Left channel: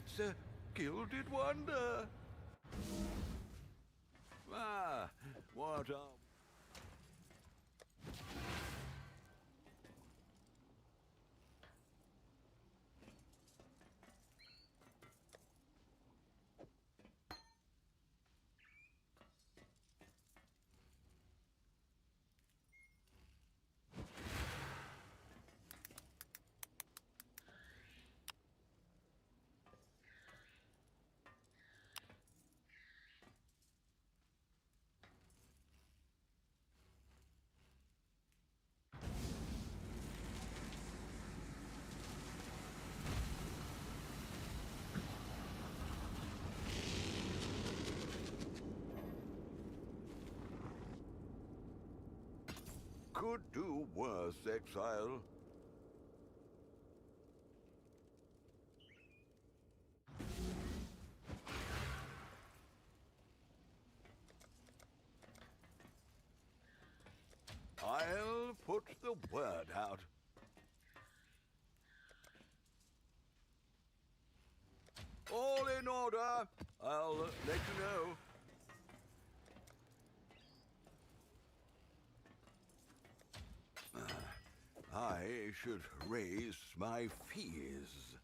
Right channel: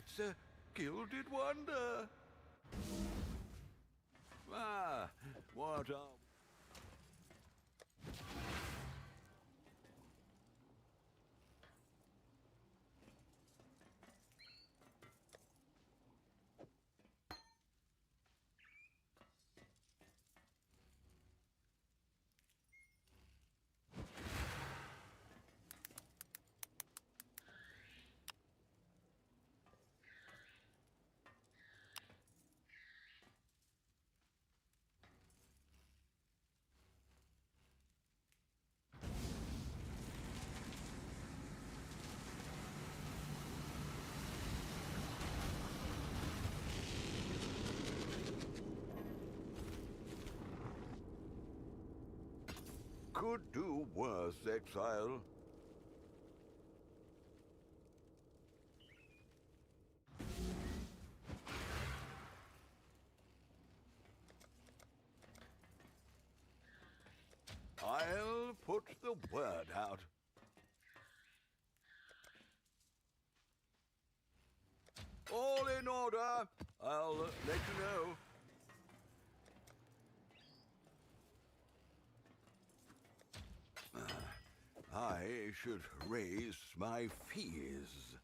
it's a gilded wonder. Ah, what are... Could do worse, exile. I'll put the word out. All in order. I'll let you know. I should raise my fees.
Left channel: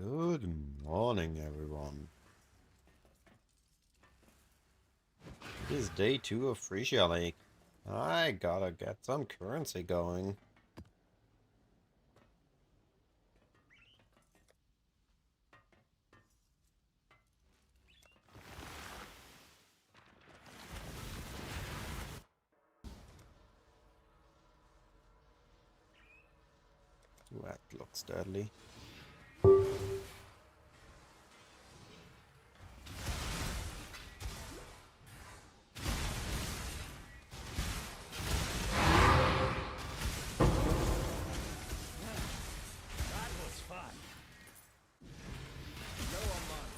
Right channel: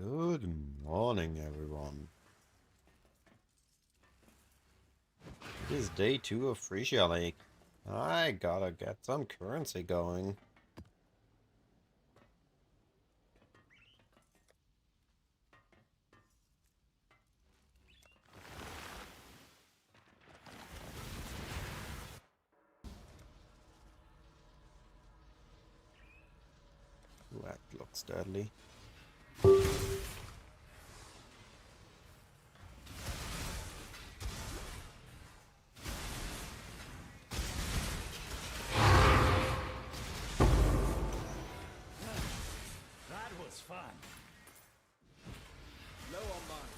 Good morning, everyone. It is day 2 of Phrecia Lake. I gotta get some currency going. Ooh, that looks deadly. That was fun. Low on money.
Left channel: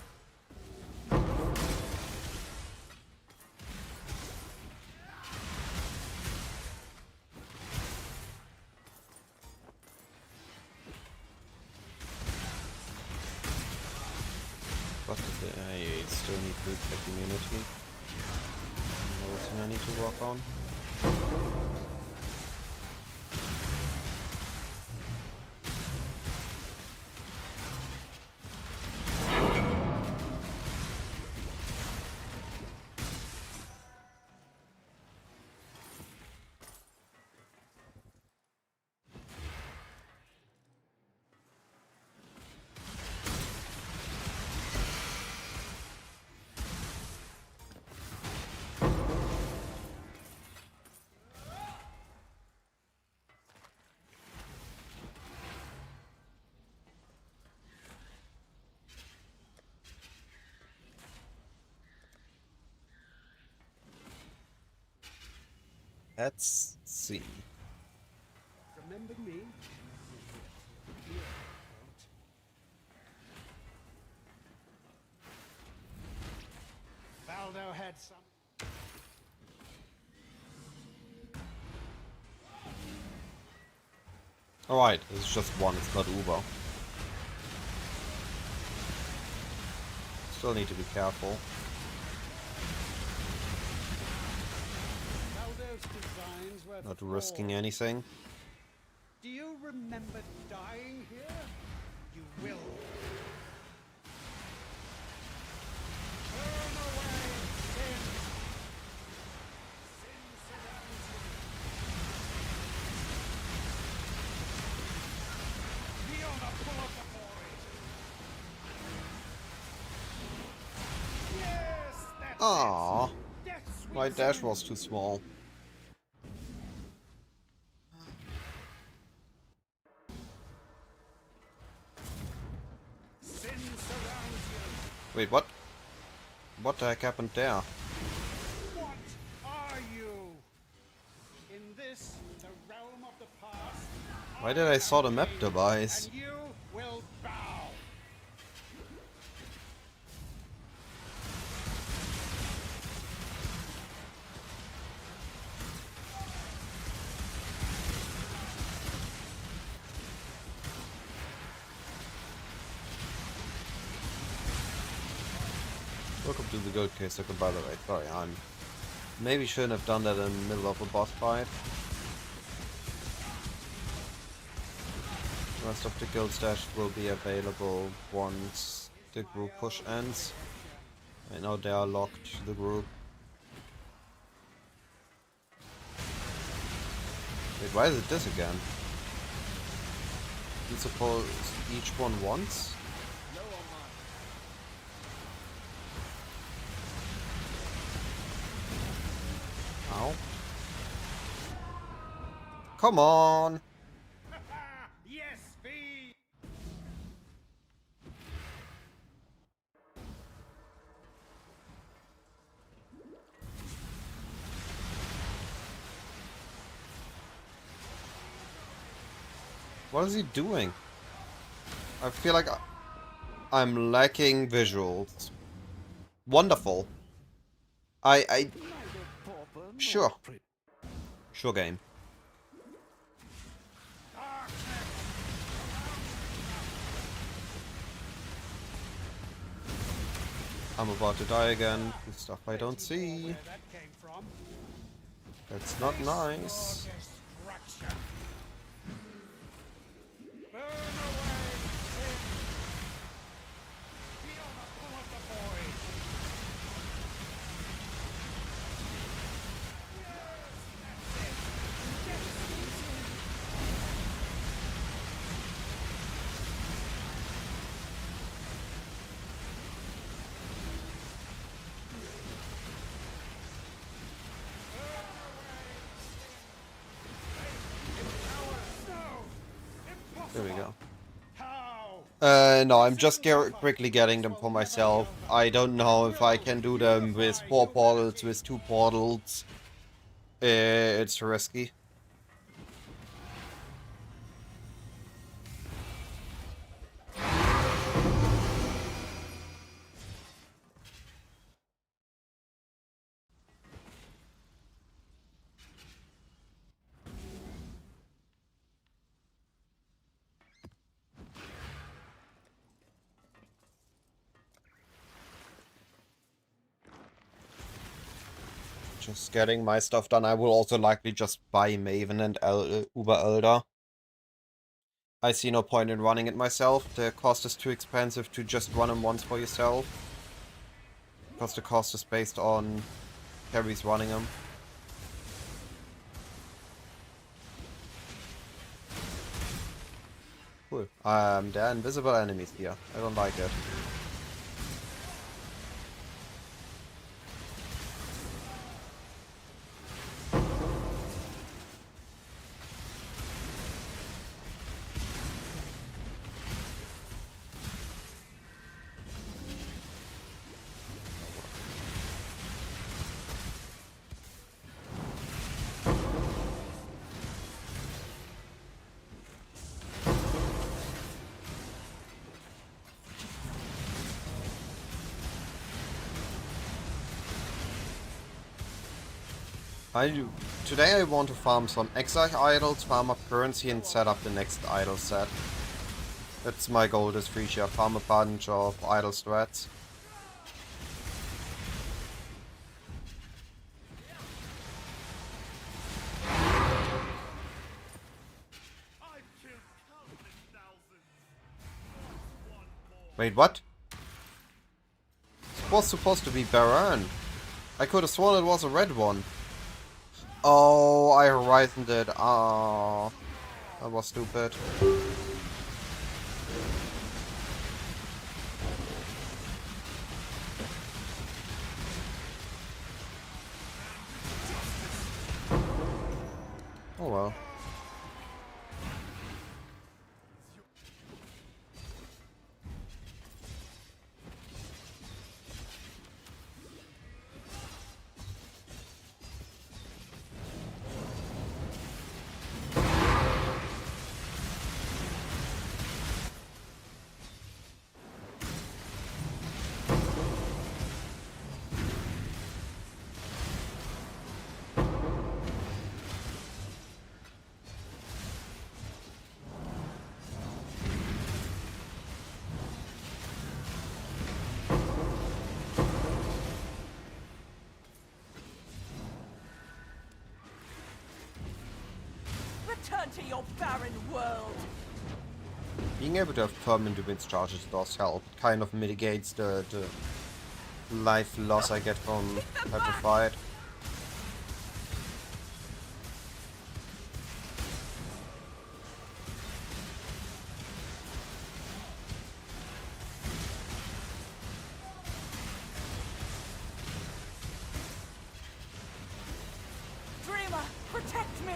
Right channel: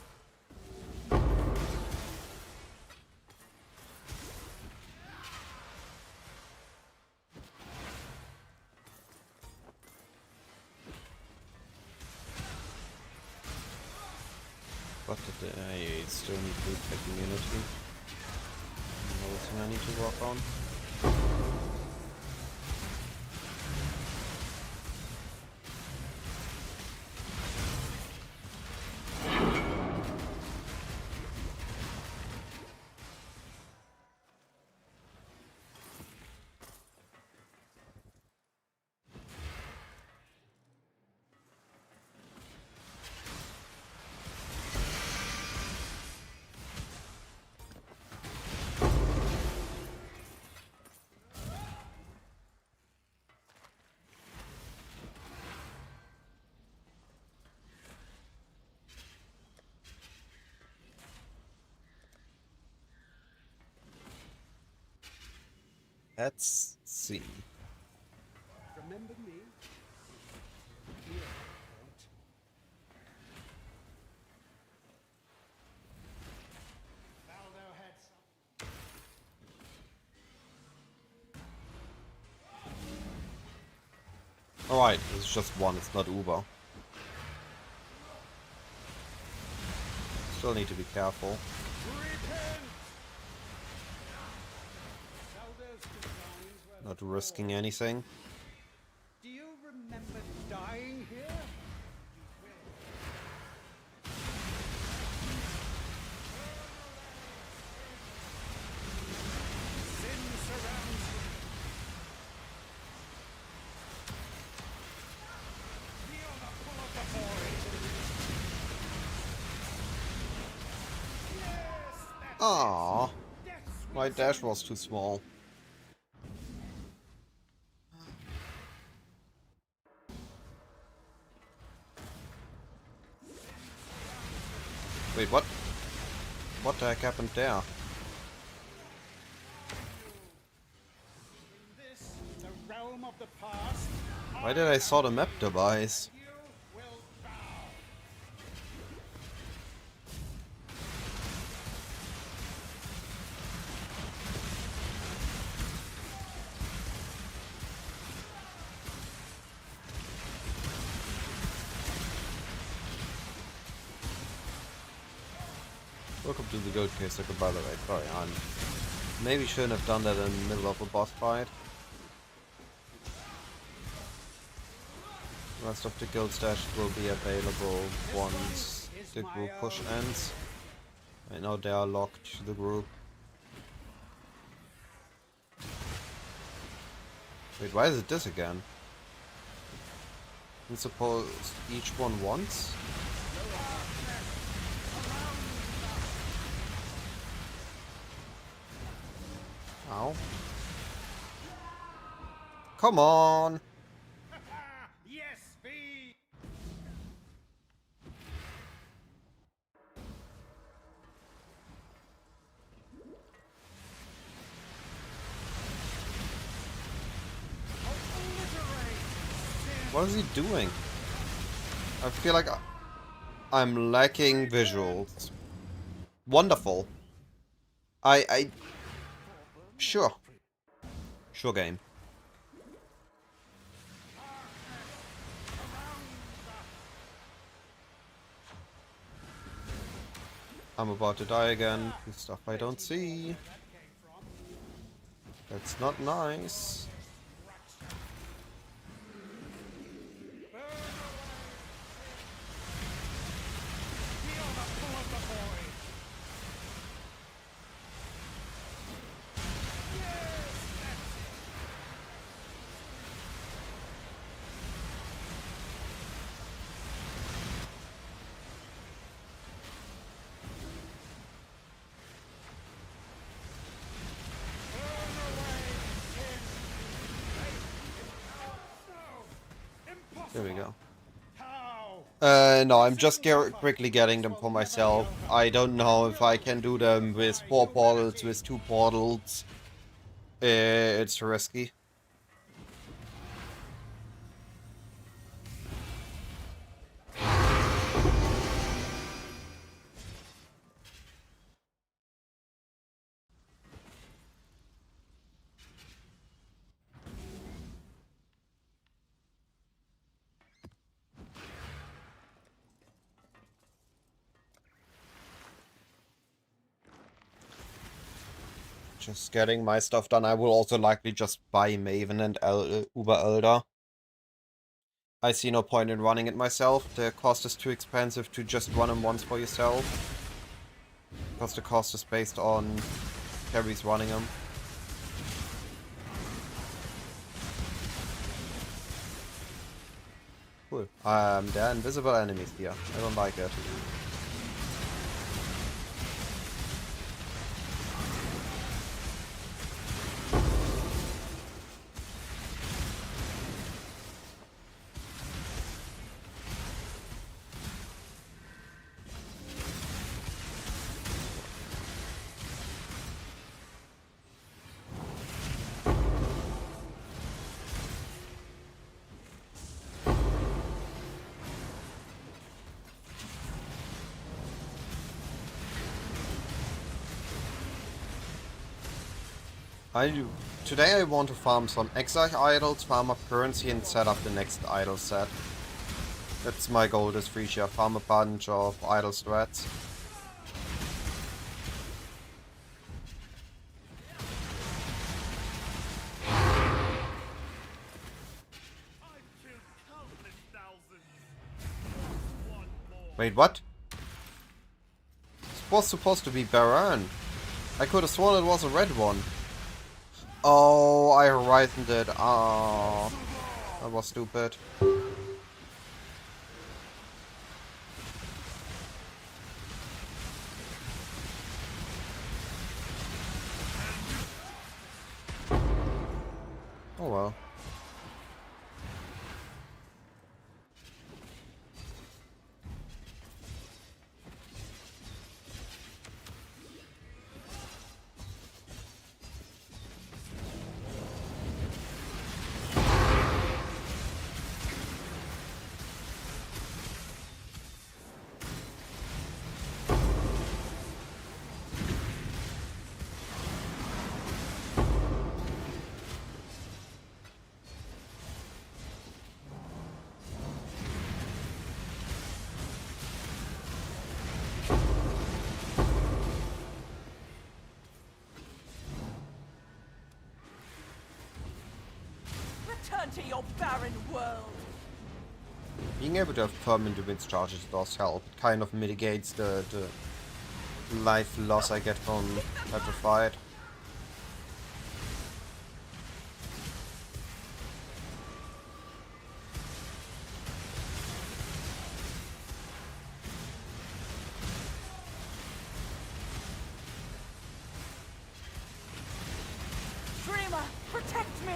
But I still need to check immunity. Another thing I need to work on. Let's see. Remember me? Yeah, won't. Baldo had some. Alright, it's just one, it's not Uber. Still need to be careful. Valdo's designs were Not risking flawed. anything. Do you remember dying here? You will. Burn away sin. Sin surrounds you. Feel the pull of the void. Yes, that's Aww, it. Death's sweet my dash sin. was too small. Sin surrounds you. Wait, what? What the heck happened there? What are you? In this, the realm of the past. Why did I saw the map am device? and you will bow. Welcome to the Gold Case, by the way. Sorry, maybe shouldn't have done that in the middle of a boss fight. The rest of the guild stash will be available once the group push ends. Right now they are locked to the group. Wait, why is it this again? You suppose each one once? Ow. Come on! Yes, be. What is he doing? I feel like I'm lacking visuals. Wonderful. Sure. Sure game. I'm about to die again. With stuff I don't see. Where that came from. That's not nice. Destruction. Burn away sin. Feel the pull of the void. Yes, that's it. Death's sweet sin. Burn away sin. Faith in power. No. There we Impossible. go. How? No, I'm just quickly getting them for myself. I don't know if I can do them with 4 portals, with 2 portals. It's risky. Just getting my stuff done. I will also likely just buy Maven and Uber Elder. I see no point in running it myself. The cost is too expensive to just run them once for yourself. Because the cost is based on carries running them. Cool. There are invisible enemies here. I don't like it. Today I want to farm some Exarch idols, farm up currency, and set up the next idol set. That's my goal this Phrecia, farm a bunch of idol strats. Wait, what? It was supposed to be Baron. I could have sworn it was a red one. Oh, I horizoned it. Oh, that was stupid. Oh well. Return to your barren world. Being able to have permanent wind charges does help. It kind of mitigates the life loss I get from petrified. Dreamer, protect me.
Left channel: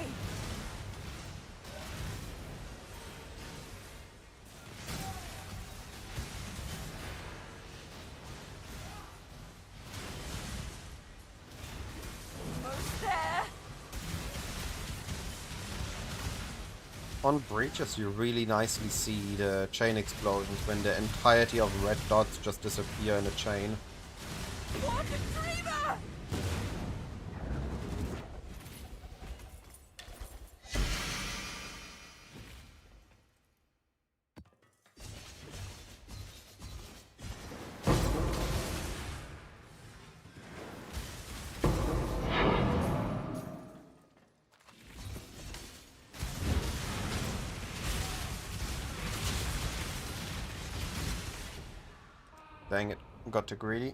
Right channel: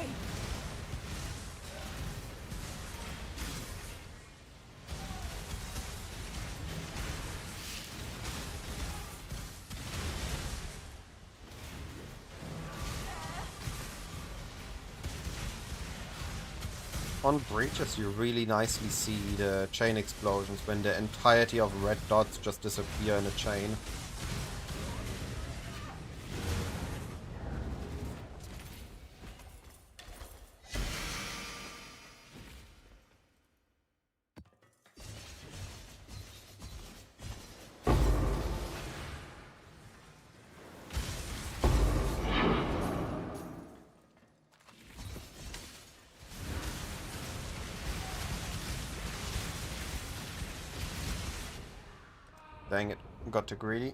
On breaches you really nicely see the chain explosions when the entirety of red dots just disappear in a chain. Dang it, got too greedy.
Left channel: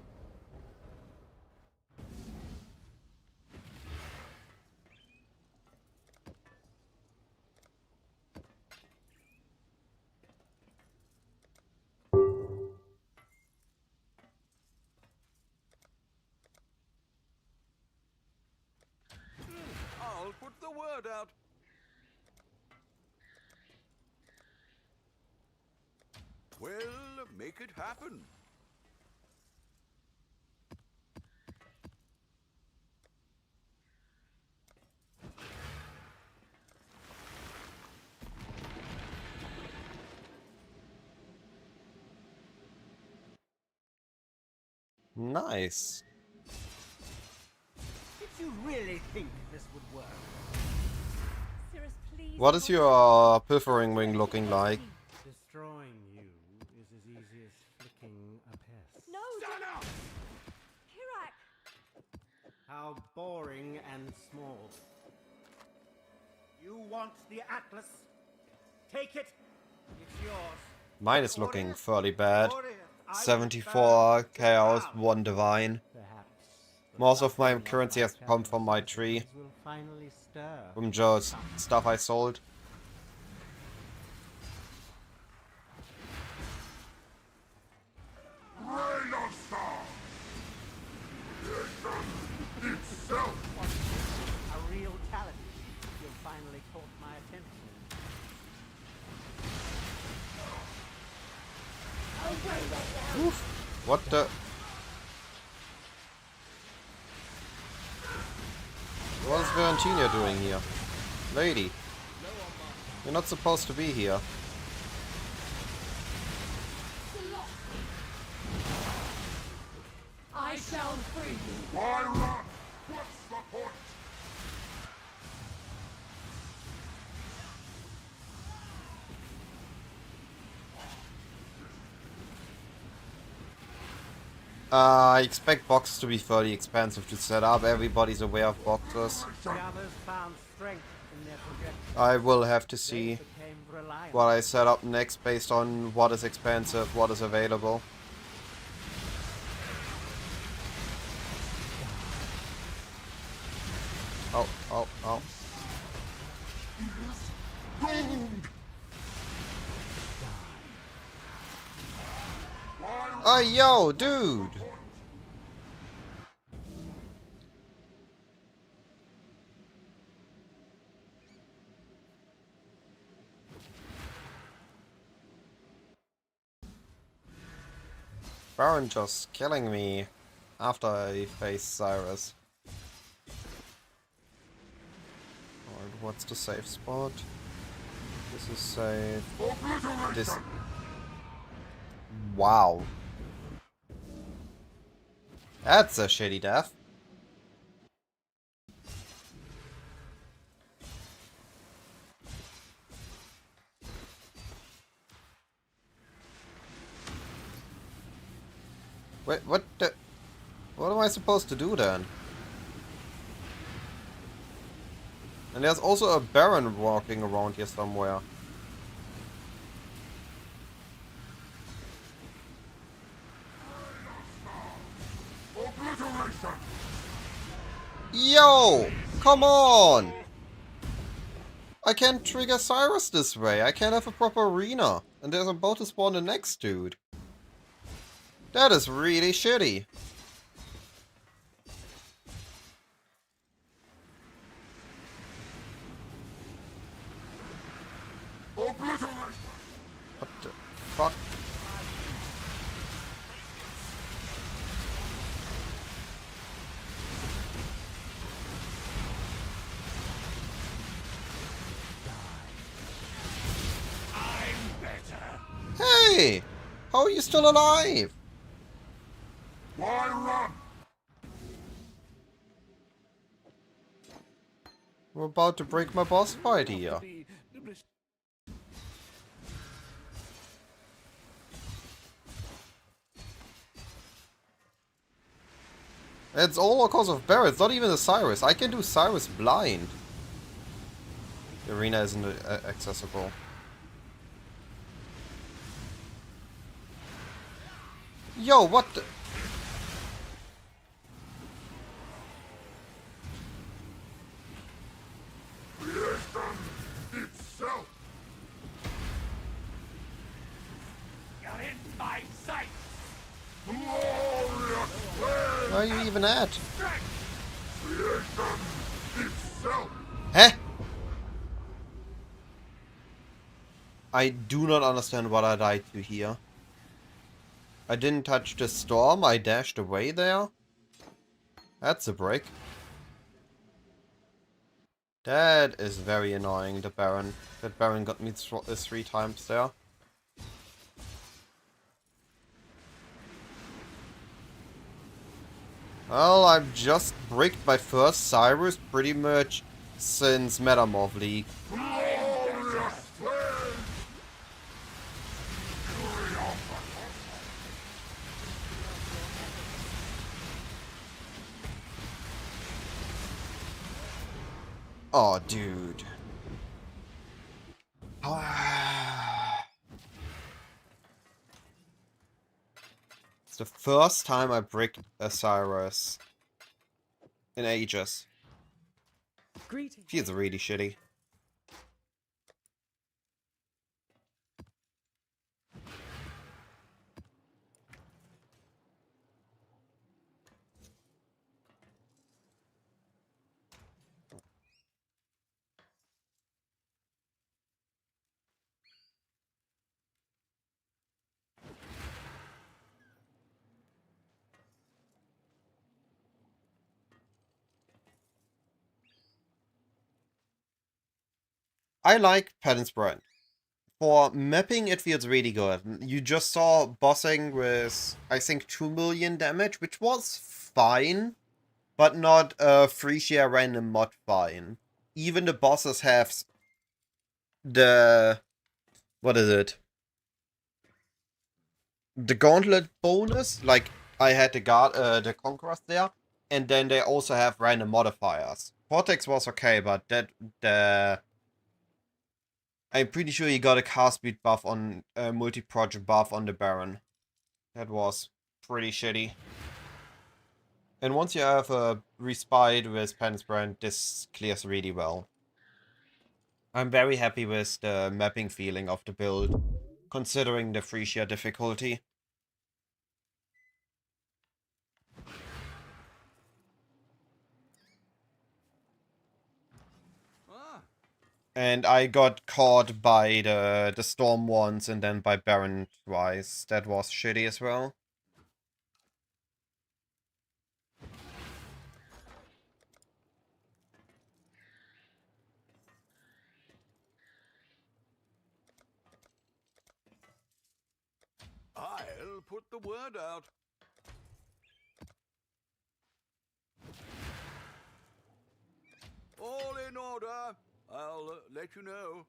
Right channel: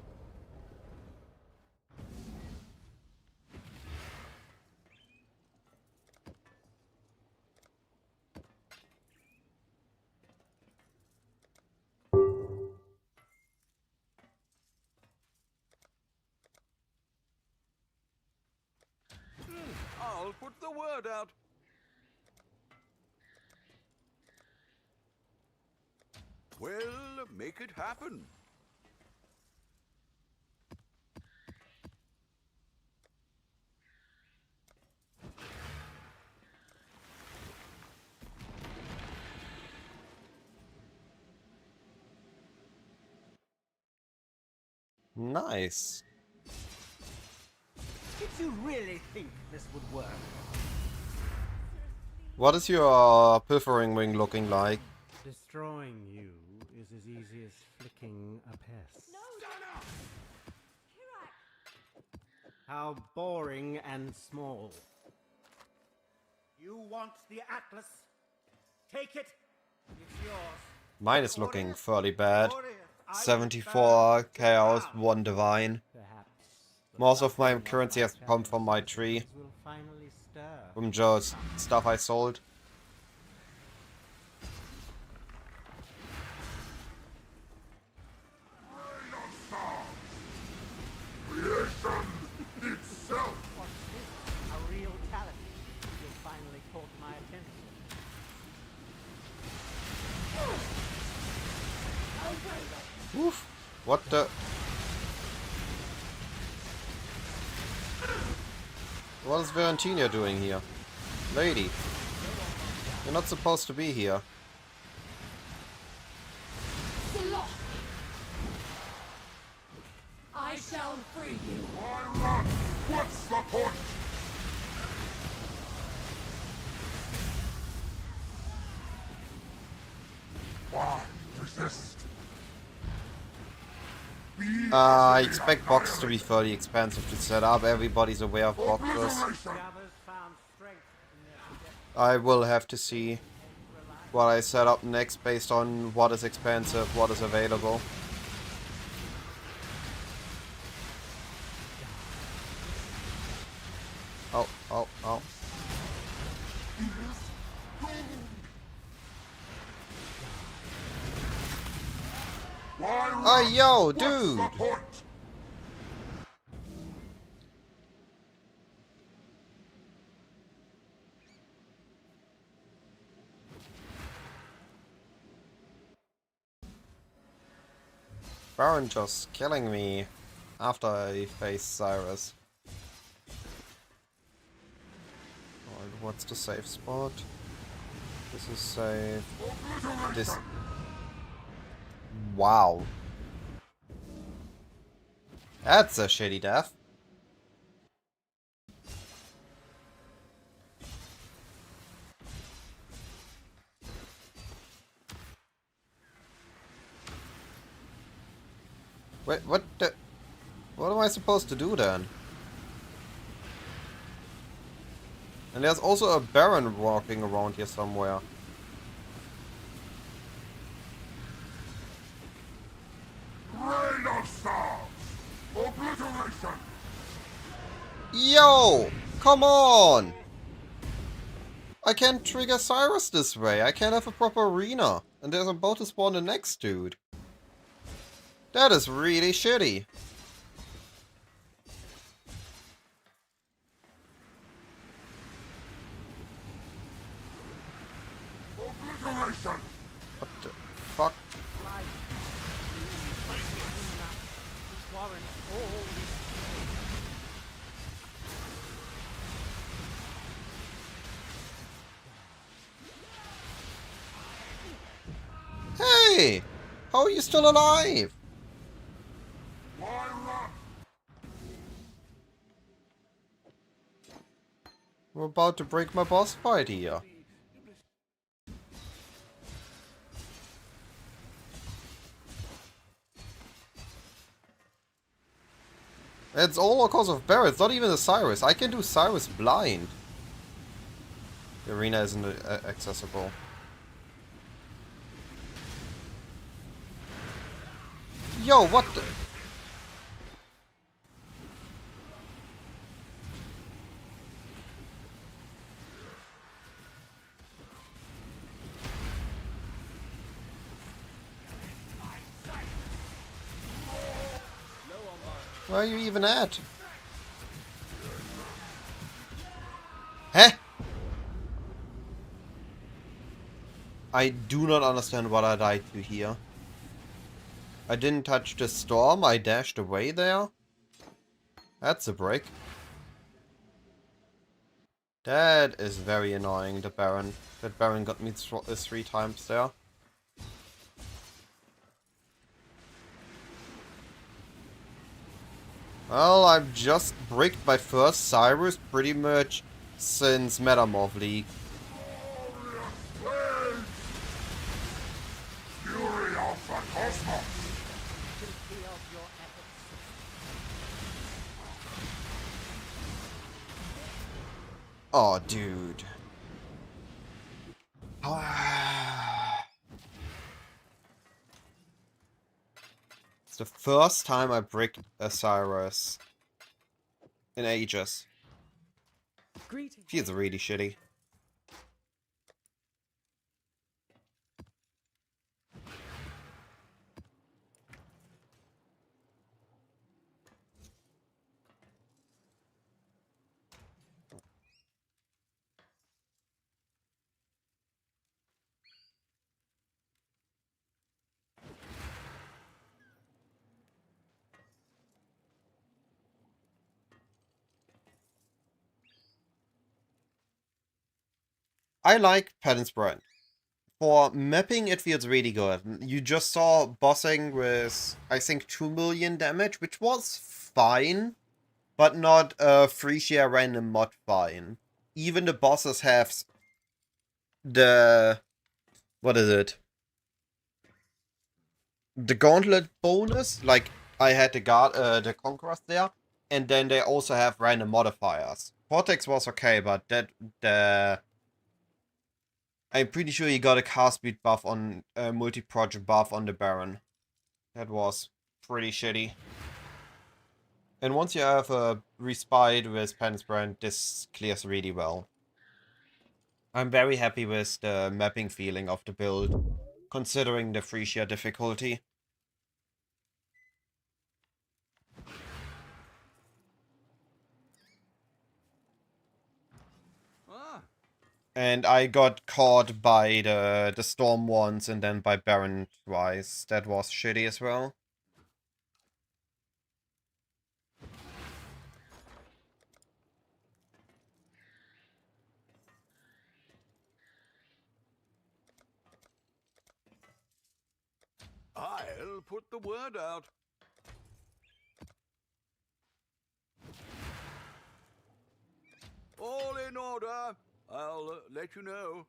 I'll put the word out. Well, make it happen. Nice. Did you really think this would work? What is your pilfering wing looking like? Destroying you is as easy as flicking a pest. No, Stand up! Hirak. How boring and small. You want the Atlas? Take it. It's yours. Mine is looking fairly bad. For it, I 74 return to chaos, ground. 1 divine. Perhaps the Most of my suffering currency has come from my tree, will finally stir. from just stuff I sold. A real talent. You finally caught my attention. Oof. What the? What is Valentina doing here? Lady, you're not supposed to be here. I shall free you. Why run? What's the point? I expect boxes to be fairly expensive to set up. Everybody's aware of boxes. The others found strength in their projections. I will have to see Became reliant. what I set up next based on what is expensive, what is available. Oh, oh, oh. Oh, yo, dude! Baron just killing me after I face Cyrus. Alright, what's the safe spot? This is safe. This... Wow. That's a shitty death. Wait, what the... What am I supposed to do then? And there's also a Baron walking around here somewhere. Yo! Come on! I can't trigger Cyrus this way. I can't have a proper arena. And there's about to spawn the next dude. That is really shitty. What the fuck? Hey! How are you still alive? Why run? We're about to break my boss fight here. It's all because of Barret. It's not even a Cyrus. I can do Cyrus blind. The arena isn't accessible. Yo, what the... Where are you even at? Huh? I do not understand what I died to here. I didn't touch the storm, I dashed away there. That's a break. That is very annoying, the Baron. That Baron got me 3 times there. Well, I've just bricked my first Cyrus pretty much since Metamorph League. Oh, dude. It's the first time I bricked a Cyrus in ages. Greetings. Feels really shitty. I like Patton's Brand. For mapping, it feels really good. You just saw bossing with, I think, 2 million damage, which was fine, but not a Phrecia random mod fine. Even the bosses have the... what is it? The gauntlet bonus? Like, I had the Conquerors there, and then they also have random modifiers. Vortex was okay, but I'm pretty sure he got a cast speed buff on multi-project buff on the Baron. That was pretty shitty. And once you have a respite with Penance Brand, this clears really well. I'm very happy with the mapping feeling of the build, considering the Phrecia difficulty. Ah, And I got caught by the Storm once and then by Baron twice. That was shitty as well. I'll put the word out. All in order. I'll let you know.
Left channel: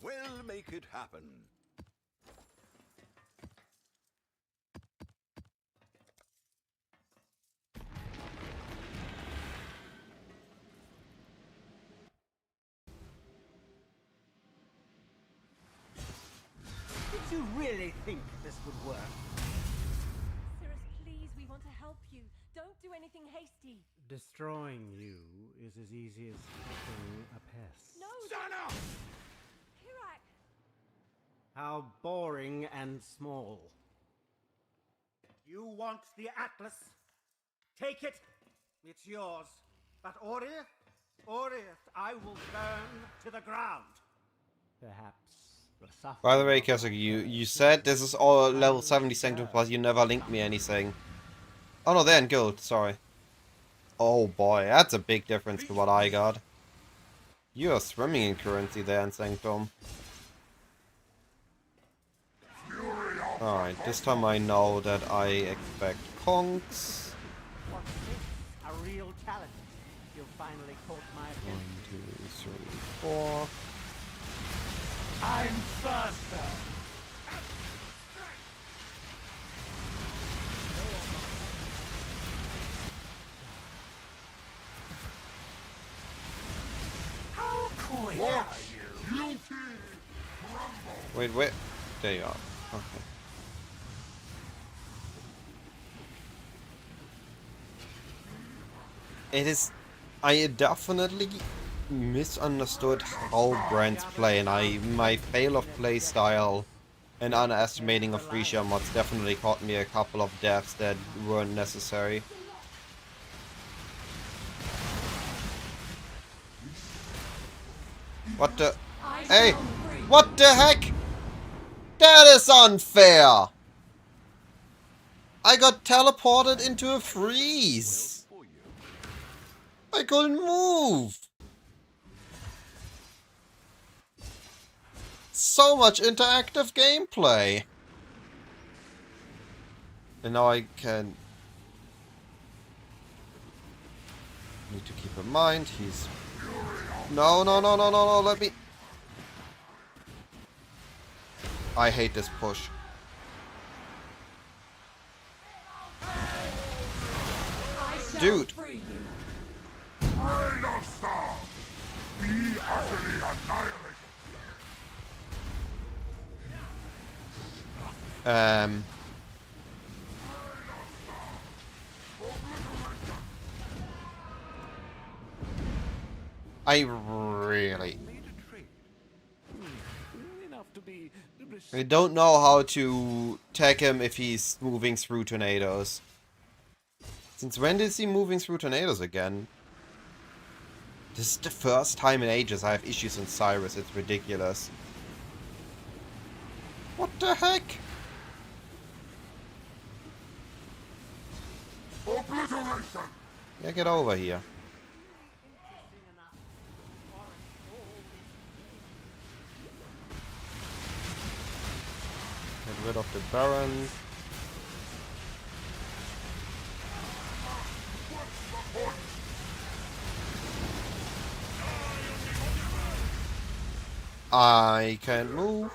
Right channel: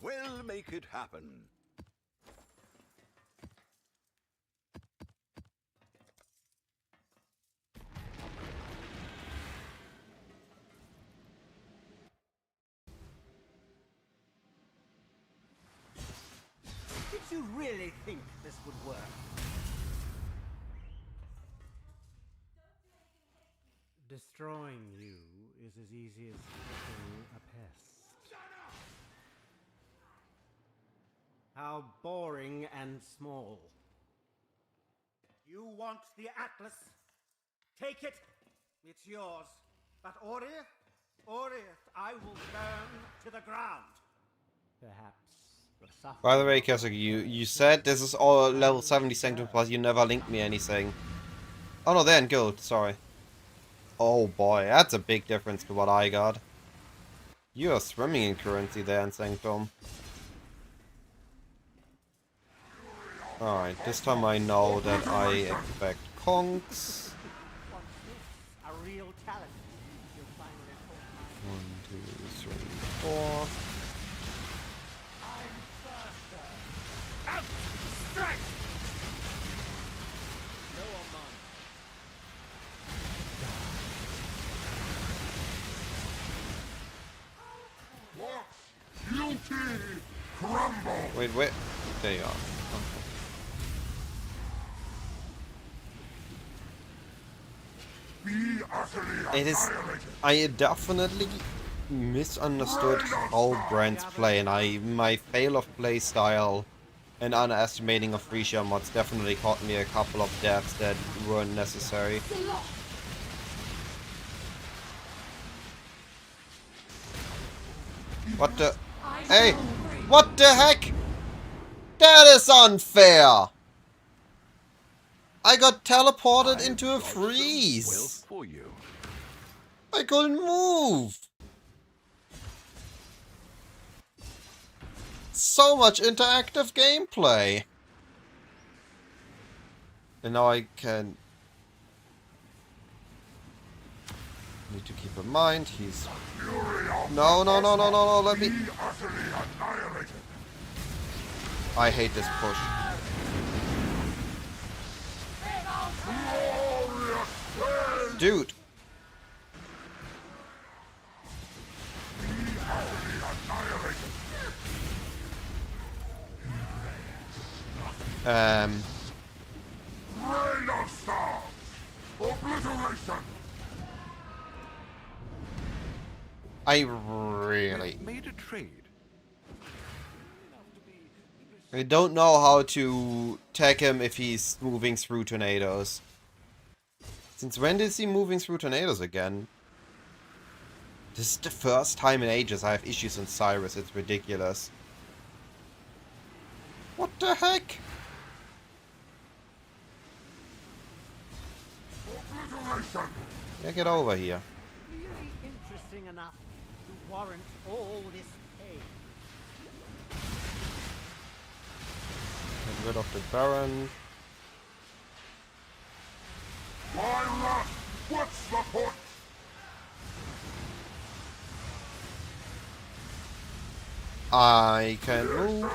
We'll make it happen. Did you really think this would work? Cyrus, please, we want to help you. Don't do anything hasty. Destroying you is as easy as killing a pest. No! Sana! Hirak! How boring and small. You want the Atlas? Take it. It's yours. But Orith, I will burn to the ground. Perhaps the suffering. By the way, Keswick, you said this is all level 70 Sanctum Plus, you never linked me anything. Oh no, they're in guild, sorry. Oh boy, that's a big difference to what I got. You are swimming in currency there in Sanctum. Alright, this time I know that I expect conks. What's this? A real talent. You finally caught my 1, attention. 2, 3, 4. I'm faster. Strike! No one Wait, wait. There you are. Okay. It is. I definitely misunderstood how brands play, and my fail of play style and underestimating of Phrecia mods definitely caught me a couple of deaths that weren't necessary. What the? Hey! What the heck? That is unfair! I got teleported into a freeze! Well, for you. I couldn't move! So much interactive gameplay! And now I can... Need to keep in mind, he's... No, no, no, no, no, no, let me... I hate this push. Dude! I really... Made a trade. I don't know how to tag him if he's moving through tornadoes. Since when is he moving through tornadoes again? This is the first time in ages I have issues on Cyrus, it's ridiculous. What the heck? Yeah, get over here. really interesting enough to warrant all this pain. Get rid of the Baron. What's the point? I can move.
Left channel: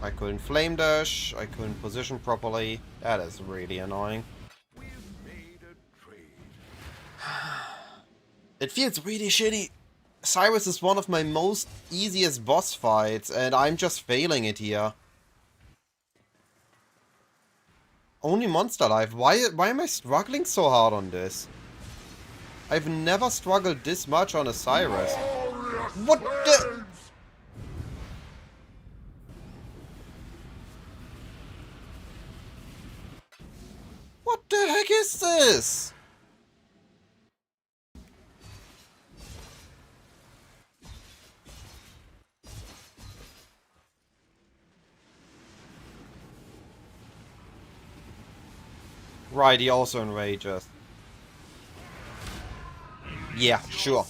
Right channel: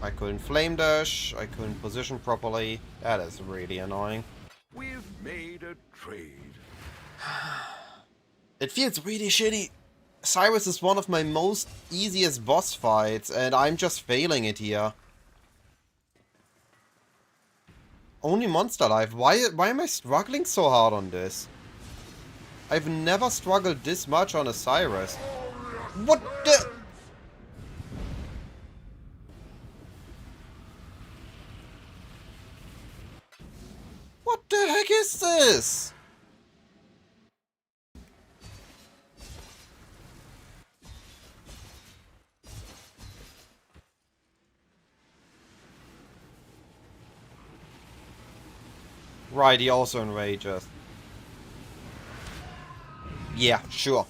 I couldn't flame dash, I couldn't position properly. That is really annoying. We've made a trade. It feels really shitty. Cyrus is one of my most easiest boss fights, and I'm just failing it here. Only monster life. Why am I struggling so hard on this? I've never struggled this much on a Cyrus. What the? What the heck is this? Right, he also enrages. Yeah, sure.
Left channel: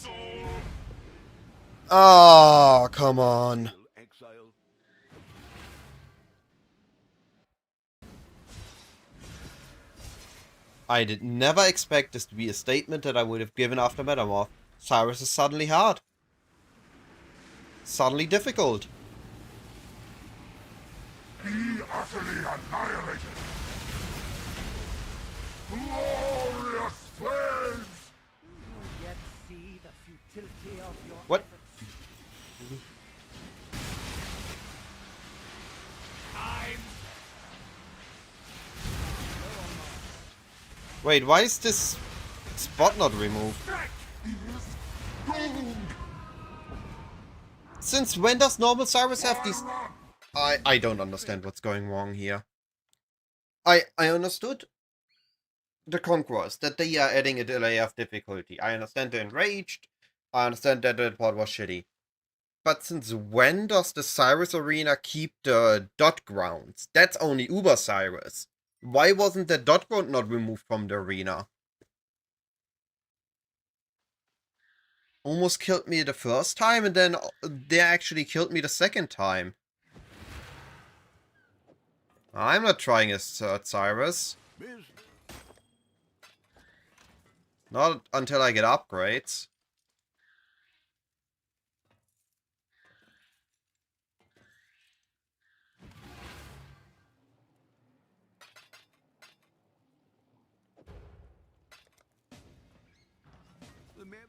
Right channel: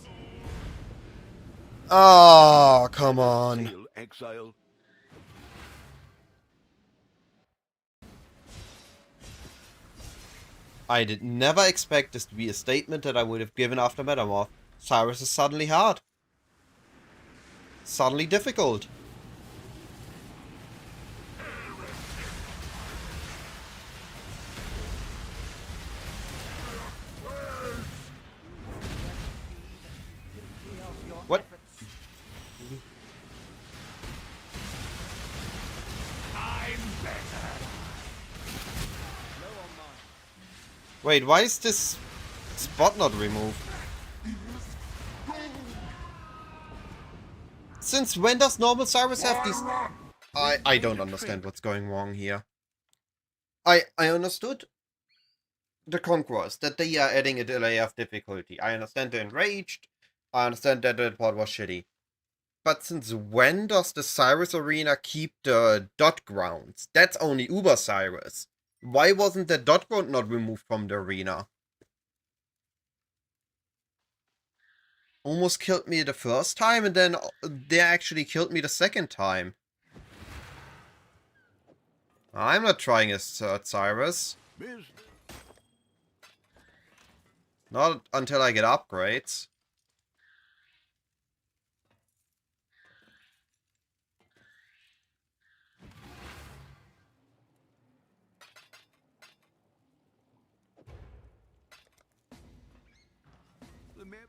Oh, come on. Hail, exile. I did never expect this to be a statement that I would have given after Metamorph. Cyrus is suddenly hard. Suddenly difficult. Yet see the futility of your What? efforts. Wait, why is this spot not removed? Since when does normal Cyrus have these... I don't understand what's going wrong here. I understood the Conquerors, that they are adding a delay of difficulty. I understand they're enraged. I understand that the part was shitty. But since when does the Cyrus arena keep the dot grounds? That's only Uber Cyrus. Why wasn't the dot ground not removed from the arena? Almost killed me the first time, and then they actually killed me the second time. I'm not trying a third Cyrus. Miss Not until I get upgrades. the Mary.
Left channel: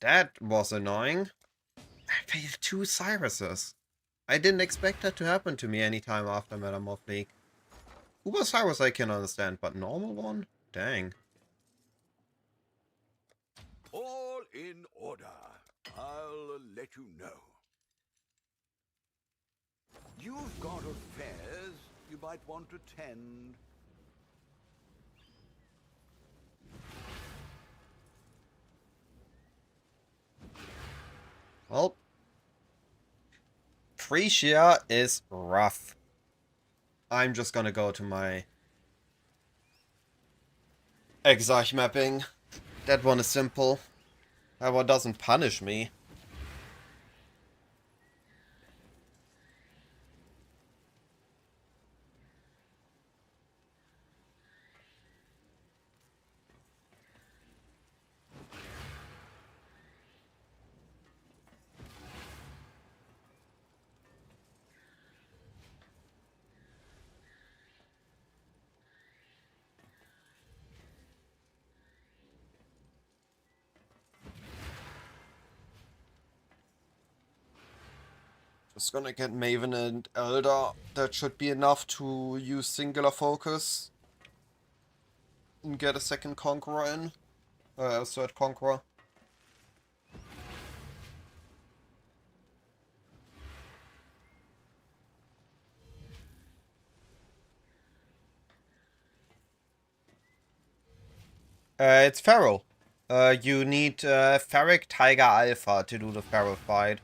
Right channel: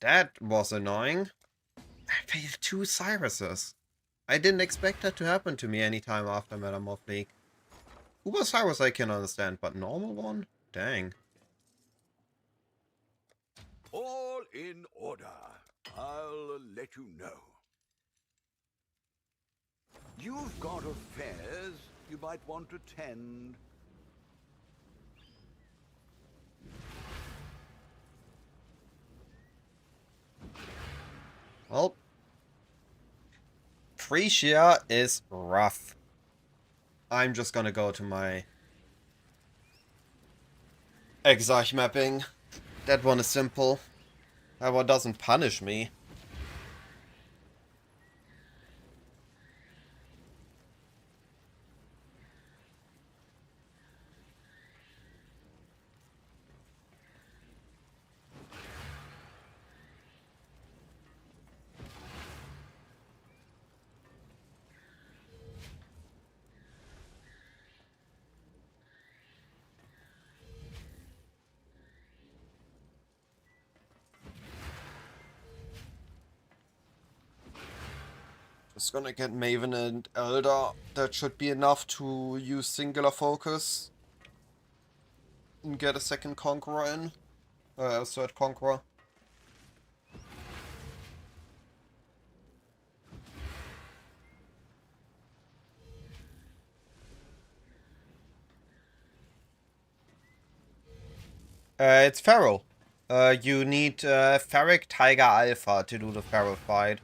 That was annoying. I failed 2 Cyruses. I didn't expect that to happen to me anytime after Metamorph League. Uber Cyrus I can understand, but normal one? Dang. All in order. I'll let you know. You've got affairs you might want to tend. Well, Phrecia is rough. I'm just gonna go to my Exarch mapping. That one is simple. That one doesn't punish me. Just gonna get Maven and Elder. That should be enough to use singular focus. And get a second Conqueror in. A third Conqueror. It's Feral. You need Ferric Tiger Alpha to do the Feral fight.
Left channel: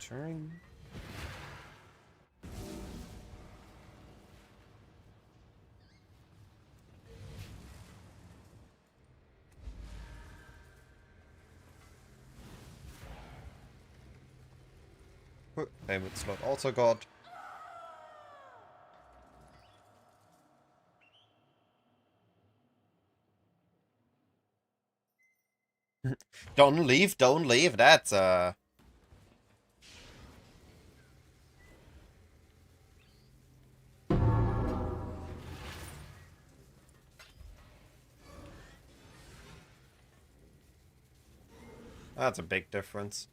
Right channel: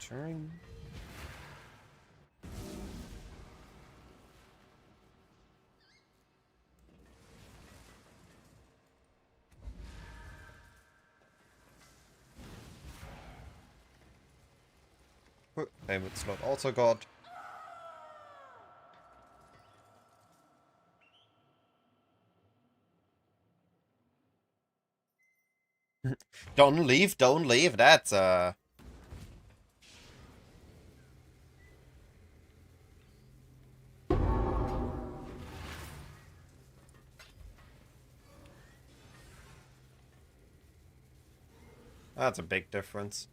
Entering. Payment slot also got. Don't leave, don't leave. That's that's a big difference.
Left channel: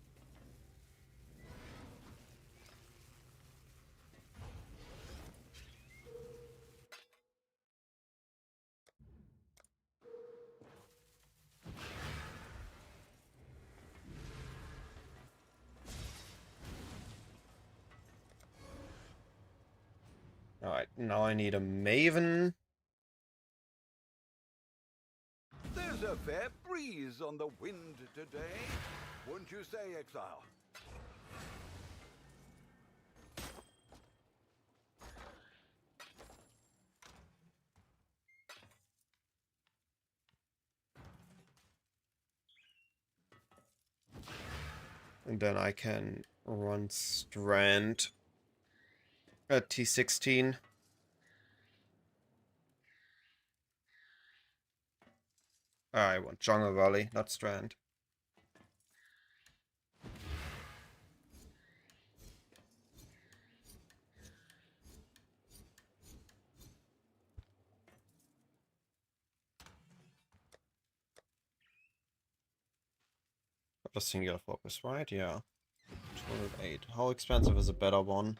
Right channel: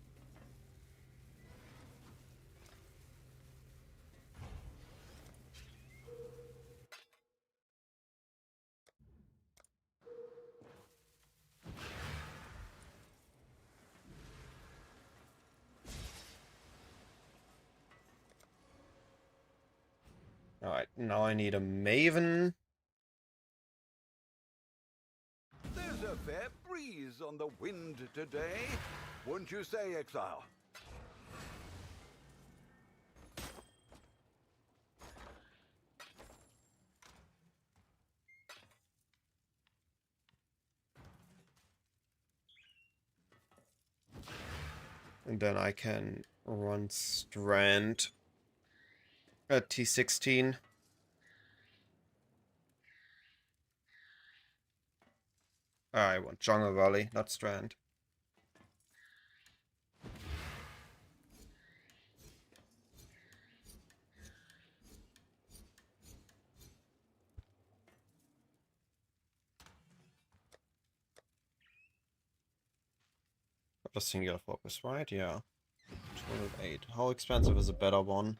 Alright, now I need a Maven. There's a fair breeze on the wind today. Wouldn't you say, Exile? And then I can run Strand at T16. I want Jungle Valley, not Strand. A singular focus, right? Yeah. 208. How expensive is a better one?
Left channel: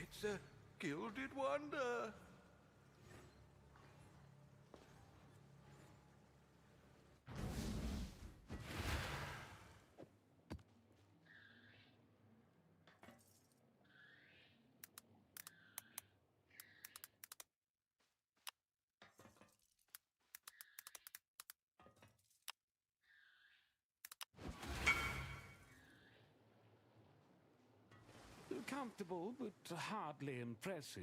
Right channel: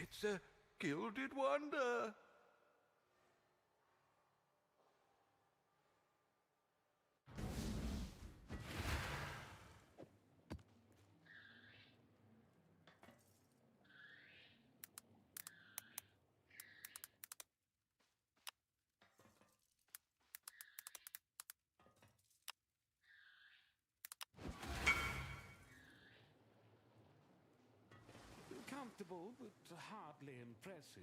It's a gilded wonder. Comfortable, but hardly impressive.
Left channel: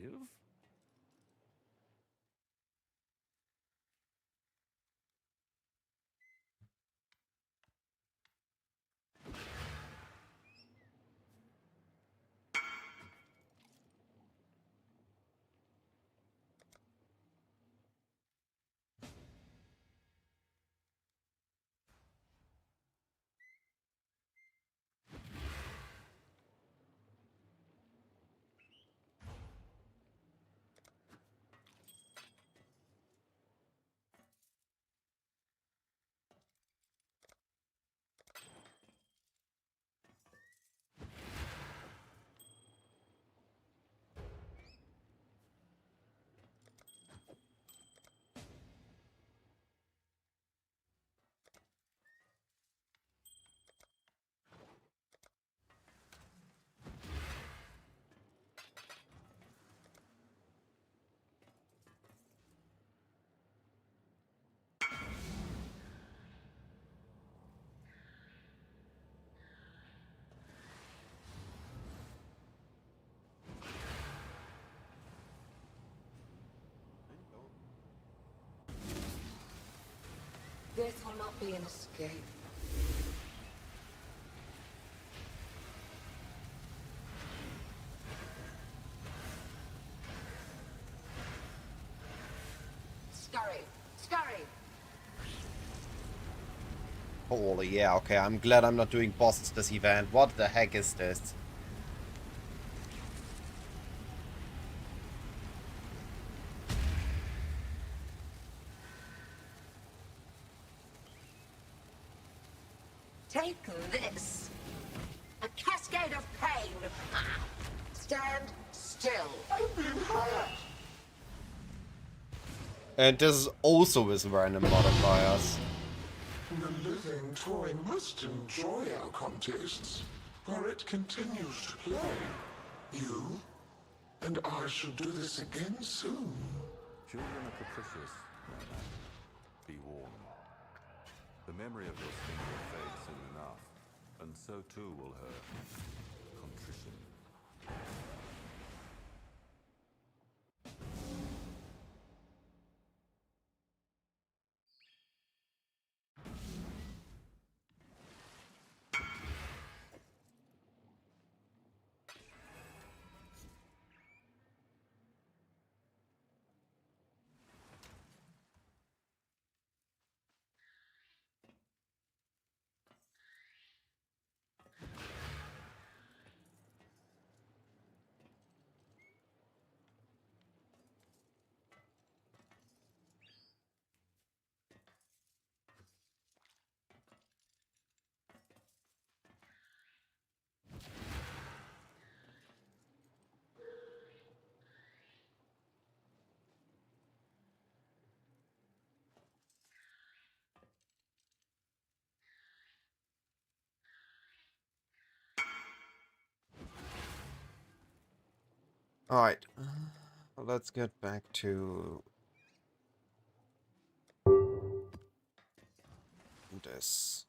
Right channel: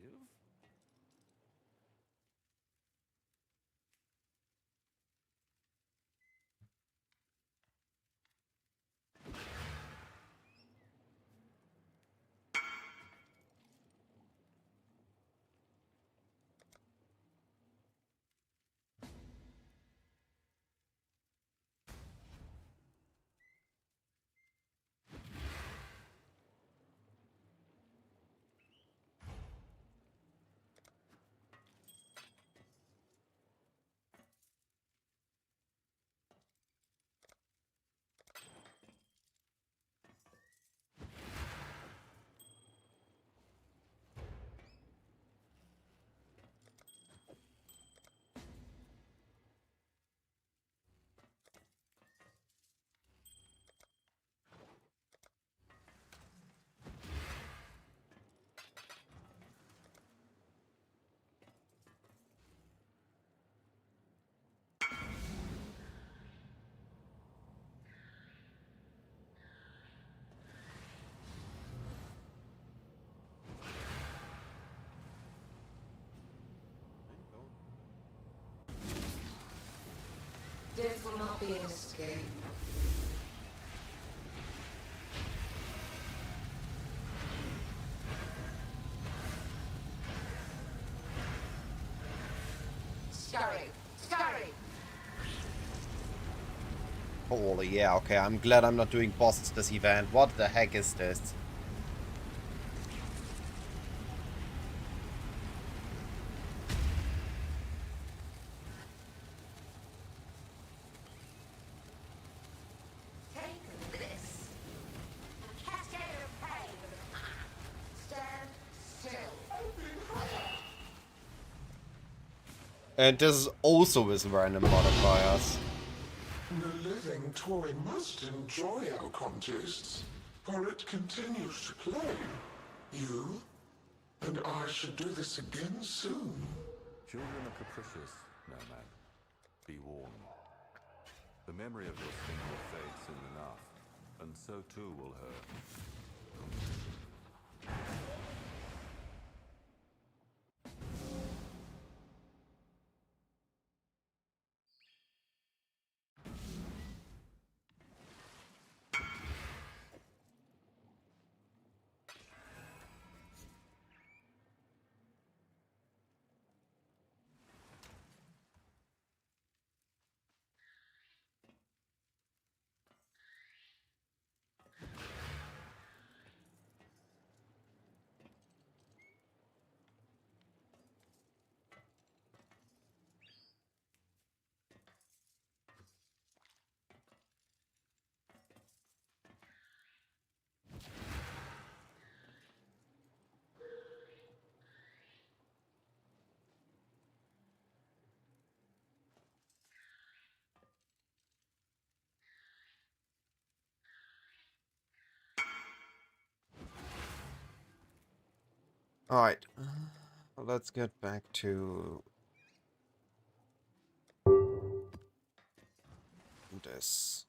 This will not be an escape. Scurry! Scurry! Holy yeah, okay, I'm glad I'm not doing bosses this event. What the heck is this? Take this! A cascade of pain! Stand still! Open fire! And this is also with random modifiers. The living toy must enjoy our contests, for it continues to play. You and I should do this again soon. Children are capricious, no man. Be warned. The memory of your sin will fade soon enough, and so too will her contrition. Alright. Let's get back to this.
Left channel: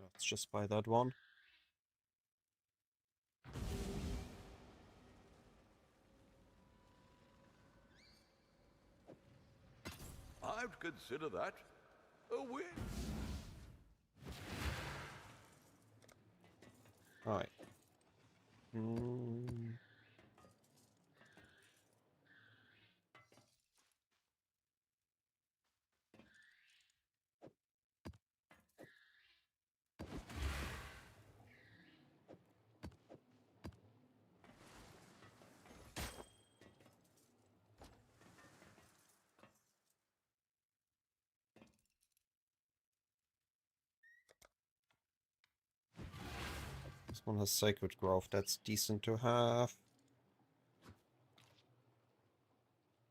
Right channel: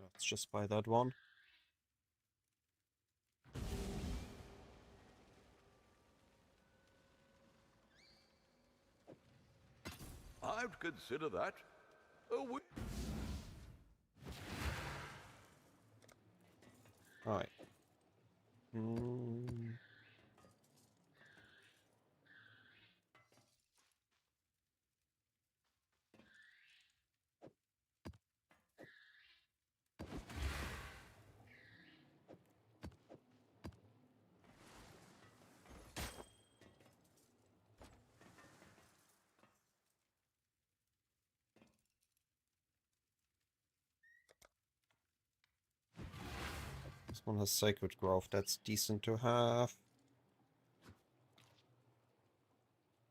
Let's just buy that one. I'd consider that a win. Alright. This one has Sacred Growth, that's decent to have.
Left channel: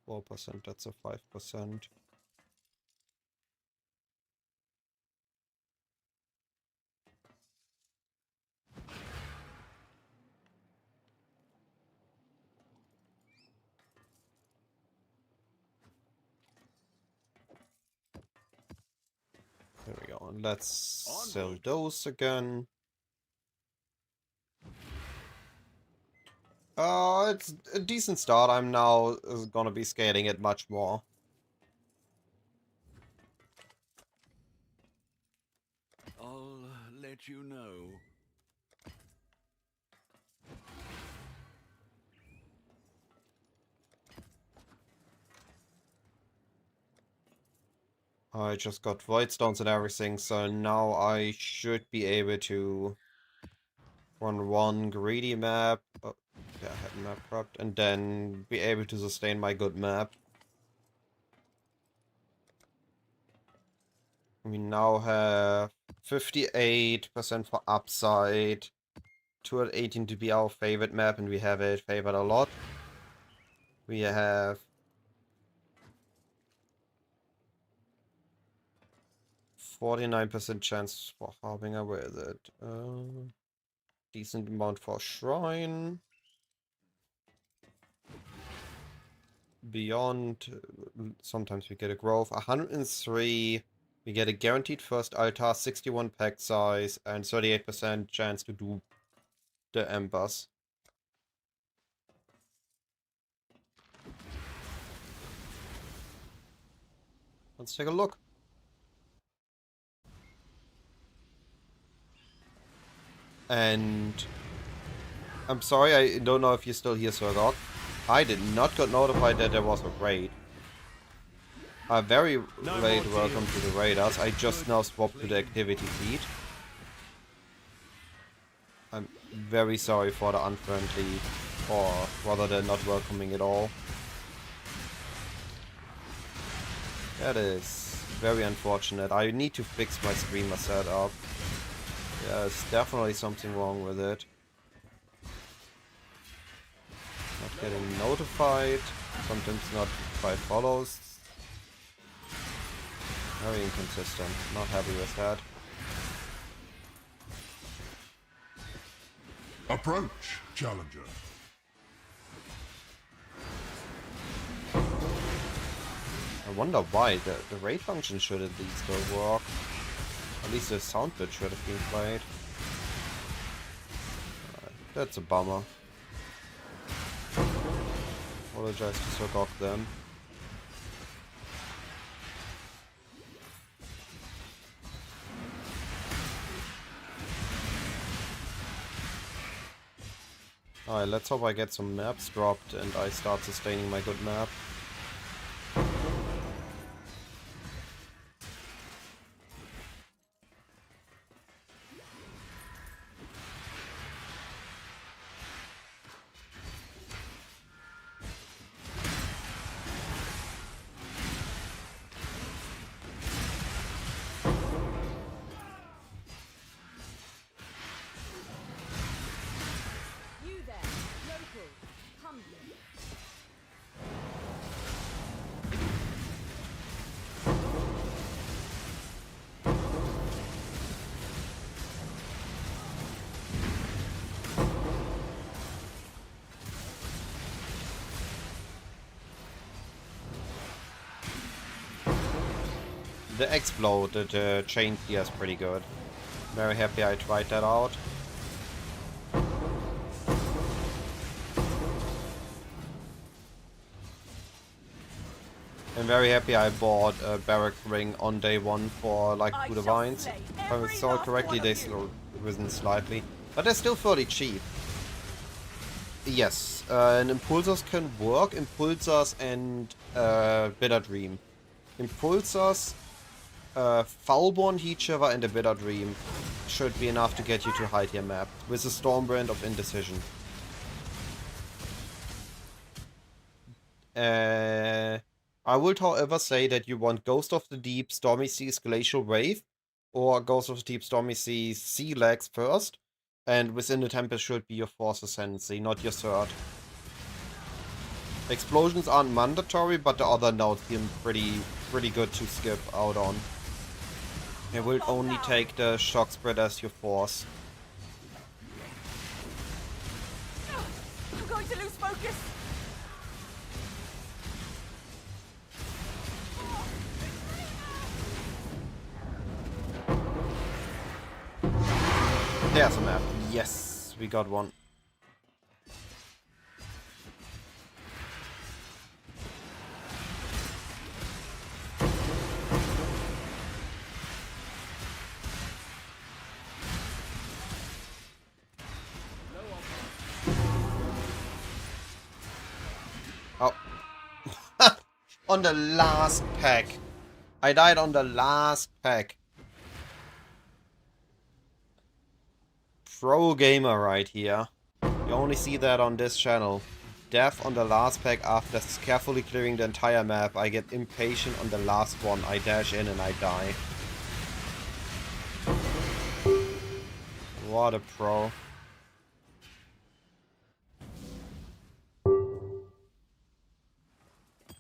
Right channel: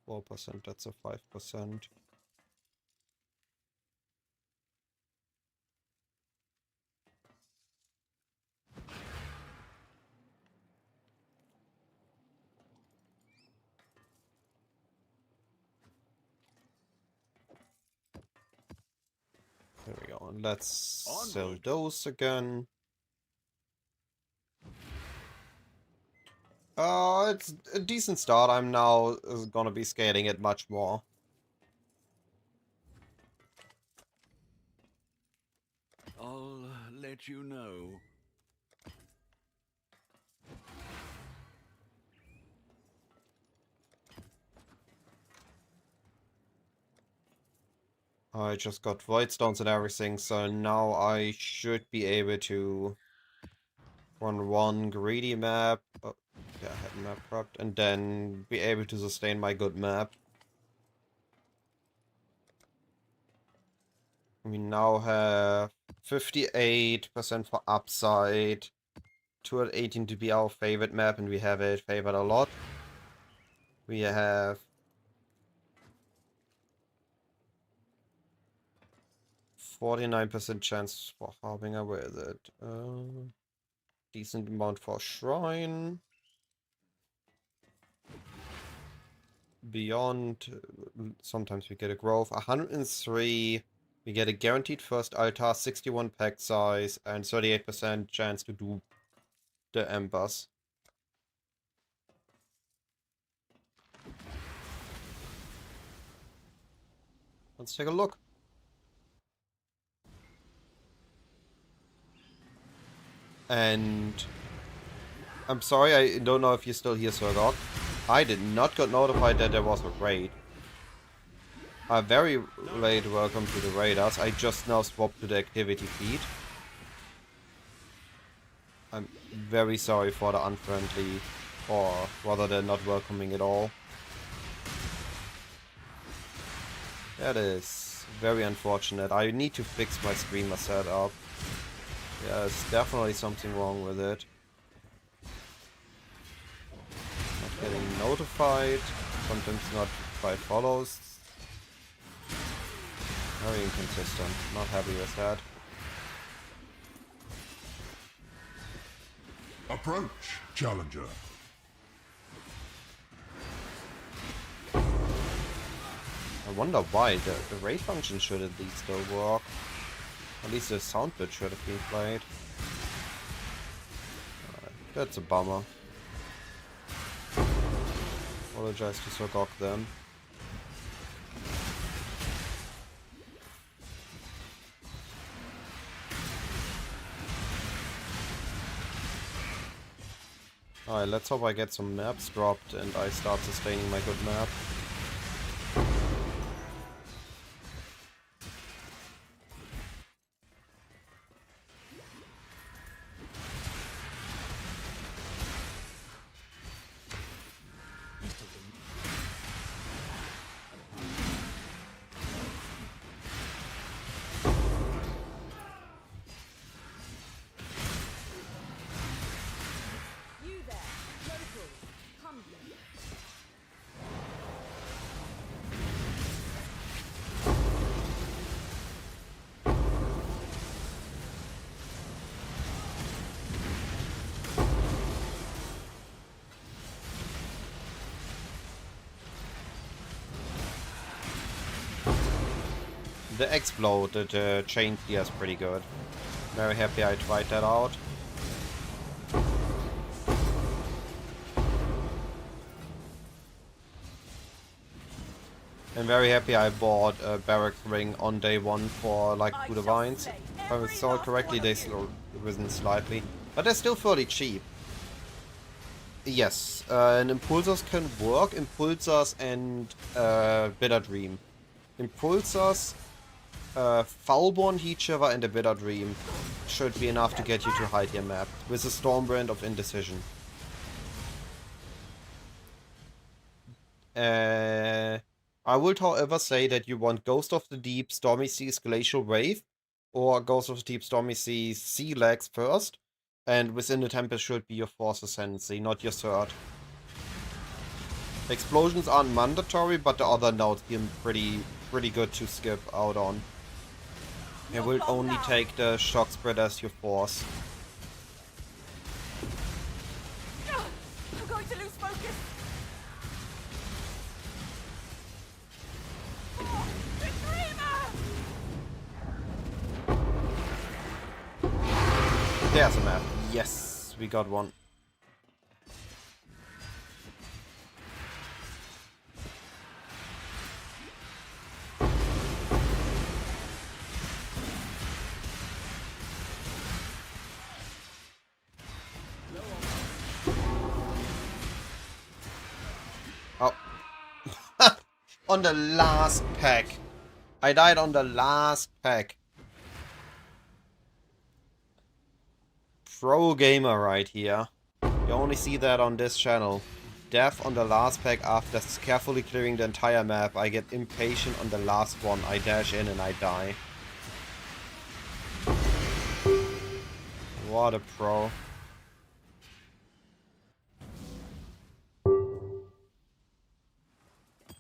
4%, that's a 5%. There we go, and let's sell those again. It's a decent start. I'm now gonna be scaling it much more. let you know. I just got void stones and everything, so now I should be able to run one greedy map. Oh, yeah, I had map prepped, and then be able to sustain my good map. We now have 58% for upside, 218 to be our favorite map, and we have it favored a lot. We have 49% chance for Harbinger, where is it? Decent amount for Shrine. Beyond, sometimes we get a growth. 103, we get a guaranteed first altar, 61 pack size, and 38% chance to do the embers. Let's take a look. And I'm sorry, I don't know if you still hear Surgok. I did not get notified that there was a raid. A very late welcome to the raiders. I just now swapped to the activity feed. I'm very sorry for the unfriendly, or rather than not welcoming at all. That is very unfortunate. I need to fix my streamer setup. There's definitely something wrong with it. Not getting notified. Sometimes not by follows. Very inconsistent. Not happy with that. Approach, challenger. I wonder why. The raid function should at least still work. At least the sound bit should have been played. That's a bummer. Apologize to Surgok then. Alright, let's hope I get some maps dropped and I start sustaining my good map. You there, local, come here. The explode, the chain here is pretty good. Very happy I tried that out. I'm very happy I bought a barrack ring on day one for like 2 divines. If I saw correctly, they still risen slightly, but they're still fairly cheap. Yes, and impulsors can work. Impulsors and Bitter Dream. Impulsors, Foulborn, Heatshiver, and a Bitter Dream should be enough to get you to hide your map with a Stormbrand of Indecision. I would, however, say that you want Ghost of the Deep, Stormy Seas, Glacial Wave, or Ghost of the Deep, Stormy Seas, Sea Legs first, and Within the Tempest should be your fourth ascendancy, not your third. Explosions aren't mandatory, but the other nodes seem pretty good to skip out on. It will only take the shock spread as your force. I'm going to lose focus. There's a map. Yes, we got one. On the last pack. I died on the last pack. Pro gamer right here. You only see that on this channel. Death on the last pack after carefully clearing the entire map. I get impatient on the last one. I dash in and I die. What a pro.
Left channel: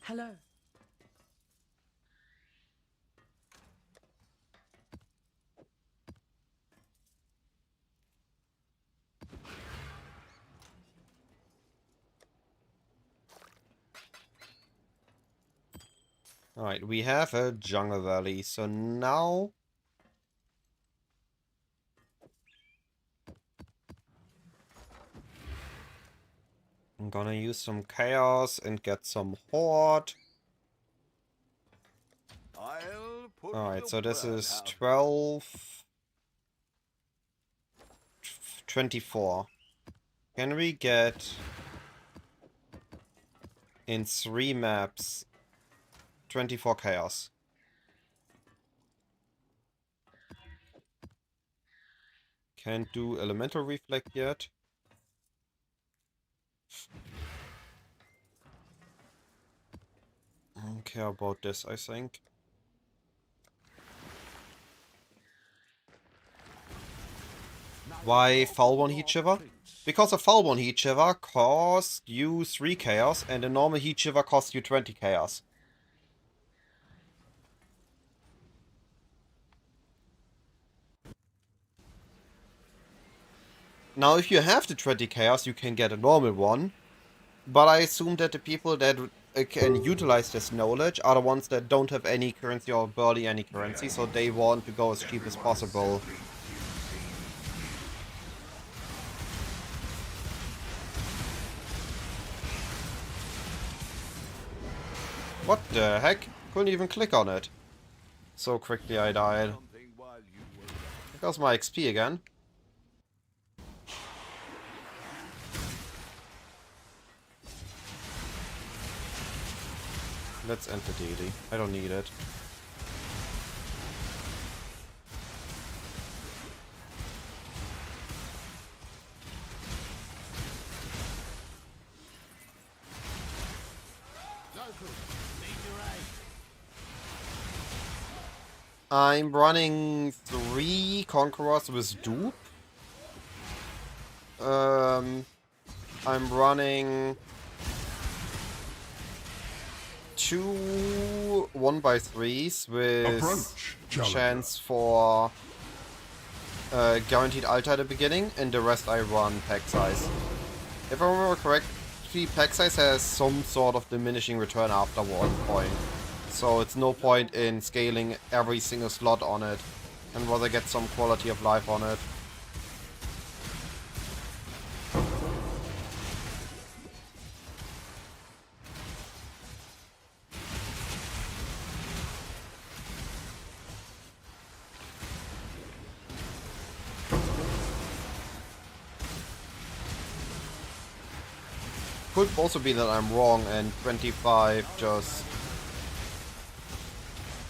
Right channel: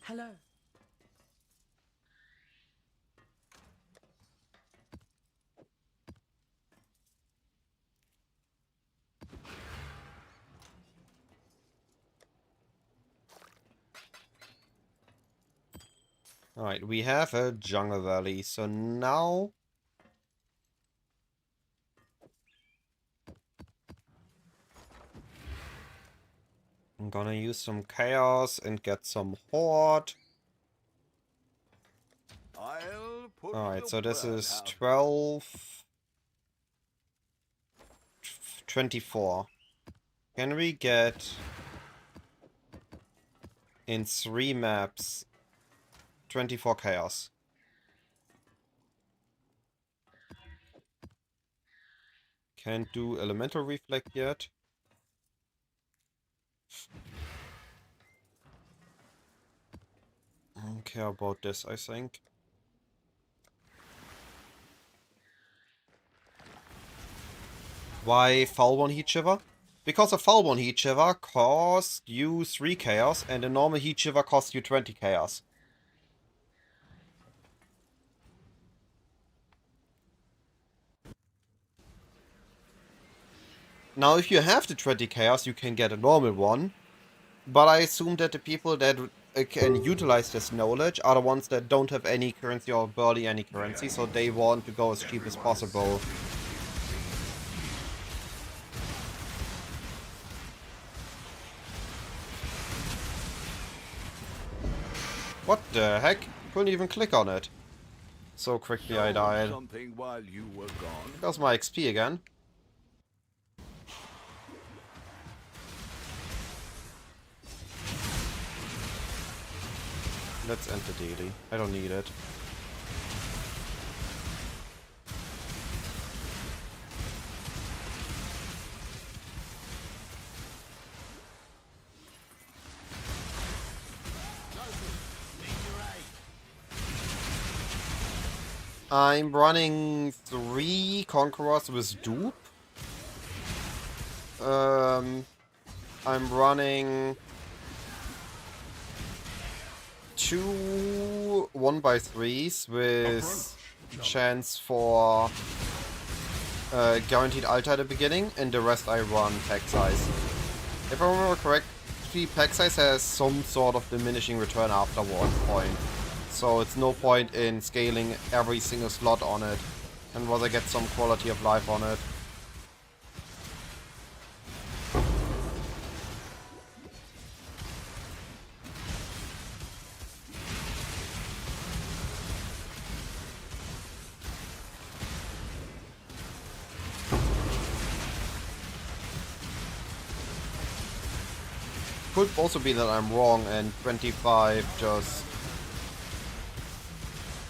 Hello. Alright, we have a jungle valley, so now I'm gonna use some chaos and get some horde. Alright, so this is 12... 24. Can we get in 3 maps 24 chaos? Can't do elemental reflect yet. I don't care about this, I think. Why foul one heat shiver? Because a foul one heat shiver costs you 3 chaos and a normal heat shiver costs you 20 chaos. Now if you have the 20 chaos you can get a normal one, but I assume that the people that can utilize this knowledge are the ones that don't have any currency or barely any currency, so they want to go as cheap as possible. What the heck? Couldn't even click on it. So quickly I died. There goes my XP again. Let's end the daily. I don't need it. I'm running 3 Conquerors with dupe. I'm running 2 1x3s with chance for guaranteed alta at the beginning, and the rest I run pack size. If I remember correctly, pack size has some sort of diminishing return after 1 point. So it's no point in scaling every single slot on it, and rather get some quality of life on it. Could also be that I'm wrong and 25 just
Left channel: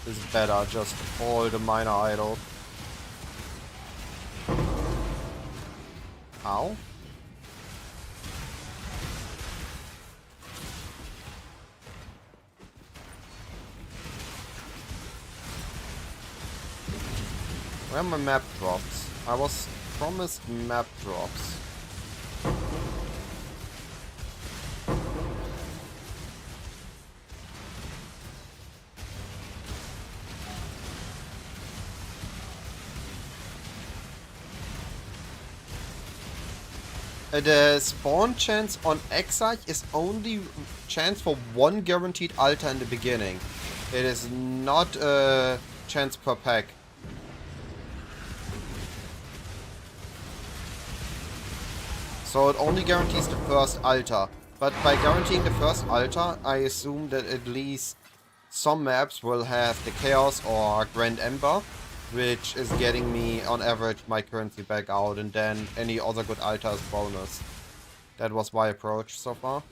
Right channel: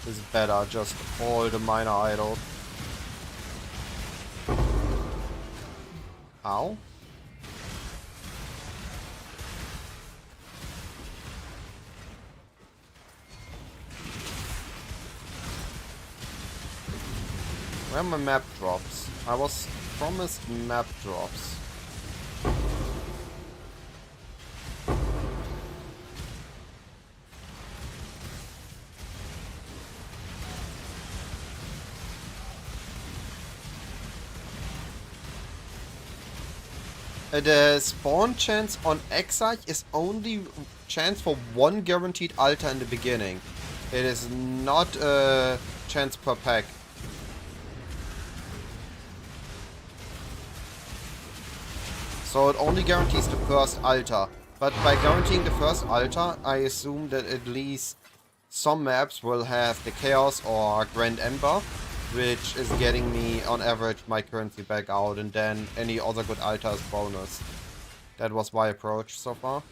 is better, just all the minor idle. Ow. Where are my map drops? I was promised map drops. The spawn chance on Exarch is only chance for 1 guaranteed alta in the beginning. It is not a chance per pack. So it only guarantees the first alta. But by guaranteeing the first alta, I assume that at least some maps will have the Chaos or Grand Ember, which is getting me, on average, my currency back out, and then any other good alta is bonus. That was my approach so far.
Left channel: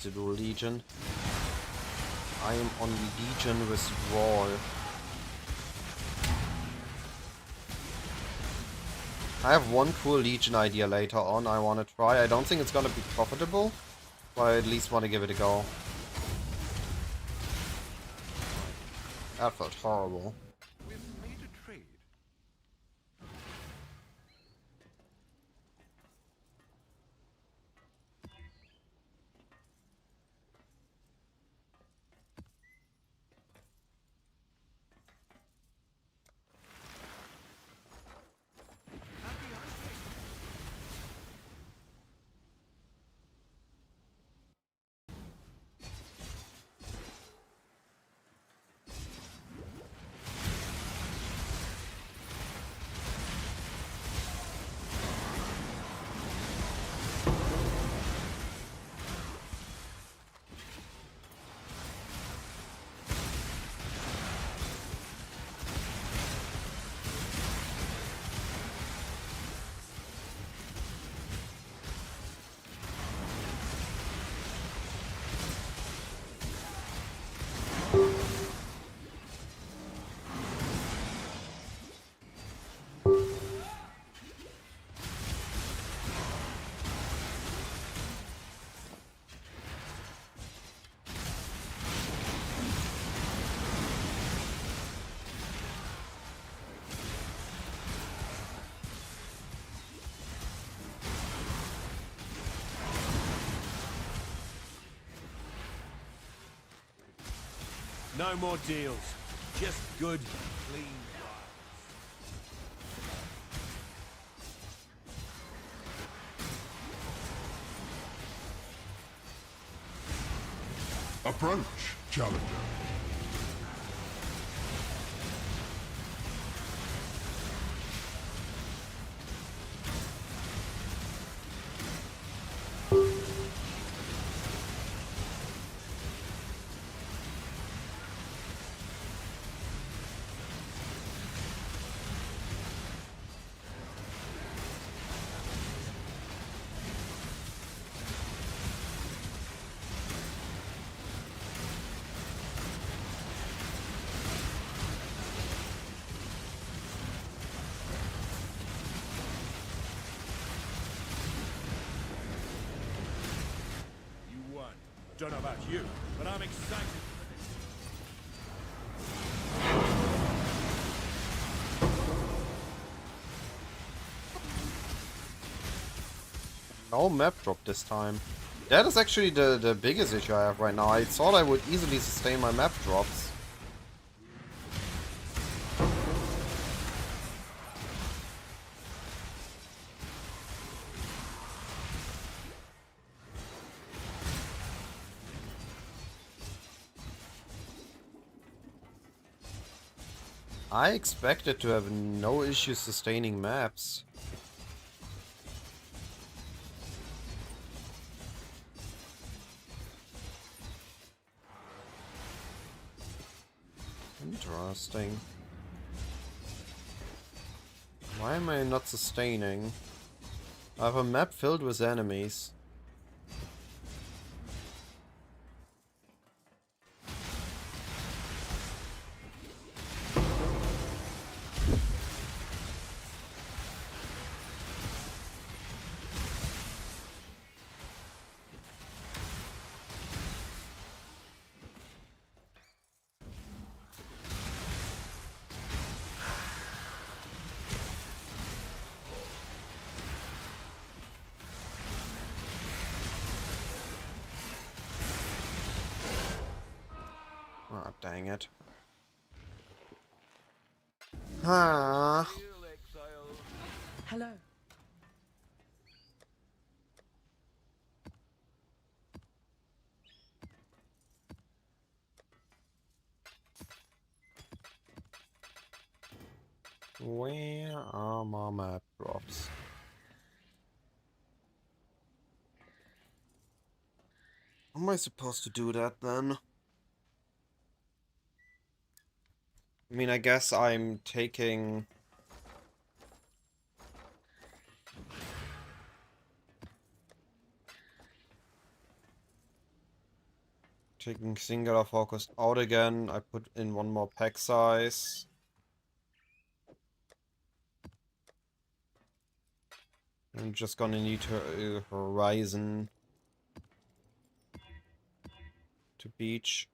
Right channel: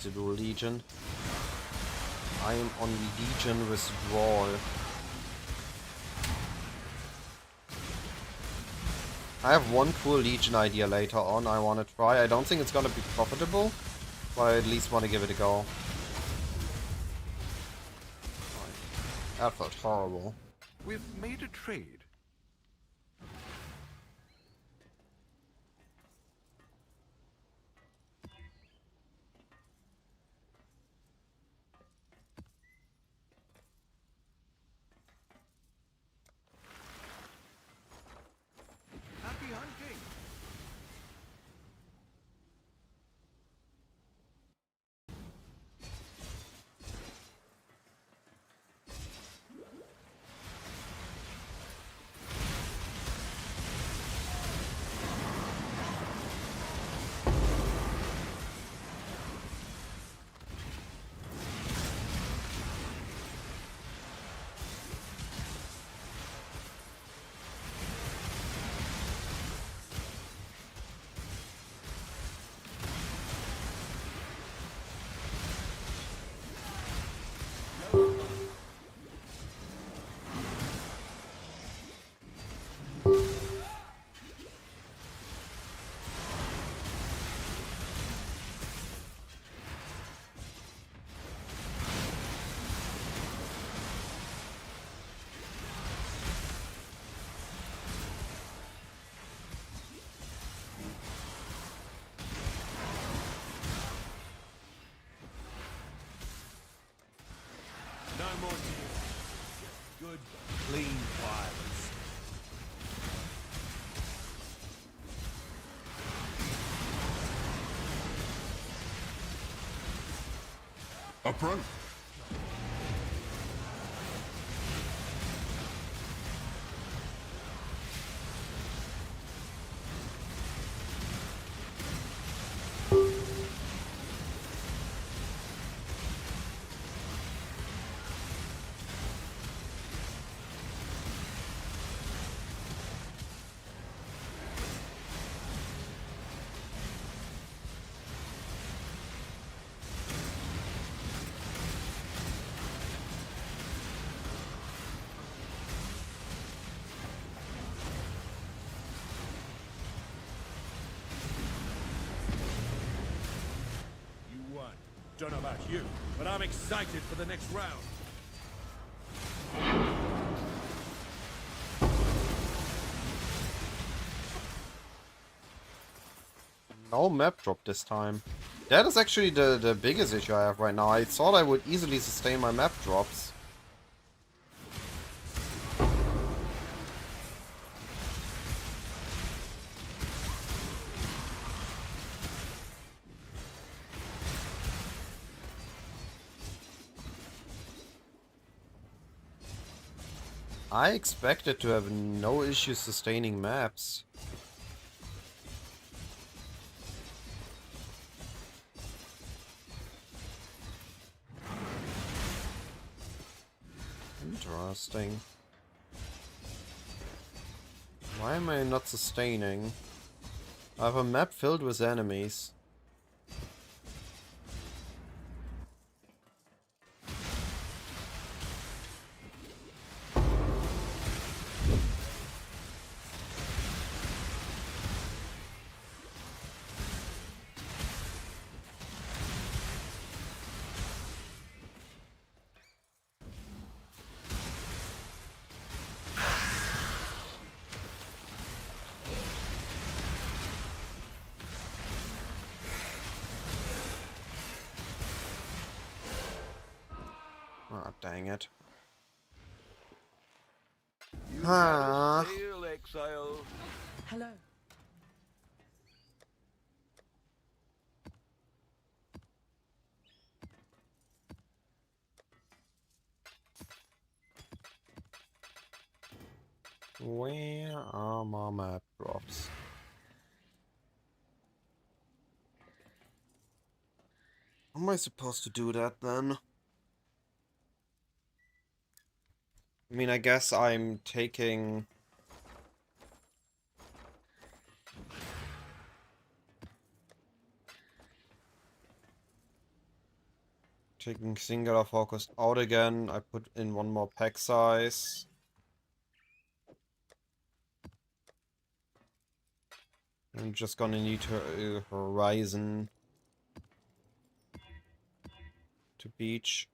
have to do Legion. I am on Legion withdrawal. I have one cool Legion idea later on I want to try. I don't think it's gonna be profitable, but I at least want to give it a go. That felt horrible. We've made a trade. Happy hunting. No more deals. Just good, clean violence. Approach, challenger. Don't know about you, but I'm excited for the next round. No map drop this time. That is actually the biggest issue I have right now. I thought I would easily sustain my map drops. I expected to have no issues sustaining maps. Interesting. Why am I not sustaining? I have a map filled with enemies. Ah, dang it. Ah. Hail, exile. Hello. Where are my map drops? How am I supposed to do that then? I mean, I guess I'm taking... Taking singular focus out again. I put in one more pack size. I'm just gonna need her horizon to beach.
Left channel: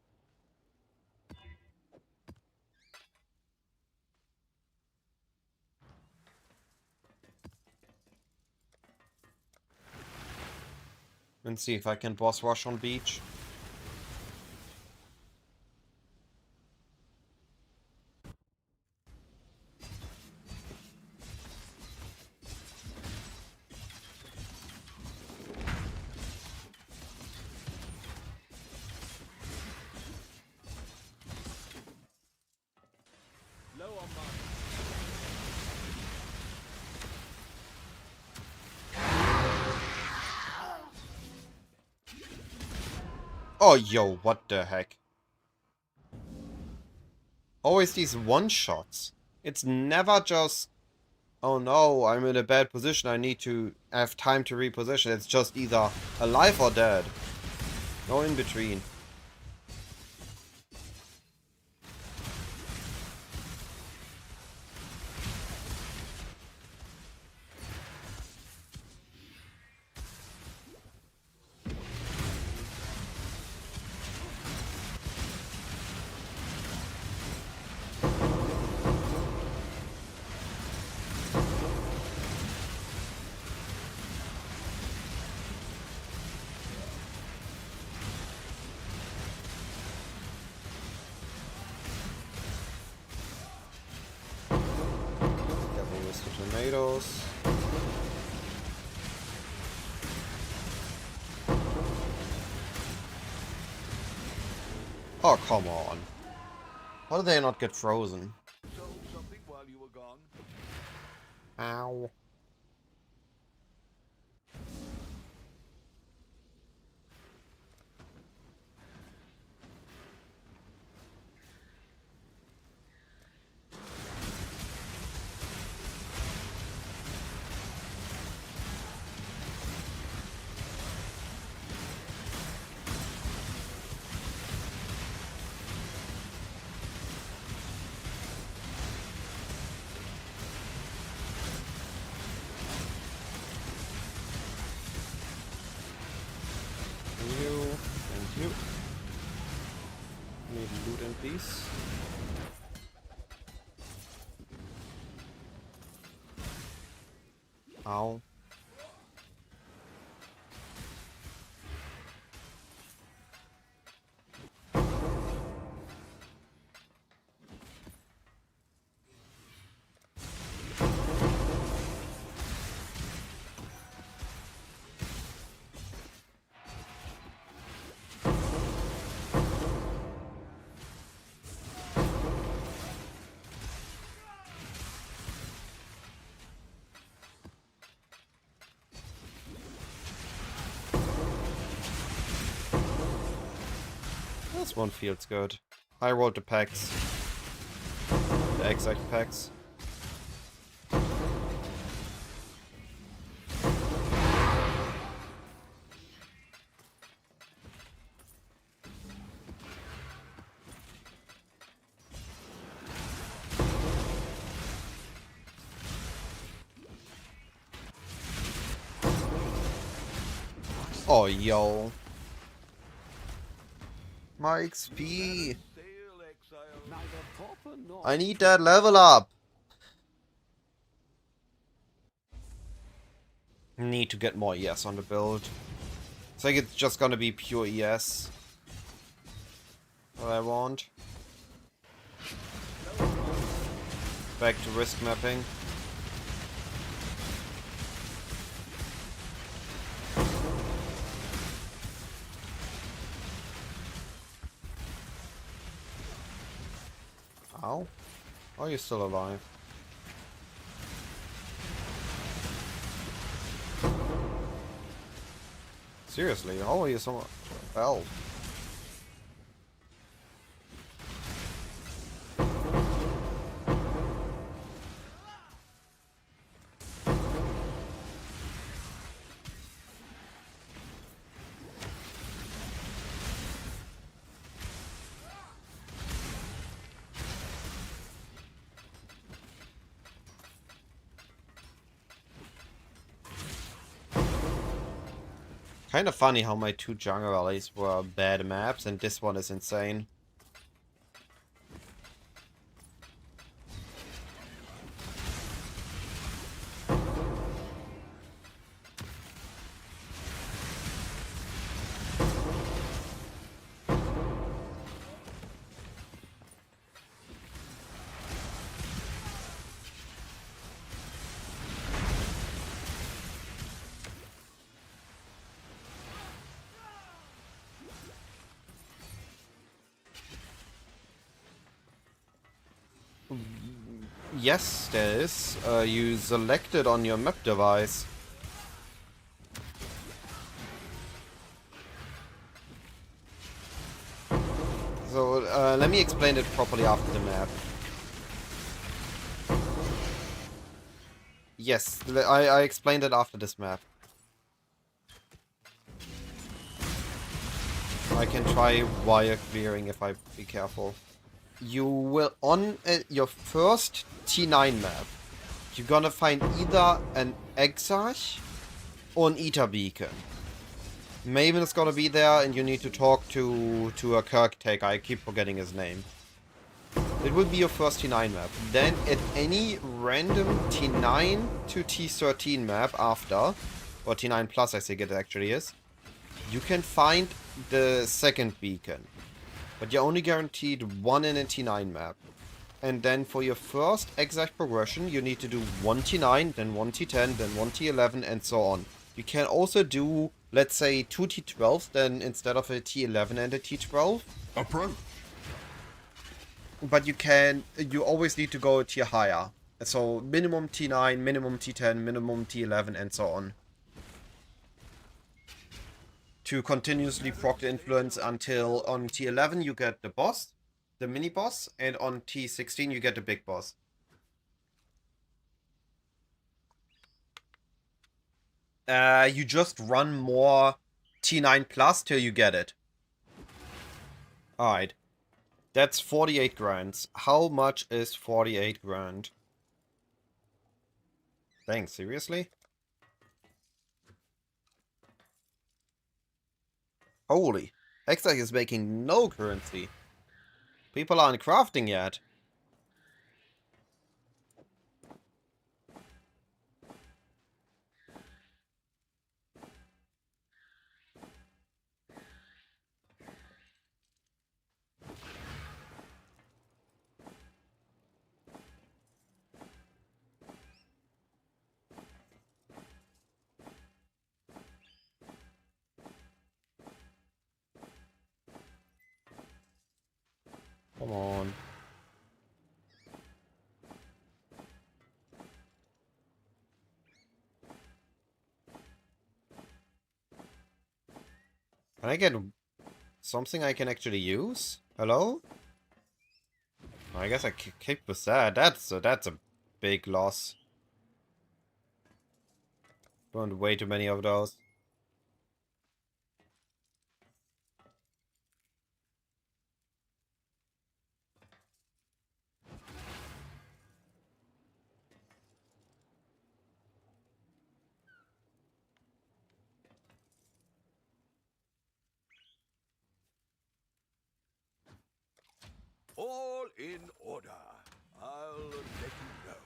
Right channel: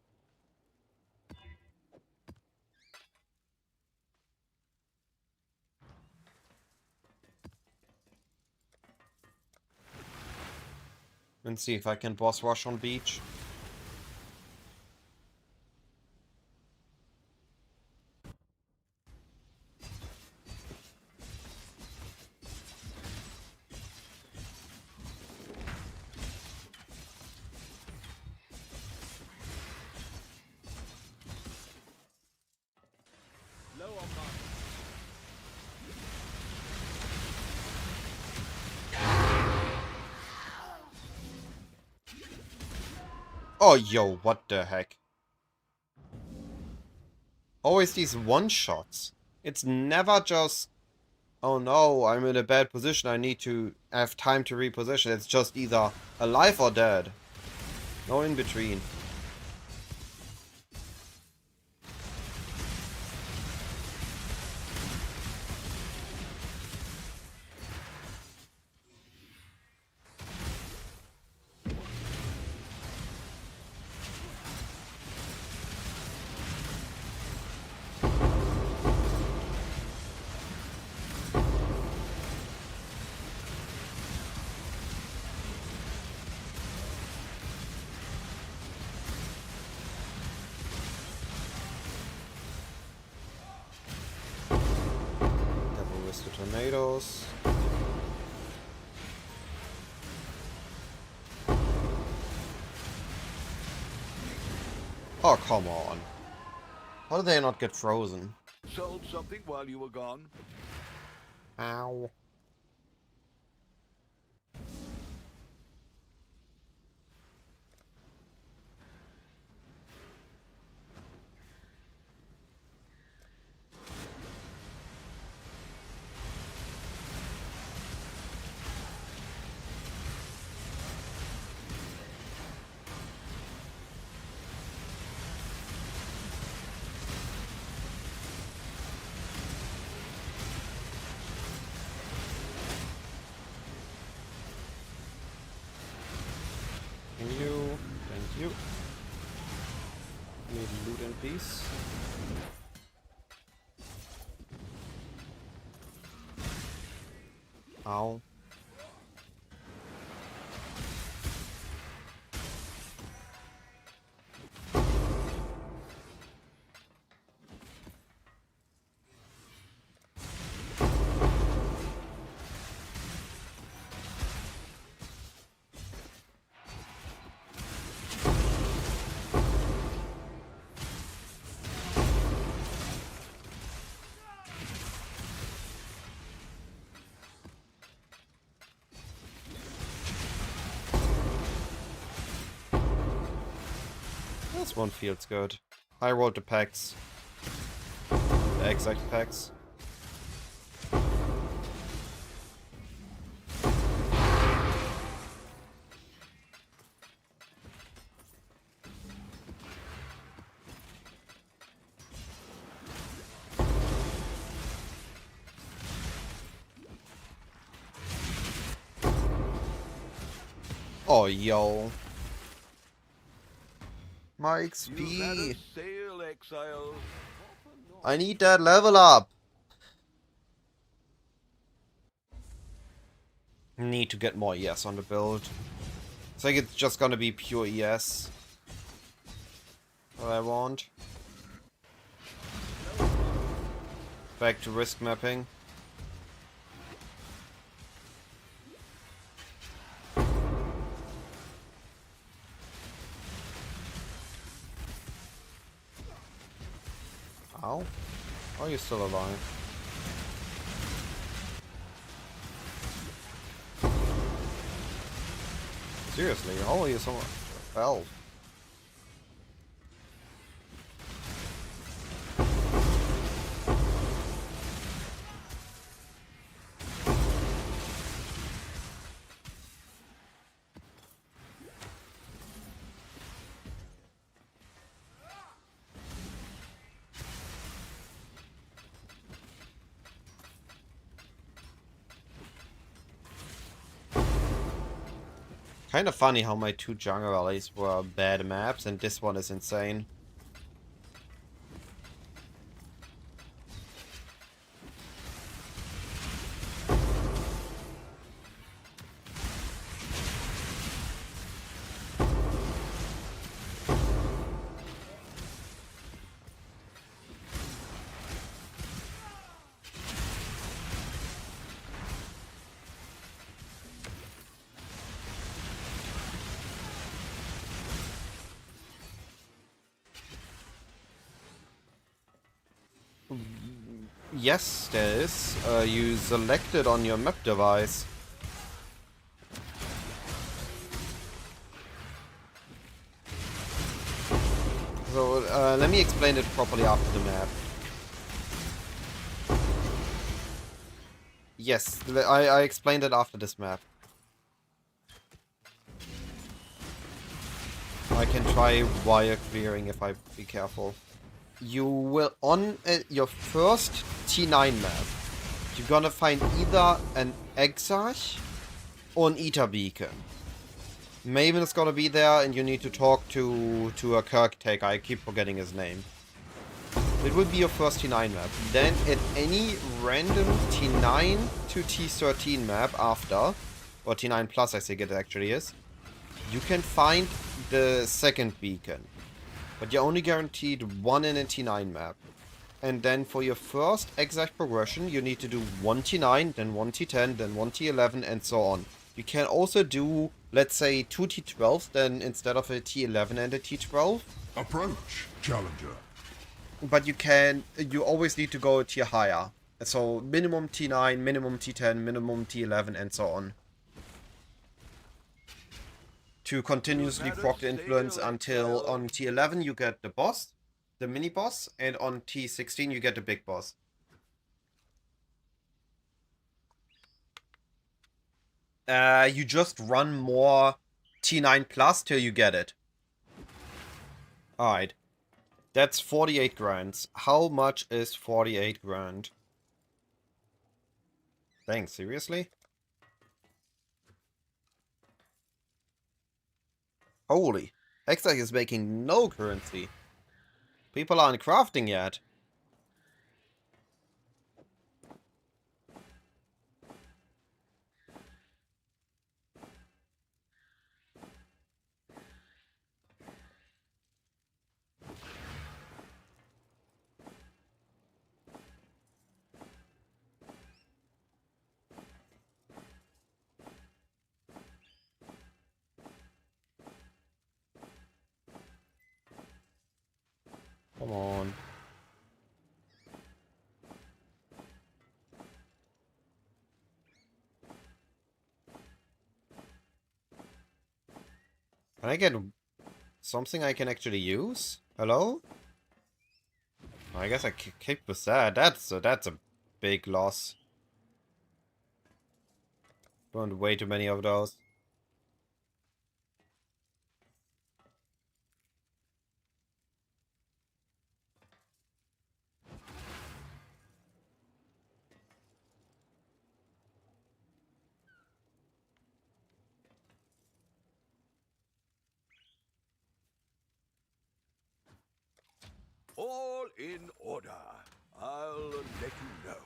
And see if I can boss rush on beach. Low on mine. Oh, yo, what the heck? Always these one-shots. It's never just, oh no, I'm in a bad position, I need to have time to reposition. It's just either alive or dead. No in between. Careful with the tornadoes. Oh, come on. How did they not get frozen? Sold something while you were gone. Ow. Thank you. Thank you. Need loot in peace. Ow. This one feels good. I rolled the packs. The Exarch packs. Oh, yo. My XP. Sail, exile. I need that level up. Need to get more ES on the build. I think it's just gonna be pure ES. What I want. Back to risk mapping. Ow. Oh, you're still alive. Seriously, how are you so hell? Kind of funny how my 2 jungle rallies were bad maps and this one is insane. Yes, there is. You select it on your map device. So, let me explain it properly after the map. Yes, I explained it after this map. I can try wire clearing if I be careful. You will, on your first T9 map, you're gonna find either an Exarch or an Ether Beacon. Maven is gonna be there and you need to talk to a caretaker, I keep forgetting his name. It will be your first T9 map. Then at any random T9 to T13 map after, or T9 plus I think it actually is, you can find the second beacon. But you're only guaranteed one in a T9 map. And then for your first exact progression, you need to do one T9, then one T10, then one T11, and so on. You can also do, let's say, 2 T12s, then instead of a T11 and a T12. Approach, challenger. But you always need to go a tier higher. So minimum T9, minimum T10, minimum T11, and so on. To continuously proc the influence until on T11 you get the boss, the mini boss, and on T16 you get the big boss. You just run more T9 plus till you get it. Alright. That's 48 grand. How much is 48 grand? Dang, seriously? Holy. Exarch is making no currency. People aren't crafting yet. Come on. Can I get something I can actually use? Hello? I guess I kicked with that. That's a big loss. Burned way too many of those. All in order. I'll let you know.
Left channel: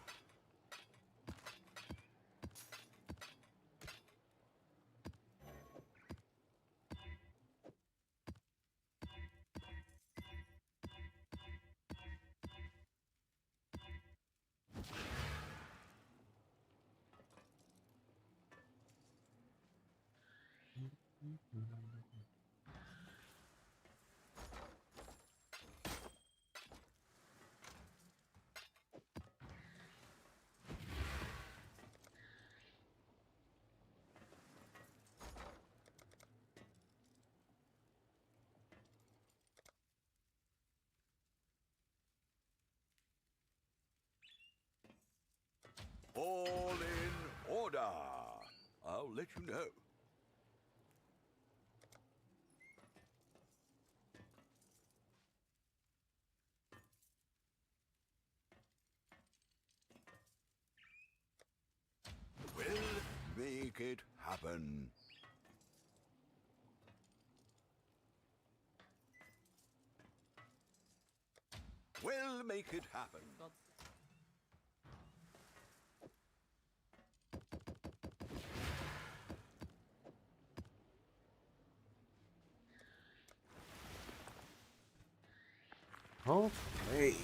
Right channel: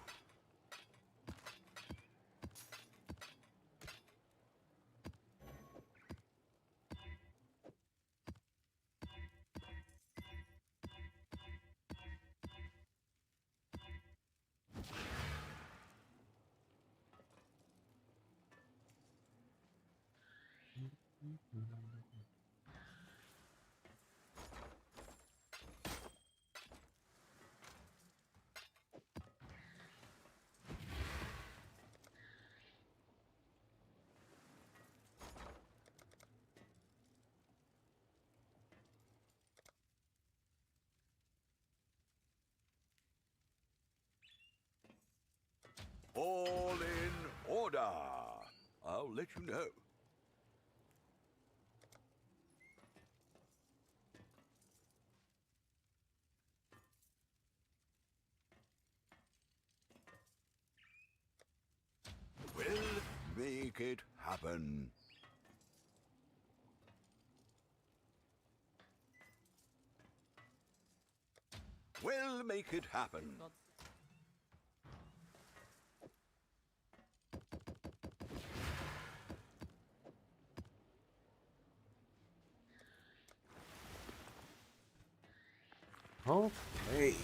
All in order. I'll let you know. We'll make it happen. I'll make it happen. Okay.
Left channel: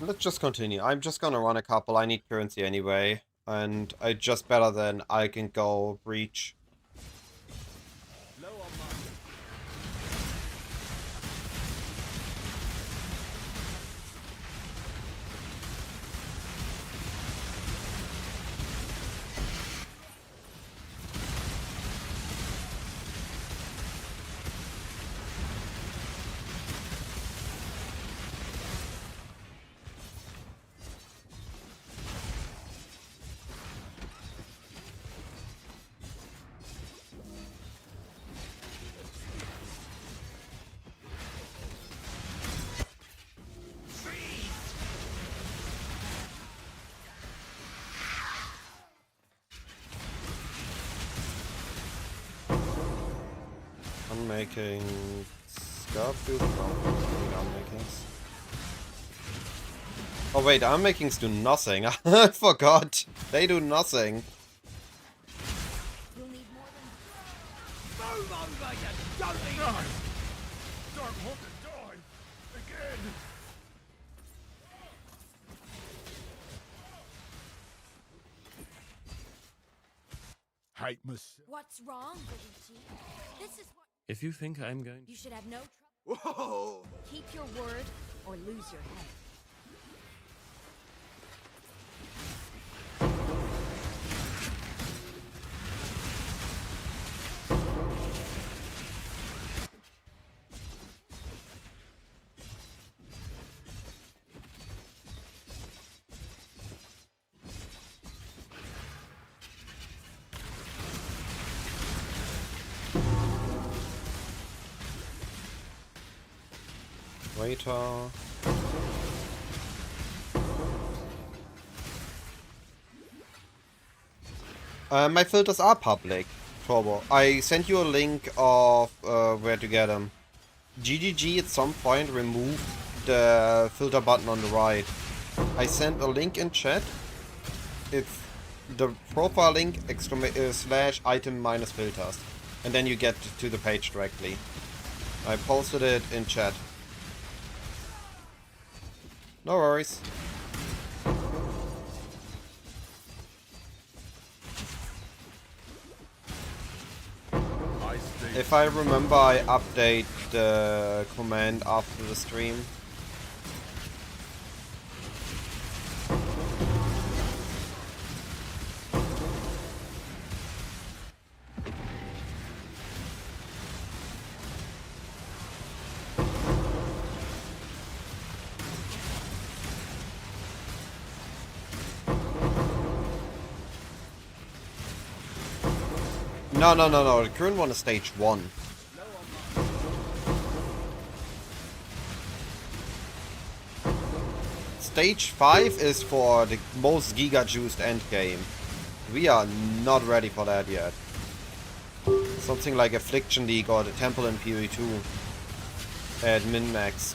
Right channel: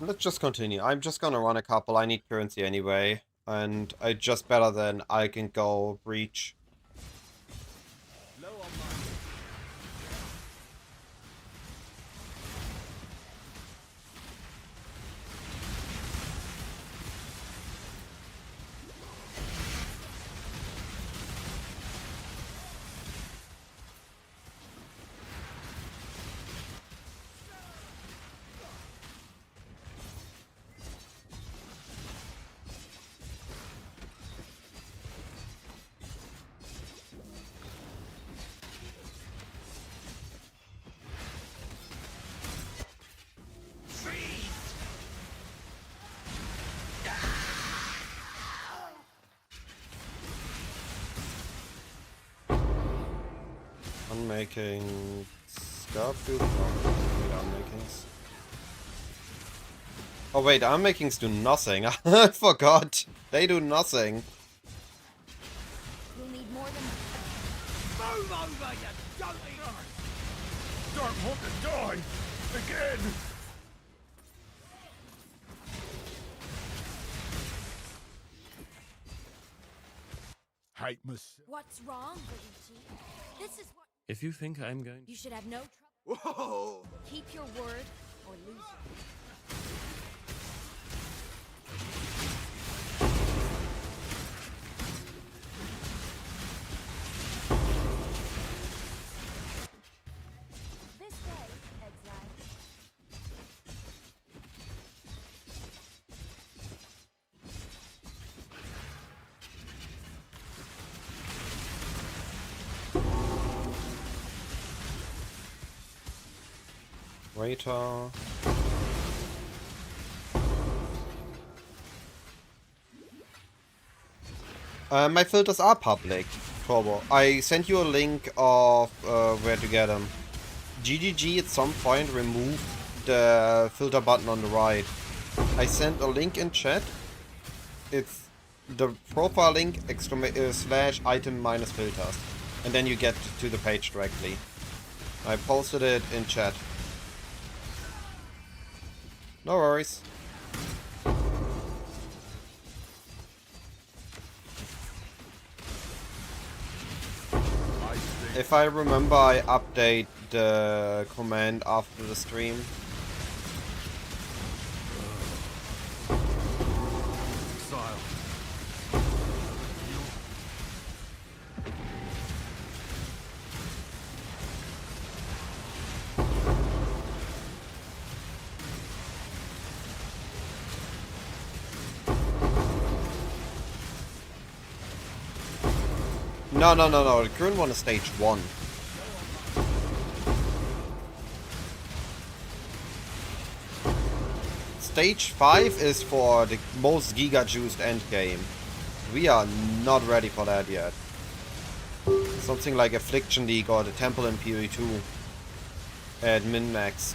Let's just continue. I'm just gonna run a couple. I need currency anyway. And I just better than I can go breach. Low on my Unmaking Scarfield? No, I need unmakings. Oh wait, unmakings do nothing. I forgot. They do nothing. You'll need more than move over, you dirty! Don't want to die again. Hate myself. What's wrong, Luigi? This is what If you think I'm going you should have no trouble. Whoa! Keep your word or lose your head. This way, Exarch. Waiter. My filters are public, Turbo. I sent you a link of where to get them. GGG at some point removed the filter button on the right. I sent a link in chat. It's the profile link / item minus filters. And then you get to the page directly. I posted it in chat. No worries. If I remember, I update the command after the stream. No. The current one is stage 1. Stage 5 is for the most giga-juiced endgame. We are not ready for that yet. Something like Affliction League or the Temple in PoE 2 at min-maxed.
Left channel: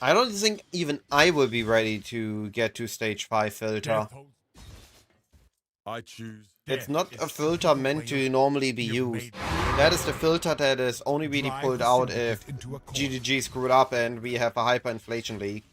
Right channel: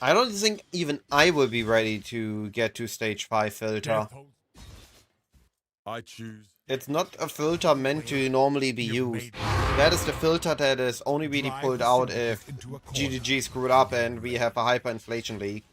I don't think even I will be ready to get to stage 5 filter. I choose. It's not a filter meant to normally be used. That is the filter that is only really pulled out if GGG screwed up and we have a hyperinflation league.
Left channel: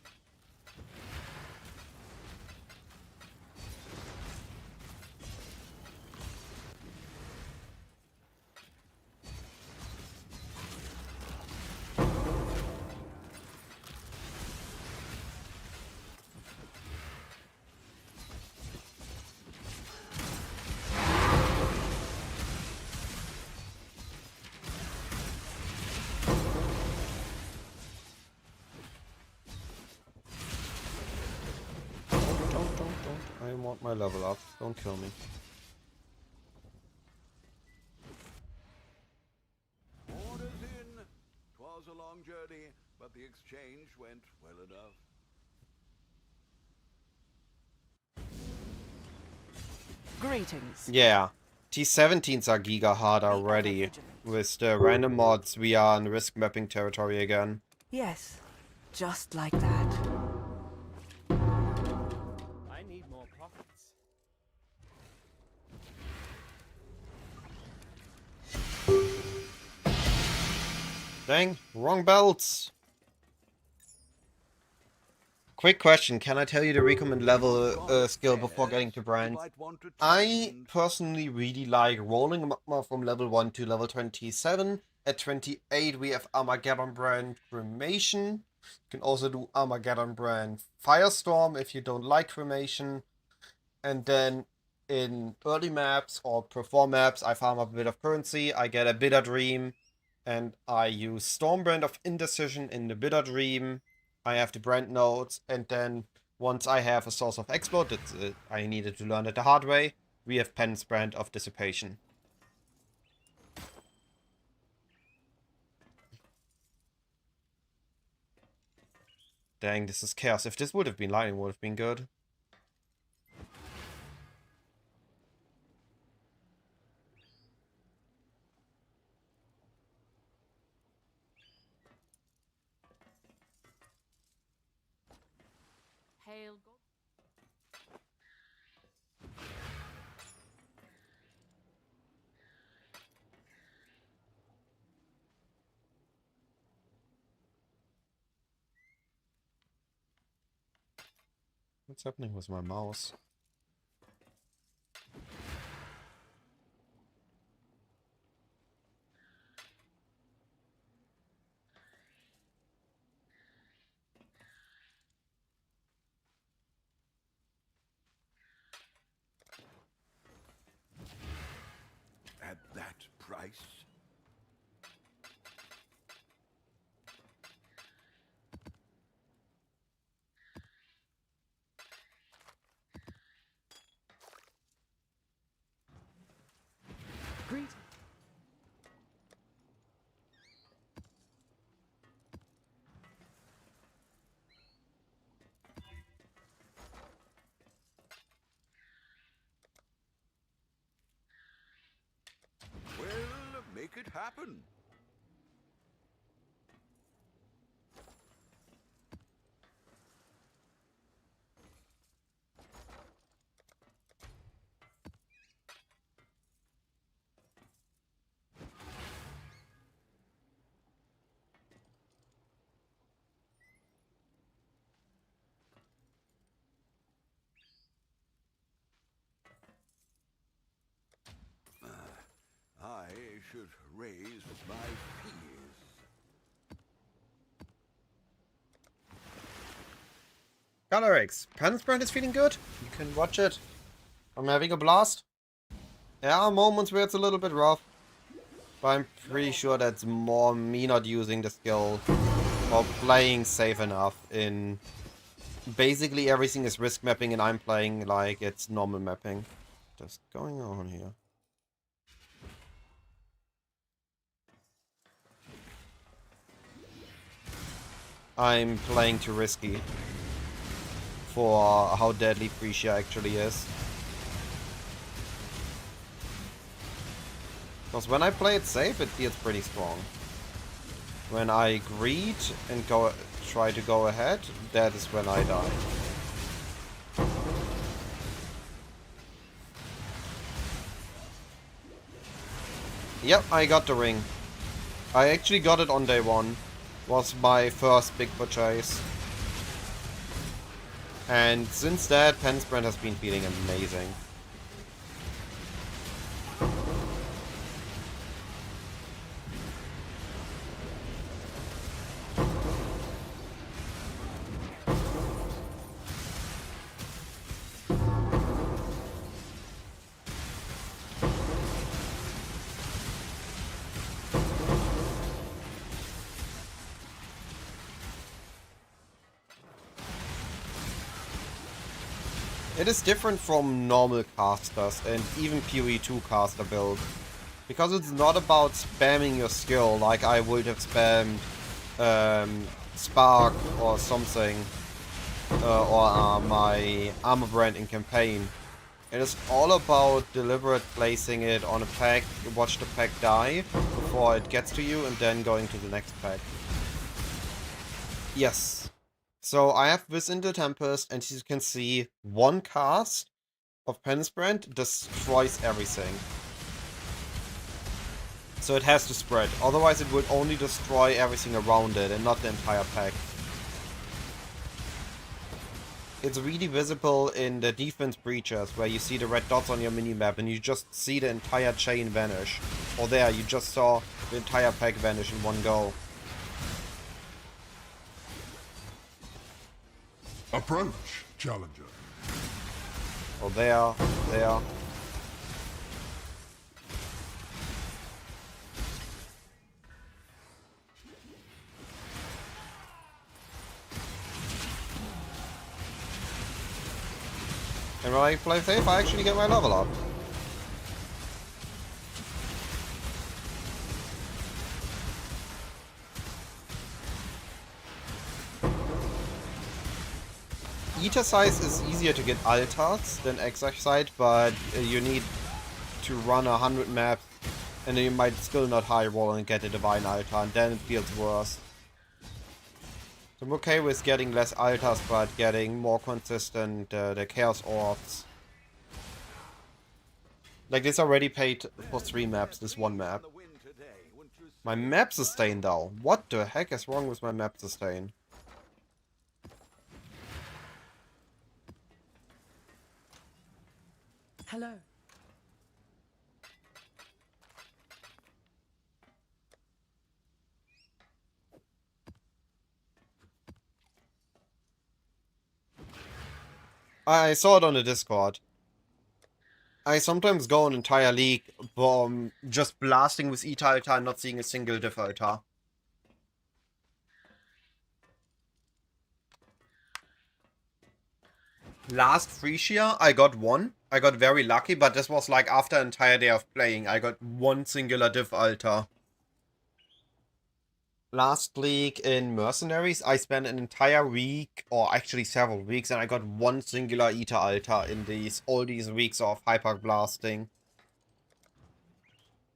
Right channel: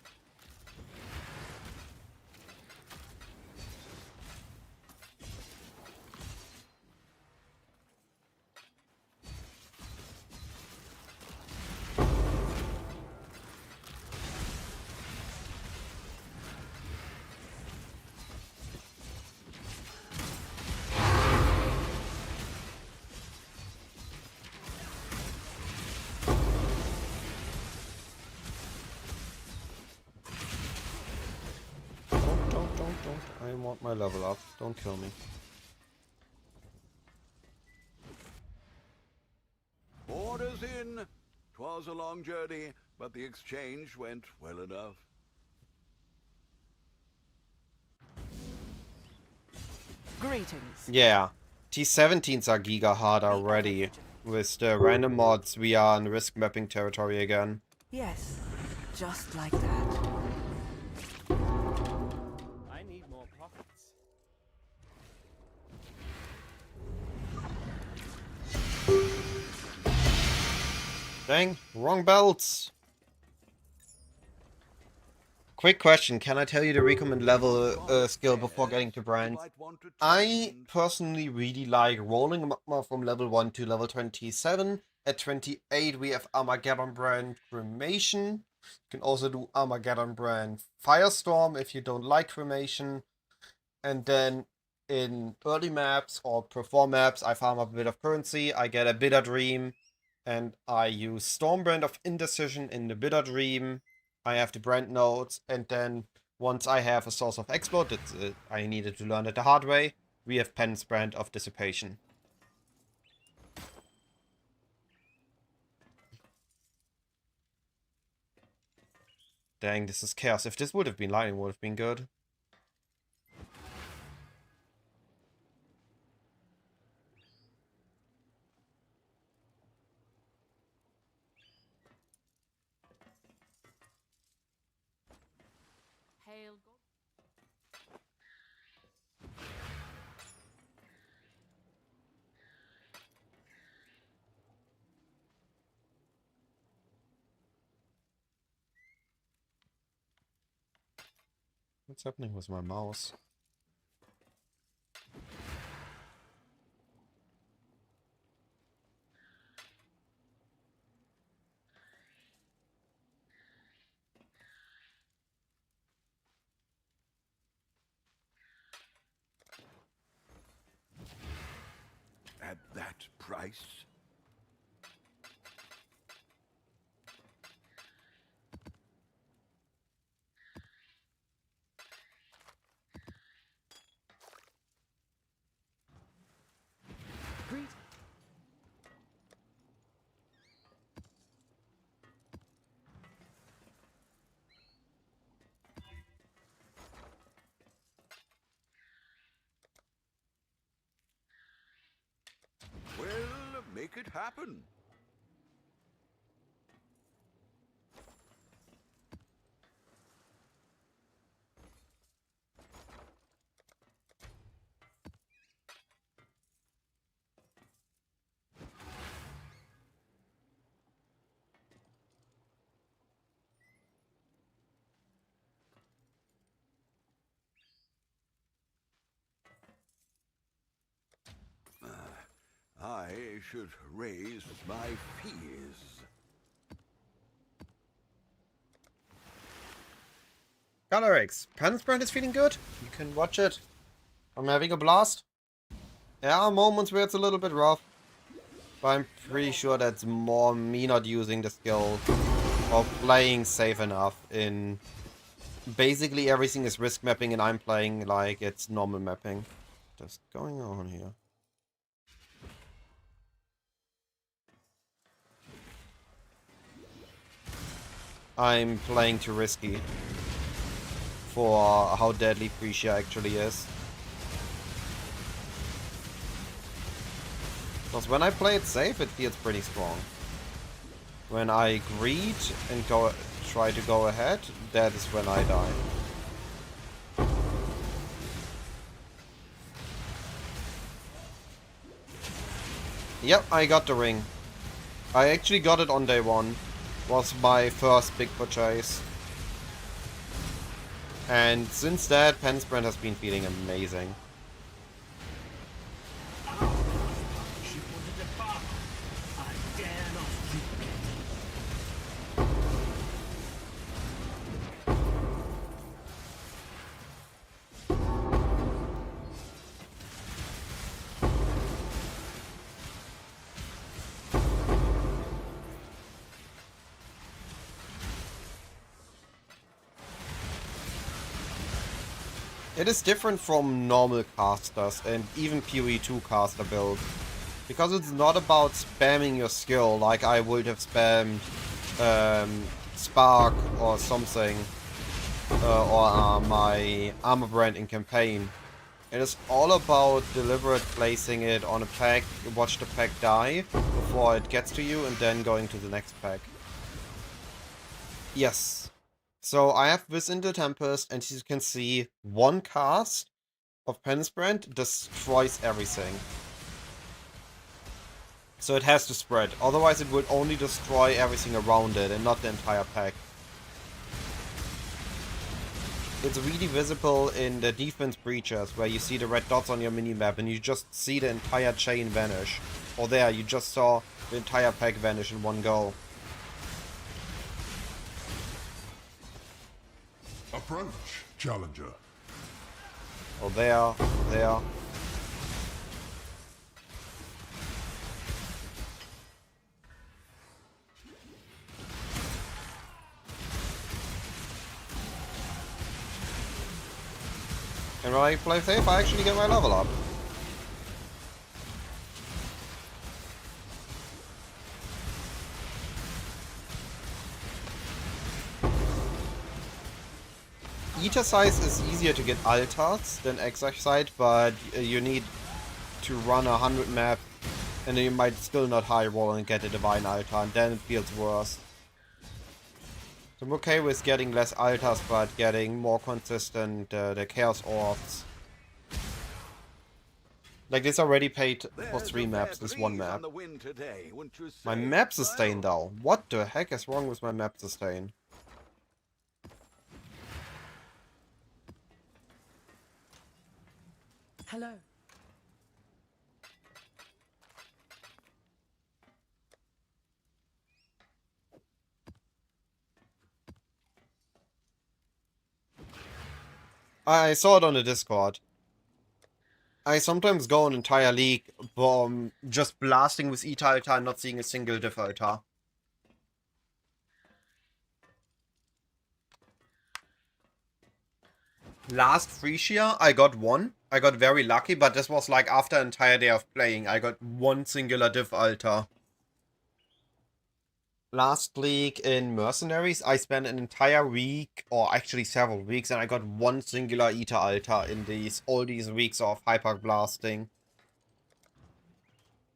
Don't. I want my level up. Don't kill me. Orders in. 'Twas a long journey, but the exchange went well enough. Greetings. Yeah. T17s are giga hard already. With the random mods, we are in risk mapping territory again. Yes, just like that. I need more pockets. Dang, wrong belts. Quick question, can I tell you the recommend level skill before getting to Brand? I personally really like rolling magma from level 1 to level 27. At 28 we have Armageddon Brand Cremation. You can also do Armageddon Brand Firestorm if you don't like Cremation. And then in early maps or Pro4 maps I farm up a bit of currency, I get a Bitter Dream, and I use Stormbrand of Indecision in the Bitter Dream. I have the brand nodes, and then once I have a source of explode, that's it. I needed to learn it the hard way. We have Penn's Brand of Dissipation. Dang, this is chaos. If this would have been lightning, would have been good. Hail God. What's happening with my mouse? At that price? Greet. Well, make it happen. I should raise my fears. Colorix, Penn's Brand is feeling good. You can watch it. I'm having a blast. There are moments where it's a little bit rough, but I'm pretty sure that's more me not using the skill or playing safe enough. In basically everything is risk mapping and I'm playing like it's normal mapping. What's going on here? I'm playing too risky for how deadly Phrecia actually is. Because when I play it safe, it feels pretty strong. When I greed and try to go ahead, that is when I die. Yep, I got the ring. I actually got it on day one. Was my first big purchase. And since that, Penn's Brand has been feeling amazing. It is different from normal casters and even PoE 2 caster build, because it's not about spamming your skill like I would have spammed Spark or something, or my armor brand in campaign. It is all about deliberate placing it on a pack, watch the pack die before it gets to you, and then going to the next pack. Yes. So I have Within the Tempest, and as you can see, one cast of Penance Brand destroys everything. So it has to spread, otherwise it would only destroy everything around it and not the entire pack. It's really visible in the defense breaches, where you see the red dots on your minimap and you just see the entire chain vanish. Or there, you just saw the entire pack vanish in one go. Approach, Challenger. Or there, there. And when I play safe, I actually get my level up. Ether size is easier to get altars than Exarch side, but you need to run 100 maps, and then you might still not high roll and get a divine altar, and then it feels worse. So I'm okay with getting less altars, but getting more consistent the chaos orbs. Like this already paid for 3 maps, this one map. My map sustain though. What the heck is wrong with my map sustain? Hello. I saw it on the Discord. I sometimes go an entire league just blasting with Eta altar and not seeing a single diff altar. Last Phrecia, I got one. I got very lucky, but this was like after an entire day of playing. I got one singular diff altar. Last league in Mercenaries, I spent an entire week, or actually several weeks, and I got one singular Eta altar in all these weeks of hyper blasting.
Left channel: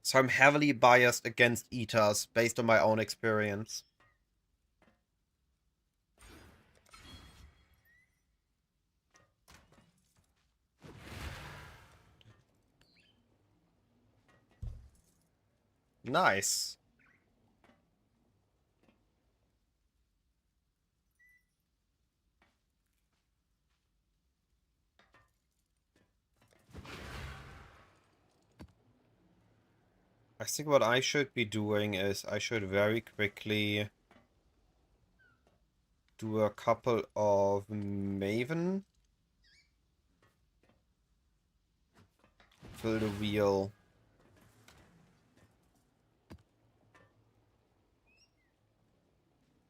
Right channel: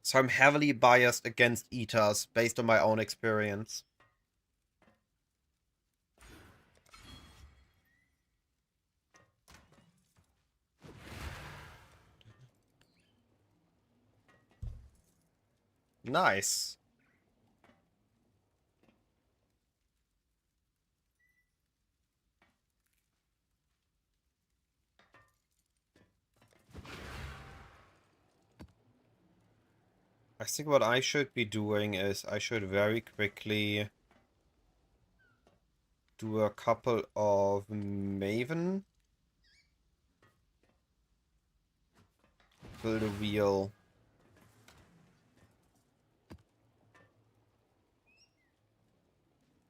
So I'm heavily biased against Etas based on my own experience. Nice. I think what I should be doing is I should very quickly do a couple of Maven. Build a wheel.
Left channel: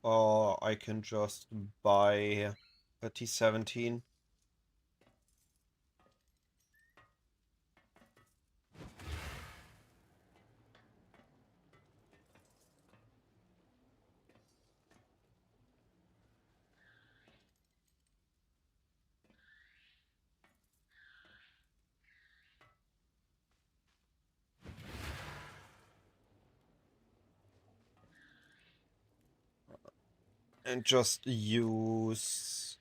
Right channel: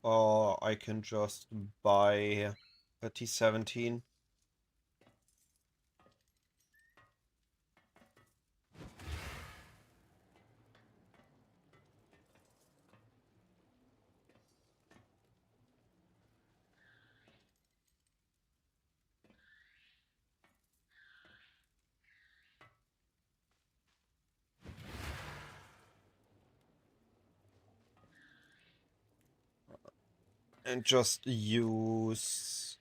Or I can just buy a T17. And just use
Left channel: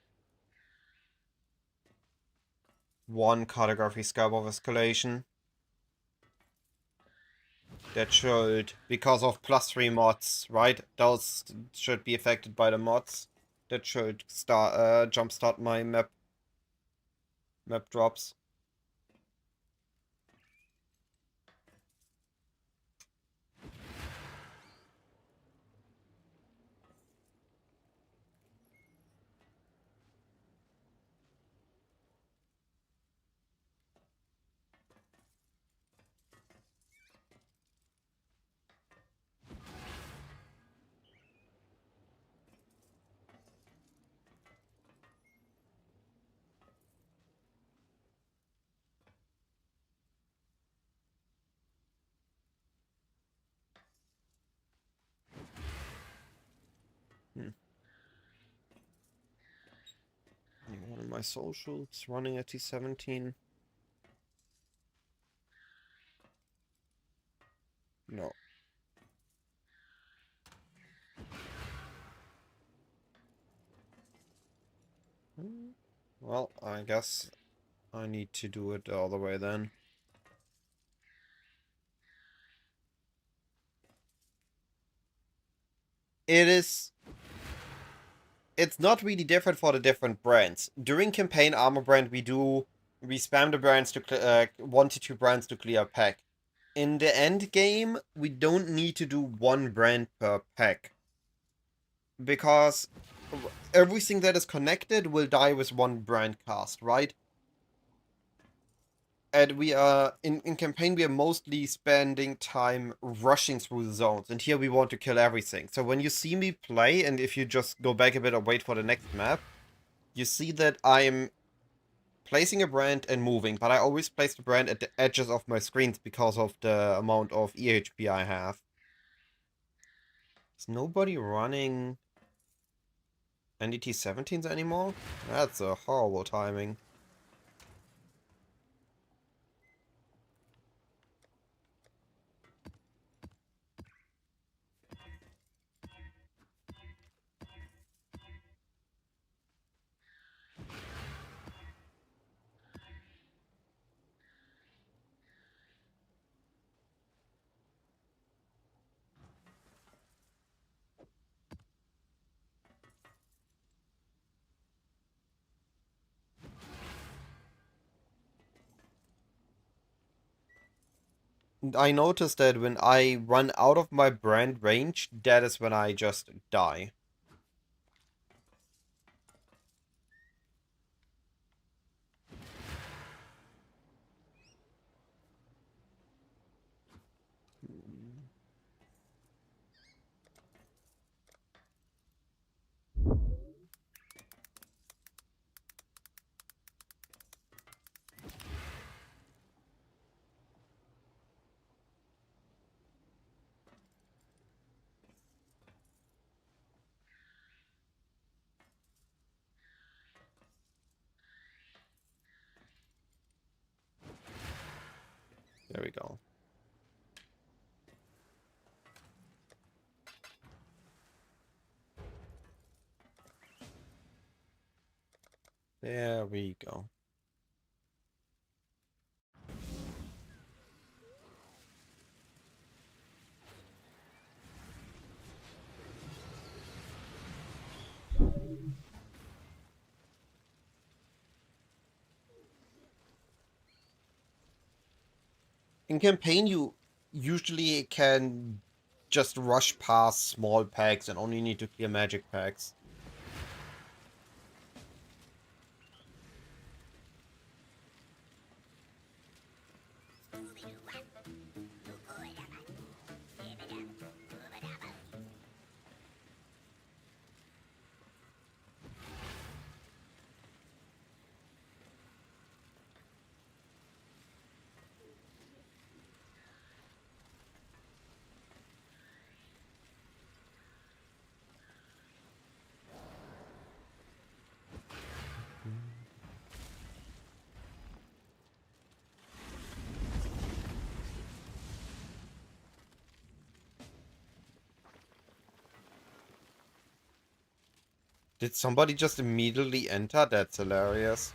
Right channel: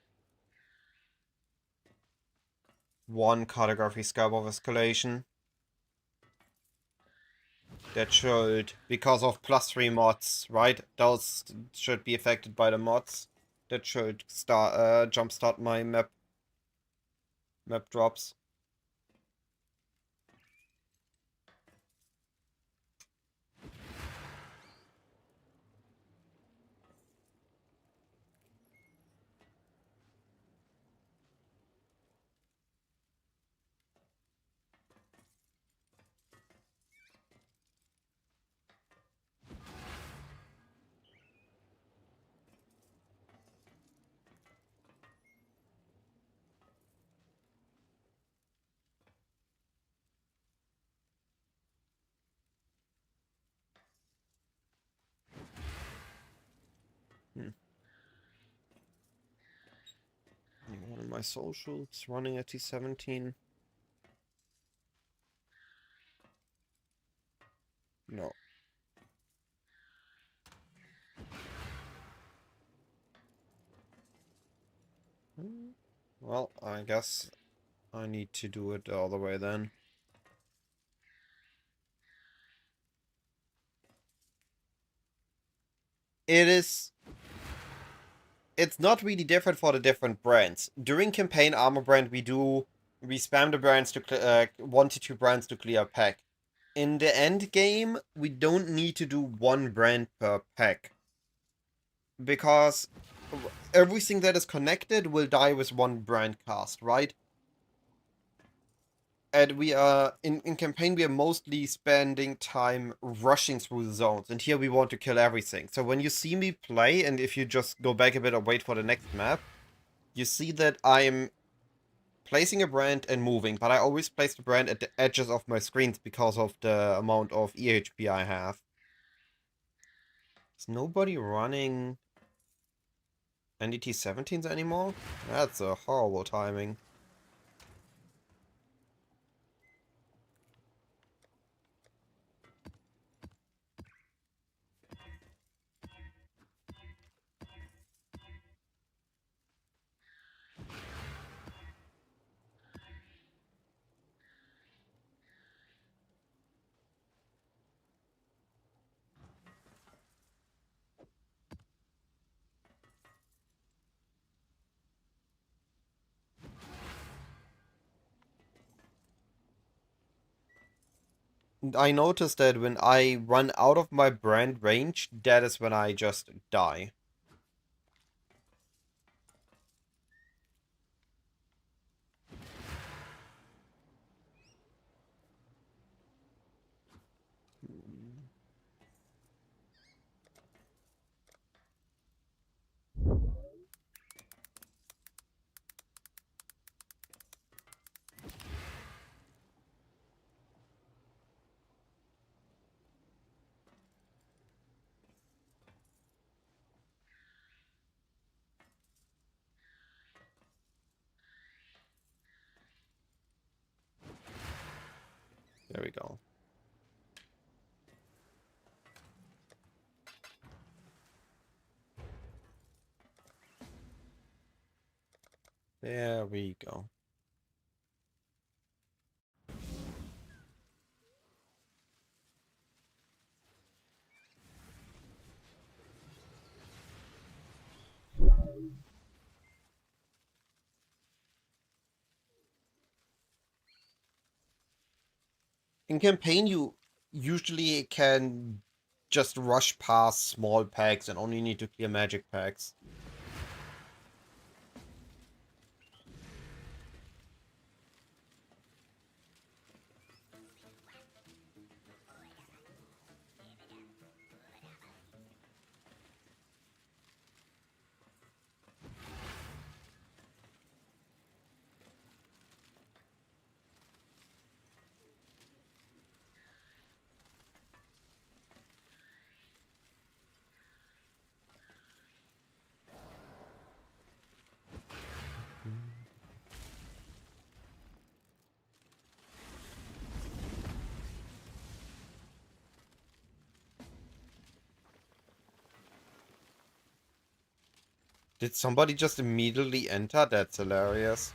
one cartography scab of escalation. That should, because of +3 mods, right? Those should be affected by the mods. That should start jumpstart my map drops. my socials running at T17? No. Well, I guess I need to do it the other way then. It's not really different for the different brands. During campaign armor brand, we spam the brands to 1 to 2 brands to clear a pack. In the end game, we don't need to do 1 brand per pack, because everything that is connected will die with 1 brand cast, right? And we are in campaign, we are mostly spending time rushing through the zones, and here we want to kill everything. So when you see me play, and if you just go back a bit or wait for the next map, you see that I'm placing a brand and moving, but I always place the brand at the edges of my screens because of the amount of EHP I have. Is nobody running NDT-17s anymore? That's a horrible timing. I noticed that when I run out of my brand range, that is when I just die. There we go. There we go. In campaign, you usually can just rush past small packs and only need to clear magic packs. Did somebody just immediately enter? That's hilarious.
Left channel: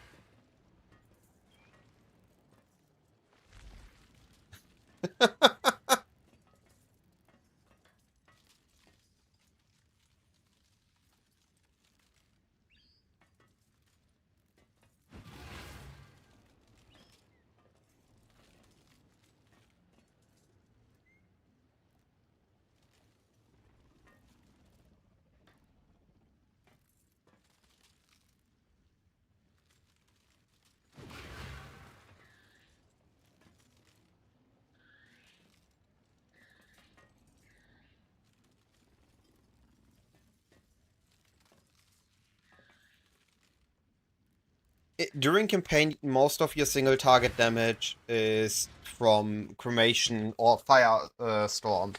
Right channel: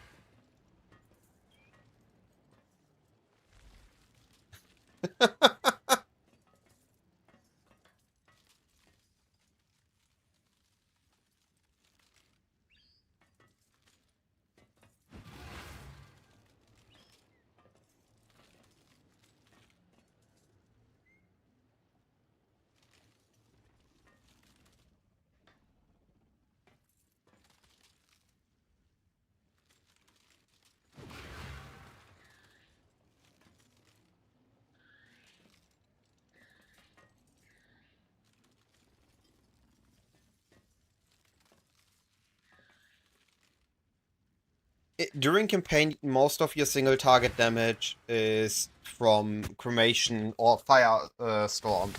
During campaign, most of your single target damage is from cremation or fire storm.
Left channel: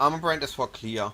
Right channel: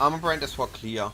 Armor brand is for clear.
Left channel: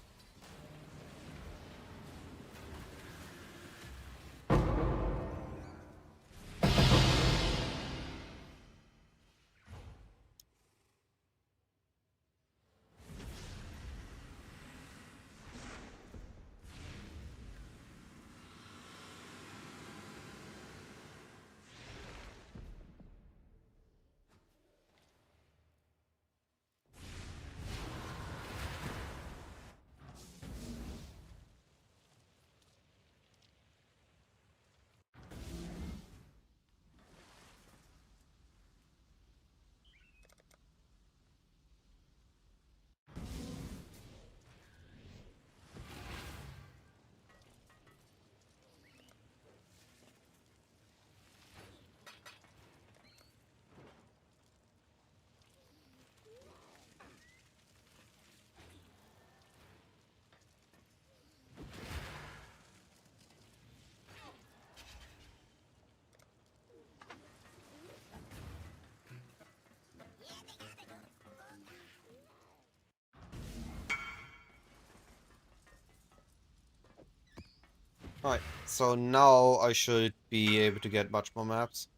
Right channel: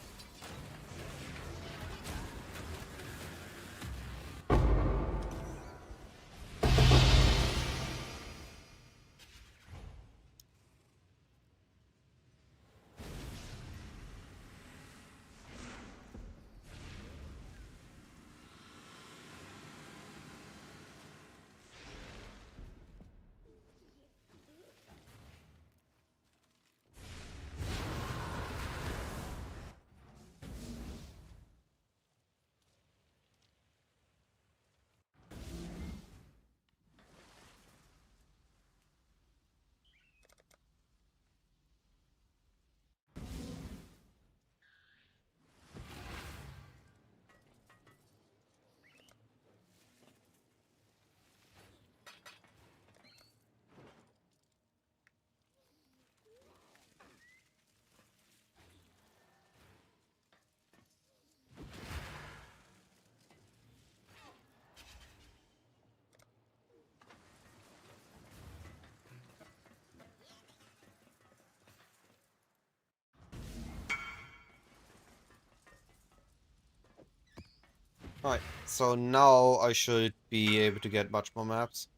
Alright, so now I should be able to get much more maps.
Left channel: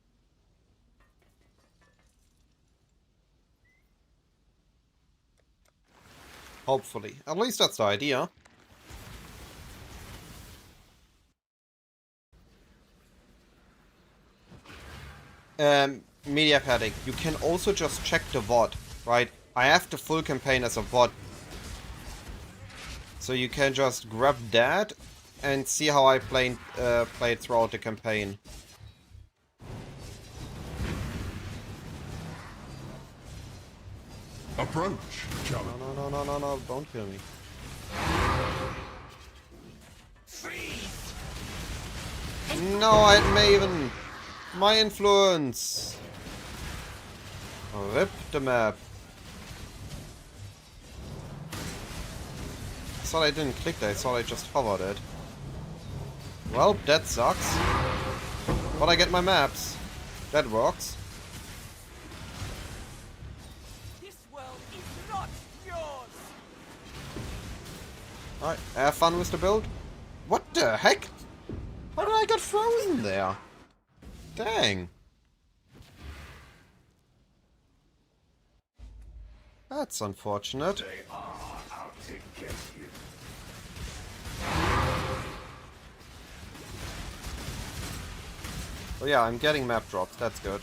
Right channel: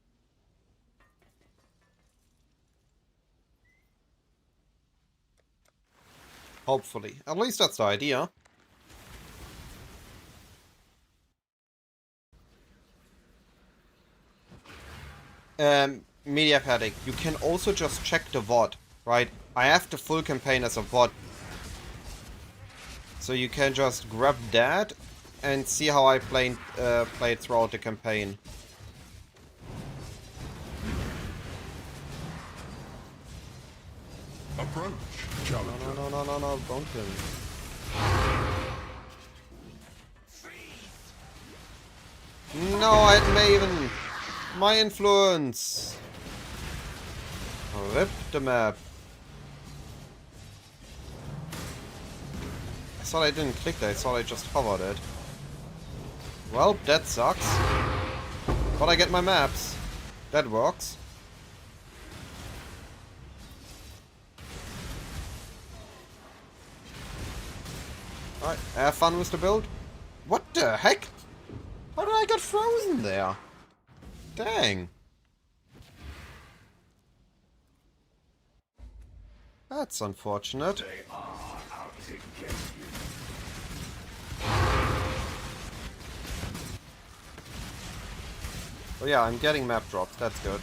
Hopefully. At least that's the idea. Mediapatic, you can also just check the VOD, right? I have the full campaign as a VOD. So you can just grab that and see how I played throughout the campaign. Approach, challenger. No, don't kill me. No, I had Maven! My influence! Rip the map. I thought I didn't click that, I thought I just hovered it. Well, that sucks. But I get my maps. That works. This world is not yours. Alright, have fun with the build. What the heck? How did I get frozen there? Dang. That's unfortunate. They are out to get you. Oh yeah, I'm getting map drops, that's good.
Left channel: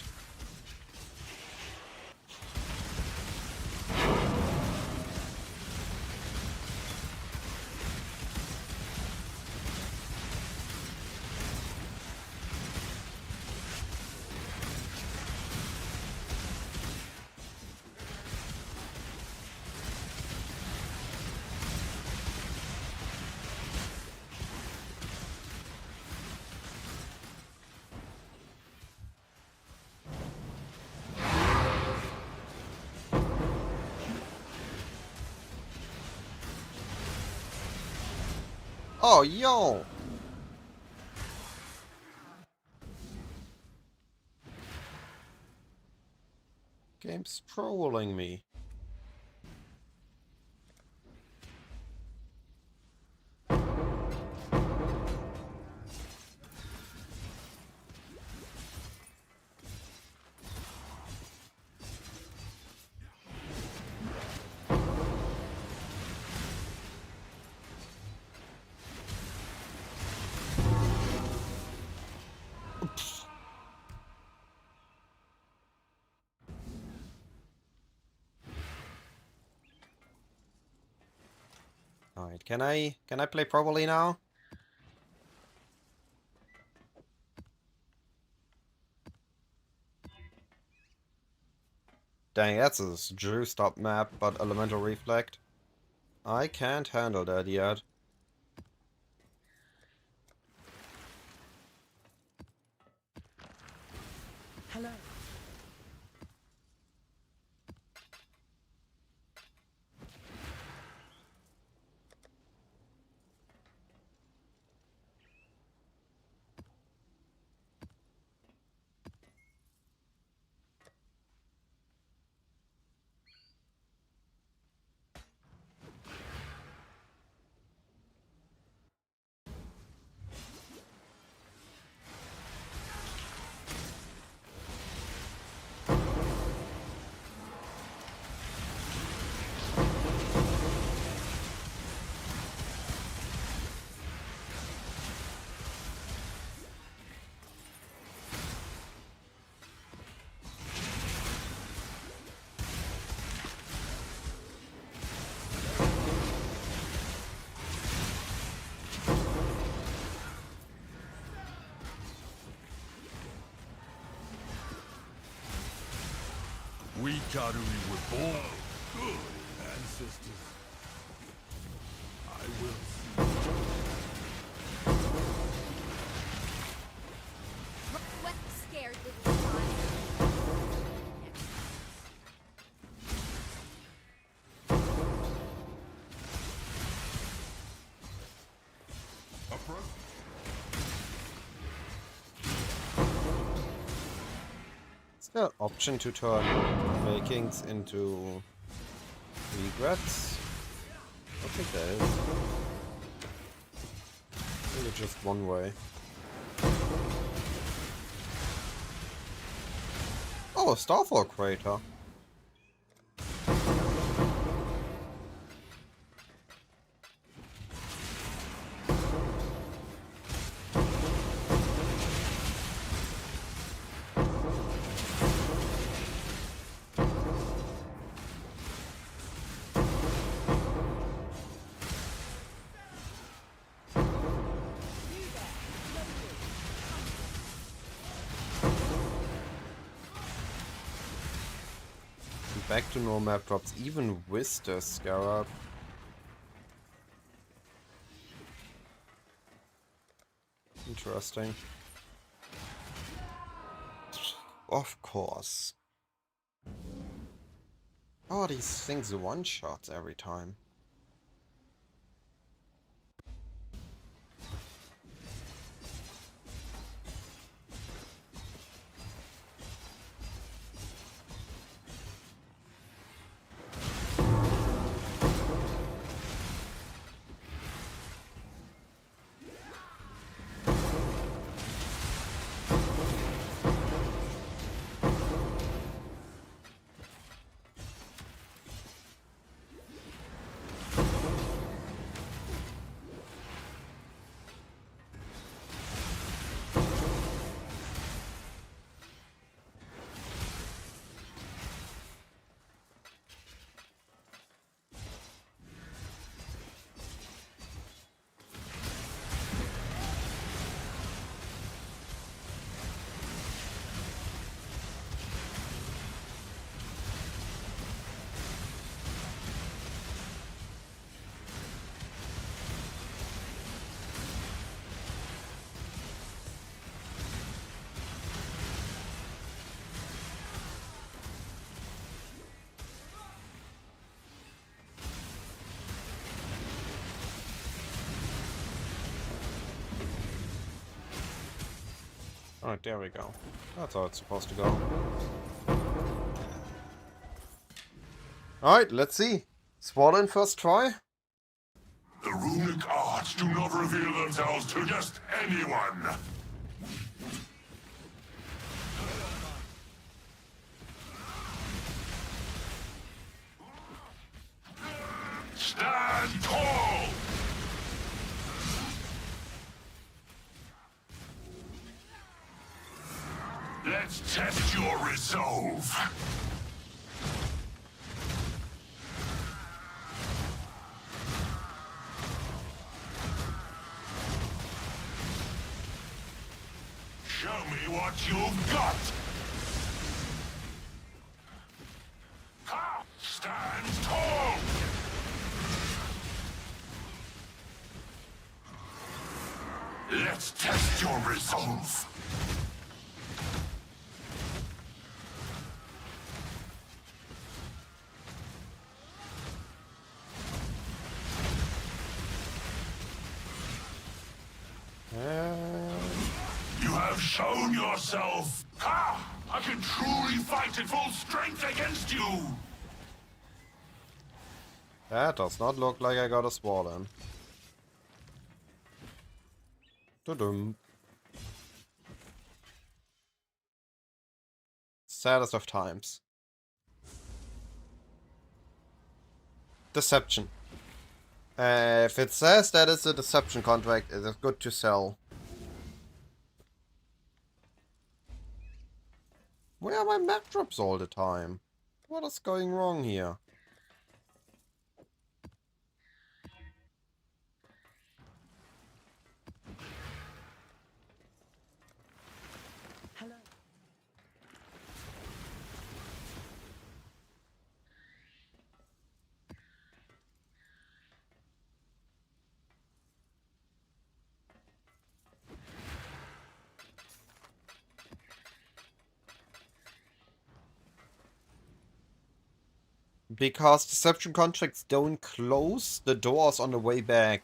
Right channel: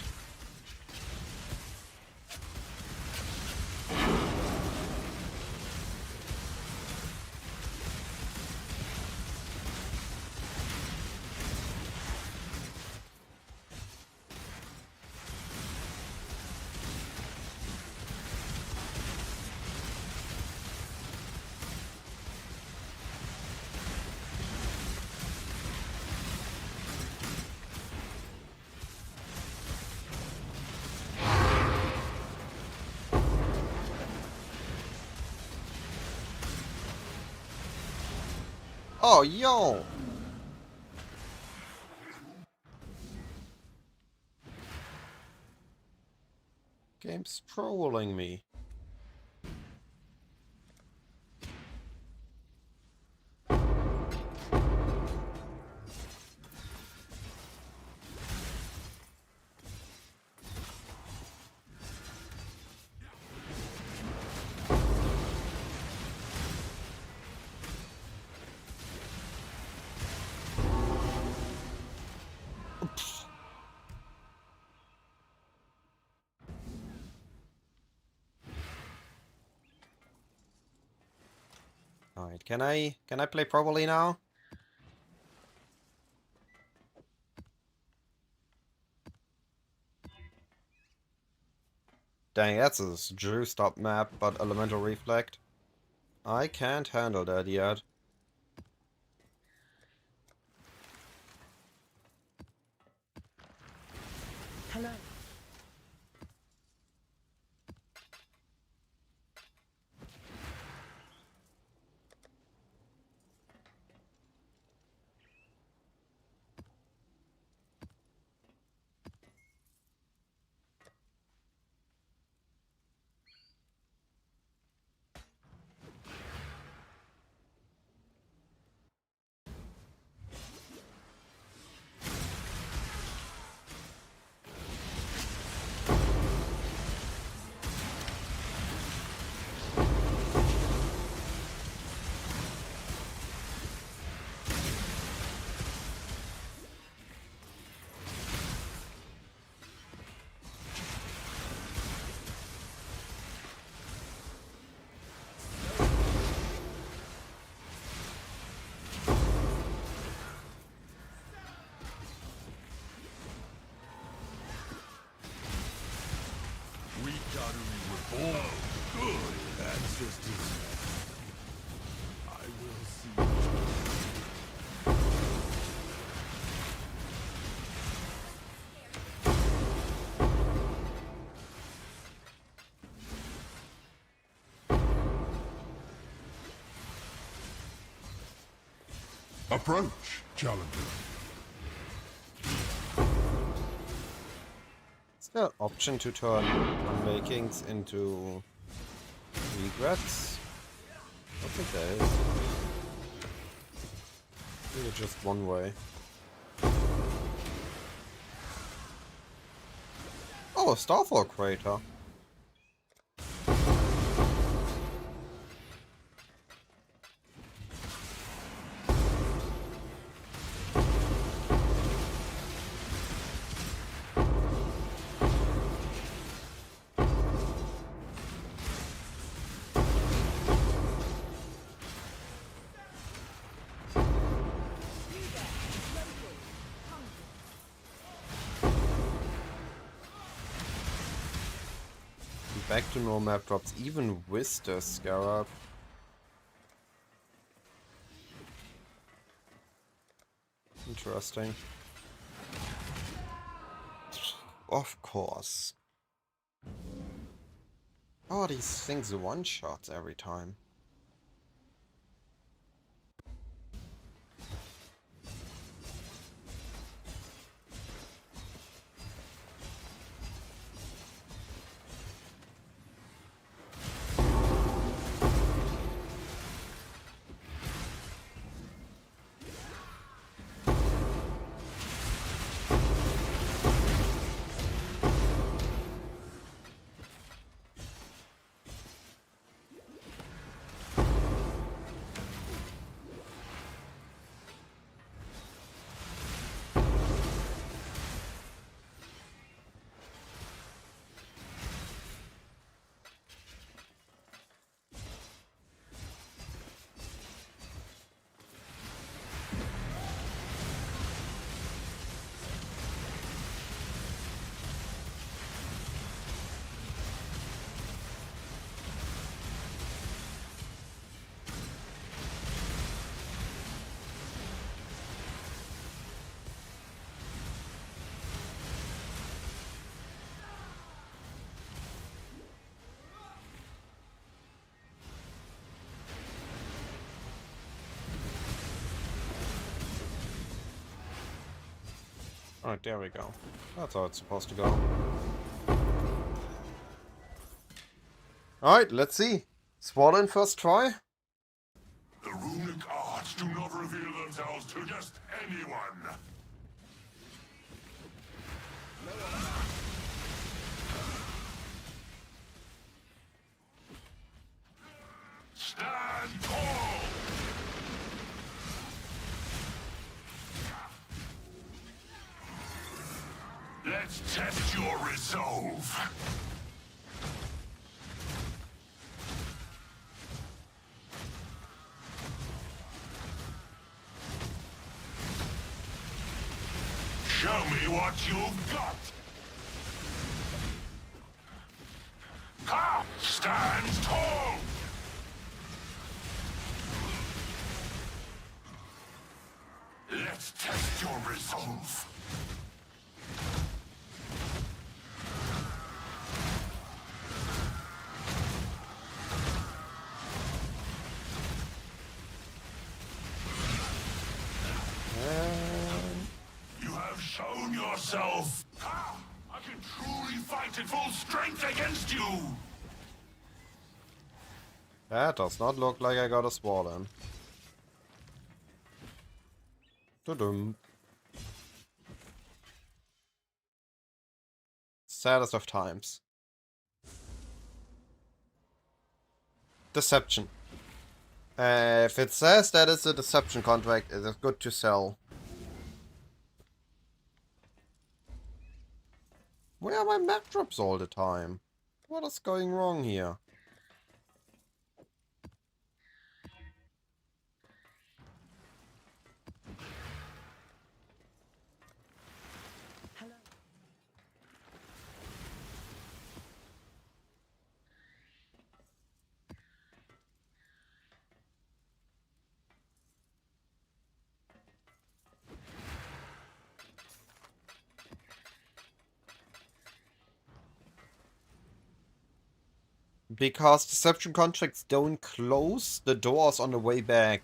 Oh, yo! Game's trolling me. Alright, can I play properly now? Dang, that's a juiced up map, but elemental reflect. I can't handle that yet. Hello. We Karui were born good ancestors. I will see. What's scary with you? Approach, challenger. Is there an option to turn unmakings into regrets? I don't think there is. Really just one way. Oh, a Starfall crater. Back to no map drops, even with the Scarab. Interesting. Of course. Oh, these things one-shots every time. Alright, there we go. That's how it's supposed to go. Alright, let's see. Swollen first try. The runic arts do not reveal themselves to just anyone. Stand tall! Let's test your resolve. Show me what you've got. Ha! Stand tall! Let's test your resolve. You have shown yourself. Ha! I can truly fight at full strength against you. That does not look like I got a Swollen. Dum. Saddest of times. Deception. If it says that it's a deception contract, it is good to sell. Where are my map drops all the time? What is going wrong here? Because deception contracts don't close the doors on the way back.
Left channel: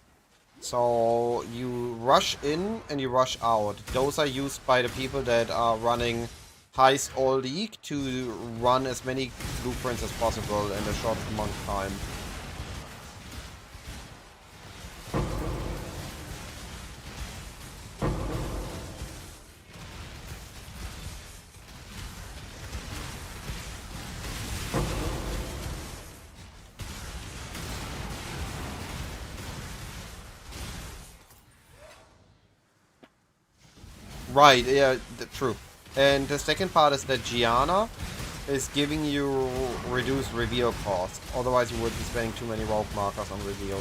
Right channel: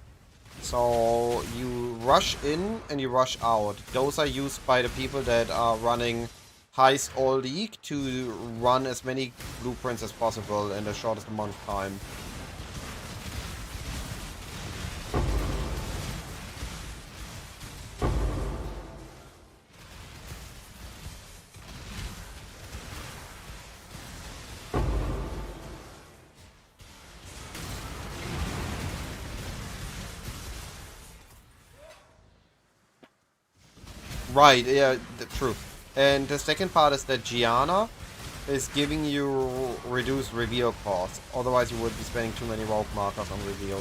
So you rush in and you rush out. Those are used by the people that are running heist all league to run as many blueprints as possible in the shortest amount of time. Right, yeah, true. And the second part is that Gianna is giving you reduced reveal cost. Otherwise you would be spending too many rogue markers on reveal.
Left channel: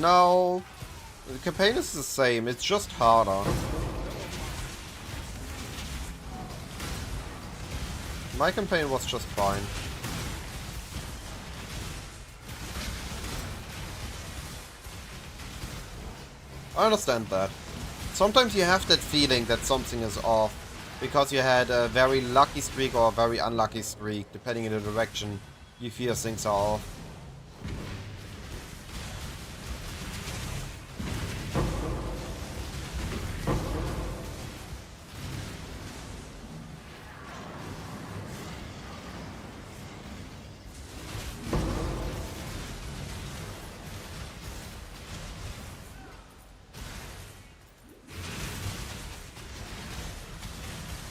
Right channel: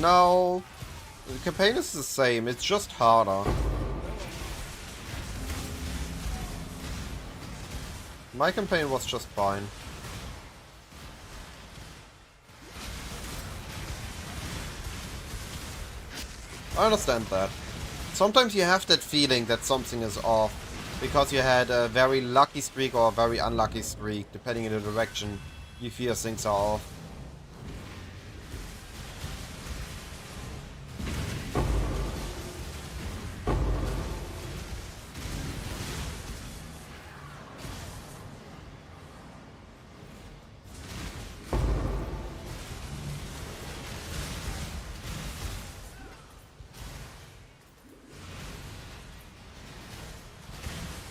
No, the campaign is the same, it's just harder. My campaign was just fine. I understand that. Sometimes you have that feeling that something is off, because you had a very lucky streak or a very unlucky streak, depending on the direction you feel things are off.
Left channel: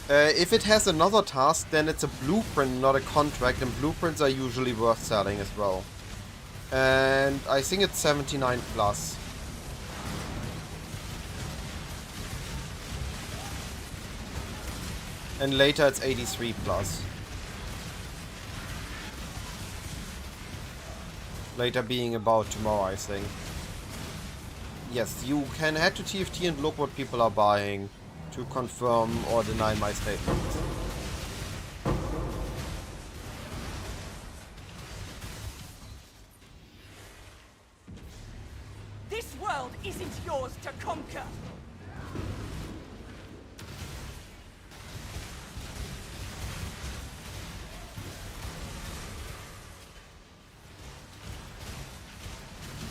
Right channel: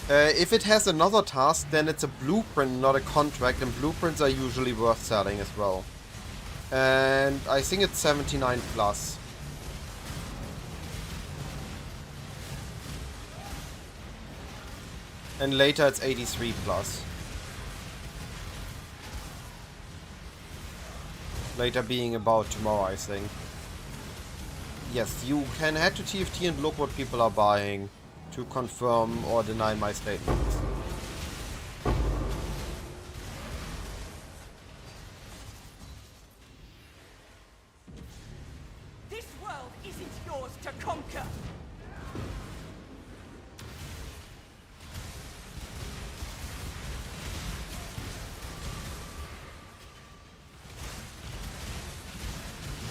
If it has another task, then it's a blueprint, not a contract, and blueprints are usually worth selling as well. And I think it's 79 plus. And later it's 83 plus. Later being about tomorrow, I think. Yes, you can head to TFT and look what people are buying to confirm or deny my statements. This world isn't yours to conquer.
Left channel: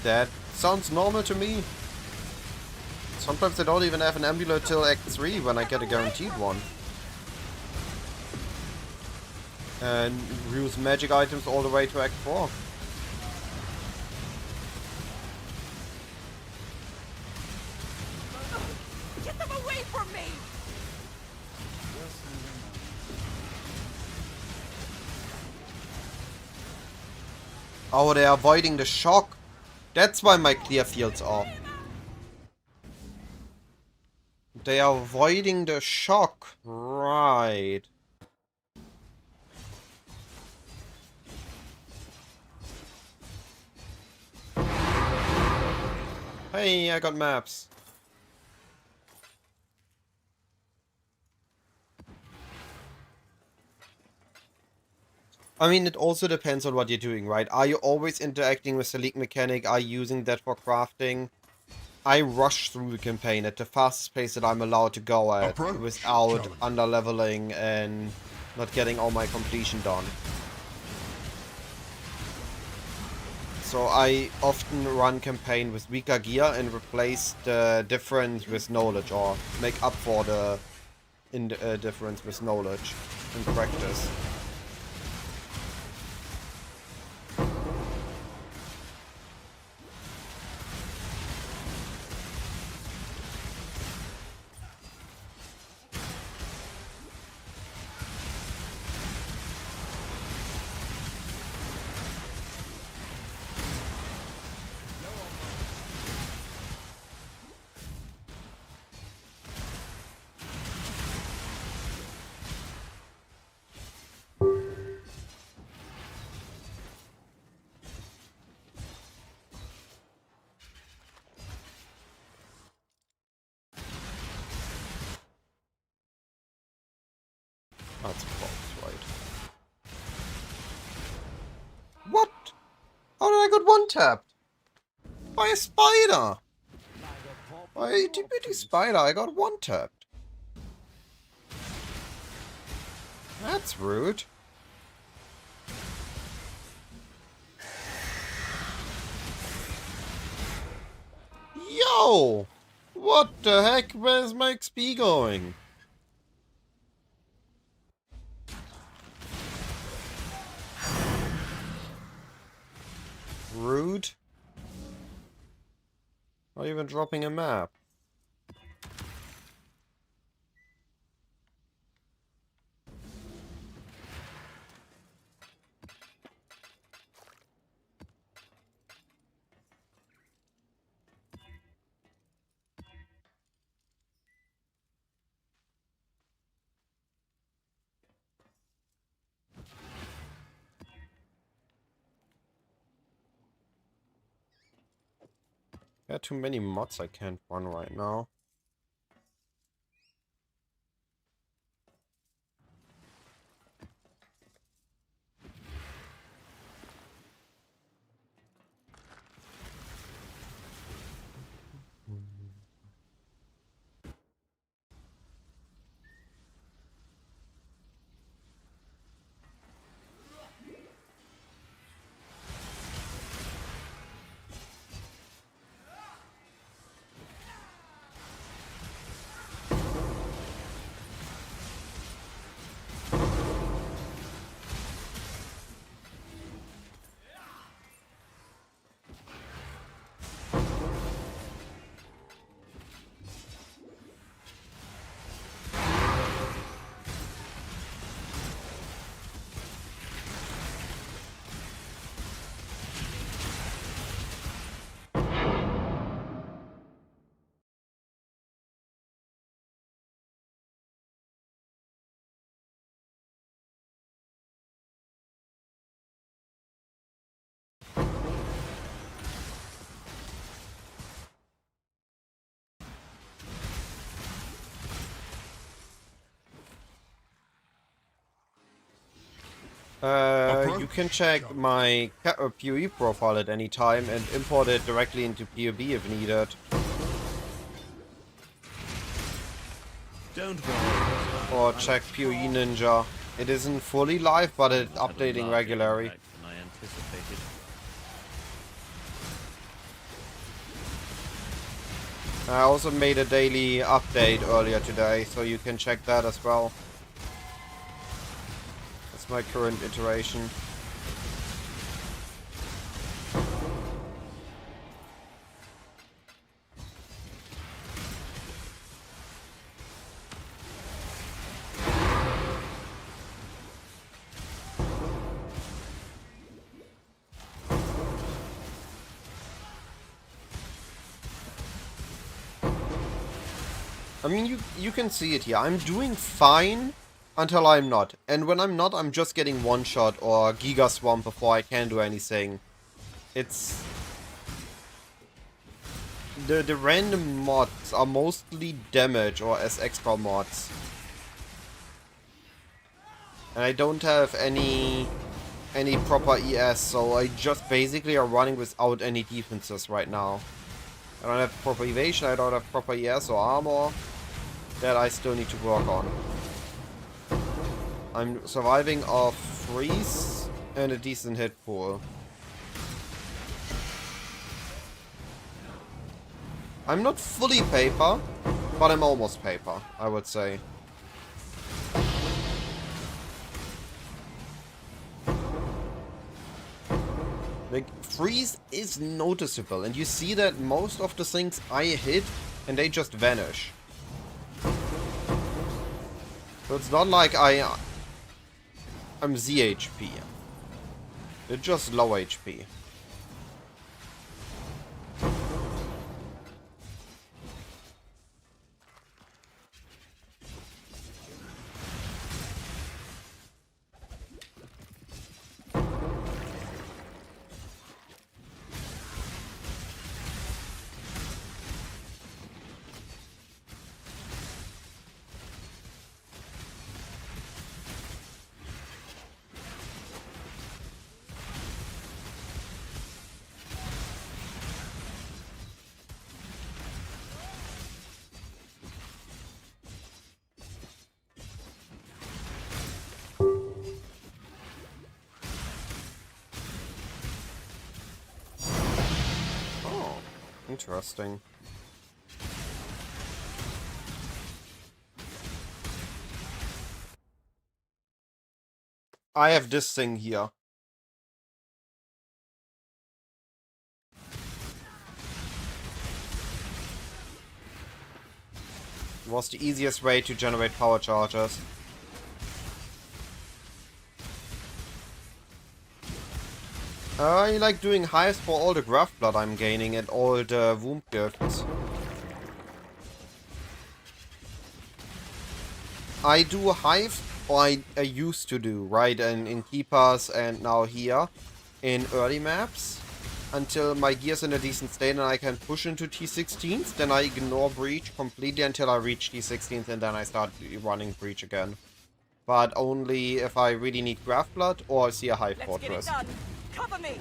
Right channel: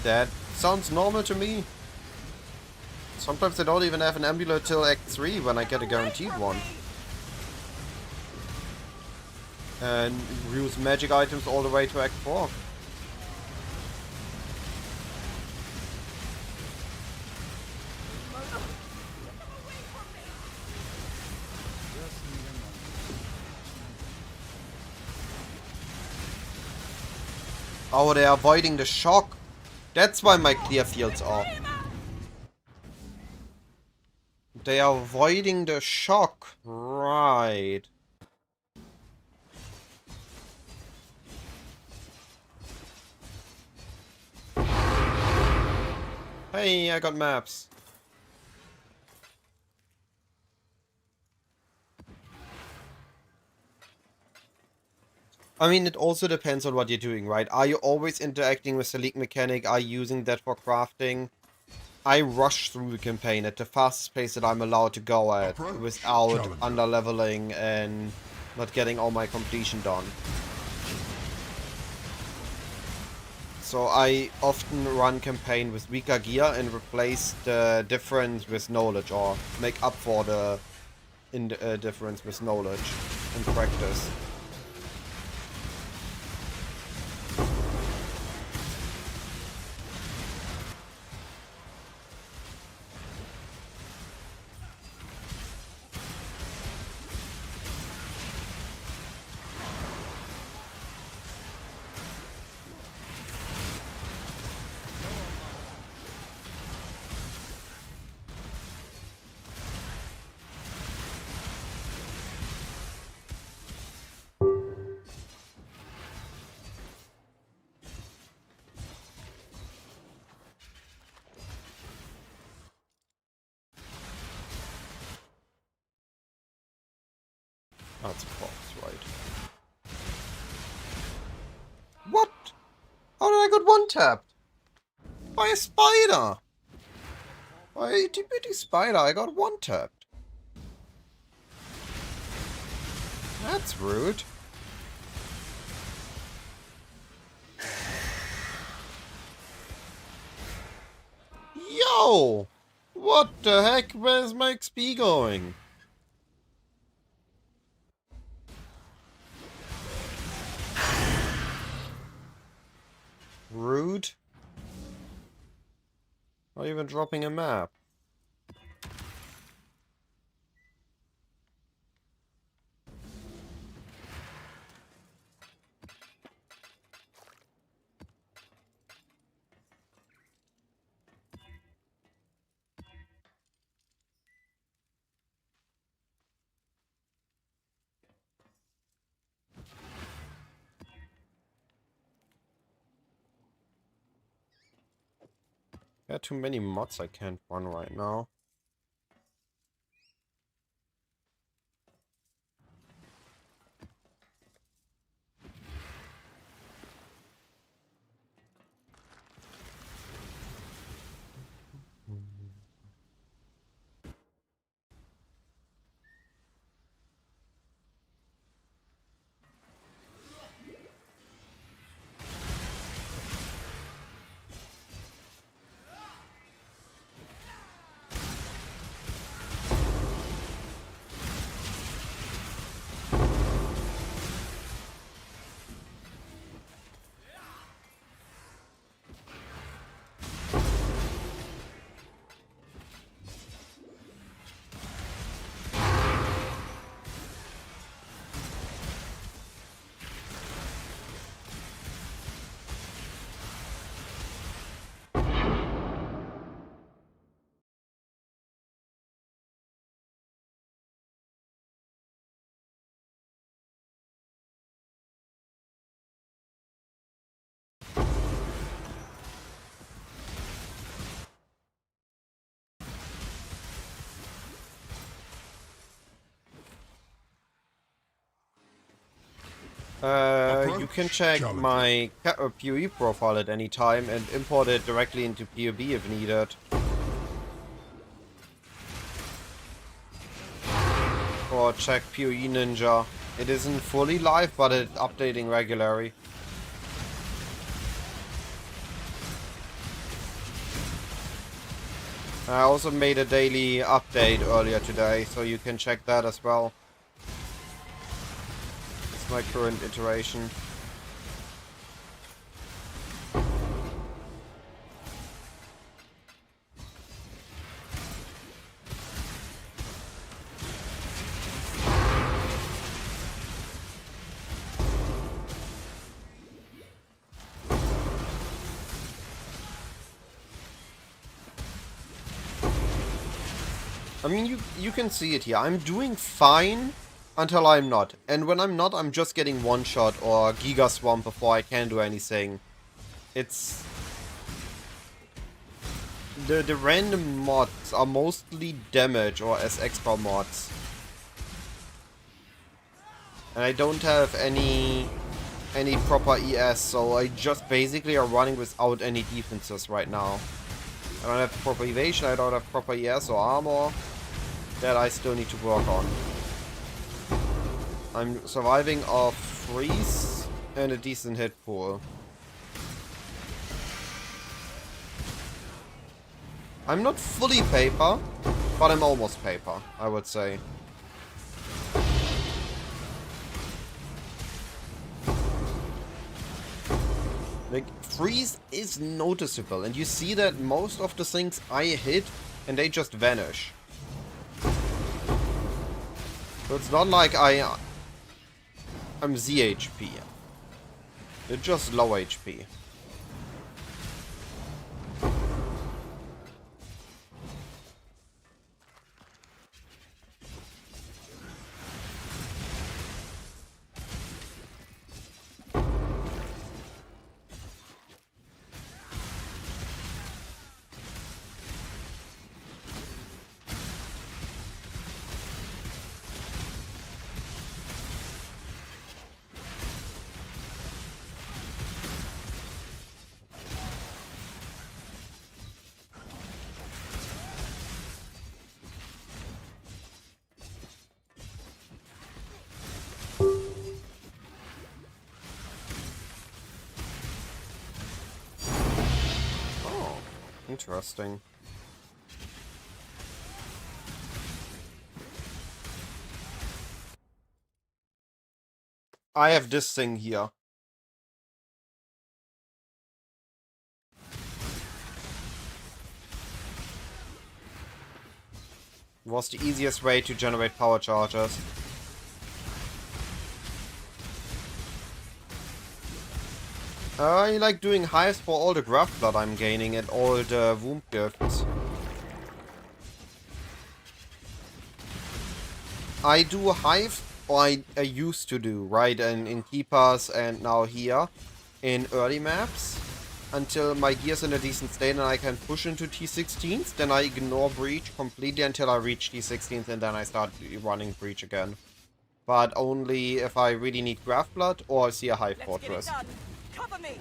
That sounds normal to me. Sometimes I don't even have an amulet till Act 3 when I get a guaranteed one. And use magic items all the way to Act 4. Get them away from me! Oh, they're avoiding the shock. That's why my clear field's off. They are avoiding the shock. Right. Hey, I got maps. I mean, it also depends on what you're doing, right? Are you always interacting with the league mechanic? Are you using that for crafting? I rush through the campaign at the fastest pace that I'm allowed to go at without under-leveling and not getting all my completion done. So I often run campaign with weaker gear and replace the difference with knowledge, or make up for the difference with knowledge in practice. That's a box, right? What? How did I get one tapped? By a spider! By a itty bitty spider, I got one tapped. That's rude. No! What the heck? Where's my XP going? Rude. Not even dropping a map. There are too many mods I can't run right now. You can check my PoE profile at any time and import it directly into PoE if needed. Or check PoE Ninja. It isn't fully live, but it's updating regularly. I also made a daily update earlier today, so you can check that as well. It's my current iteration. I mean, you can see it here. I'm doing fine until I'm not. And when I'm not, I'm just getting one-shot or Giga Swamp before I can do anything. It's... The random mods are mostly damage or as extra mods. And I don't have any proper ES, so I just basically are running without any defenses right now. I don't have proper evasion, I don't have proper ES or armor. That I still need to work on. I'm surviving off freeze and a decent hit pool. I'm not fully paper, but I'm almost paper, I would say. Like, freeze is noticeable, and you see that most of the things I hit, and they just vanish. So it's not like I'm ZHP. They're just low HP. Interesting. I have this thing here. It was the easiest way to generate power charges. I like doing hives for all the graft blood I'm gaining and all the womb gifts. I do a hive, or I used to do, right, in Keepers and now here, in early maps, until my gear's in a decent state and I can push into T16s, then I ignore Breach completely until I reach T16s and then I start running Breach again. But only if I really need graft blood or I see a hive Let's get it fortress. done. Cover me.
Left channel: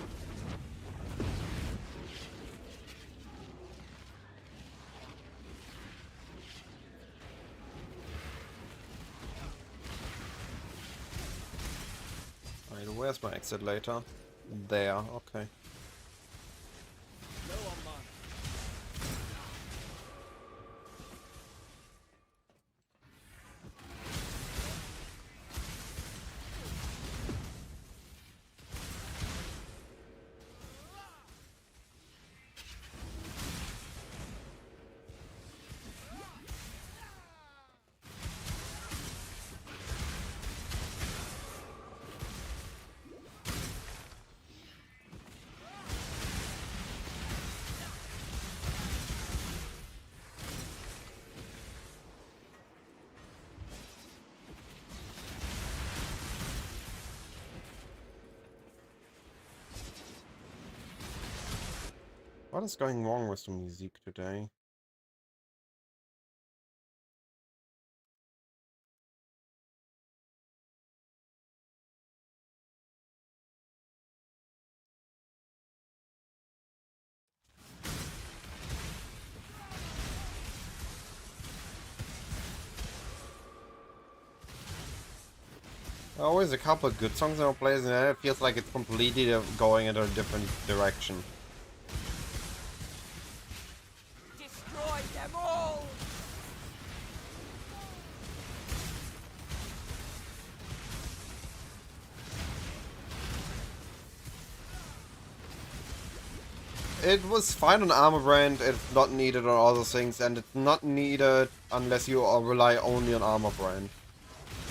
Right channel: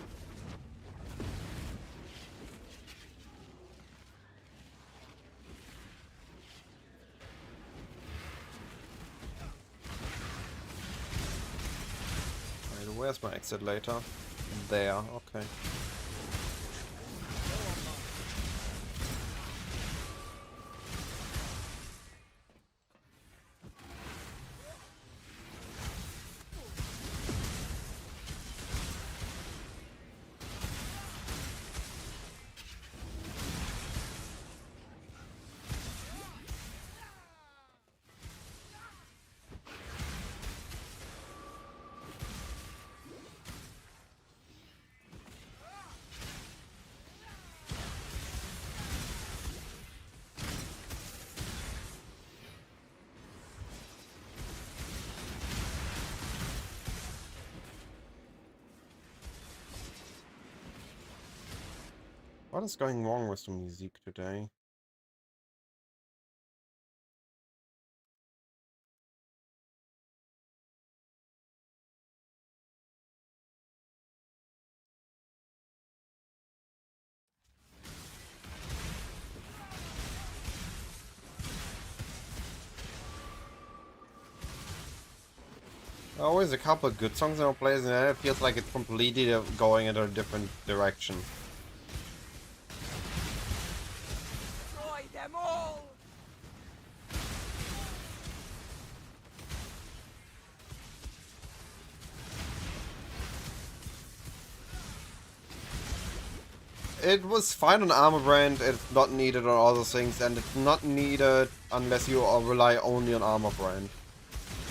Right, where's my exit later? There, okay. What is going wrong with the music today? Always a couple of good songs in our plays, and then it feels like it's completely going in a different direction. Destroy them all. It was fine on Armor Brand, it's not needed on other things, and it's not needed unless you rely only on Armor Brand.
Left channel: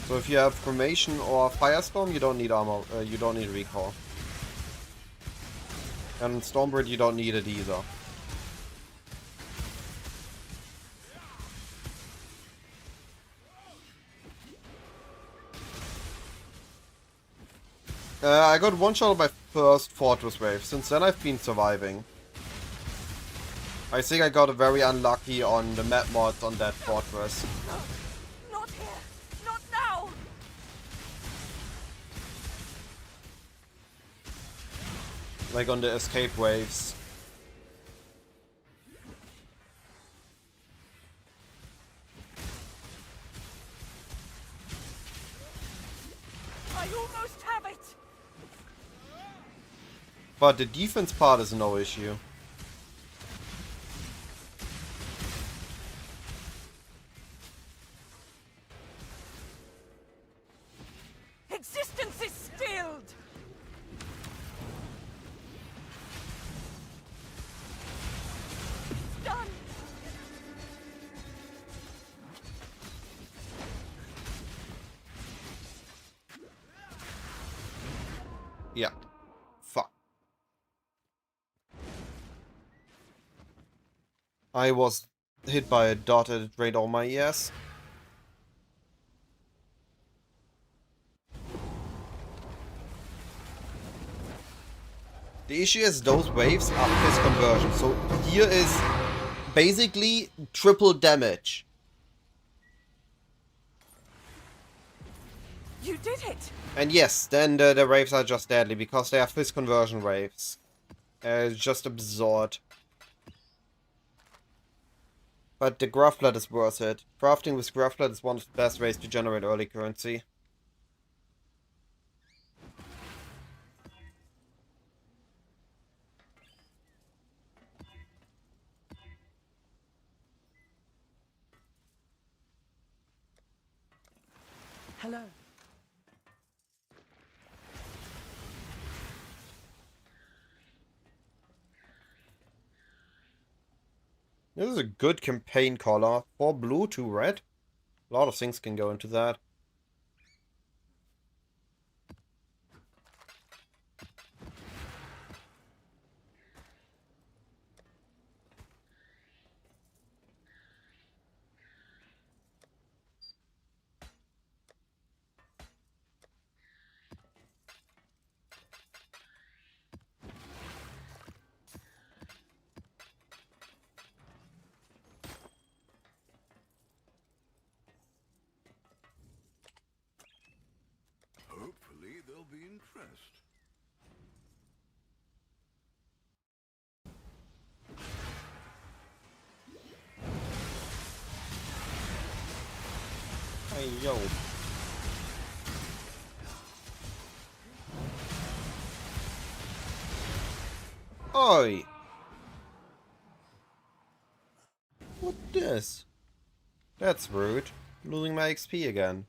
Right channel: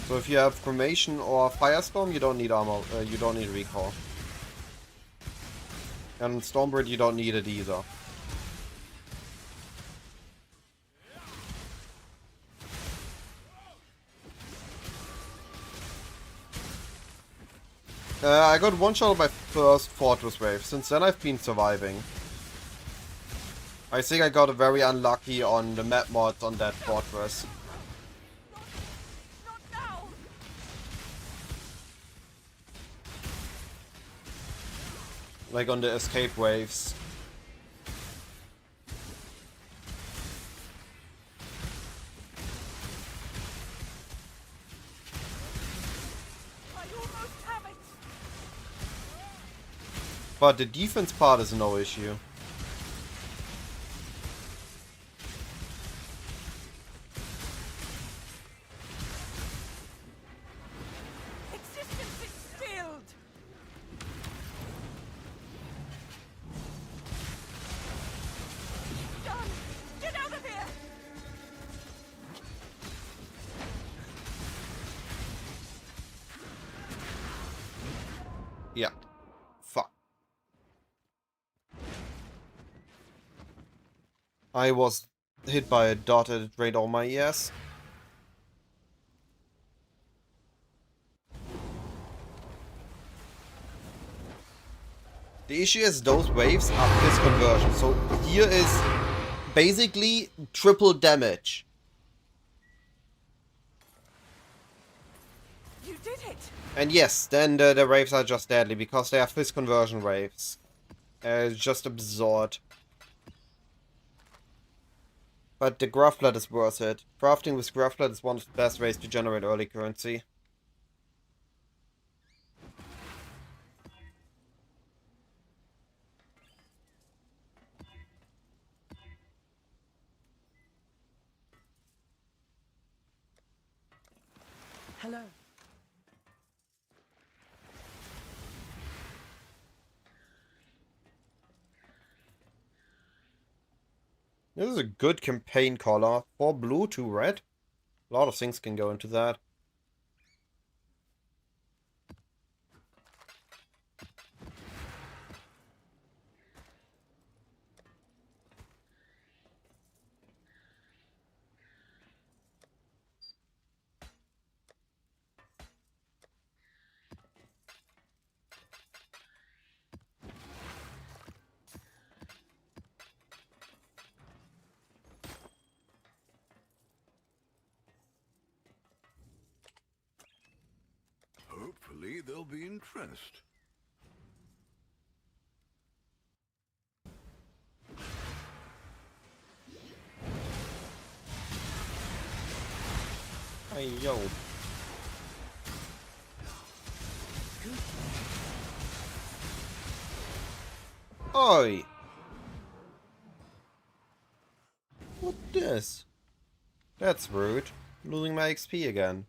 So if you have Cremation or Firestorm, you don't need armor, you don't need recall. And Stormbird, you don't need it either. I got one shot on my first Fortress wave. Since then I've been surviving. I think I got very unlucky on the map mods on that Fortress. Not here. Not now. Like on the escape waves. I almost have it. But the defense part is no issue. Existence is stilled. Done. Get out of here. Yeah. Fuck. I was hit by a dot and it drained all my ES. The issue is those waves are fist conversion, so here is basically triple damage. You did it. And yes, then the waves are just deadly, because they are fist conversion waves. It's just absurd. But the Grufflet is worth it. Crafting with Grufflet is one of the best ways to generate early currency. Hello. This is a good campaign color. 4 blue, 2 red. A lot of things can go into that. Hopefully there'll be interest. Hey, yo. Oi! What this? That's rude. Losing my XP again.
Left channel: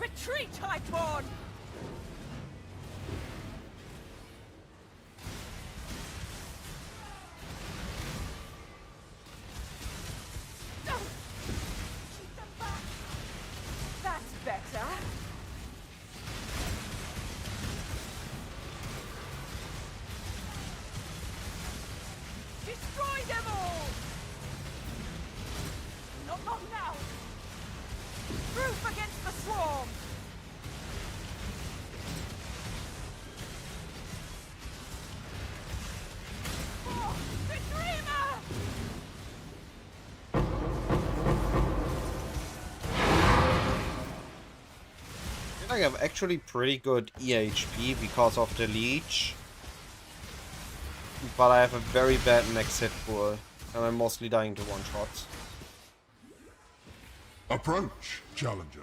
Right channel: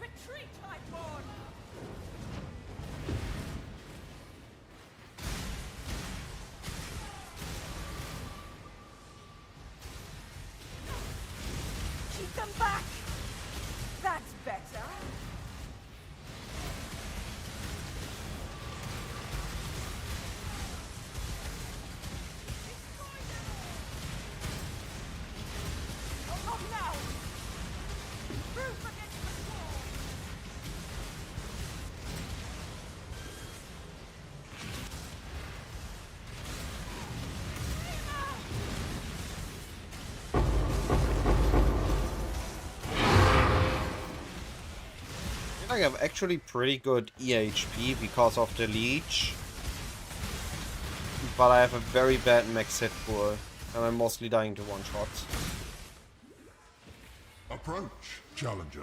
Retreat, Highborn! No! Keep them back! That's better. Destroy them all! Not long now! Proof against the swarm! Oh, the dreamer! I have actually pretty good EHP because of the leech. But I have a very bad max hit pool. And I'm mostly dying to one-shots. Approach, challenger.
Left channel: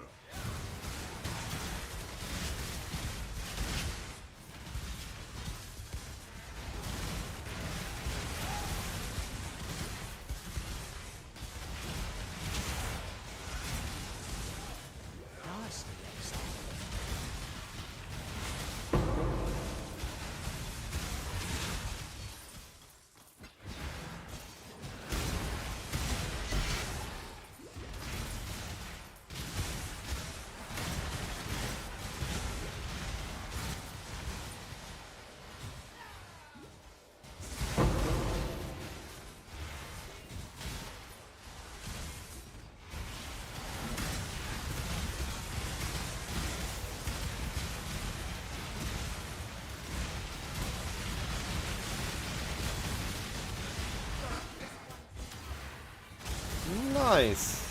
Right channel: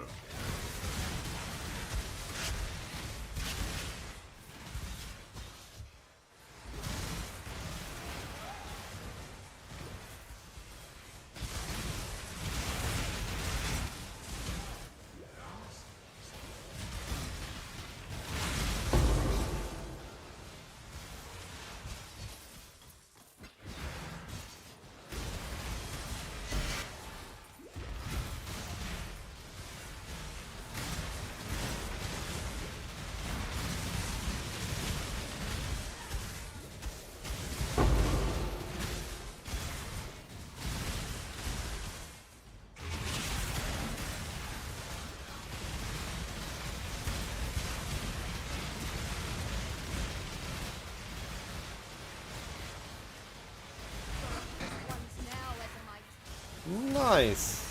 Nice.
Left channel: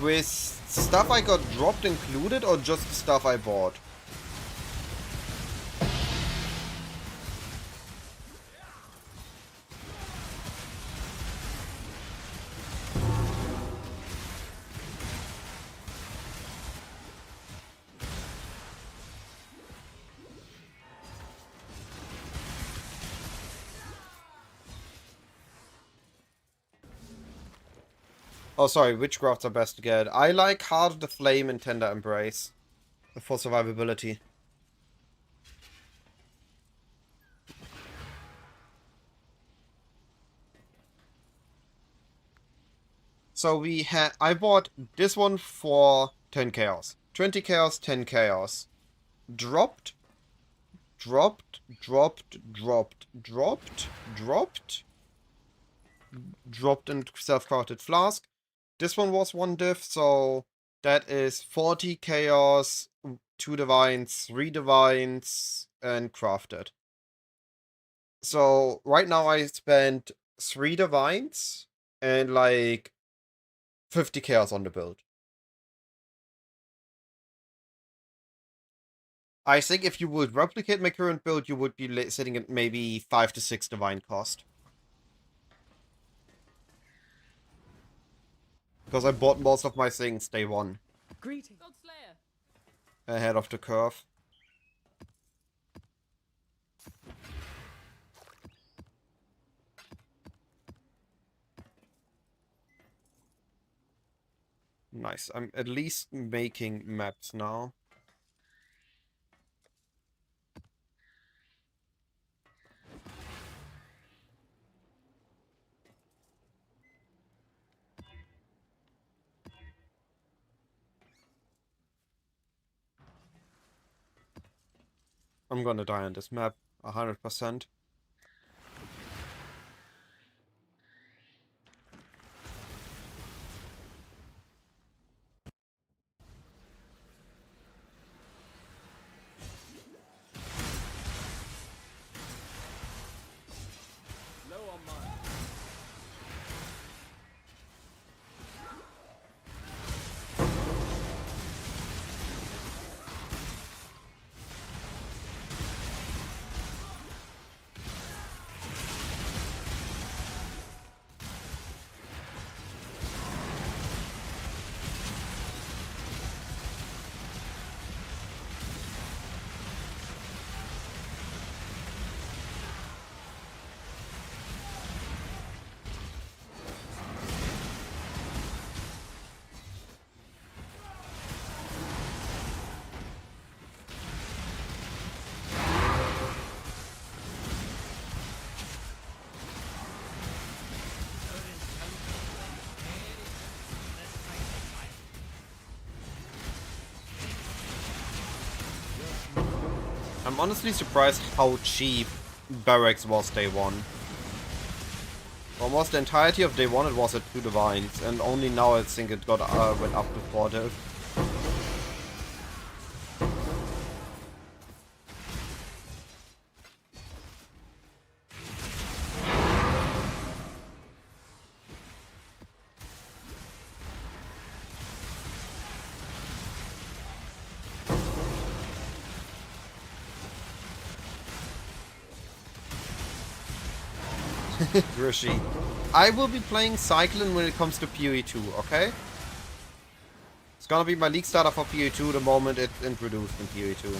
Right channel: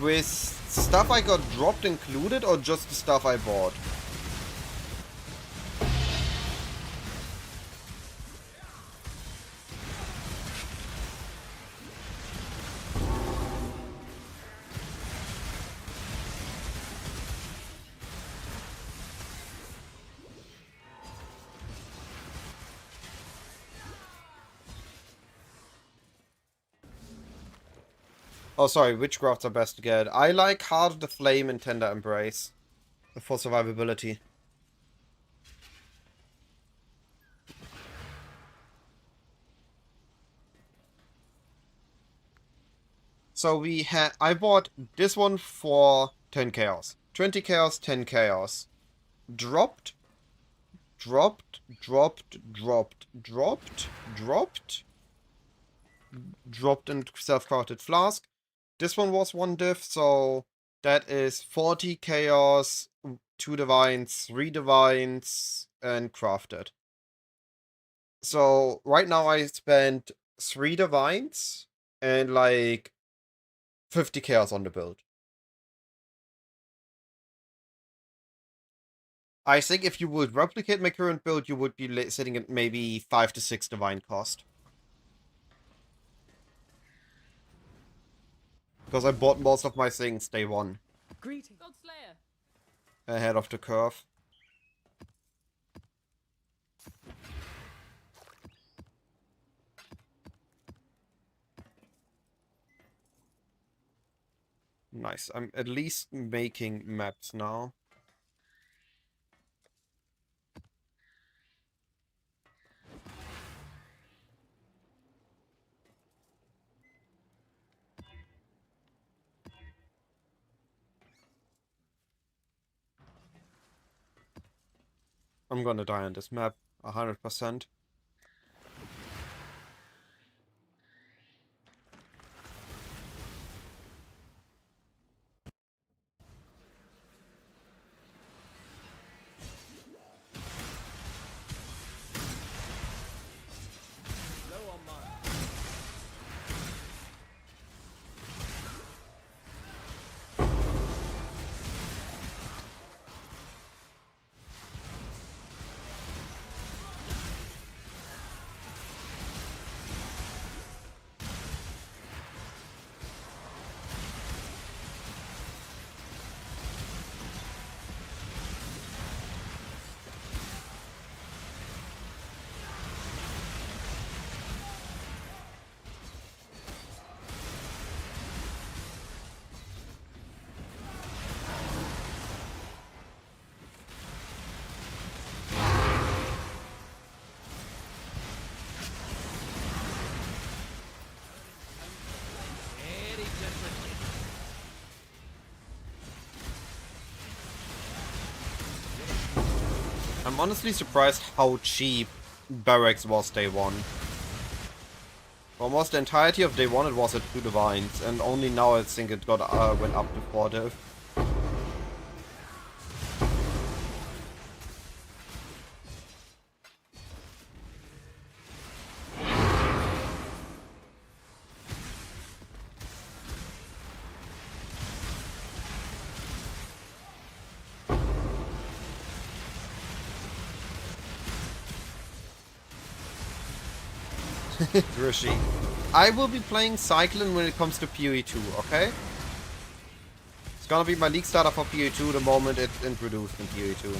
With stuff I got dropped included or just the stuff I bought? Oh, sorry, which crafts are best to get? I like Heart of the Flame and Tender Embrace for survivability. So I bought this one for 10 chaos. 20 chaos, 10 chaos. Dropped dropped, dropped, dropped, dropped, dropped, dropped and self-crafted flask. This one was 1 div, so that is 40 chaos, 2 divines, 3 divines, and crafted. So right now I spent 3 divines and like 50 chaos on the build. I think if you would replicate my current build, you would be sitting at maybe 5 to 6 divine cost. Because I bought most of my things day 1. Greetings. Godslayer. Ahead of the curve. Nice. I'm at least making maps now. I'm gonna die on this map, 100%. Low on mine. I'm honestly surprised how cheap Barracks was day 1. Almost the entirety of day 1 it was at 2 divines, and only now I think it got went up to 4 div. Rishi. I will be playing Cyclone when it comes to PoE 2, okay? It's gonna be my league starter for PoE 2 the moment it's introduced in PoE 2.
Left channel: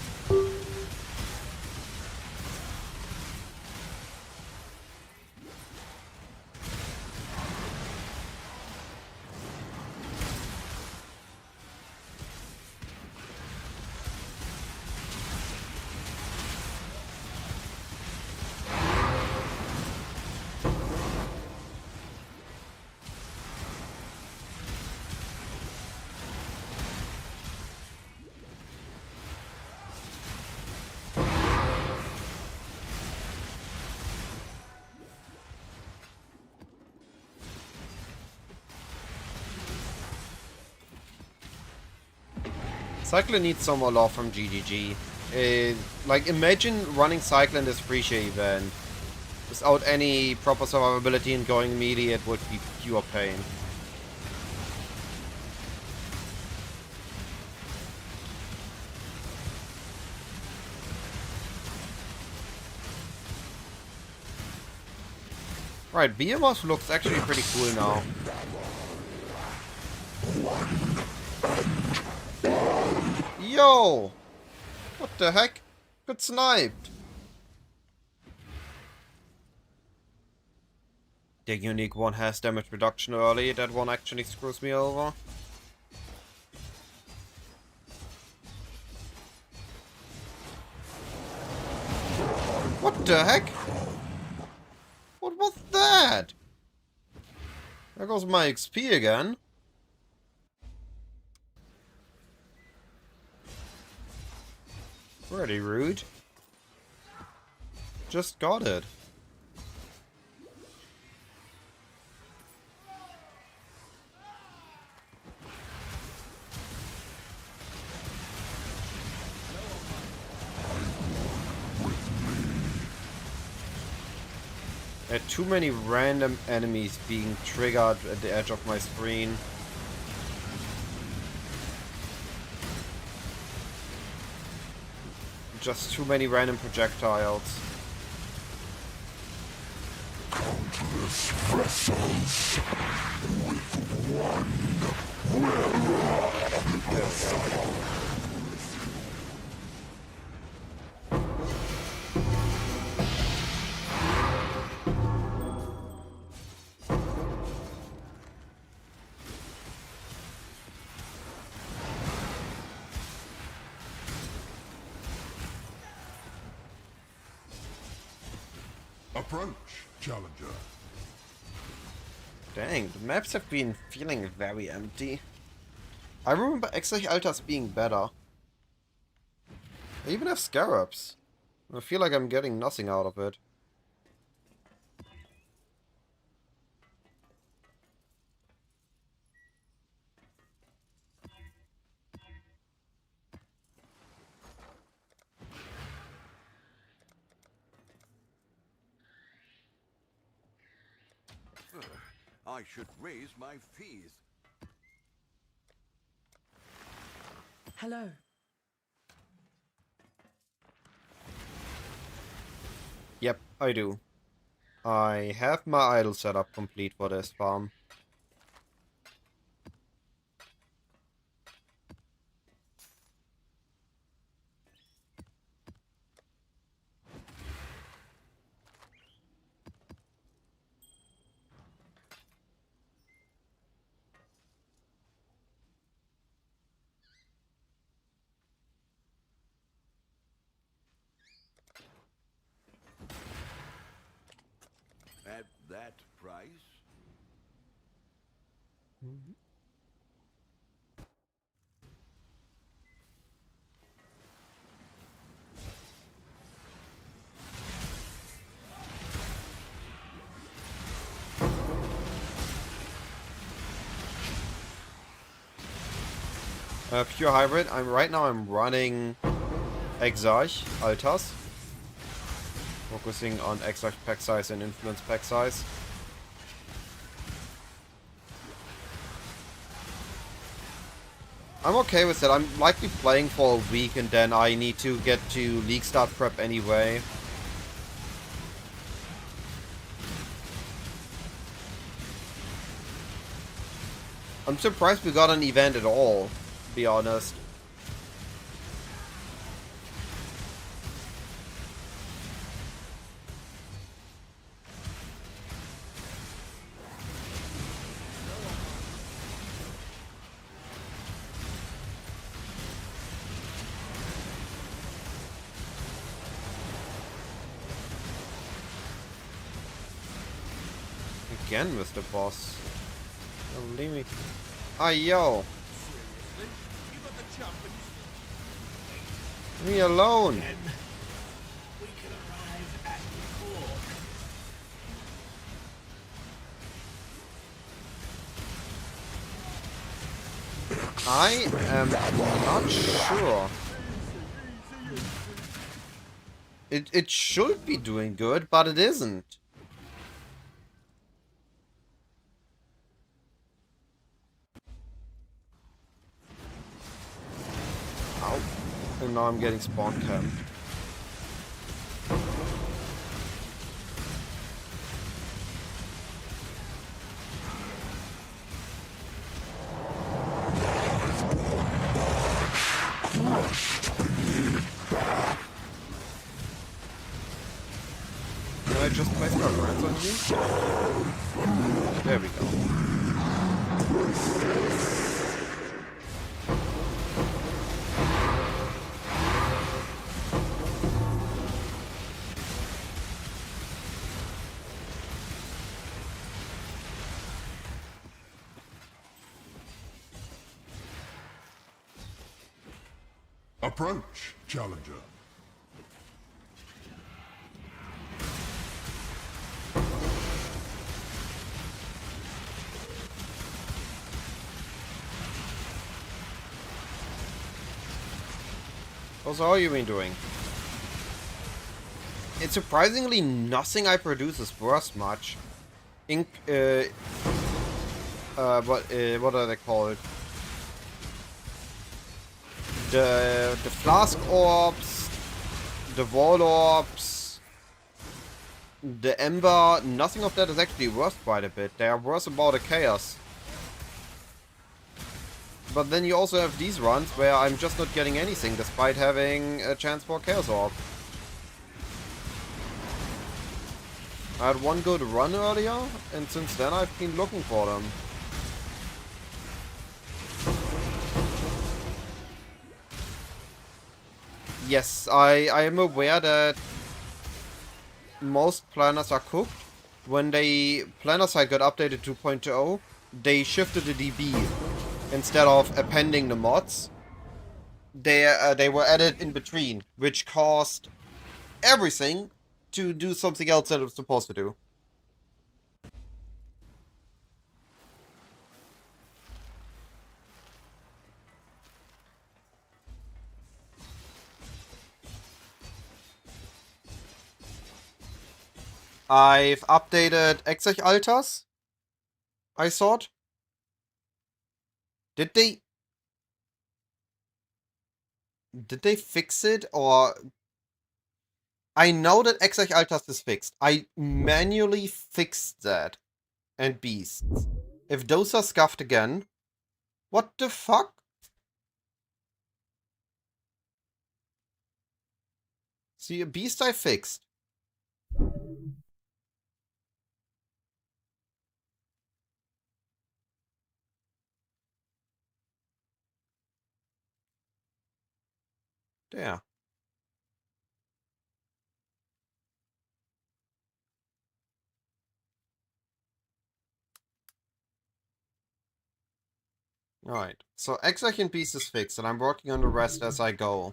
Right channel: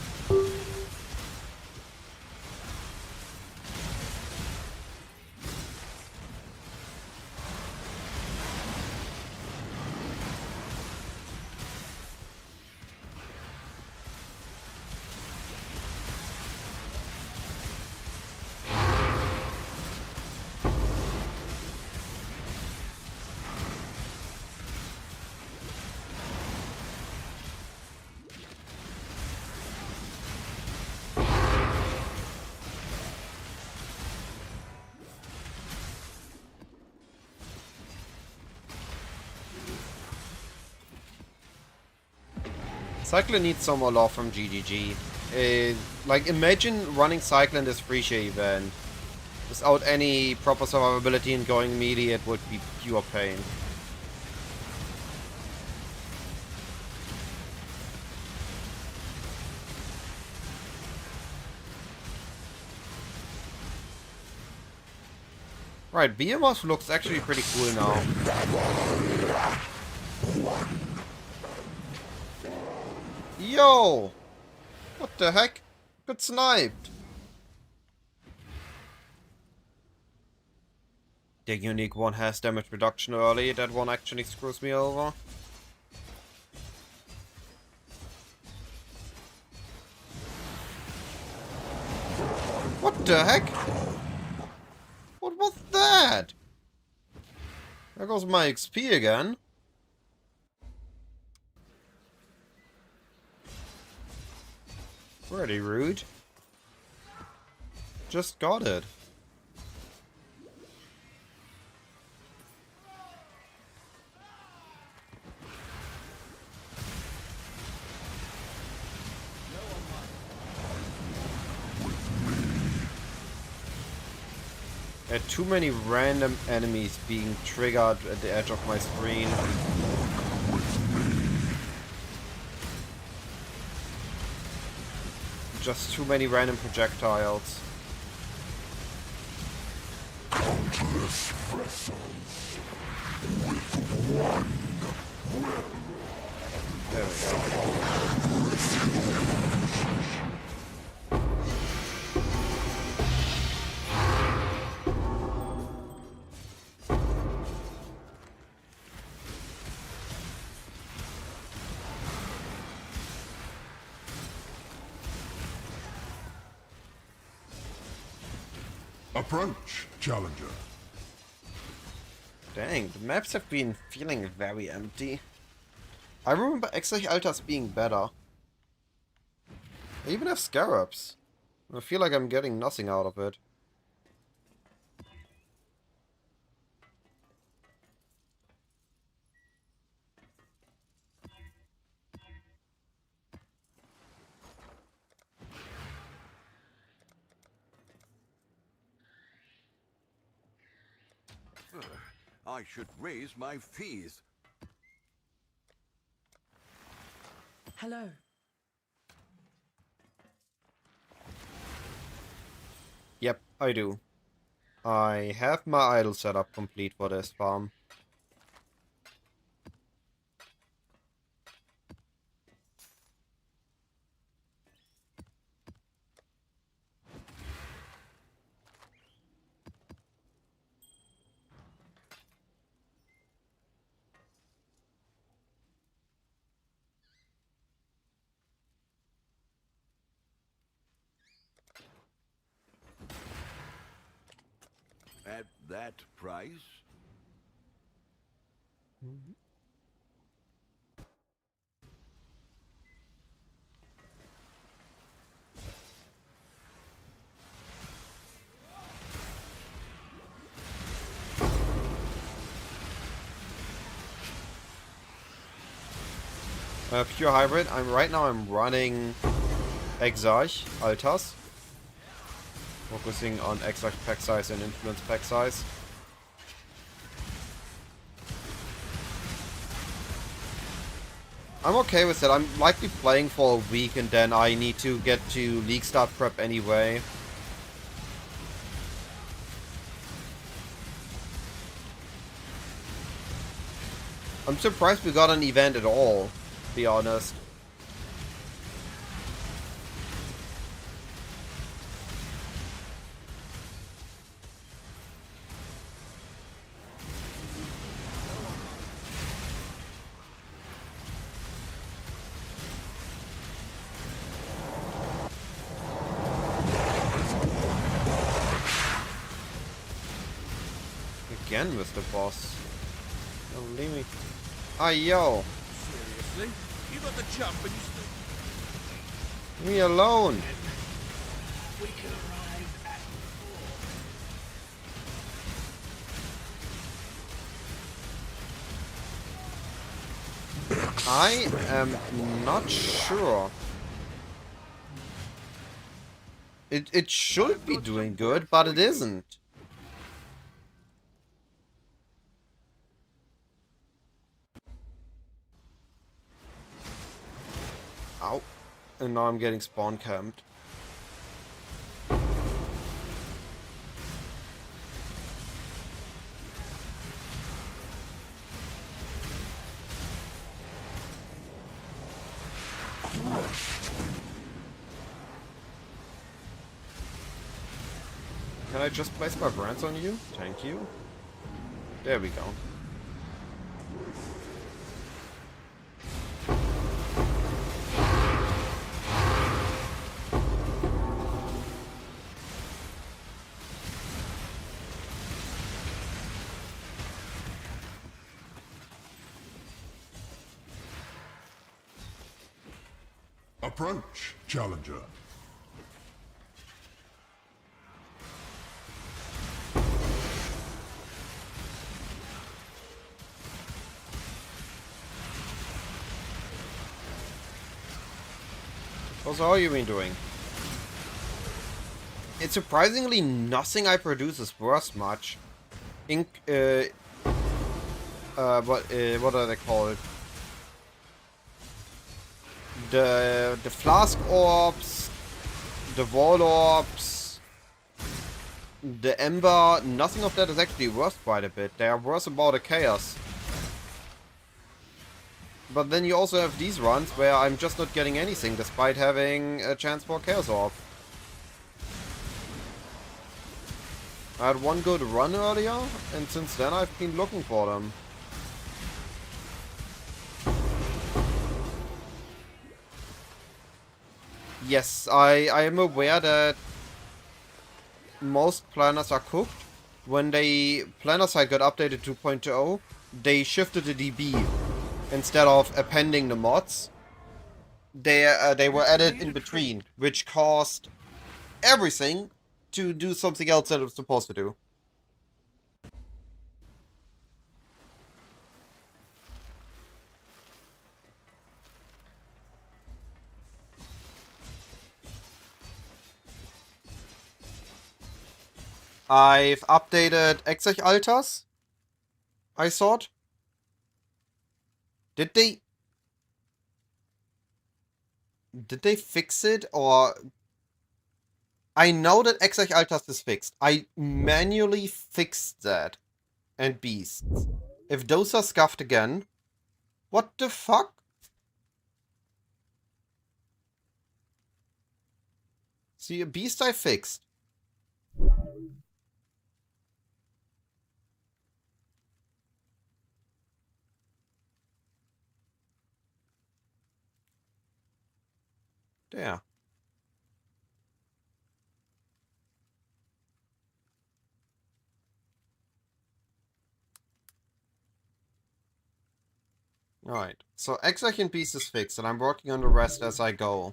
Cyclone needs some more love from GGG. Like, imagine running Cyclone this Phrecia event without any proper survivability and going melee, it would be pure pain. Right, Behemoth looks actually pretty cool now. Yo! What the heck? Good sniped! The unique one has damage reduction early, that one actually screws me over. What the heck? What was that? There goes my XP again. Pretty rude. Just got it. There are too many random enemies being triggered at the edge of my screen. Just too many random projectiles. Countless vessels with one Approach, challenger. Dang, the maps have been feeling very empty. I remember Exarch Altars being better. I even have scarabs. I feel like I'm getting nothing out of it. I should raise my fees. Hello. Yep, I do. I have my idle setup complete for this farm. At that price? Pure hybrid. Right now I'm running Exarch Altars, focusing on Exarch pack size and influence pack size. I'm okay with it. I'm likely playing for a week and then I need to get to League start prep anyway. I'm surprised we got an event at all, to be honest. Again with the boss. Don't leave me. Ah, yo. Seriously? You got the jump and you still... Leave me alone. We can arrive at the I am not sure. It should be doing good, but it isn't. Ow. And now I'm getting spawn camped. Can I just place my brands on you? Thank you. There we go. Approach, challenger. Also, how you been doing? It's surprisingly nothing I produce is worth much. What are they called? The flask orbs, the wall orbs, the ember. Nothing of that is actually worth quite a bit. They are worth about a chaos. But then you also have these runs where I'm just not getting anything despite having a chance for a chaos orb. I had one good run earlier, and since then I've been looking for them. Yes, I am aware that most planners are cooked. When the planner side got updated 2.0, they shifted the DB. Instead of appending the mods, they were added in between, which caused everything to do something else that it was supposed to do. I've updated Exarch altars, I thought. Did they fix it, or... I know that Exarch altars is fixed. I manually fixed that. And beasts. If those are scuffed again... What the fuck? See, a beast I fixed. There. Alright, so Exarch and Beast is fixed, and I'm working on the rest as I go.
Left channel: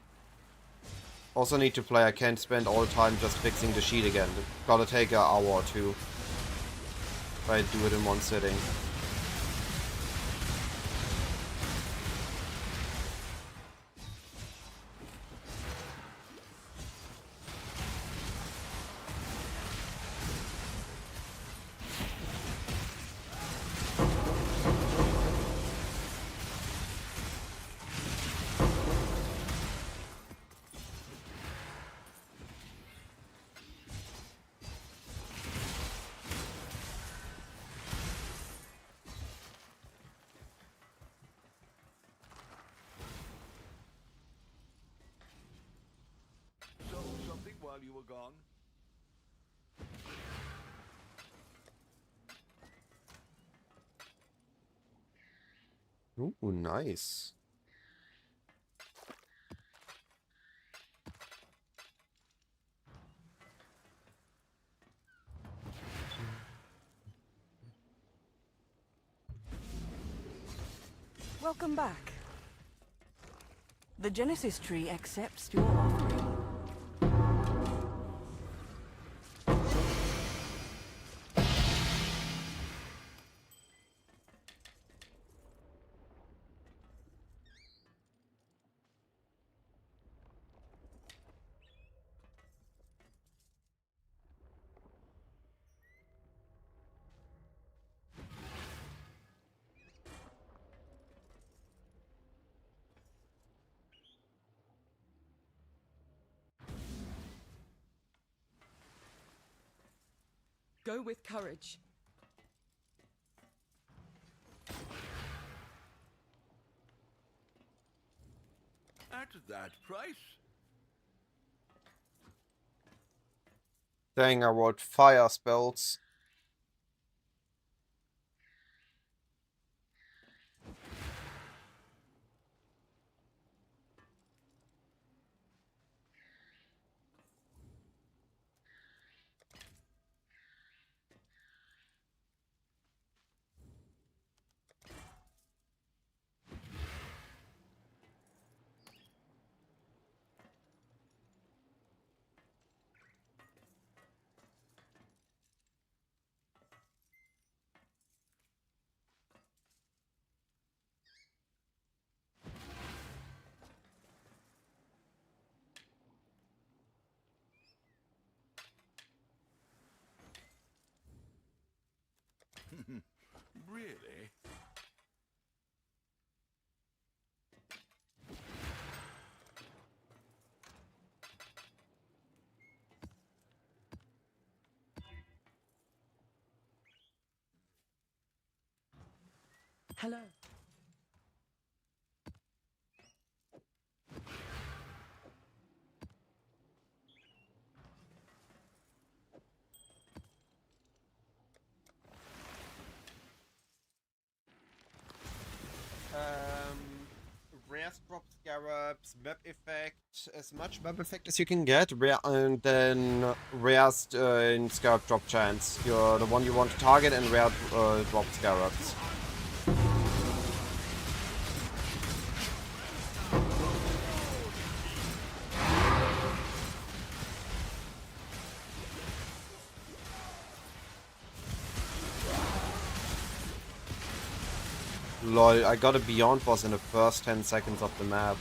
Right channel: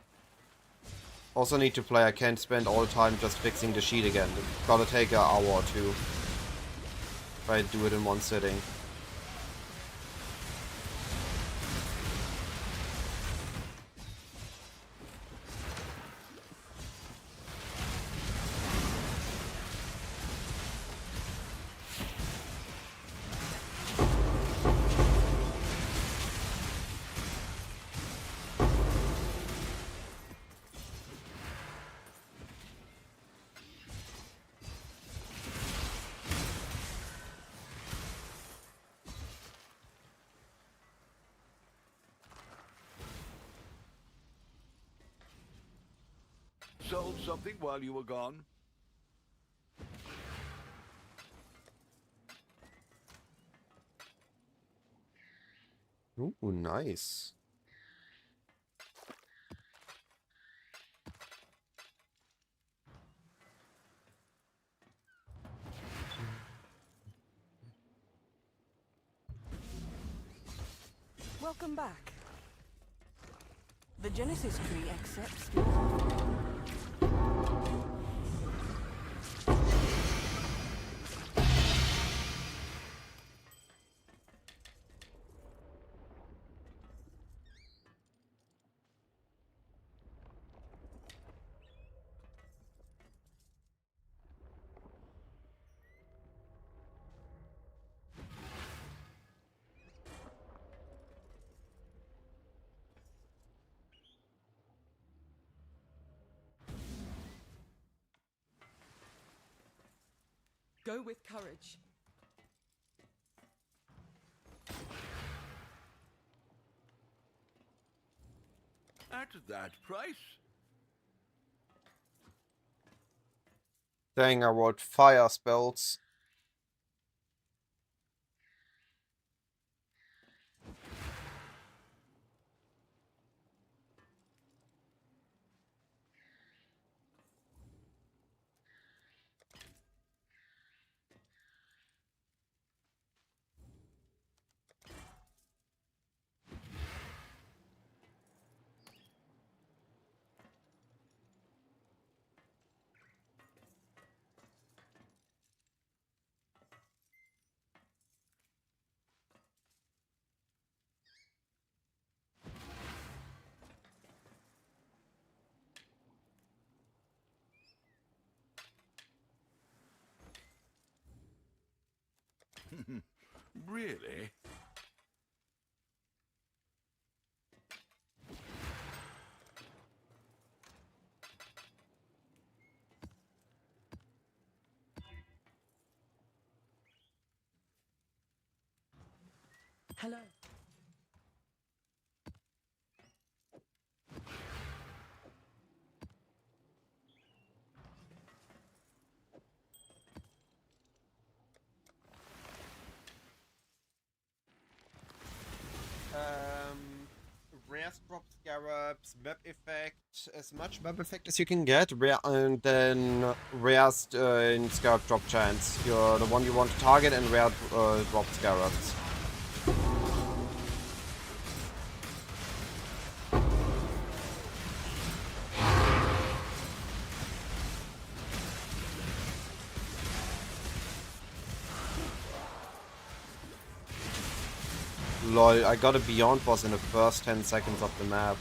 Also need to play, I can't spend all the time just fixing the sheet again. It's gotta take an hour or two. If I do it in one sitting. Sold something while you were gone? Ooh, nice. Welcome back. The Genesis tree accepts your offering. Go with courage. At that price? Dang, I wrote fire spells. Really? Hello. Rares, drop scarabs, map effect, as much map effect as you can get, rare, and then rares in scarab drop chance. You're the one you want to target, and rare drop scarabs. Lol, I got a Beyond boss in the first 10 seconds of the map.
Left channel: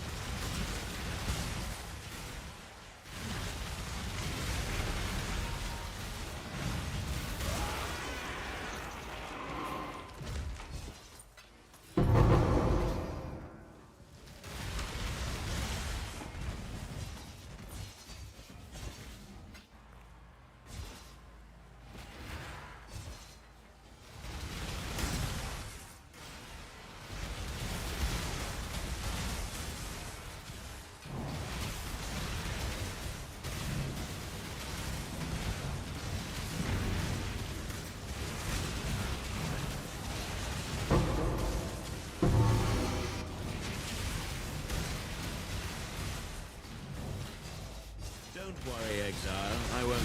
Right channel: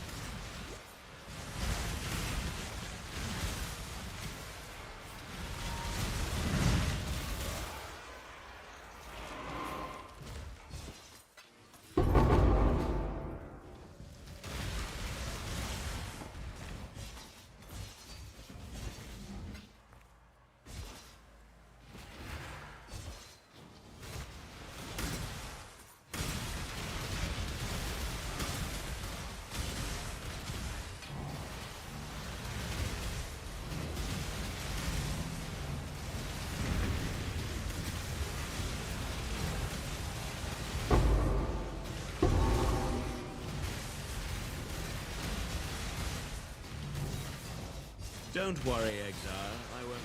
Don't worry, Exile. I won't.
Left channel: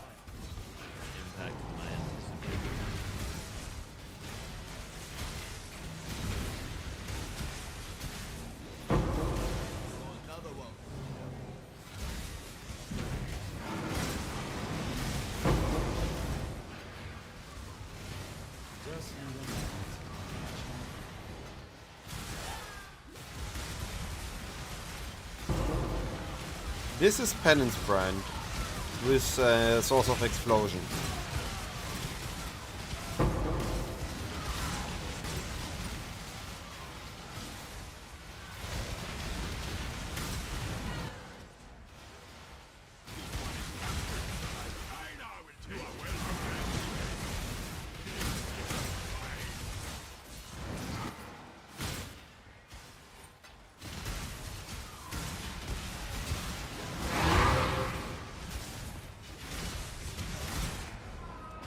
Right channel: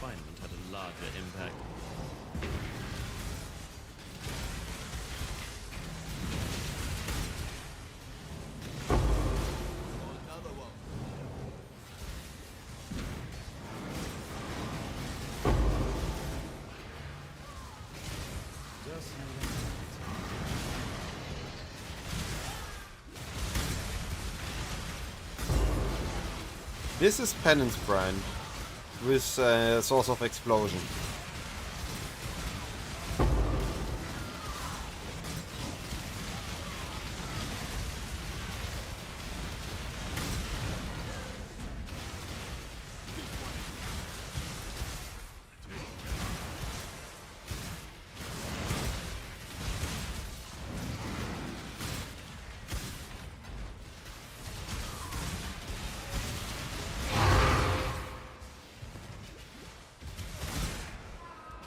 Find it had a larger impact on my enemies. Another one. Just need a moment. This is Penance Brand with Source of Explosion.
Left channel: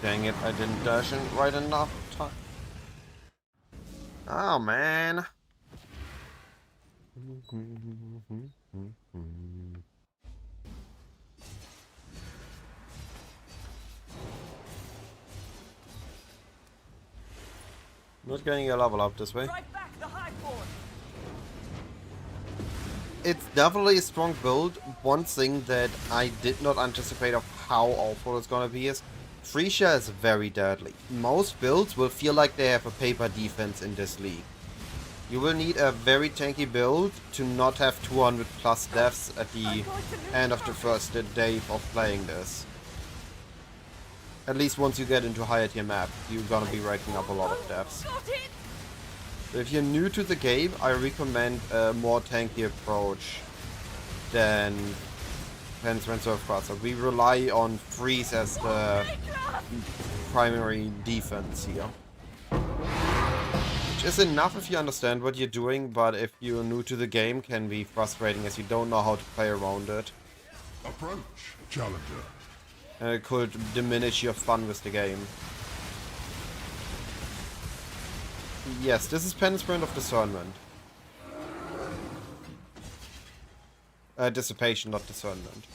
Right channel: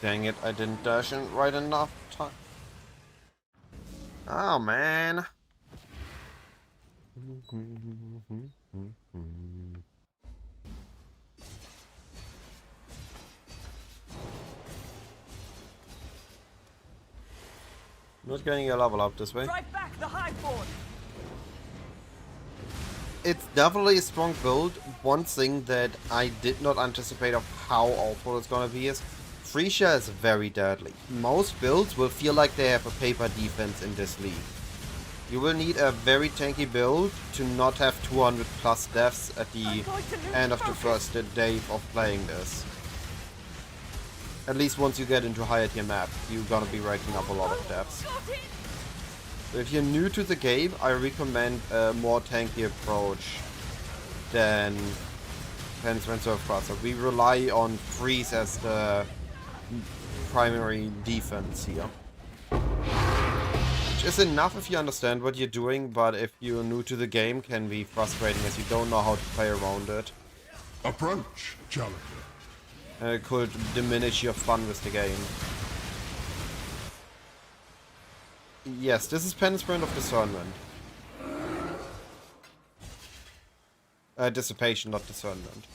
Dang it, I didn't dash in right enough time. Oh man. Not getting a level up this way. Drive back the highborn. It's definitely a strong build. One thing that I did not anticipate of how awful it's gonna be is Phrecia is very deadly. Most builds will feel like they have a paper defense in this league. You will need a very tanky build to not have 200 plus deaths at the end of the first day of playing this. At least once you get into higher tier map, you're gonna be racking up a lot of deaths. So if you're new to the game, I recommend a more tanky approach than Surfcaster. We rely on freeze as the primary defense here. Which is enough if you understand what you're doing, but if you're new to the game, can be frustrating as you don't know how to play around it. Approach, challenger. And it could diminish your fun with the game. Yes, this is Penance Brand of Discernment. Dissipation, not Discernment.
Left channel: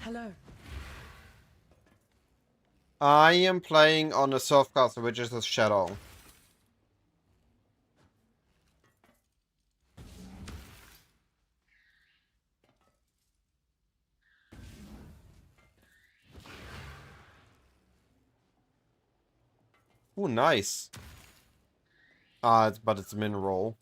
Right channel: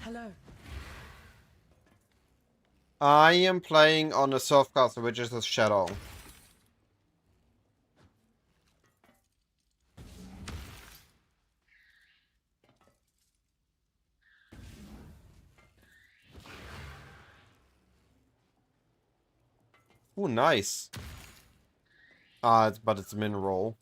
Hello. I am playing on a Surfcaster, which is a Shadow. Ooh, nice. But it's min roll.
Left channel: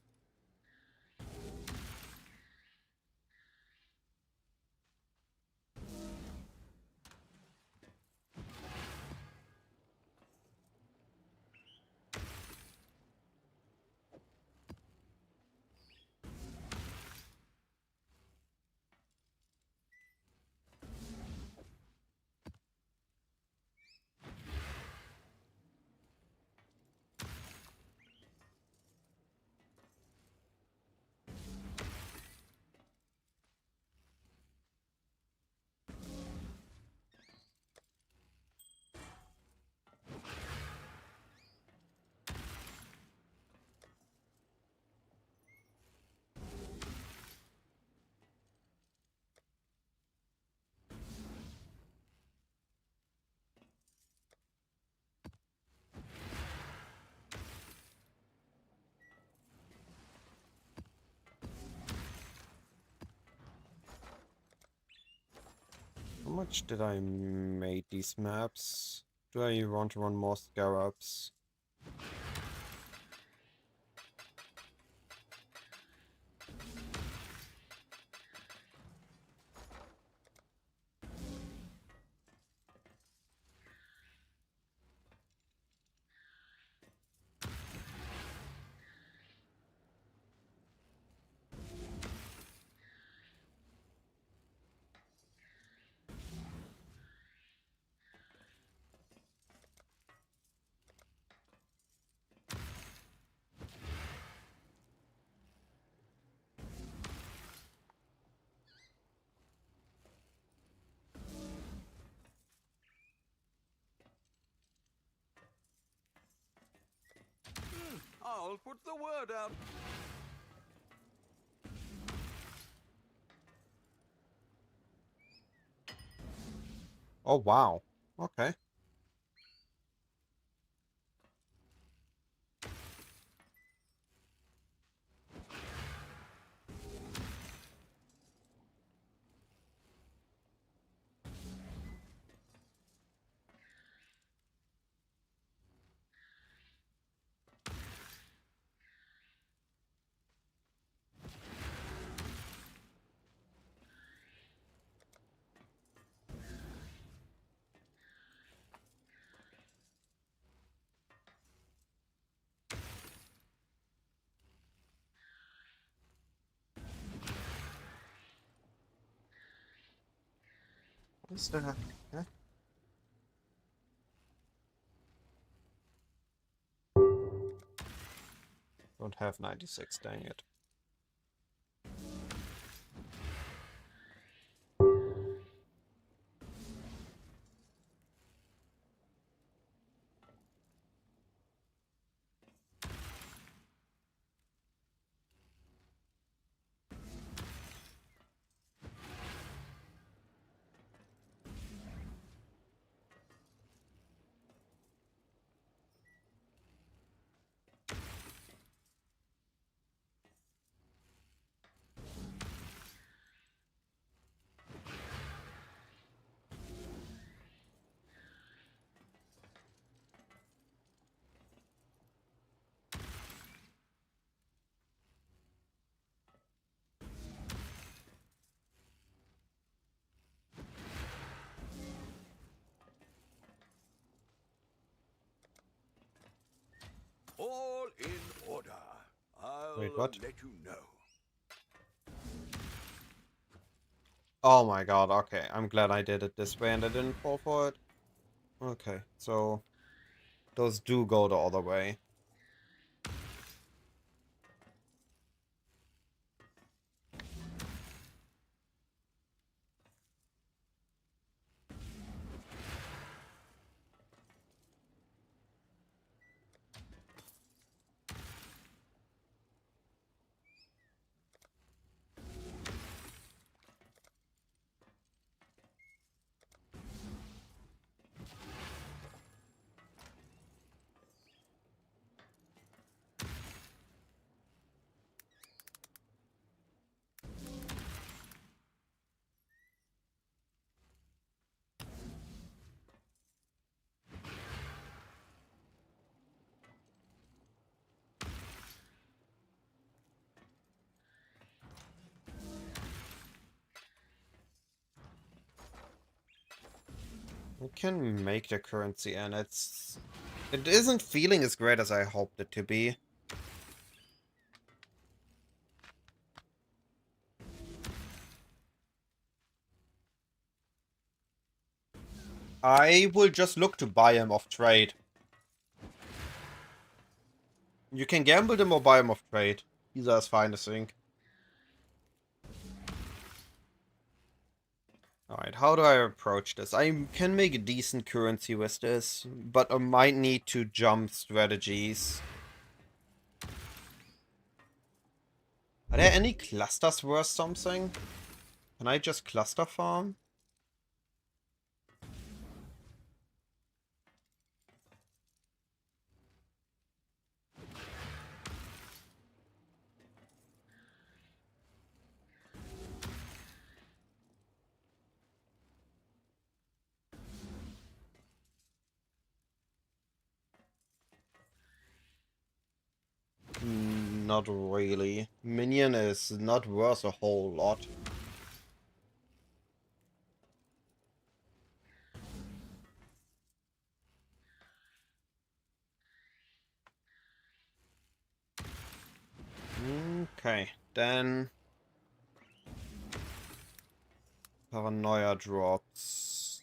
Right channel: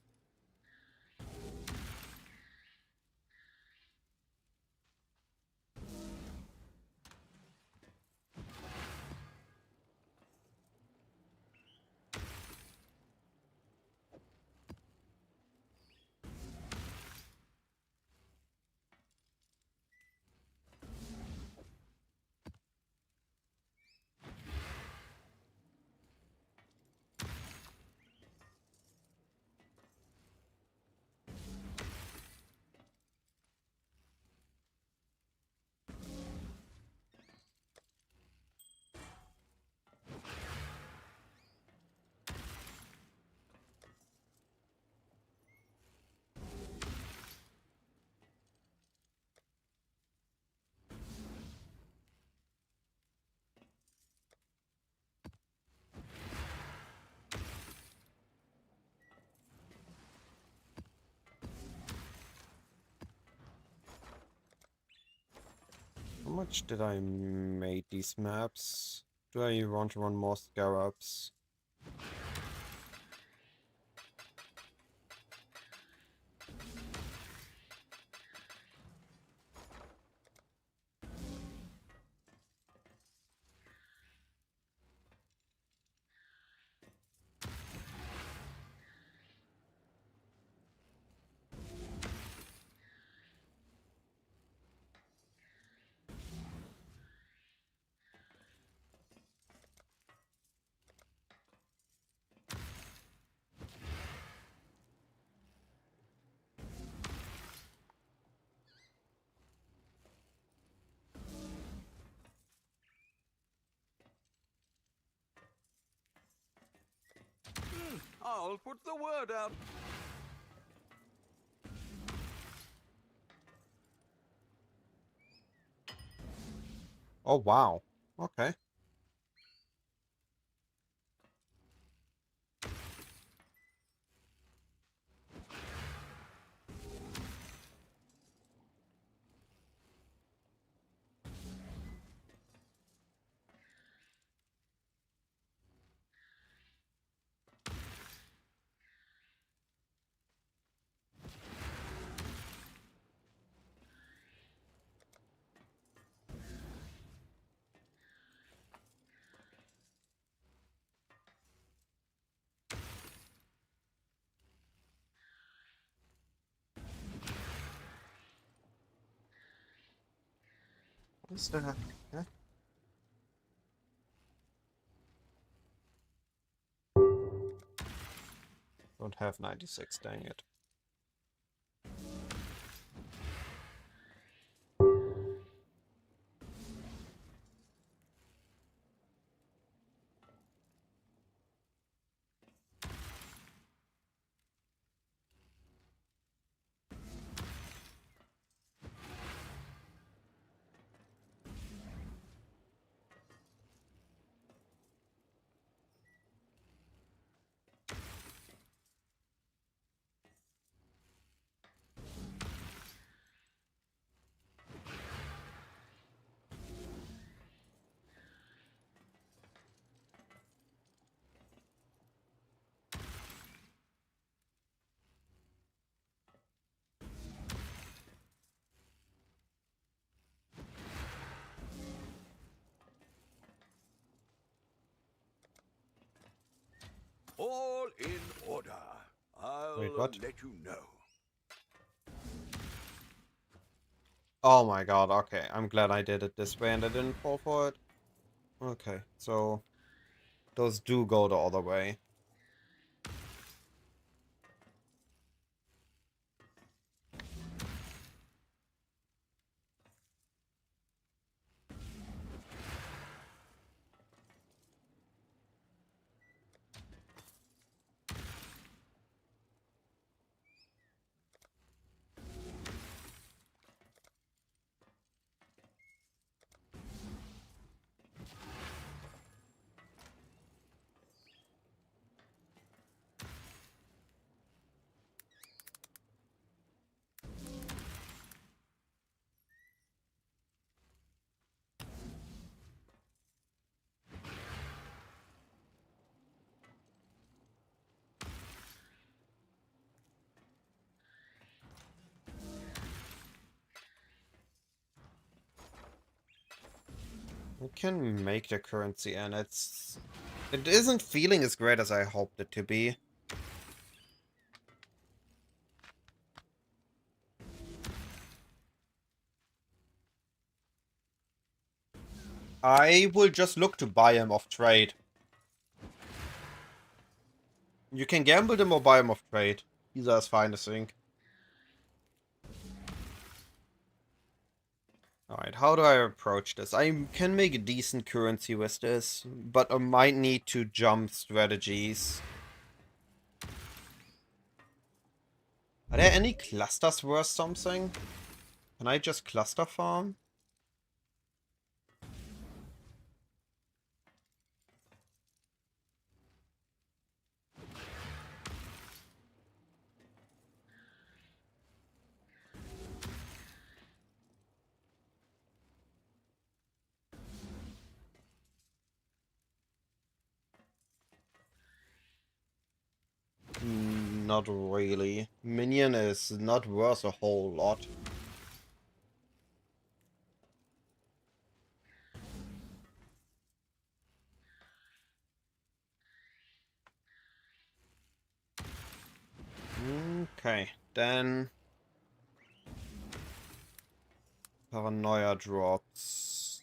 How much did I make these maps? Do I want to run more Scarabs? I'll put the word out. Oh, wow. Okay. What's the heck? Huh? Don't have 96, dang it. All in order. I'll Wait, what? let you know. Oh my god, okay. I'm glad I did it this way and I didn't fall for it. Okay, so those do go the other way. We can make the currency, and it isn't feeling as great as I hoped it to be. I will just look to buy him off trade. You can gamble them or buy him off trade. Either is fine, I think. Alright, how do I approach this? I can make a decent currency with this, but I might need to jump strategies. Are there any clusters worth something? Can I just cluster farm? Not really. Minion is not worth a whole lot. Okay, then Paranoia drops.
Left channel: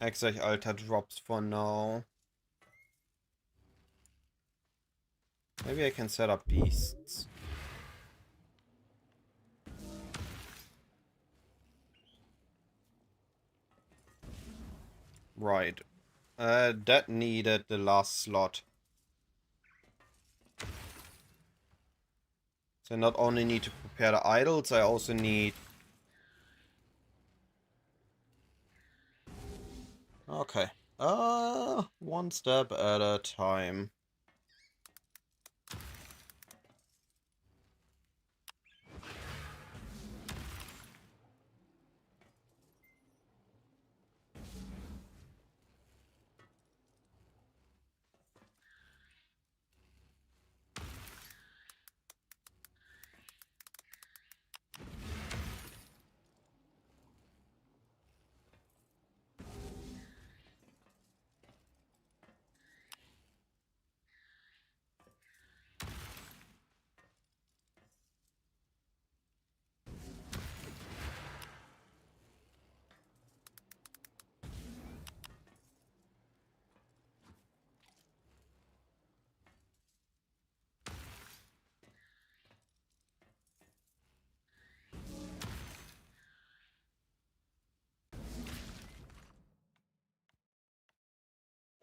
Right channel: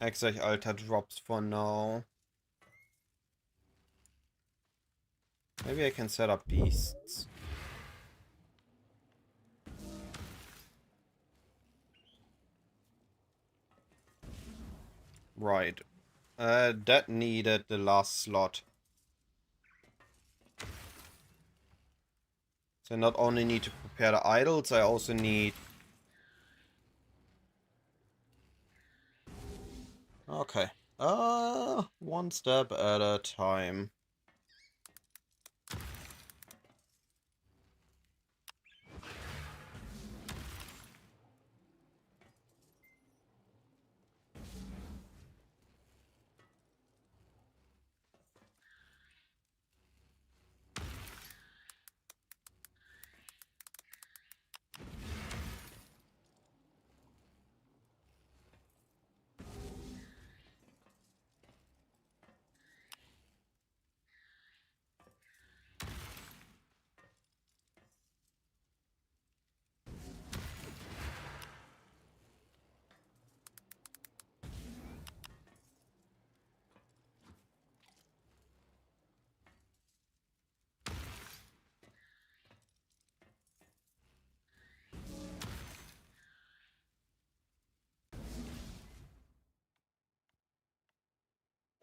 Exarch Altar drops for now. Maybe I can set up beasts. Right. That needed the last slot. So I not only need to prepare the idols, I also need... Okay. One step at a time.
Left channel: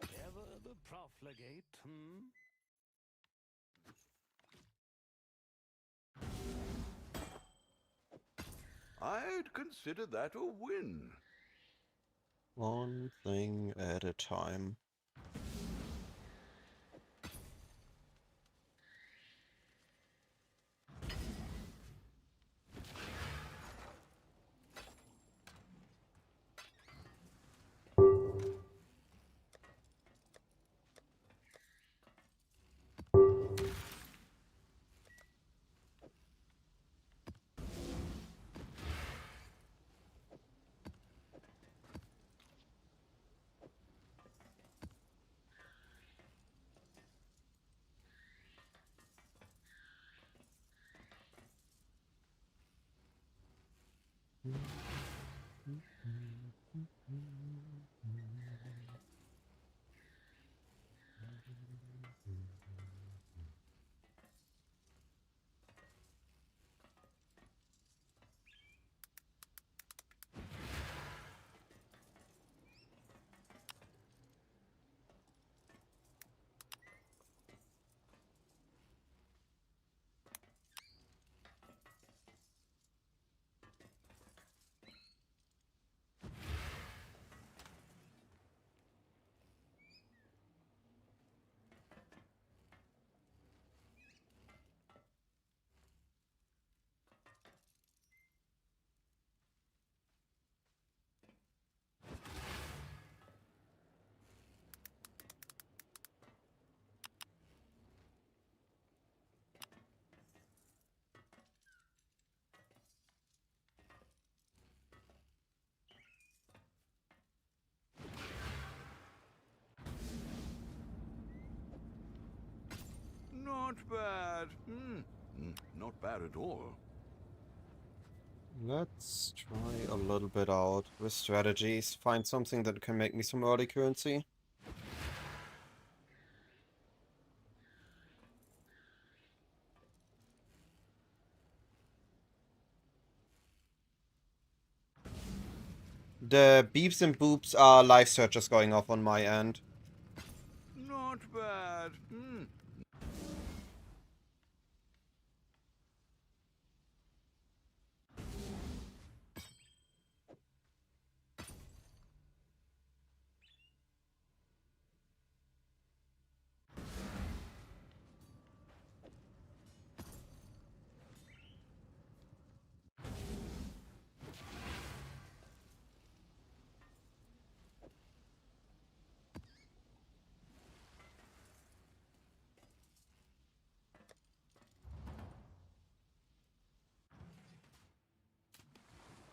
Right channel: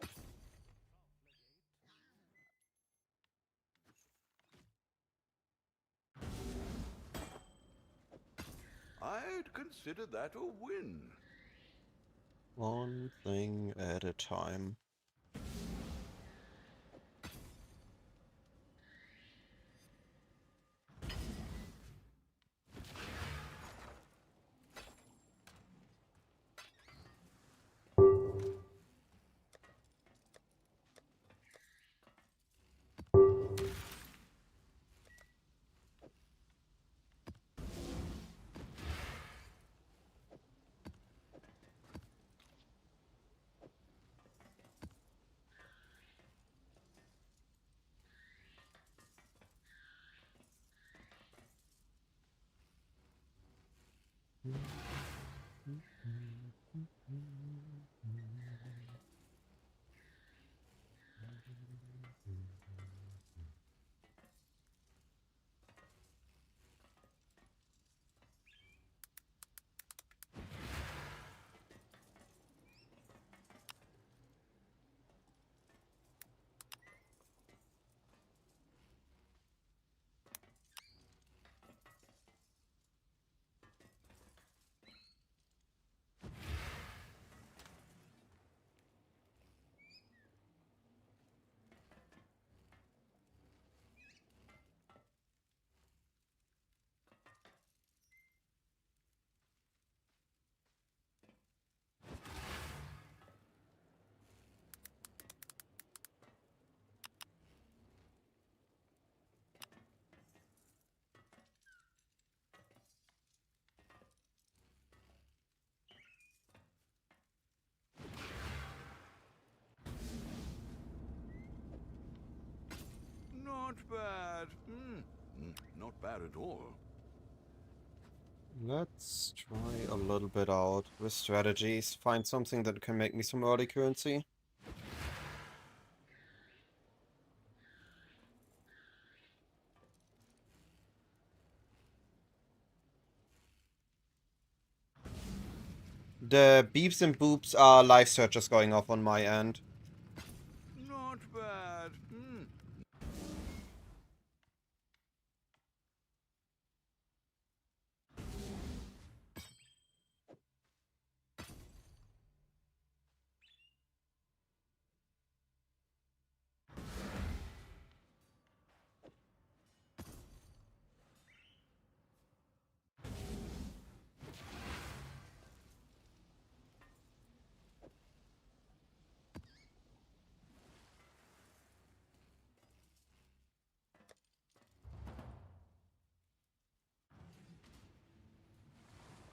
Ever the profligate, hmm? I'd consider that a win. One thing at a time. Not bad. Not bad at all. Let's try a little bit out with strategies. Find something that can make me some early currency. The beeps and boops are life searchers going off on my end. Not bad.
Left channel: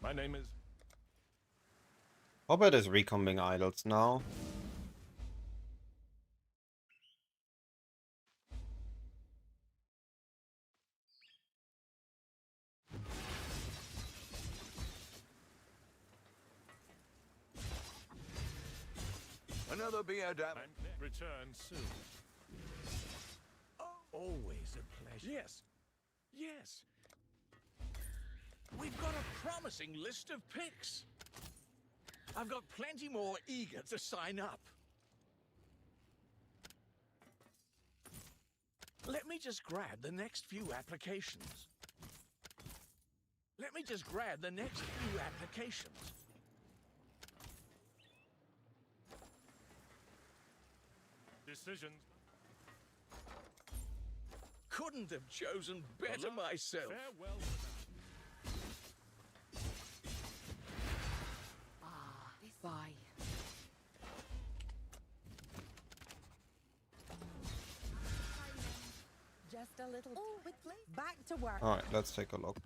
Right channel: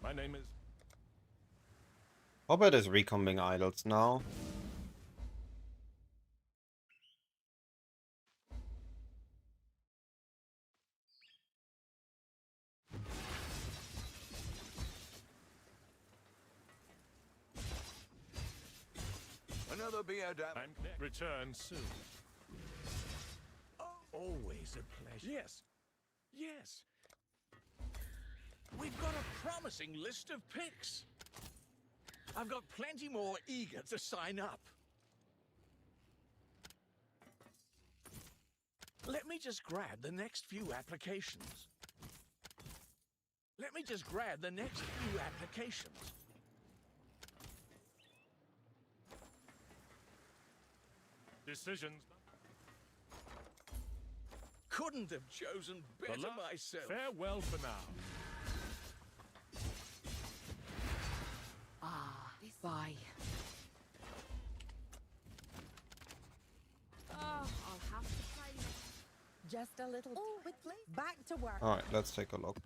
My name is... How about is recombing idols now? Another beer, damn it. Return soon. Always a pleasure. Yes. Yes. We've got a promising list of picks. I've got plenty more eager to sign up. Let me just grab the next few applications. Let me just grab the next few applications. Decisions. Couldn't have chosen better myself. Farewell for now. Bye. I'll have to sign in. Just a little. Oh, quickly. Back to work. Alright, let's take a look.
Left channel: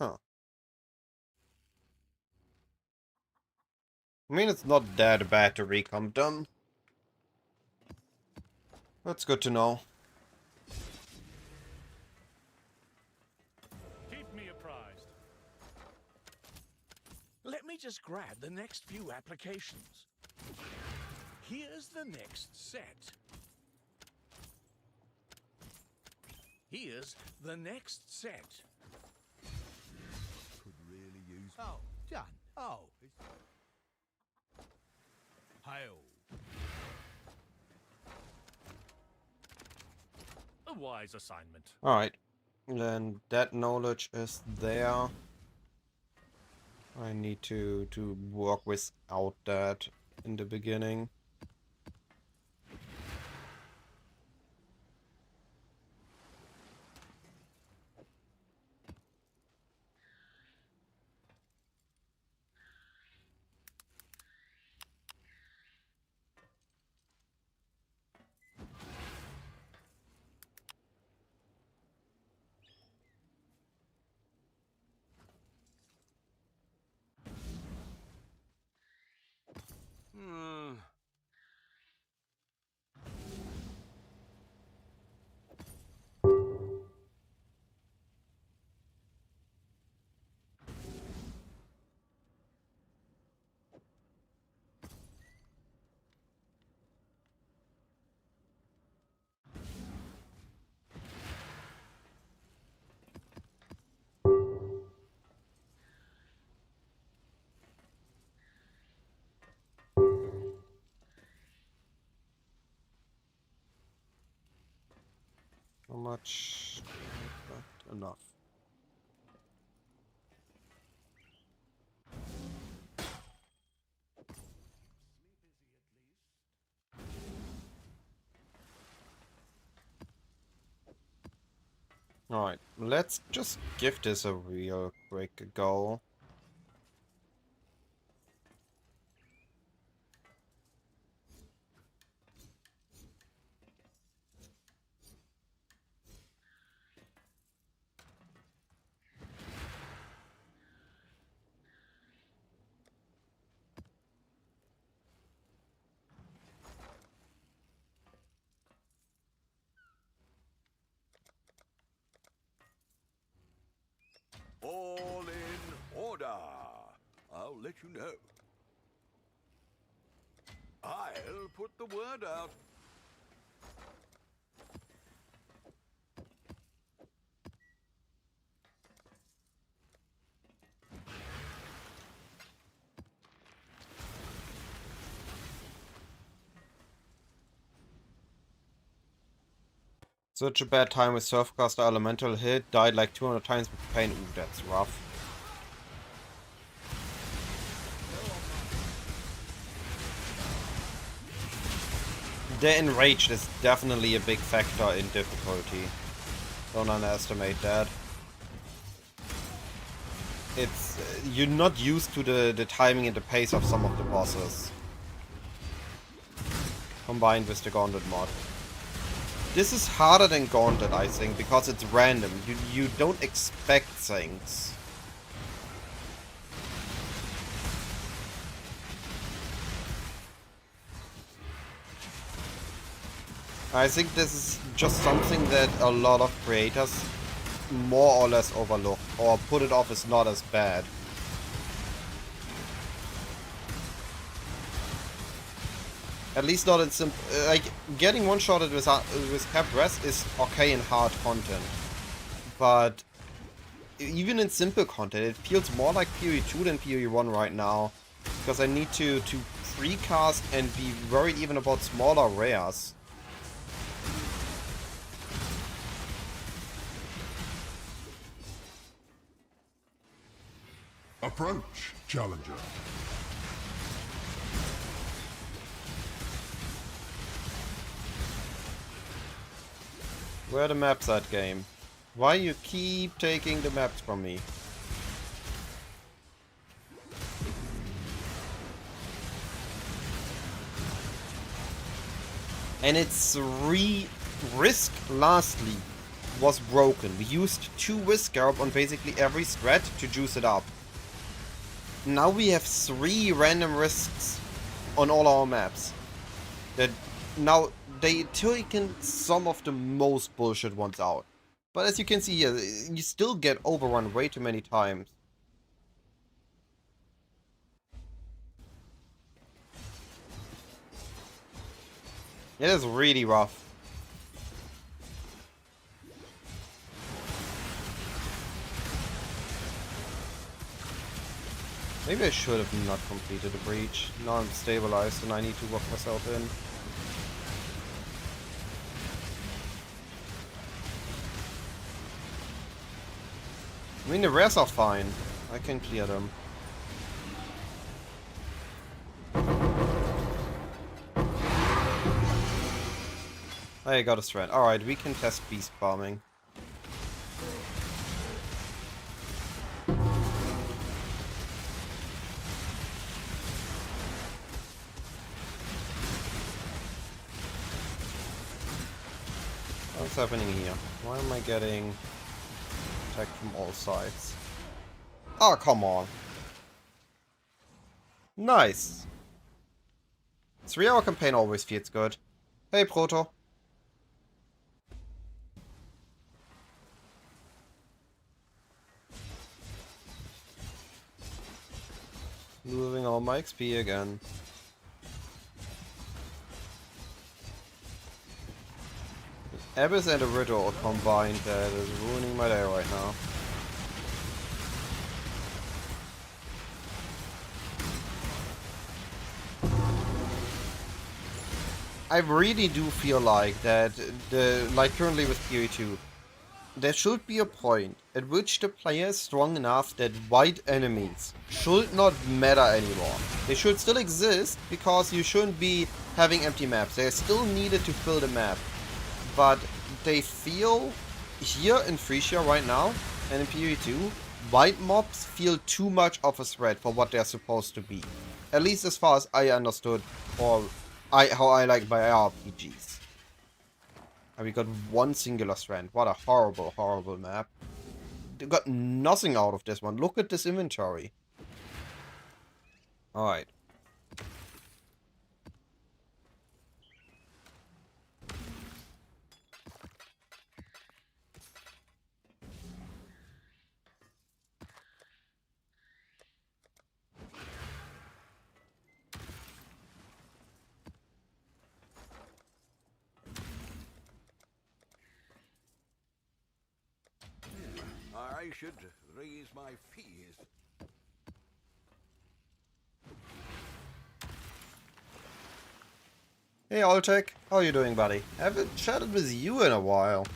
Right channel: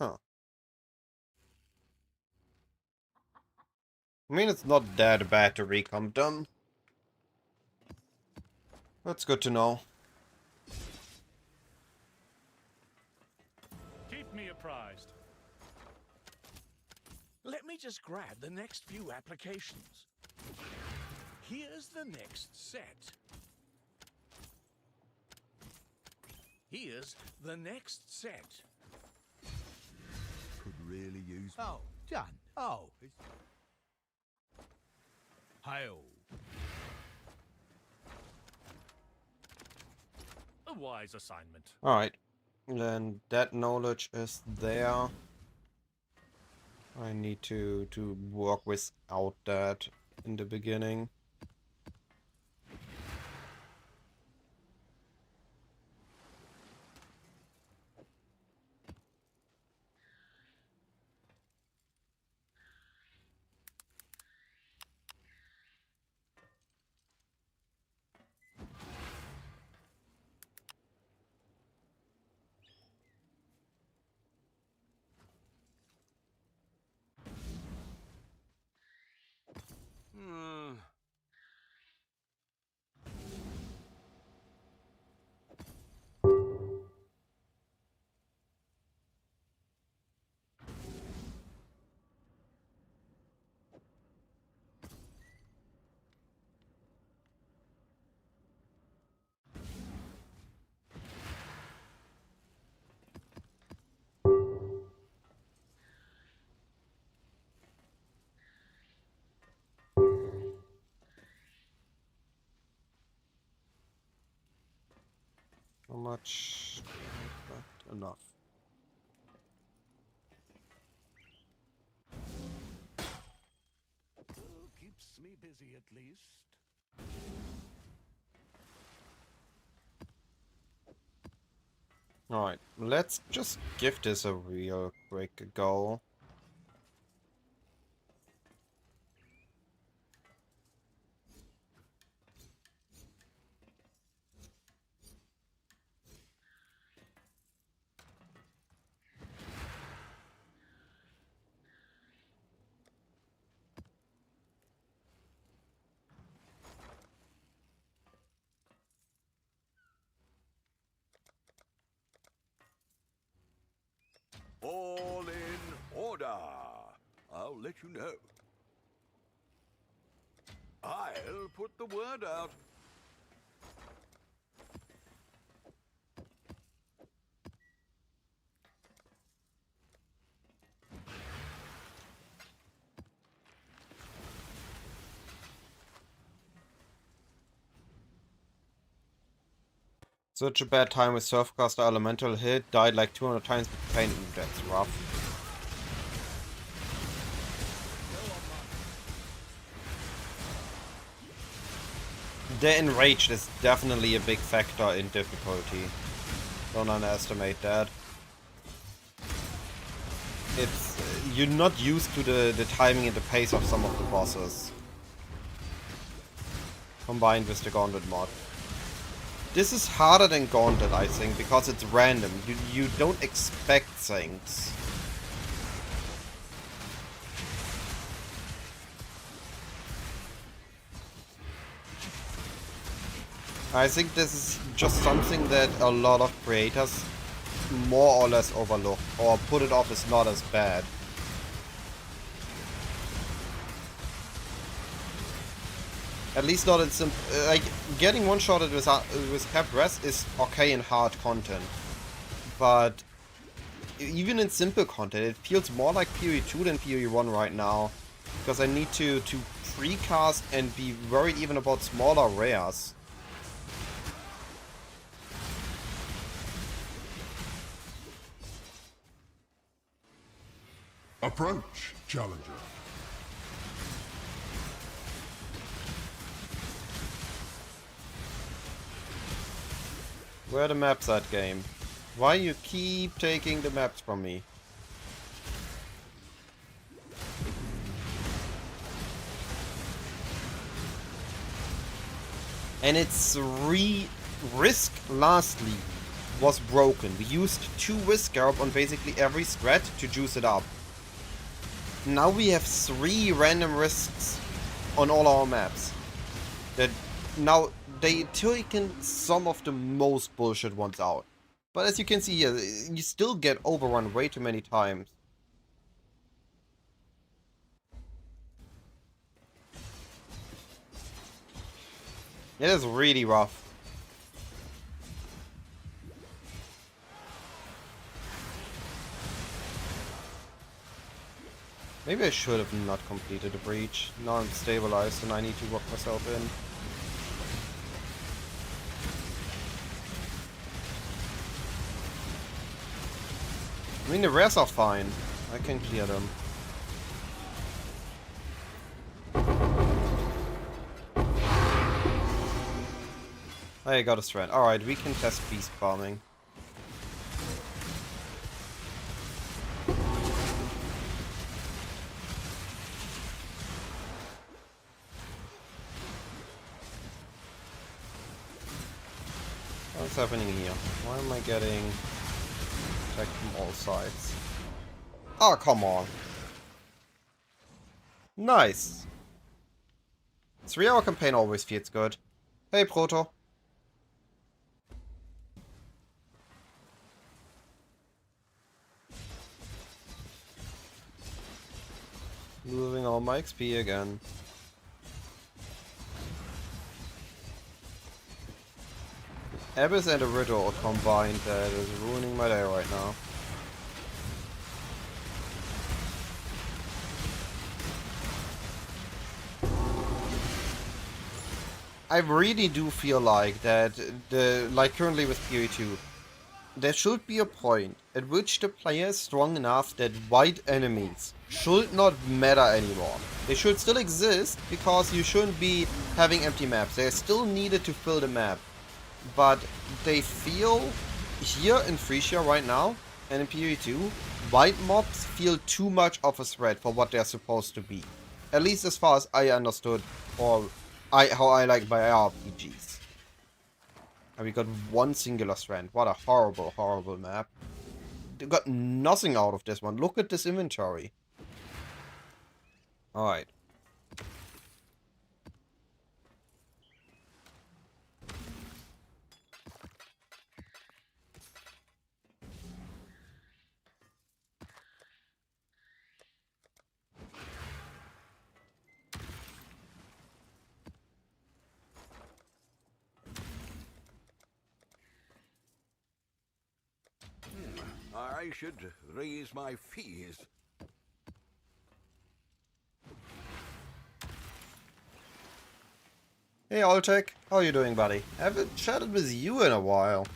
Huh. I mean, it's not that bad to recomp them. That's good to know. Keep me apprised. Let me just grab the next few applications. Here's the next set. Here's the next set. Could really use... Oh, done. Oh. Hail. A wise assignment. Alright. Then that knowledge is there. I need to work without that in the beginning. How much? Not enough. Keeps me busy at least. Alright, let's just give this a real quick go. let you know. I'll put the word out. Such a bad time with Surfcaster Elemental hit, died like 200 times with pain. Ooh, that's rough. The Enraged is definitely a big factor in difficulty. Don't underestimate that. It's you're not used to the timing and the pace of some of the bosses. Combined with the Gauntlet mod. This is harder than Gauntlet, I think, because it's random. You don't expect things. I think this is just something that a lot of creators more or less overlook, or put it off as not as bad. At least not in simple. Like, getting one-shotted with cap rest is okay in hard content. But even in simple content, it feels more like PoE 2 than PoE 1 right now. Because I need to precast and be worried even about smaller rares. Approach, challenger. Where are the maps at, game? Why you keep taking the maps from me? And its risk lastly was broken. We used 2 Whisk Scarab on basically every strat to juice it up. Now we have 3 random risks on all our maps. That now they taken some of the most bullshit ones out. But as you can see here, you still get overrun way too many times. It is really rough. Maybe I should have not completed the breach. Now I'm stabilized and I need to work myself in. I mean, the rares are fine. I can clear them. I got a strand. Alright, we can test beast farming. What's happening here? Why am I getting attacked from all sides? Oh, come on. Nice. 3-hour campaign always feels good. Hey, Proto. Losing all my XP again. Abyss and a Riddle combined that is ruining my day right now. I really do feel like that like currently with PoE 2, there should be a point at which the player is strong enough that white enemies should not matter anymore. They should still exist because you shouldn't be having empty maps. They're still needed to fill the map. But they feel, here in Phrecia right now, and in PoE 2, white mobs feel too much of a threat for what they're supposed to be. At least as far as I understood, or how I like my RPGs. And we got 1 singular strand. What a horrible, horrible map. They got nothing out of this one. Look at this inventory. Alright. I should raise my fees. Hey Oltek, how are you doing, buddy? Haven't chatted with you in a while.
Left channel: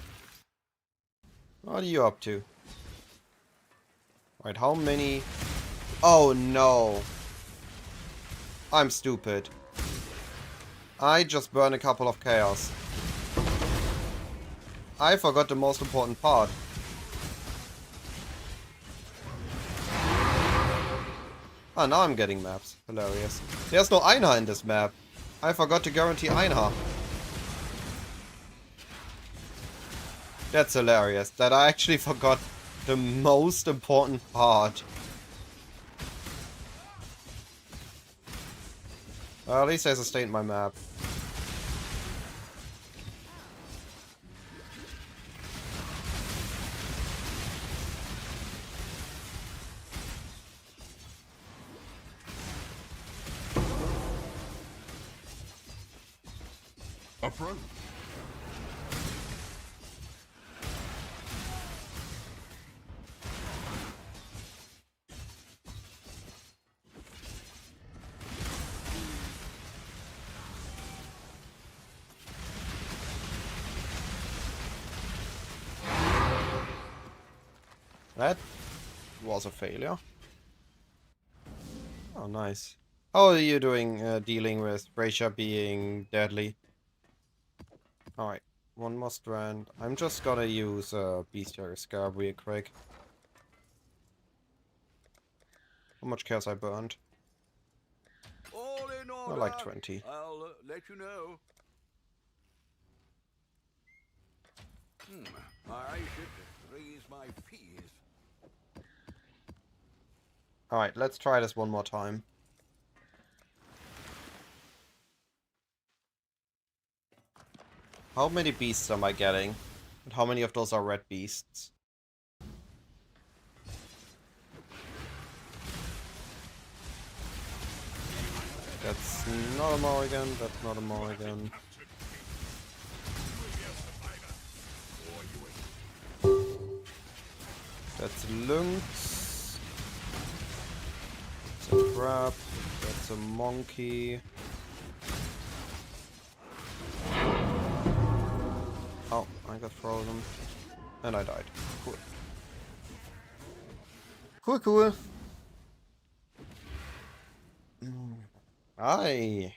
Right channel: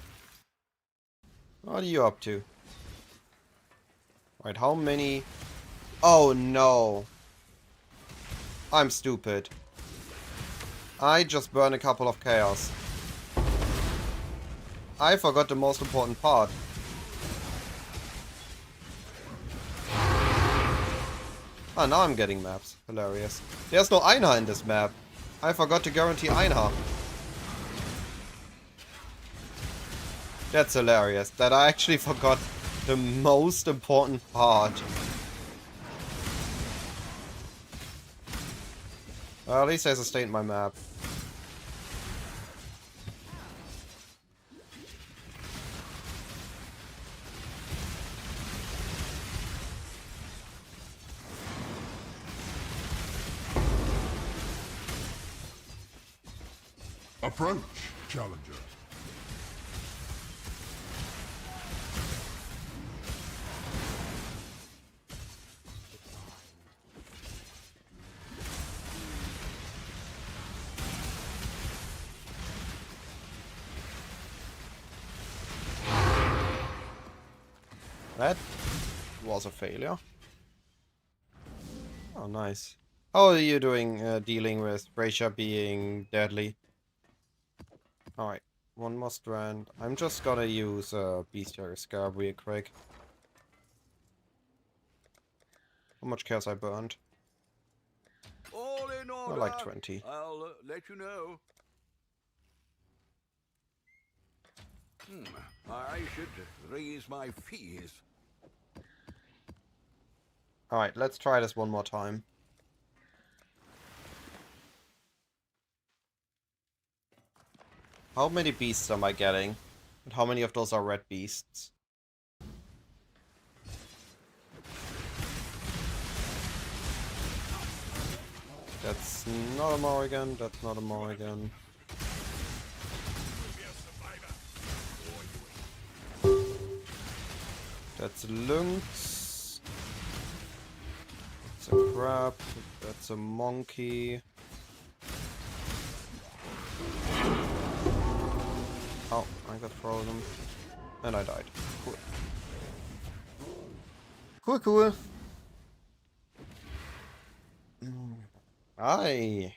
What are you up to? Right, how many... Oh no! I'm stupid. I just burned a couple of chaos. I forgot the most important part. Ah, now I'm getting maps. Hilarious. There's no Einha in this map. I forgot to guarantee Einha. That's hilarious. That I actually forgot the most important part. Well, at least I sustained my map. Approach, challenger. That was a failure. Oh, nice. How are you doing dealing with Phrecia being deadly? Alright, one more strand. I'm just gonna use Bestiary Scarab real quick. How much chaos I burned? All in Oh, order. like 20. I'll let you know. I should raise my fees. Alright, let's try this one more time. How many beasts am I getting? And how many of those are red beasts? That's not a Morrigan, that's not a Morrigan. That's a lynx. That's a crab. That's a monkey. Oh, I got frozen. And I died. Cool. Cool, cool. Aye.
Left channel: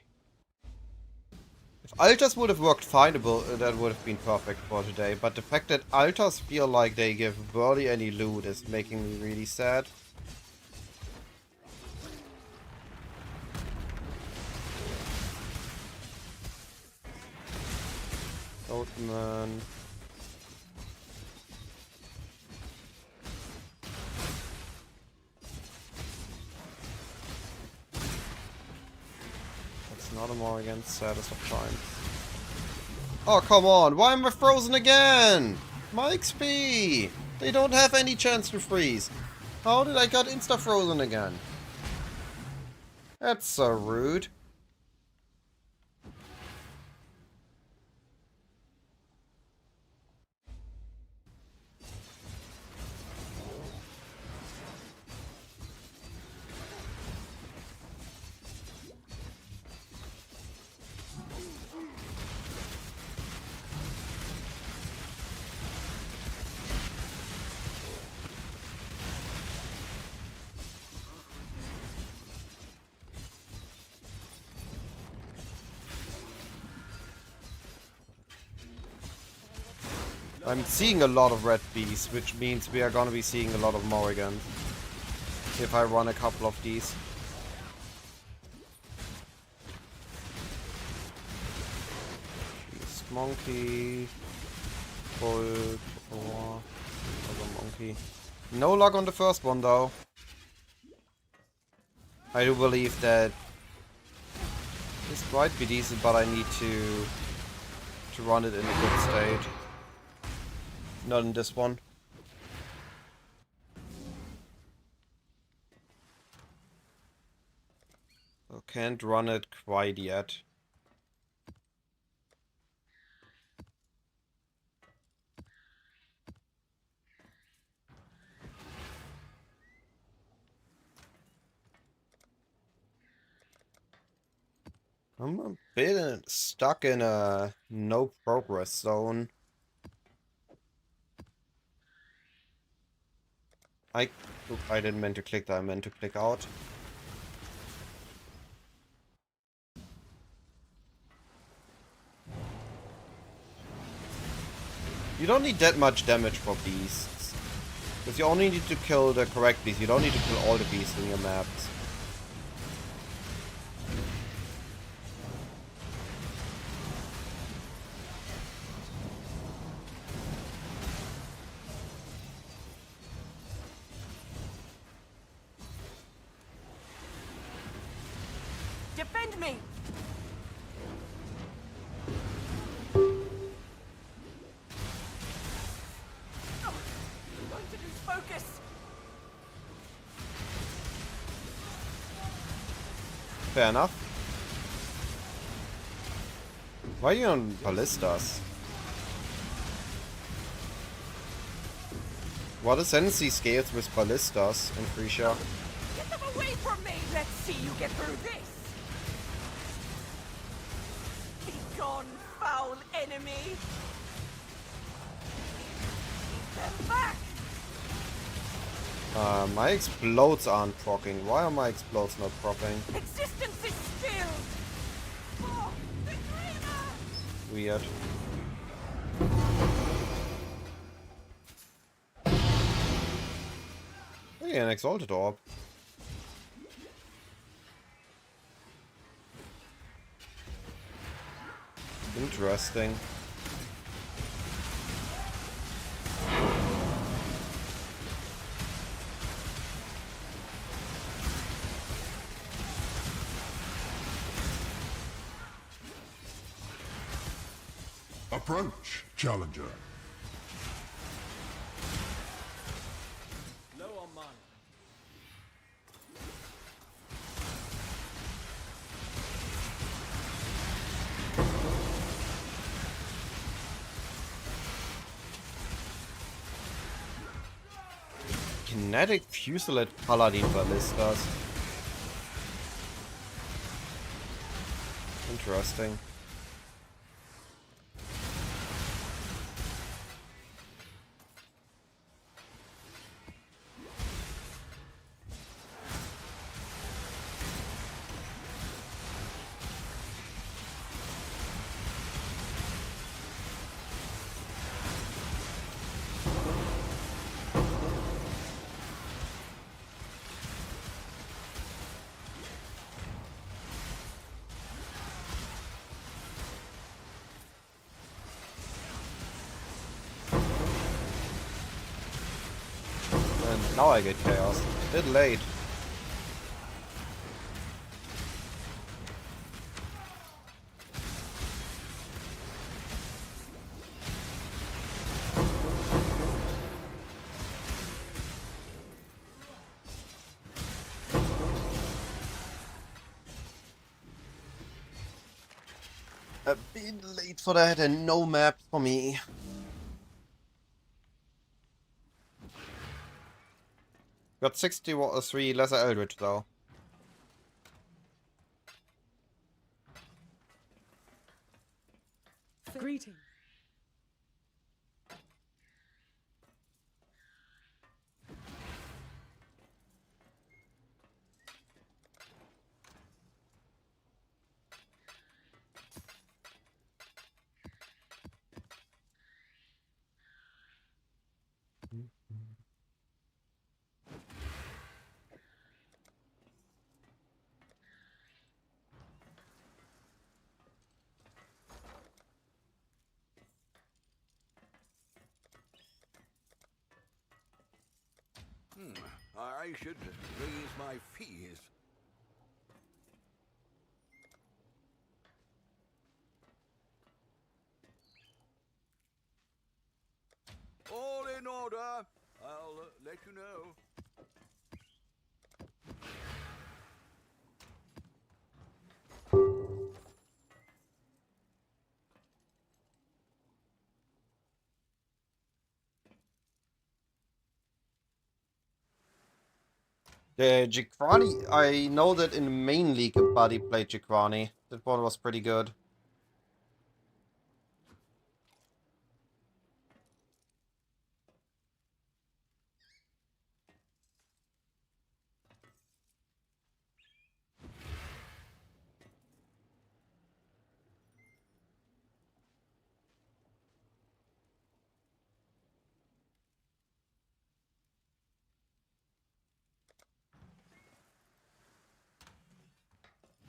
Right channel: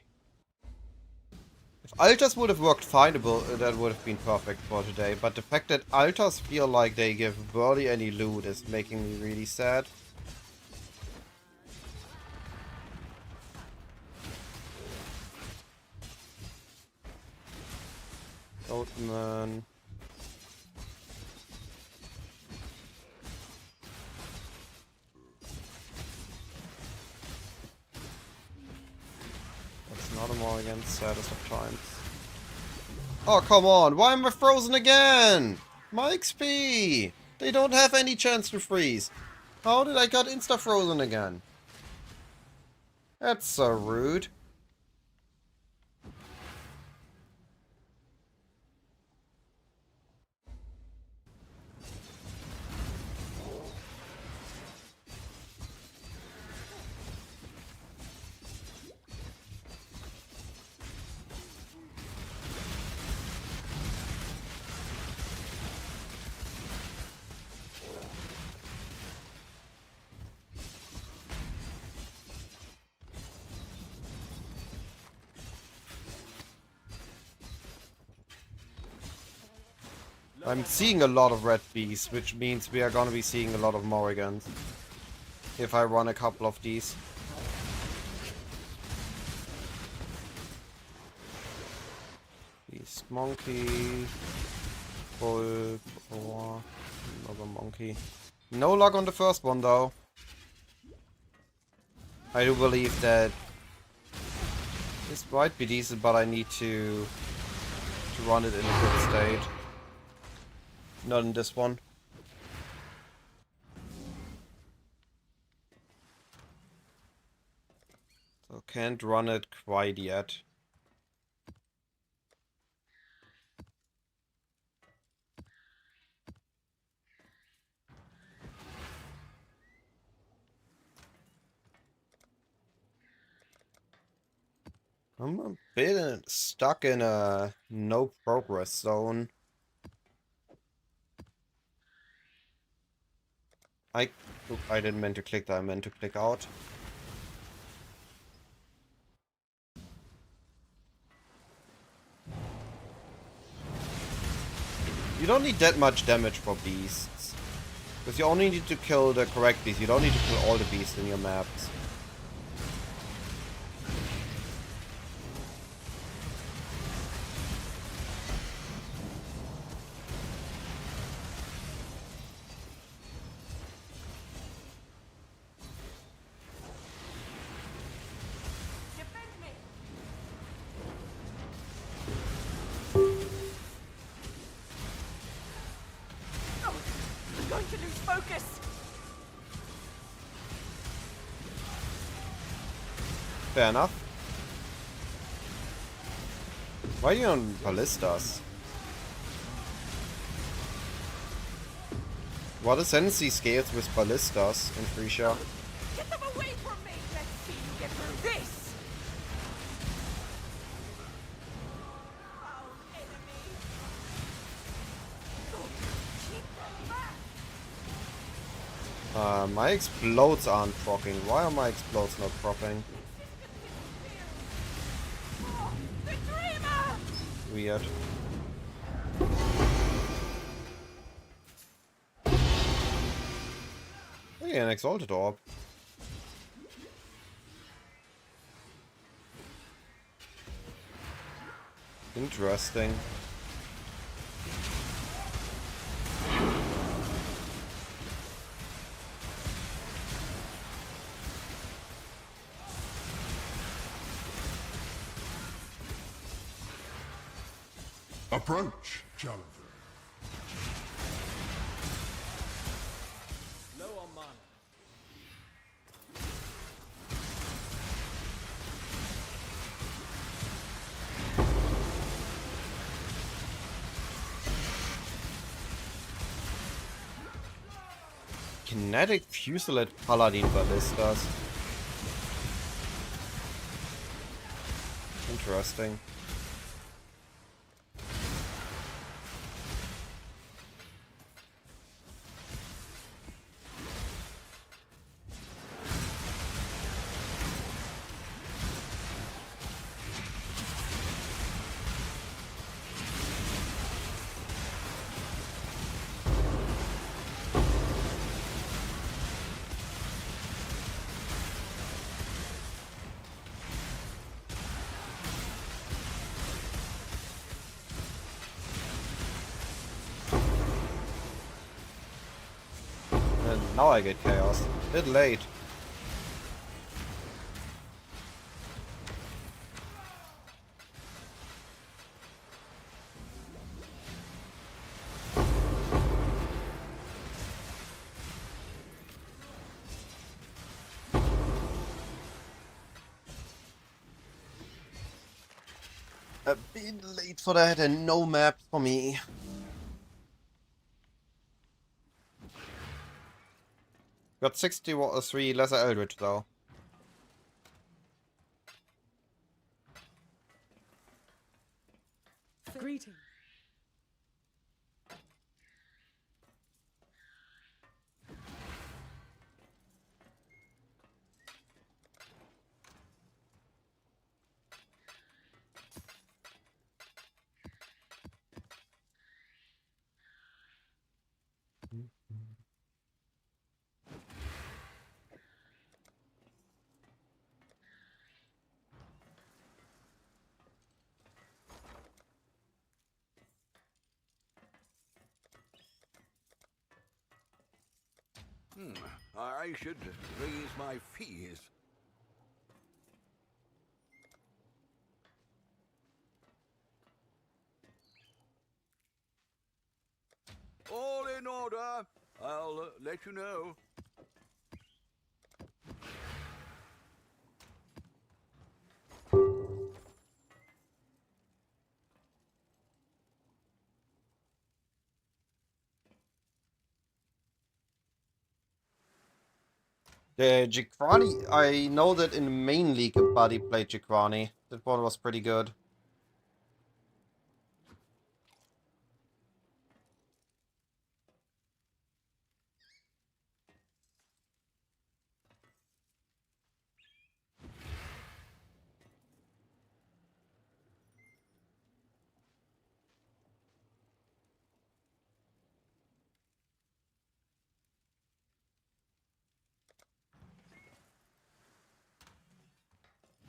If altars would have worked fine, that would have been perfect for today. But the fact that altars feel like they give barely any loot is making me really sad. Goatman. That's not a Morrigan, saddest of times. Oh, come on! Why am I frozen again? My XP! They don't have any chance to freeze. How did I get insta-frozen again? That's so rude. I'm seeing a lot of red beasts, which means we are gonna be seeing a lot of Morrigans. If I run a couple of these. Beast monkey. Bull. Or another monkey. No luck on the first one though. I do believe that this might be decent, but I need to run it in a good state. Not in this one. So can't run it quite yet. I'm a bit stuck in a no progress zone. I didn't mean to click that, I meant to click out. You don't need that much damage for beasts. Because you only need to kill the correct beast, you don't need to kill all the beasts in your maps. Defend me! Oh, I'm going to lose focus! Fair enough. Why are you on ballistas? What ascendancy scales with ballistas in Phrecia? Get them away from me! Let's see you get through this! Be gone, foul enemy! Keep them back! My explodes aren't proccing. Why are my explodes not proccing? Existence is still! Oh, the dreamer! Weird. Hey, an exalted orb. Interesting. Approach, challenger. Low on mana. Kinetic Fusilade Paladin Ballistas. Interesting. And now I get chaos. Bit late. A bit late for that and no map for me. Got 63 lesser Eldritch though. Greetings. I should raise my fees. All in order. I'll let you know. The Jikrani, I know that in the main league a buddy played Jikrani. That one was pretty good.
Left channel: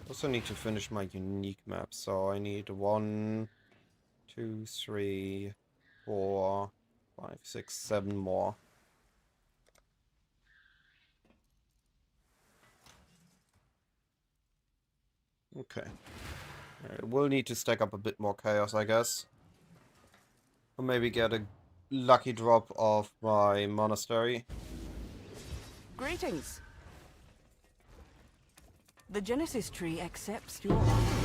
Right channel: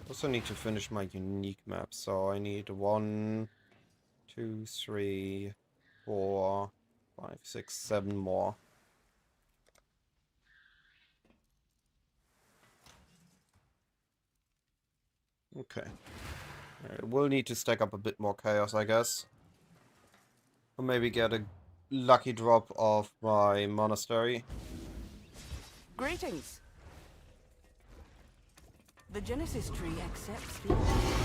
Also need to finish my unique map, so I need 1, 2, 3, 4, 5, 6, 7 more. Okay. We'll need to stack up a bit more chaos, I guess. Or maybe get a lucky drop of my monastery. Greetings. The Genesis tree accepts your offer.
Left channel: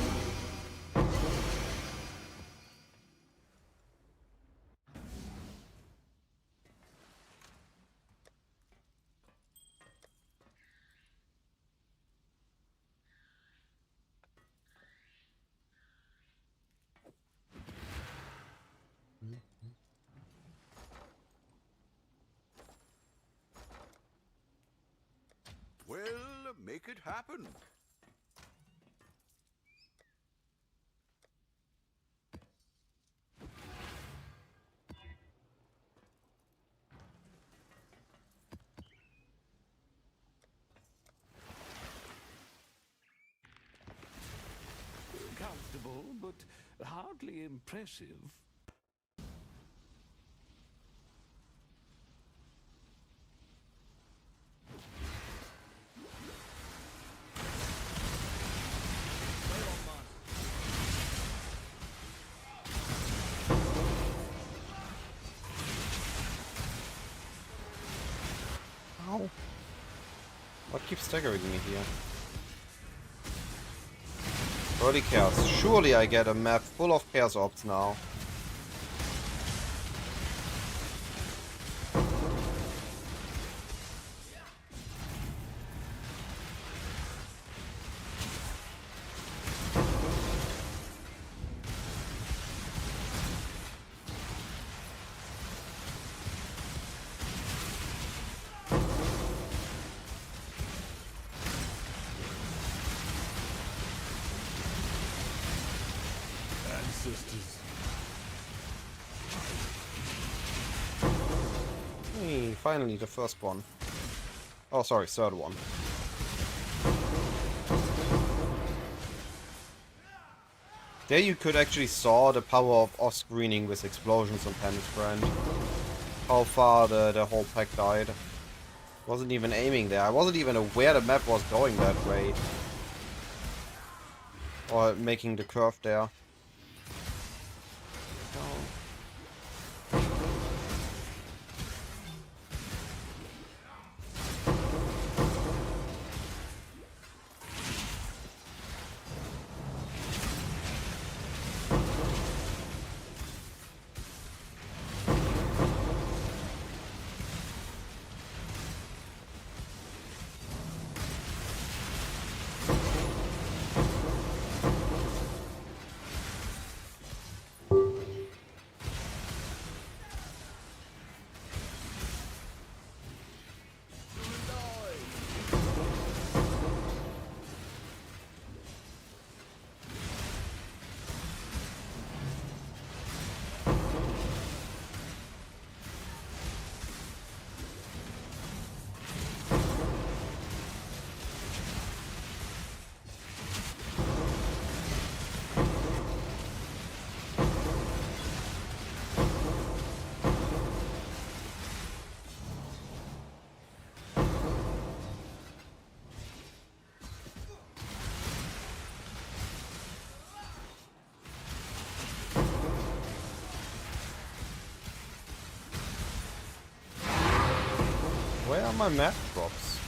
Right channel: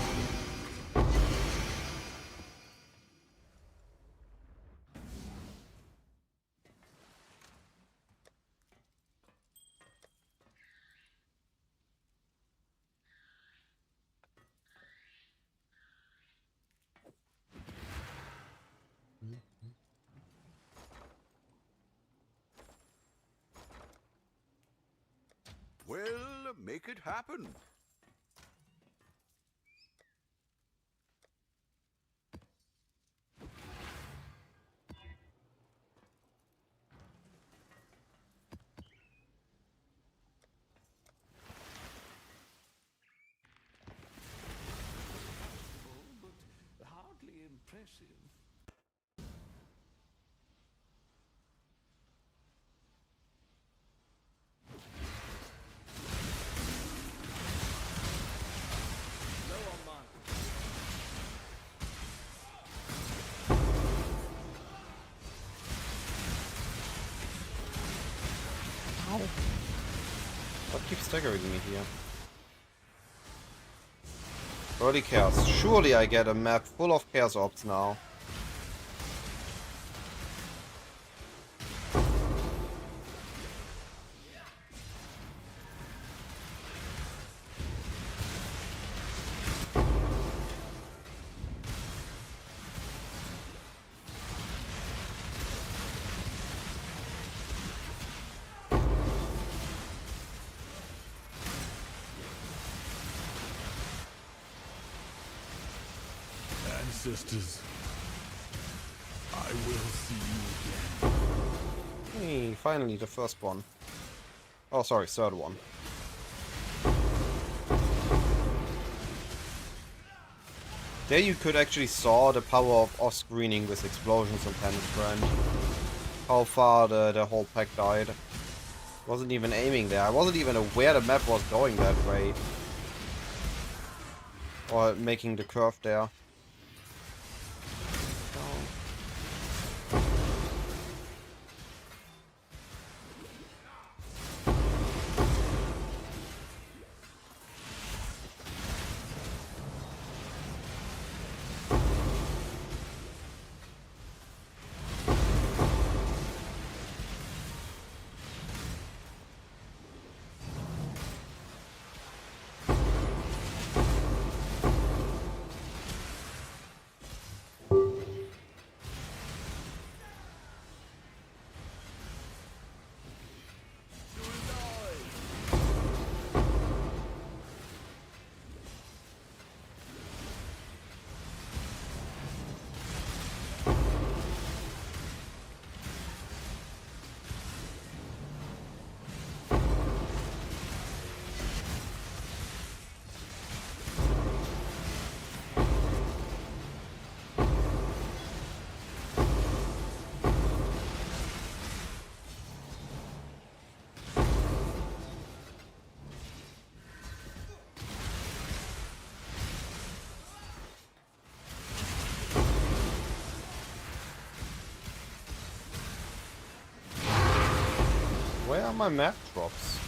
Well, make it happen. Comfortable, but hardly impressive. Ow. What keeps staggering me here? Early chaos. Surely I get a map full of chaos orbs now. Ancestors, I will see you. Hey, finally the first one. Oh, sorry, third one. There you could actually saw the power of off-screening with explosions and penetrant. How far the whole pack died. Wasn't even aiming there. I wasn't even aware the map was going that way. Or making the curve there. Where are my map drops?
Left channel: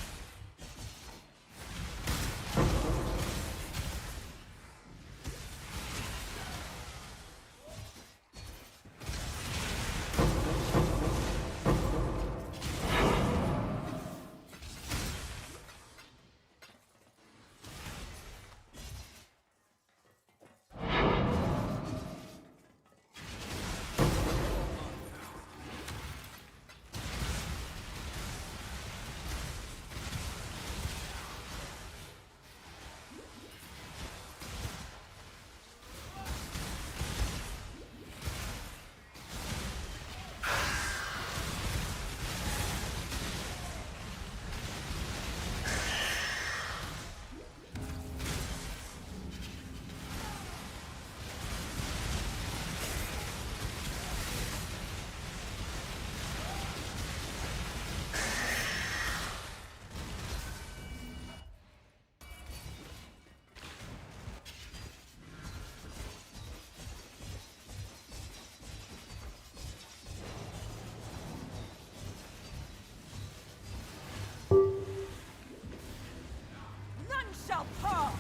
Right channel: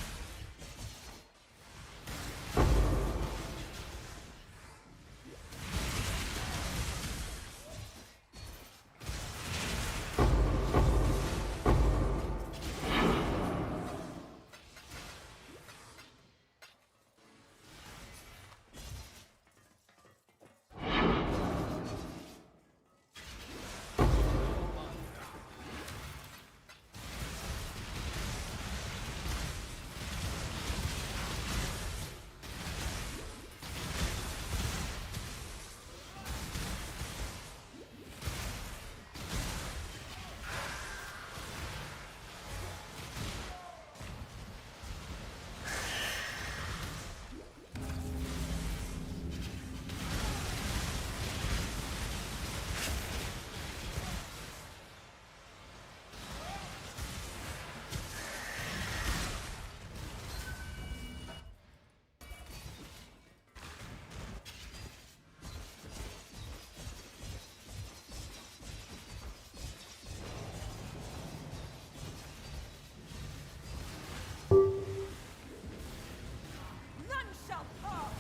shall pass.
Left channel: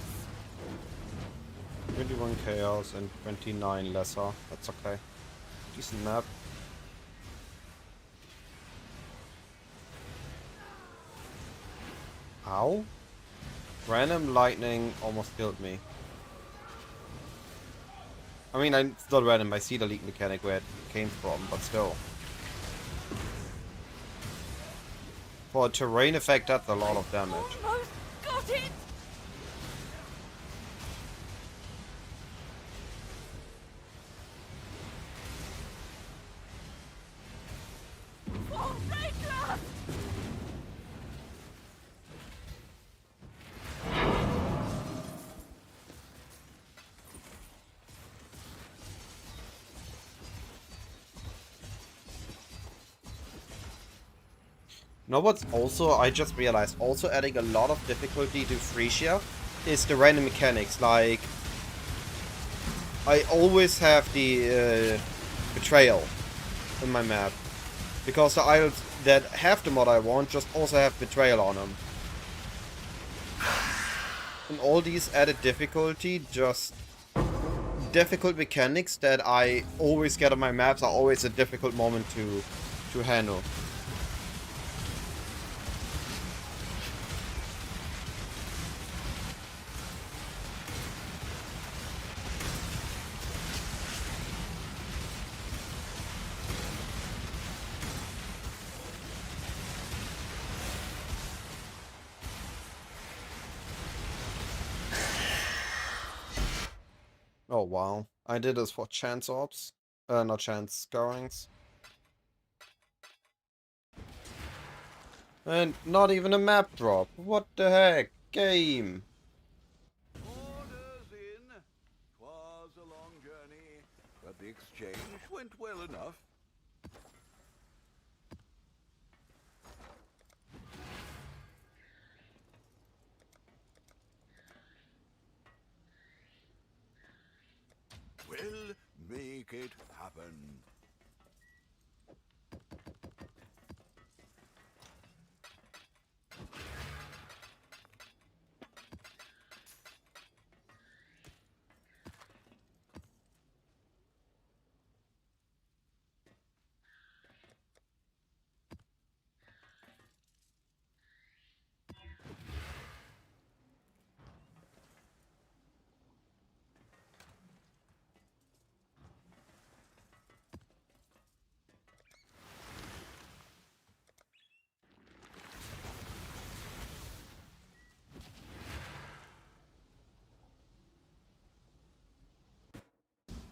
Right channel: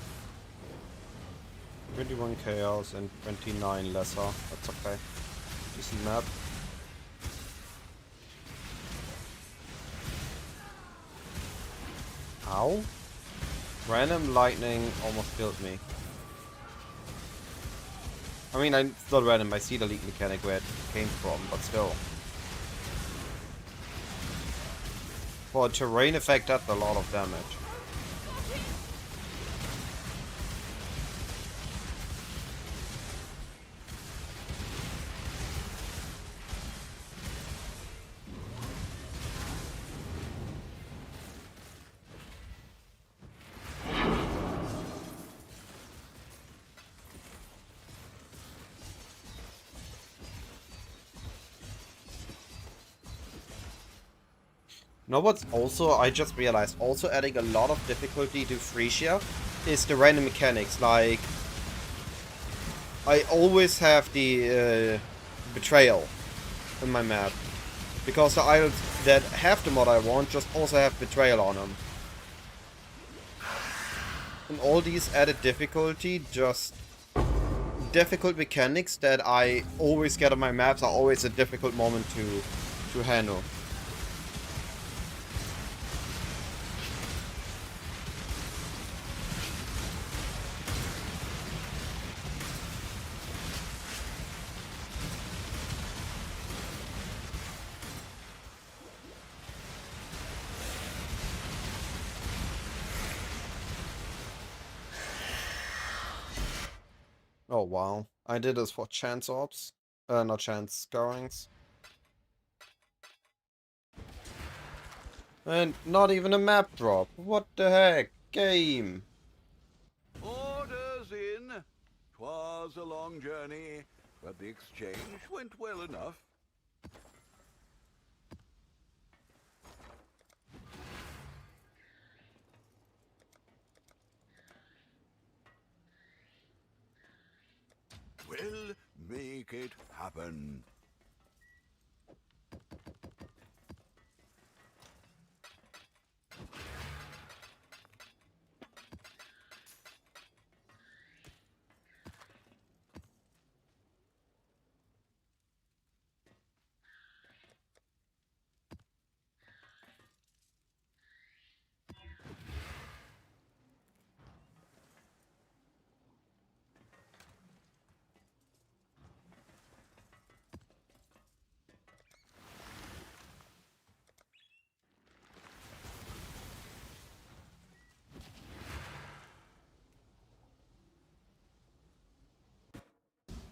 21 chaos and 29 lesser. That's okay. Decent map. Ow? Random lightning almost killed me. I mean, it's not random. I see the leak mechanic where it came from, but still. For a terrain effect, that's a lot of damage. Almost got it. Forsaker! Know what's also, I just realized, also adding a lot of difficulty to Phrecia is the random mechanics. Like, I always have the betrayal in my map. Because the idols that have the mod I want just also have betrayal on them. And all these added difficulty, just difficult mechanics that I always get on my maps are always a difficult moment to handle. Oh wow, I did this for chance orbs, not chance scourings. And not even a map drop, what the heck, game! Orders in. 'Twas a long journey, but the exchange went well enough. We'll make it happen.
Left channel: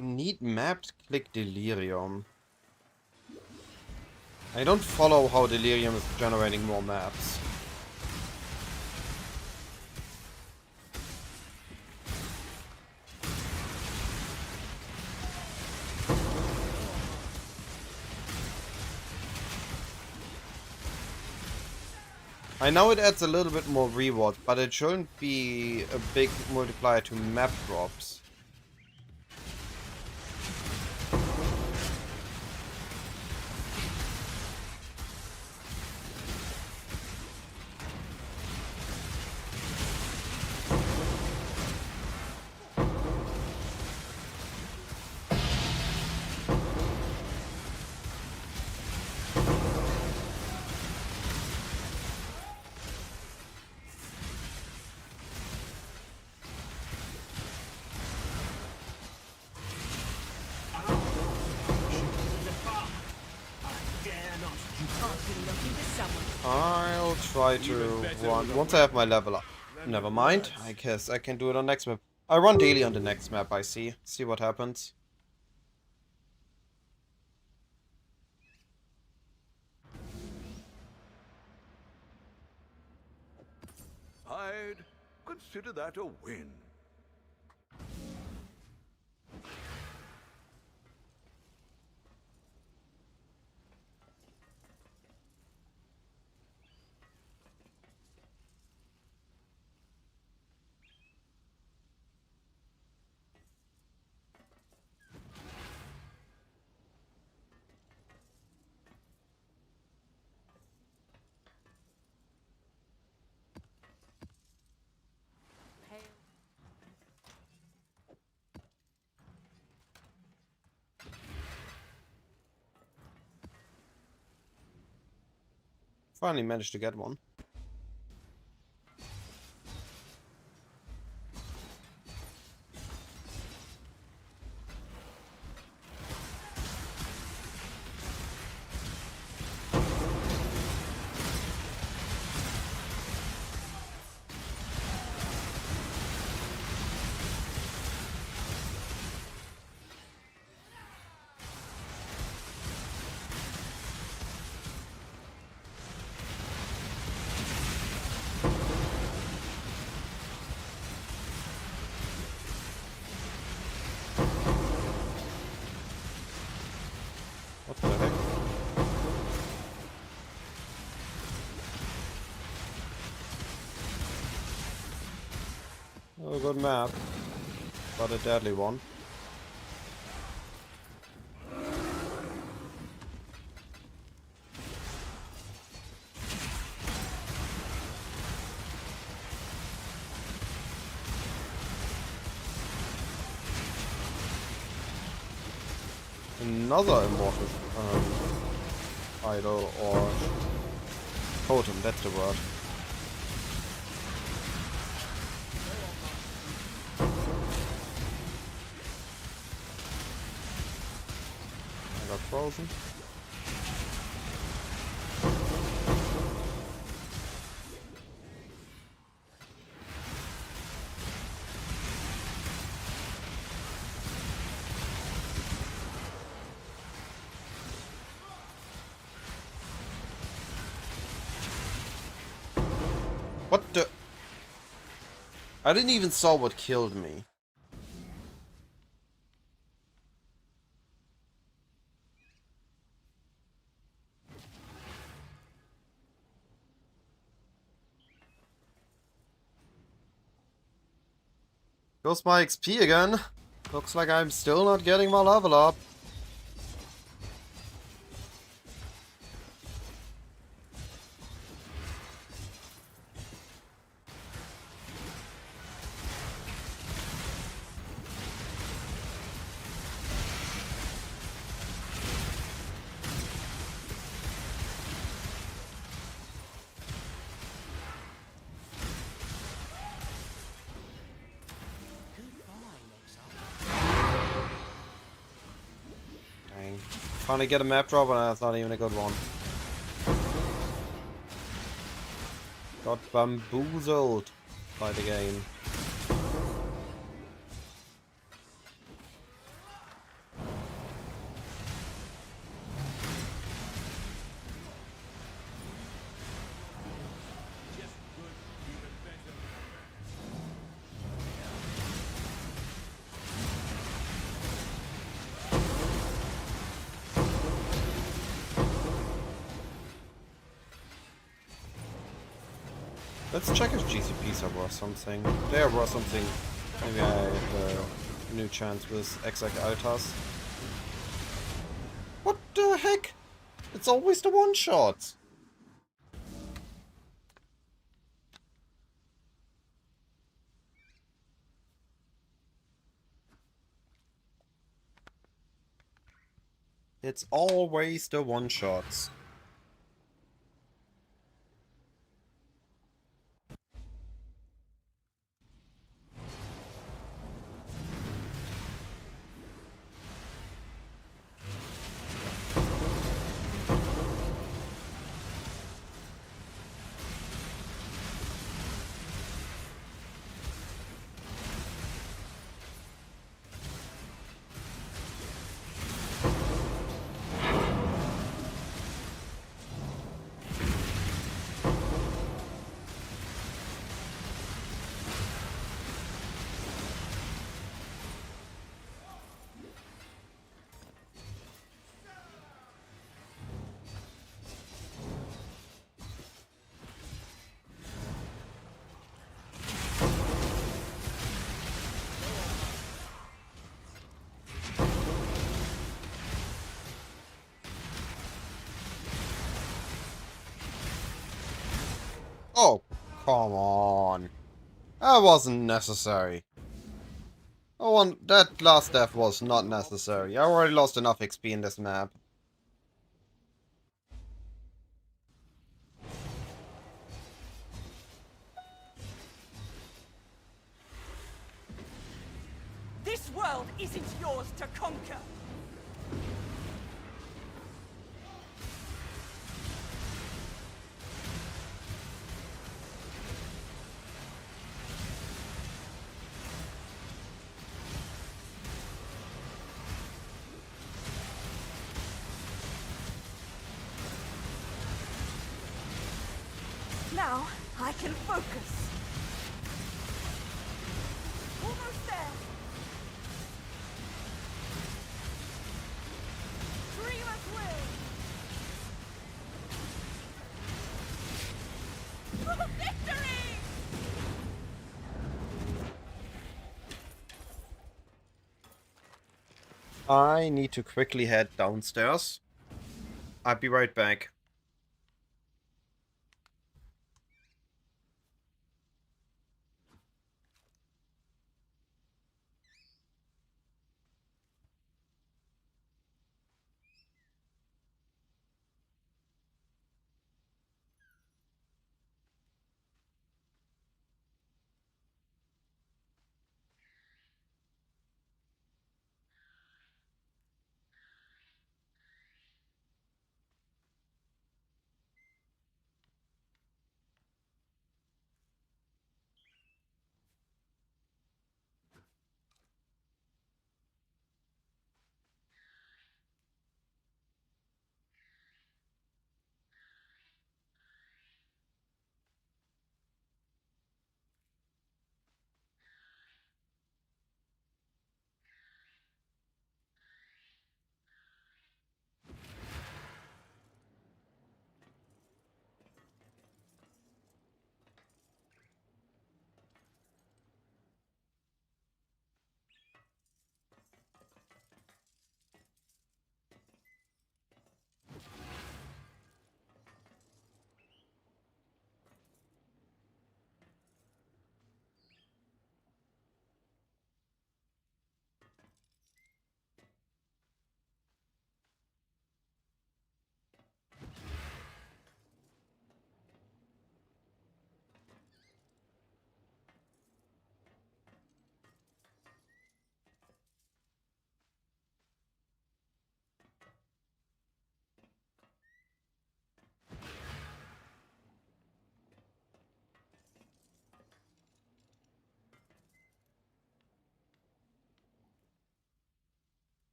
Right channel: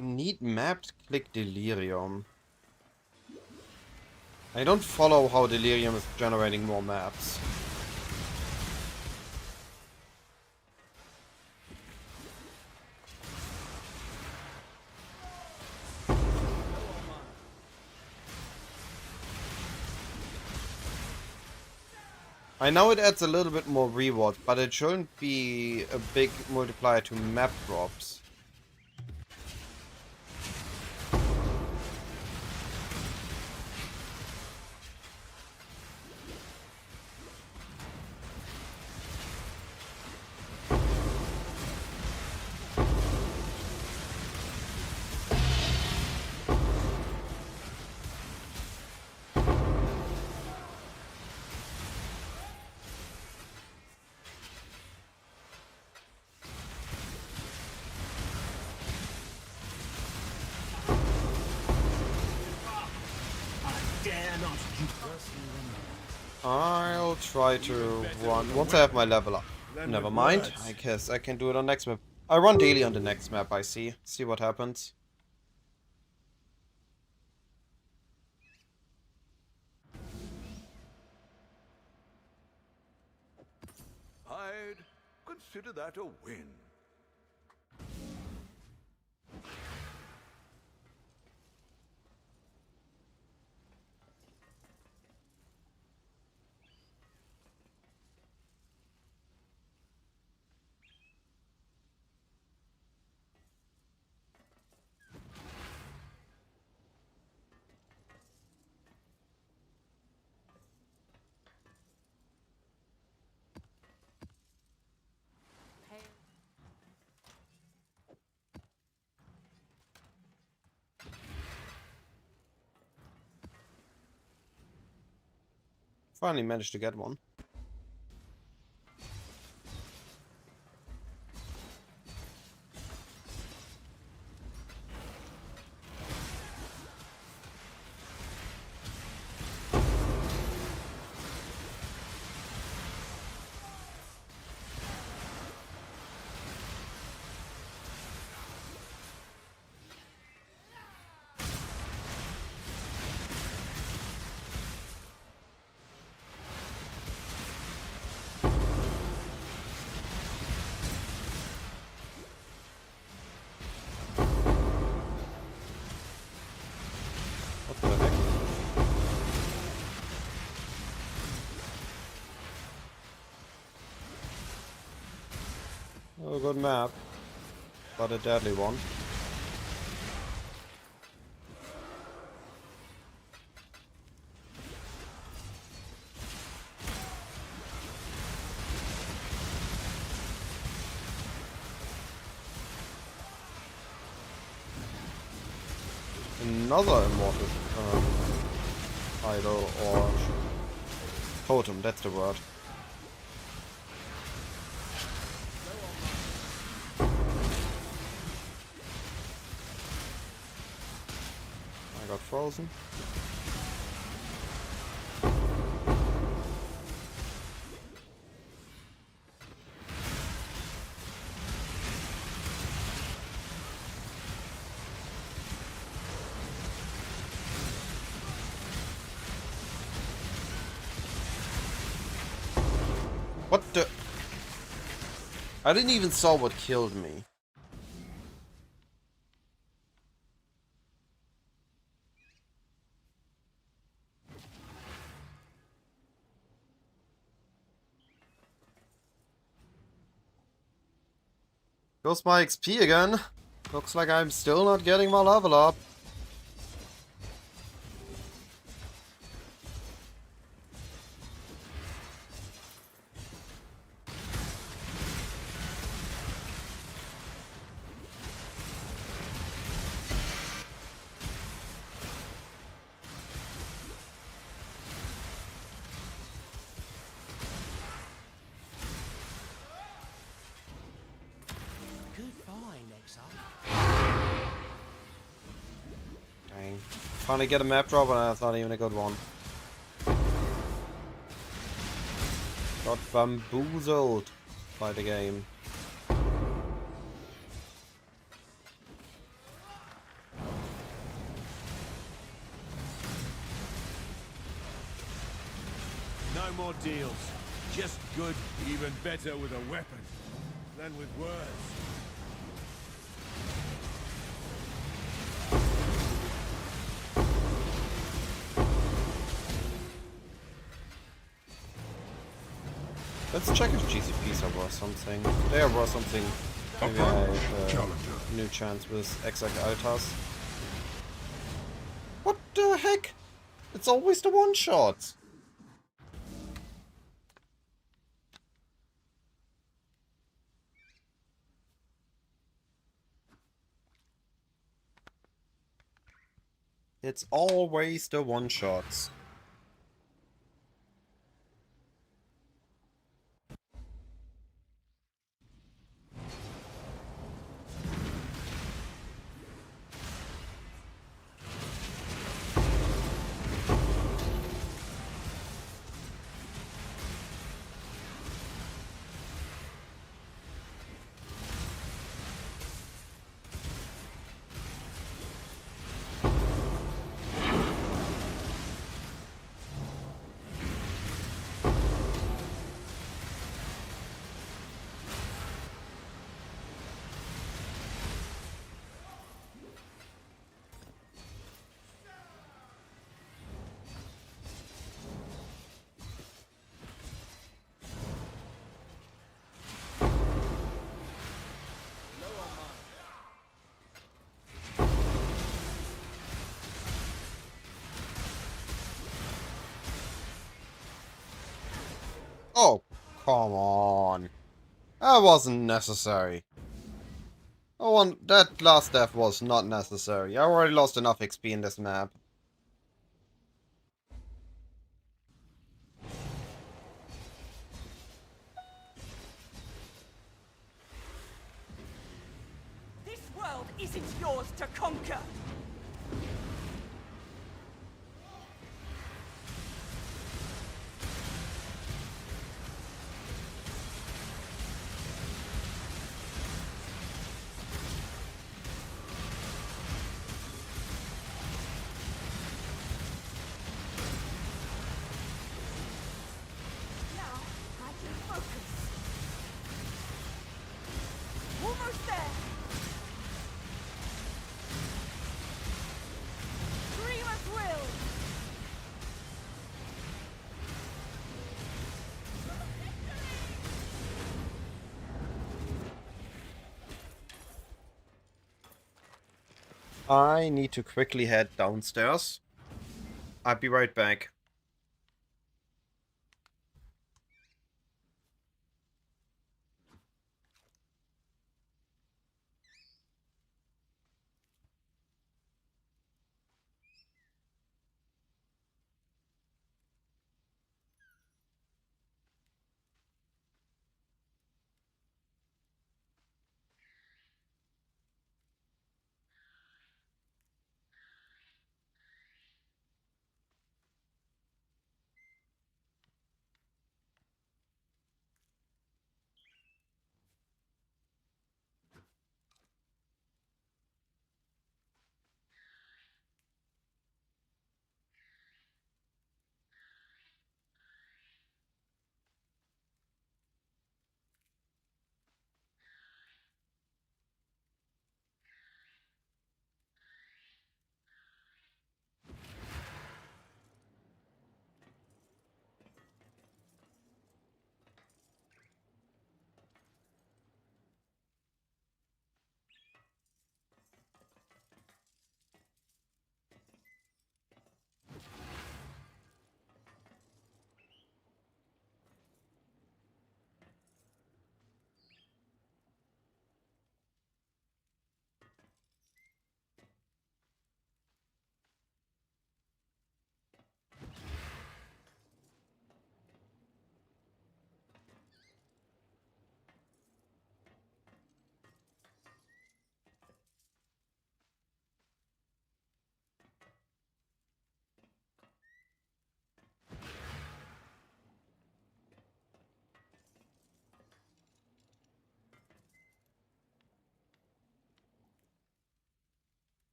Need mapped click Delirium. I don't follow how Delirium is generating more maps. I know it adds a little bit more reward, but it shouldn't be a big multiplier to map drops. I'll try to run once I have my level up. Never mind, I guess I can do it on next map. I run daily on the next map, I see. See what happens. I'd consider that a win. Finally managed to get one. What the heck? Oh, good map. But a deadly one. Another immortal idol or totem, that's the word. I got frozen. What the? I didn't even saw what killed me. Goes my XP again. Looks like I'm still not getting my level up. Dang. Finally get a map drop and that's not even a good one. Got bamboozled by the game. No more deals. Just good, even better with a weapon than with words. Let's check if GCPs are worth something. They are worth something. Maybe I have a new chance with Exarch Altars. What the heck? It's always the one-shots. It's always the one-shots. Oh, come on. That wasn't necessary. Oh, that last death was not necessary. I already lost enough XP in this map. world isn't yours to conquer! Now, I can focus. Almost there. Dream at will. Victory! I need to quickly head downstairs. I'll be right back.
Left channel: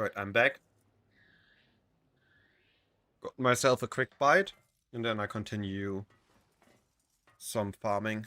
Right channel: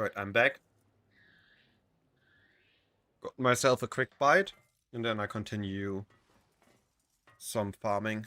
Alright, I'm back. Got myself a quick bite, and then I continue some farming.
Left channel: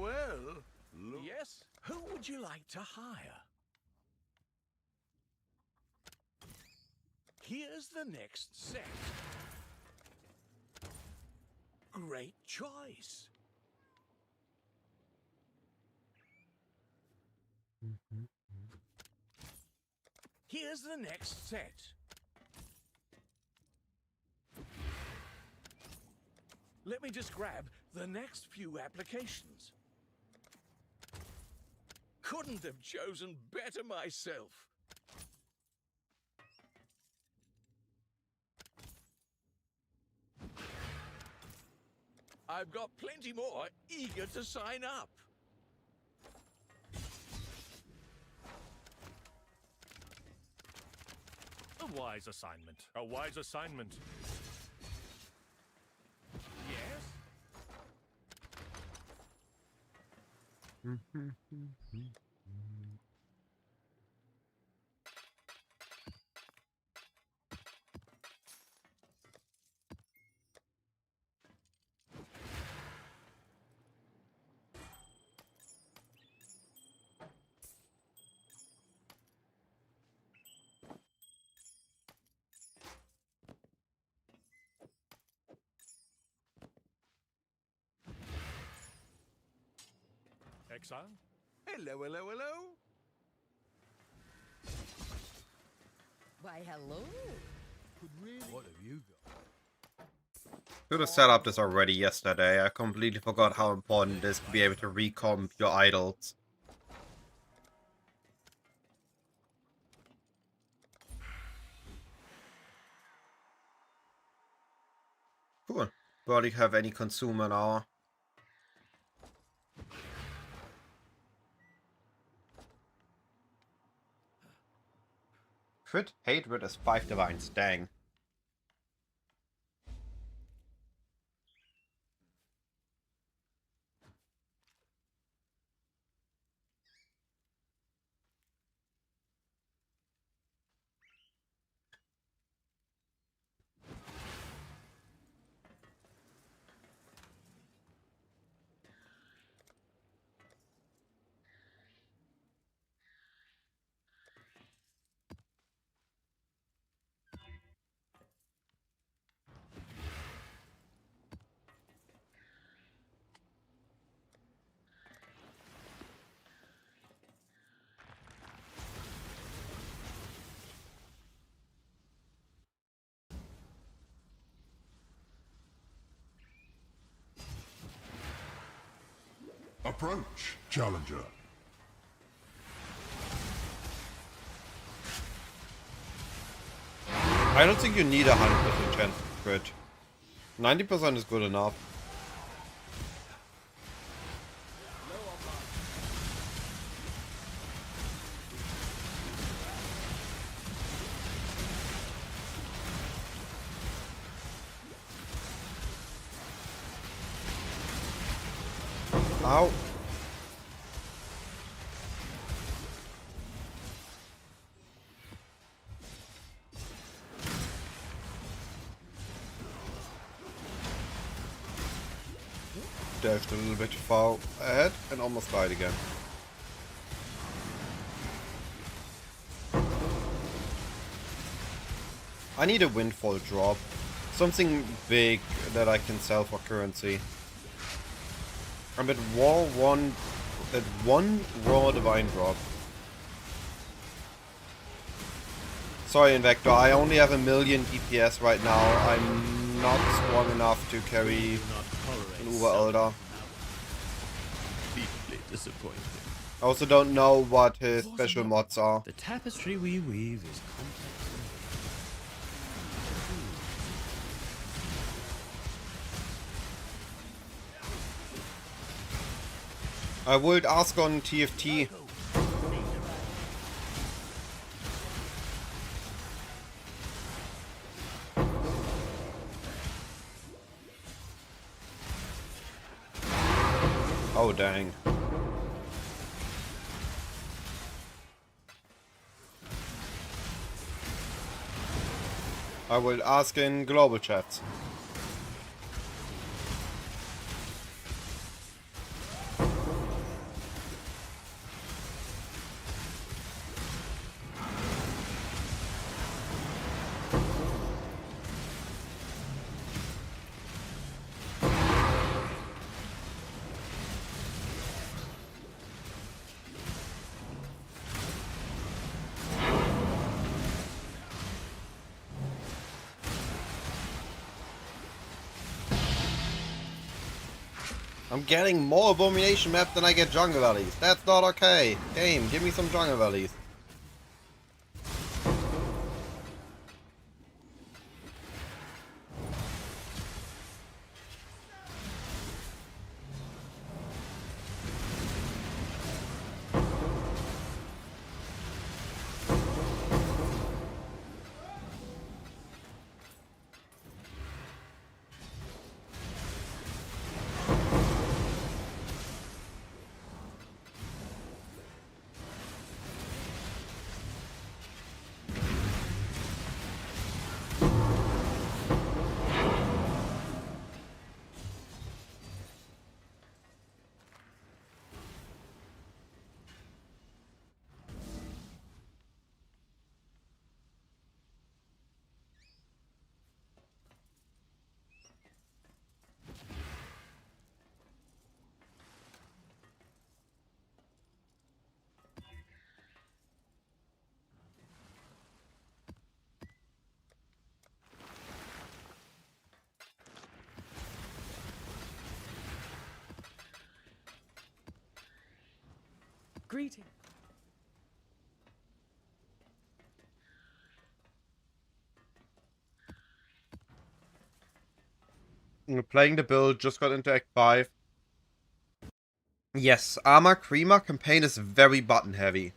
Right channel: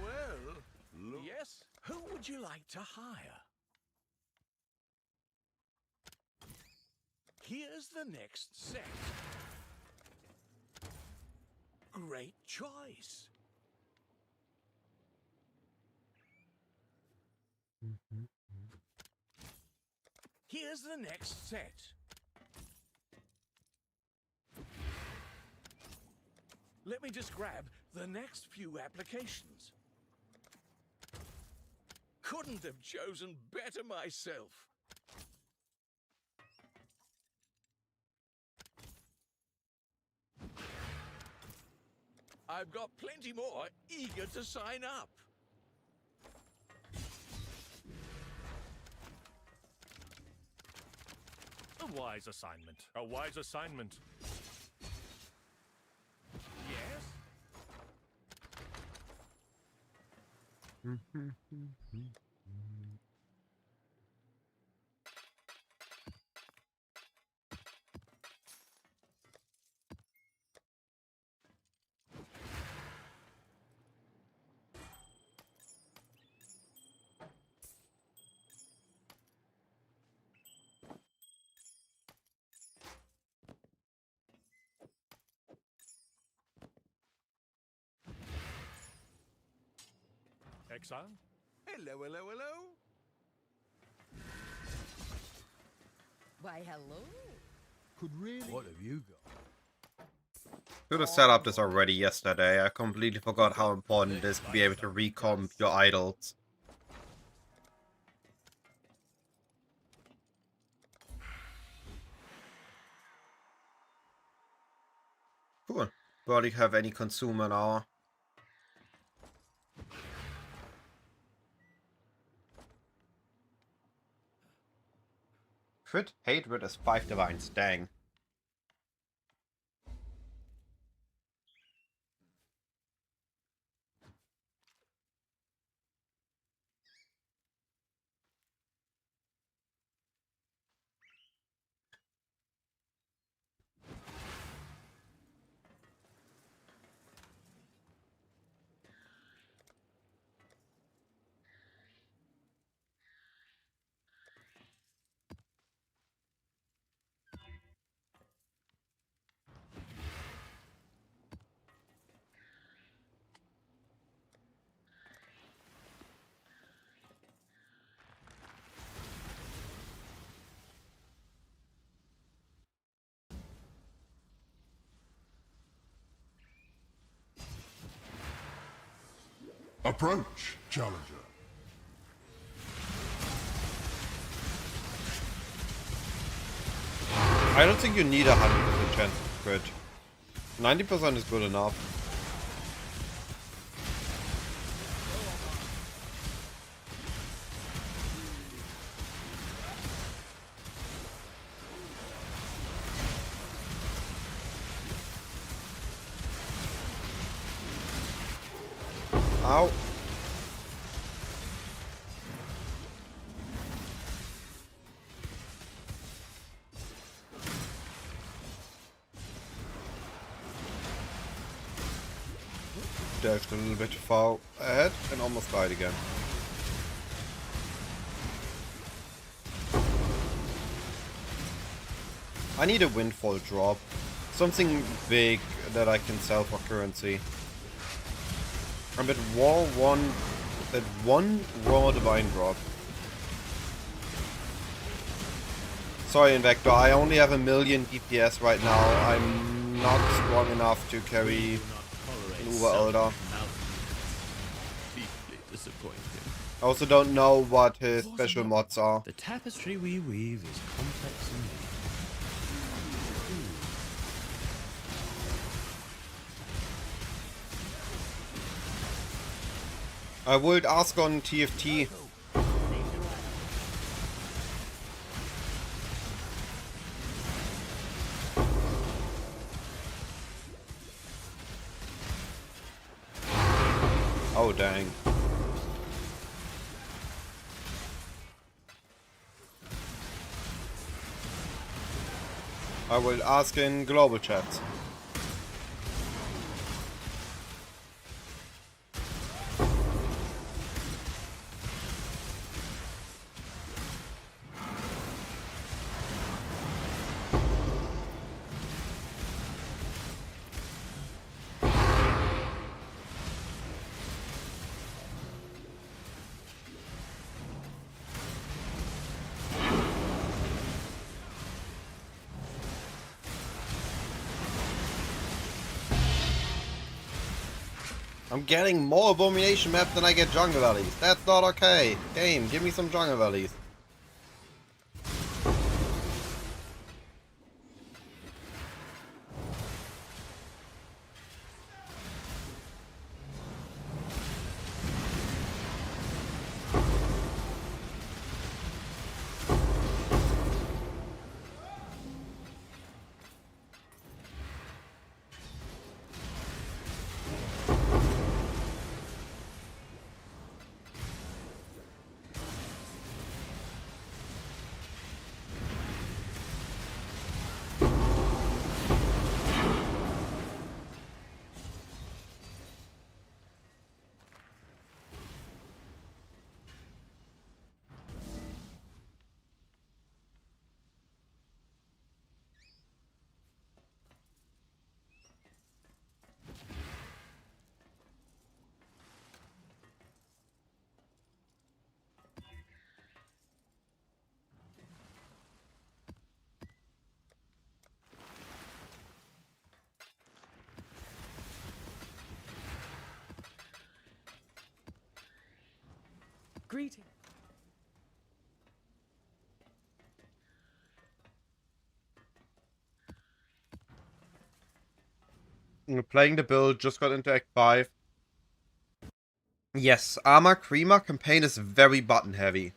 Well, yes? Who would you like to hire? Here's the next set. Great choice. Here's the next set. Let me just grab the next few applications. Couldn't have chosen better myself. I've got plenty more eager to sign up. A wise assignment. A wise assignment. Yes? Exile? Hello, hello, hello. Why, hello. What have you got? Should have set up this already yesterday. I completely forgot how important it is to be able to recomp your idols. Cool. Barely have any consumer now. Crit hatred is 5 divines, dang. Approach, challenger. I don't think you need 100% chance to crit. 90% is good enough. Ow. Dashed a little bit too far ahead and almost died again. I need a windfall drop. Something big that I can sell for currency. I'm at one raw divine drop. Sorry, Invector, I only have 1,000,000 DPS right now. I'm not strong enough to carry an Uber Elder. Deeply disappointing. I also don't know what his special mods are. The tapestry we weave is complex indeed. I would ask on TFT. Oh, dang. I will ask in global chat. I'm getting more Abomination maps than I get Jungle Valleys. That's not okay. Game, give me some Jungle Valleys. Greeting. Playing the build, just got into Act 5. Yes, Armor Creamer campaign is very button heavy.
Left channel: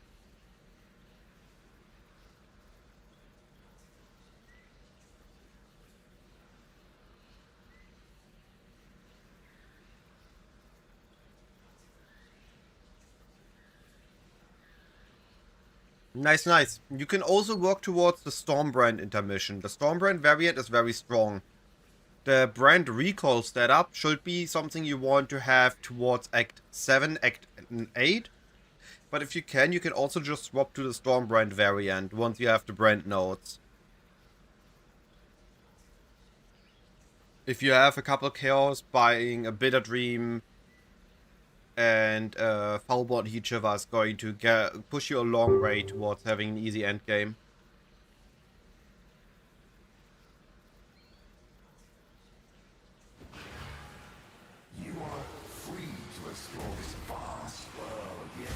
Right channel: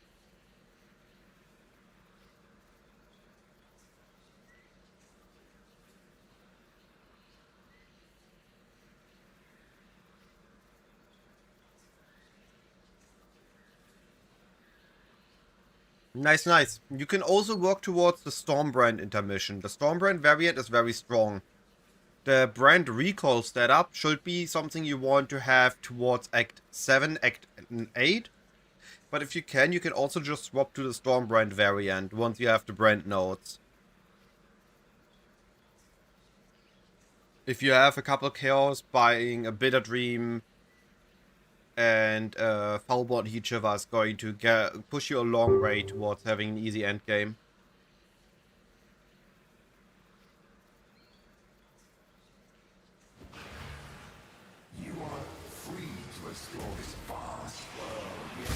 Nice, nice. You can also work towards the Stormbrand intermission. The Stormbrand variant is very strong. The brand recall setup should be something you want to have towards Act 7, Act 8. But if you can also just swap to the Stormbrand variant once you have the brand nodes. If you have a couple of Chaos, buying a Bitter Dream and Foulborn Heat Shiver is going to push you a long way towards having an easy endgame. You are free to explore this vast world, yet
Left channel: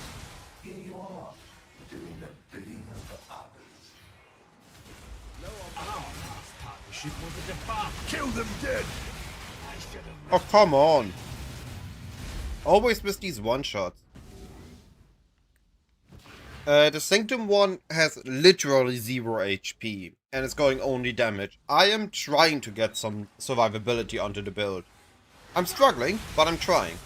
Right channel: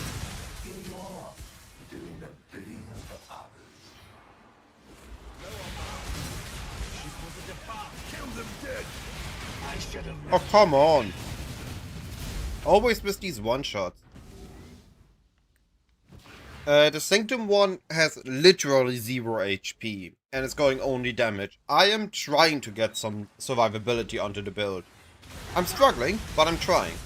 here you are, doing the bidding of others. She was a depart. Kill them dead. I should have. Oh, come on. Always miss these one-shots. The Sanctum one has literally 0 HP, and it's going only damage. I am trying to get some survivability onto the build. I'm struggling, but I'm trying.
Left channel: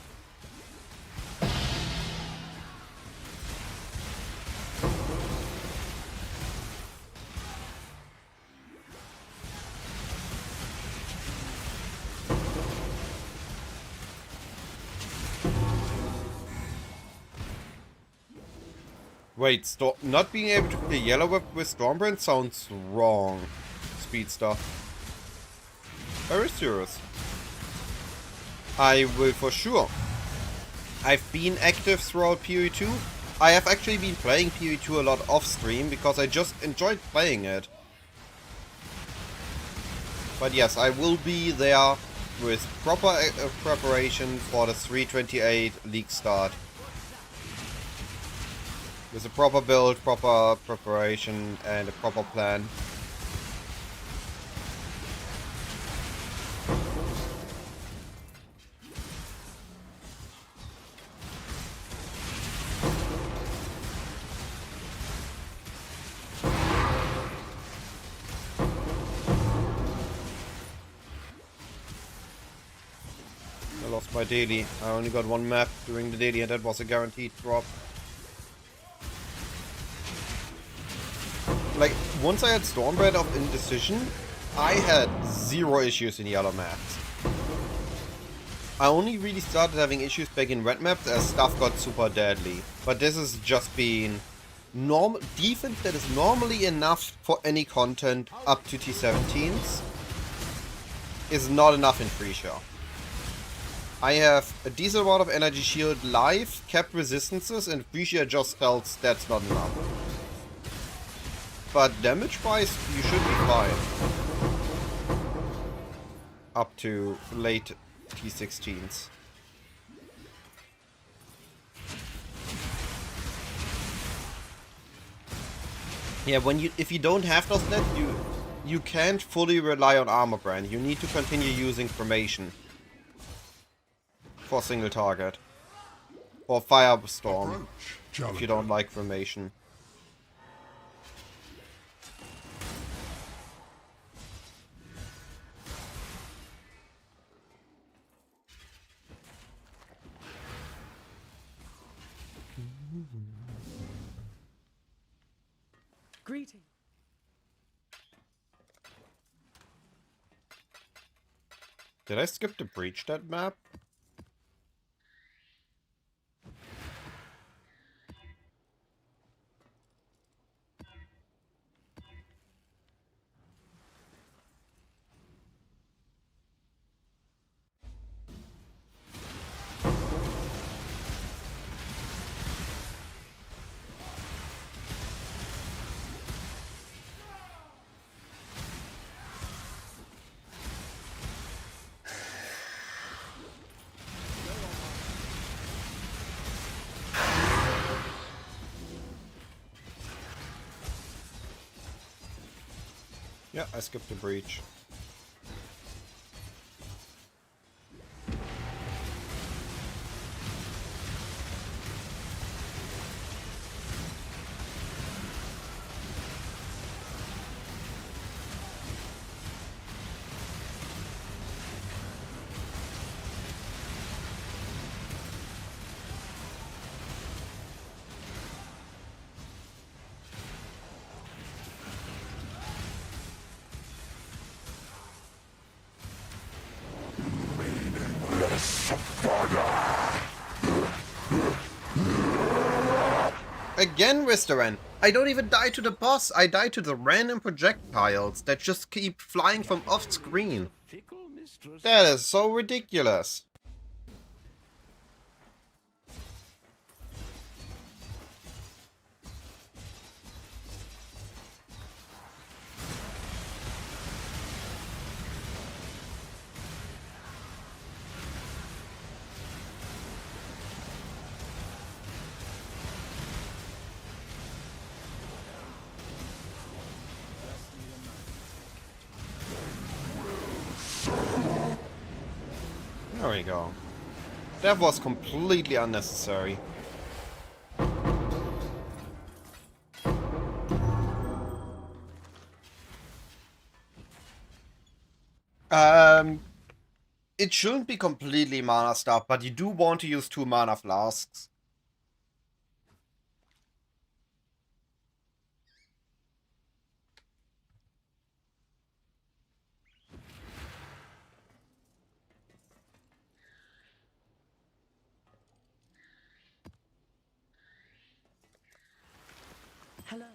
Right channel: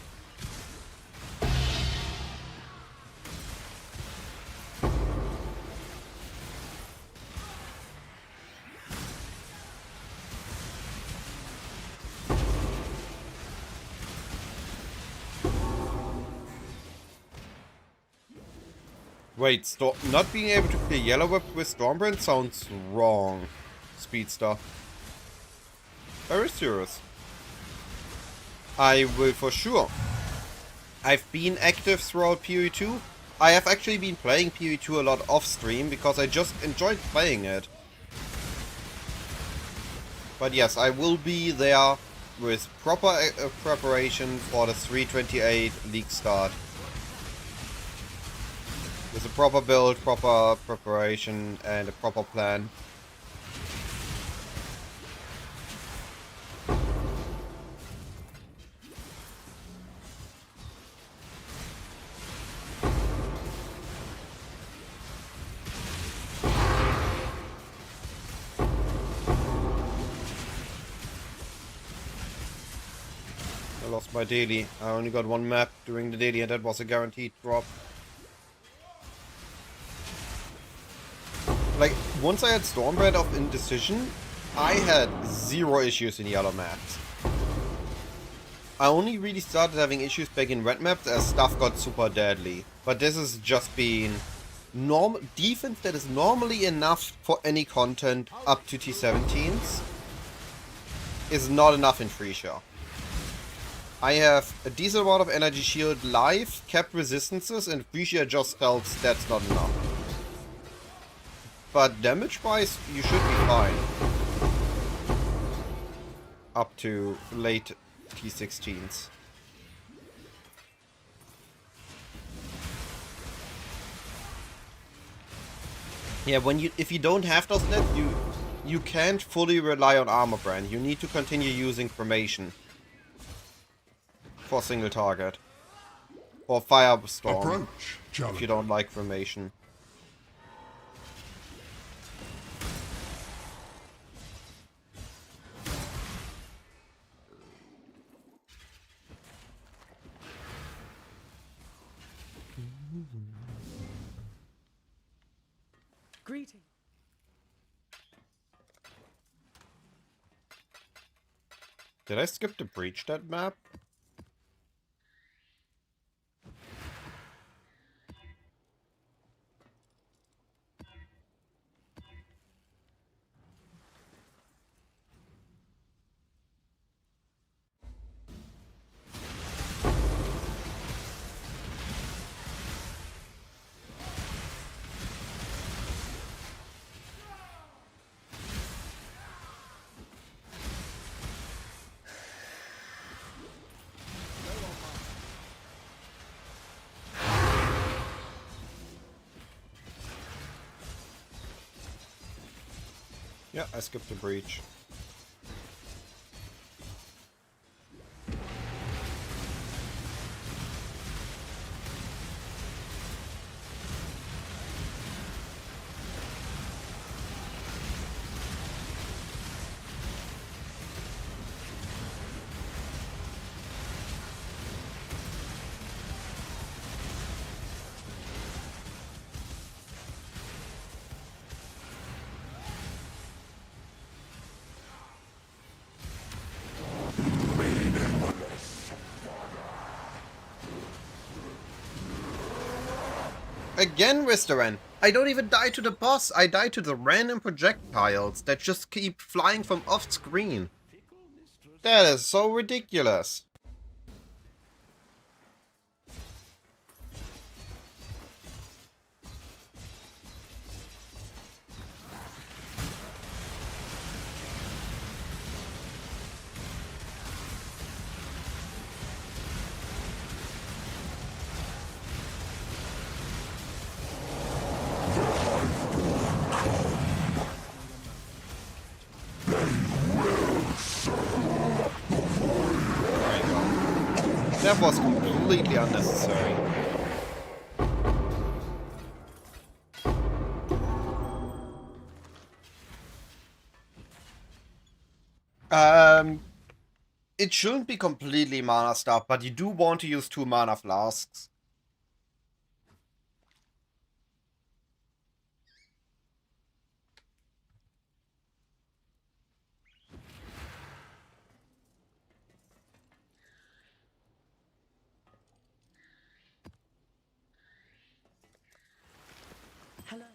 Wait, not being able to clear Yellow Whip with Stormbrand sounds wrong. Speed stuff. Very serious. I will for sure. I've been active throughout PoE 2. I have actually been playing PoE 2 a lot off stream because I just enjoyed playing it. But yes, I will be there with proper preparation for the 328 league start. With a proper build, proper preparation, and a proper plan. by daily. I only got one map during the daily and that was a guaranteed drop. Like, once I had Stormbred of Indecision, I had 0 issues in yellow maps. I only really started having issues back in red maps as stuff got super deadly. But this has just been normal defense that is normally enough for any content up to T17s is not enough in Phrecia. I have a decent amount of energy shield live, capped resistances, and Phrecia just tells that's not enough. But damage-wise, you should be fine. Up to late T16s. Yeah, if you don't have those nets, you can't fully rely on Armor Brand. You need to continue using Formation for single target. Or Firestorm if you don't like Formation. Greeting. Did I skip the breach that map? Yeah, I skipped the breach. Again, Risteran! I don't even die to the boss, I die to the random projectiles that just keep flying from off screen. That is so ridiculous. There you go. That was completely unnecessary. It shouldn't be completely mana stuff, but you do want to use 2 mana flasks. Hello.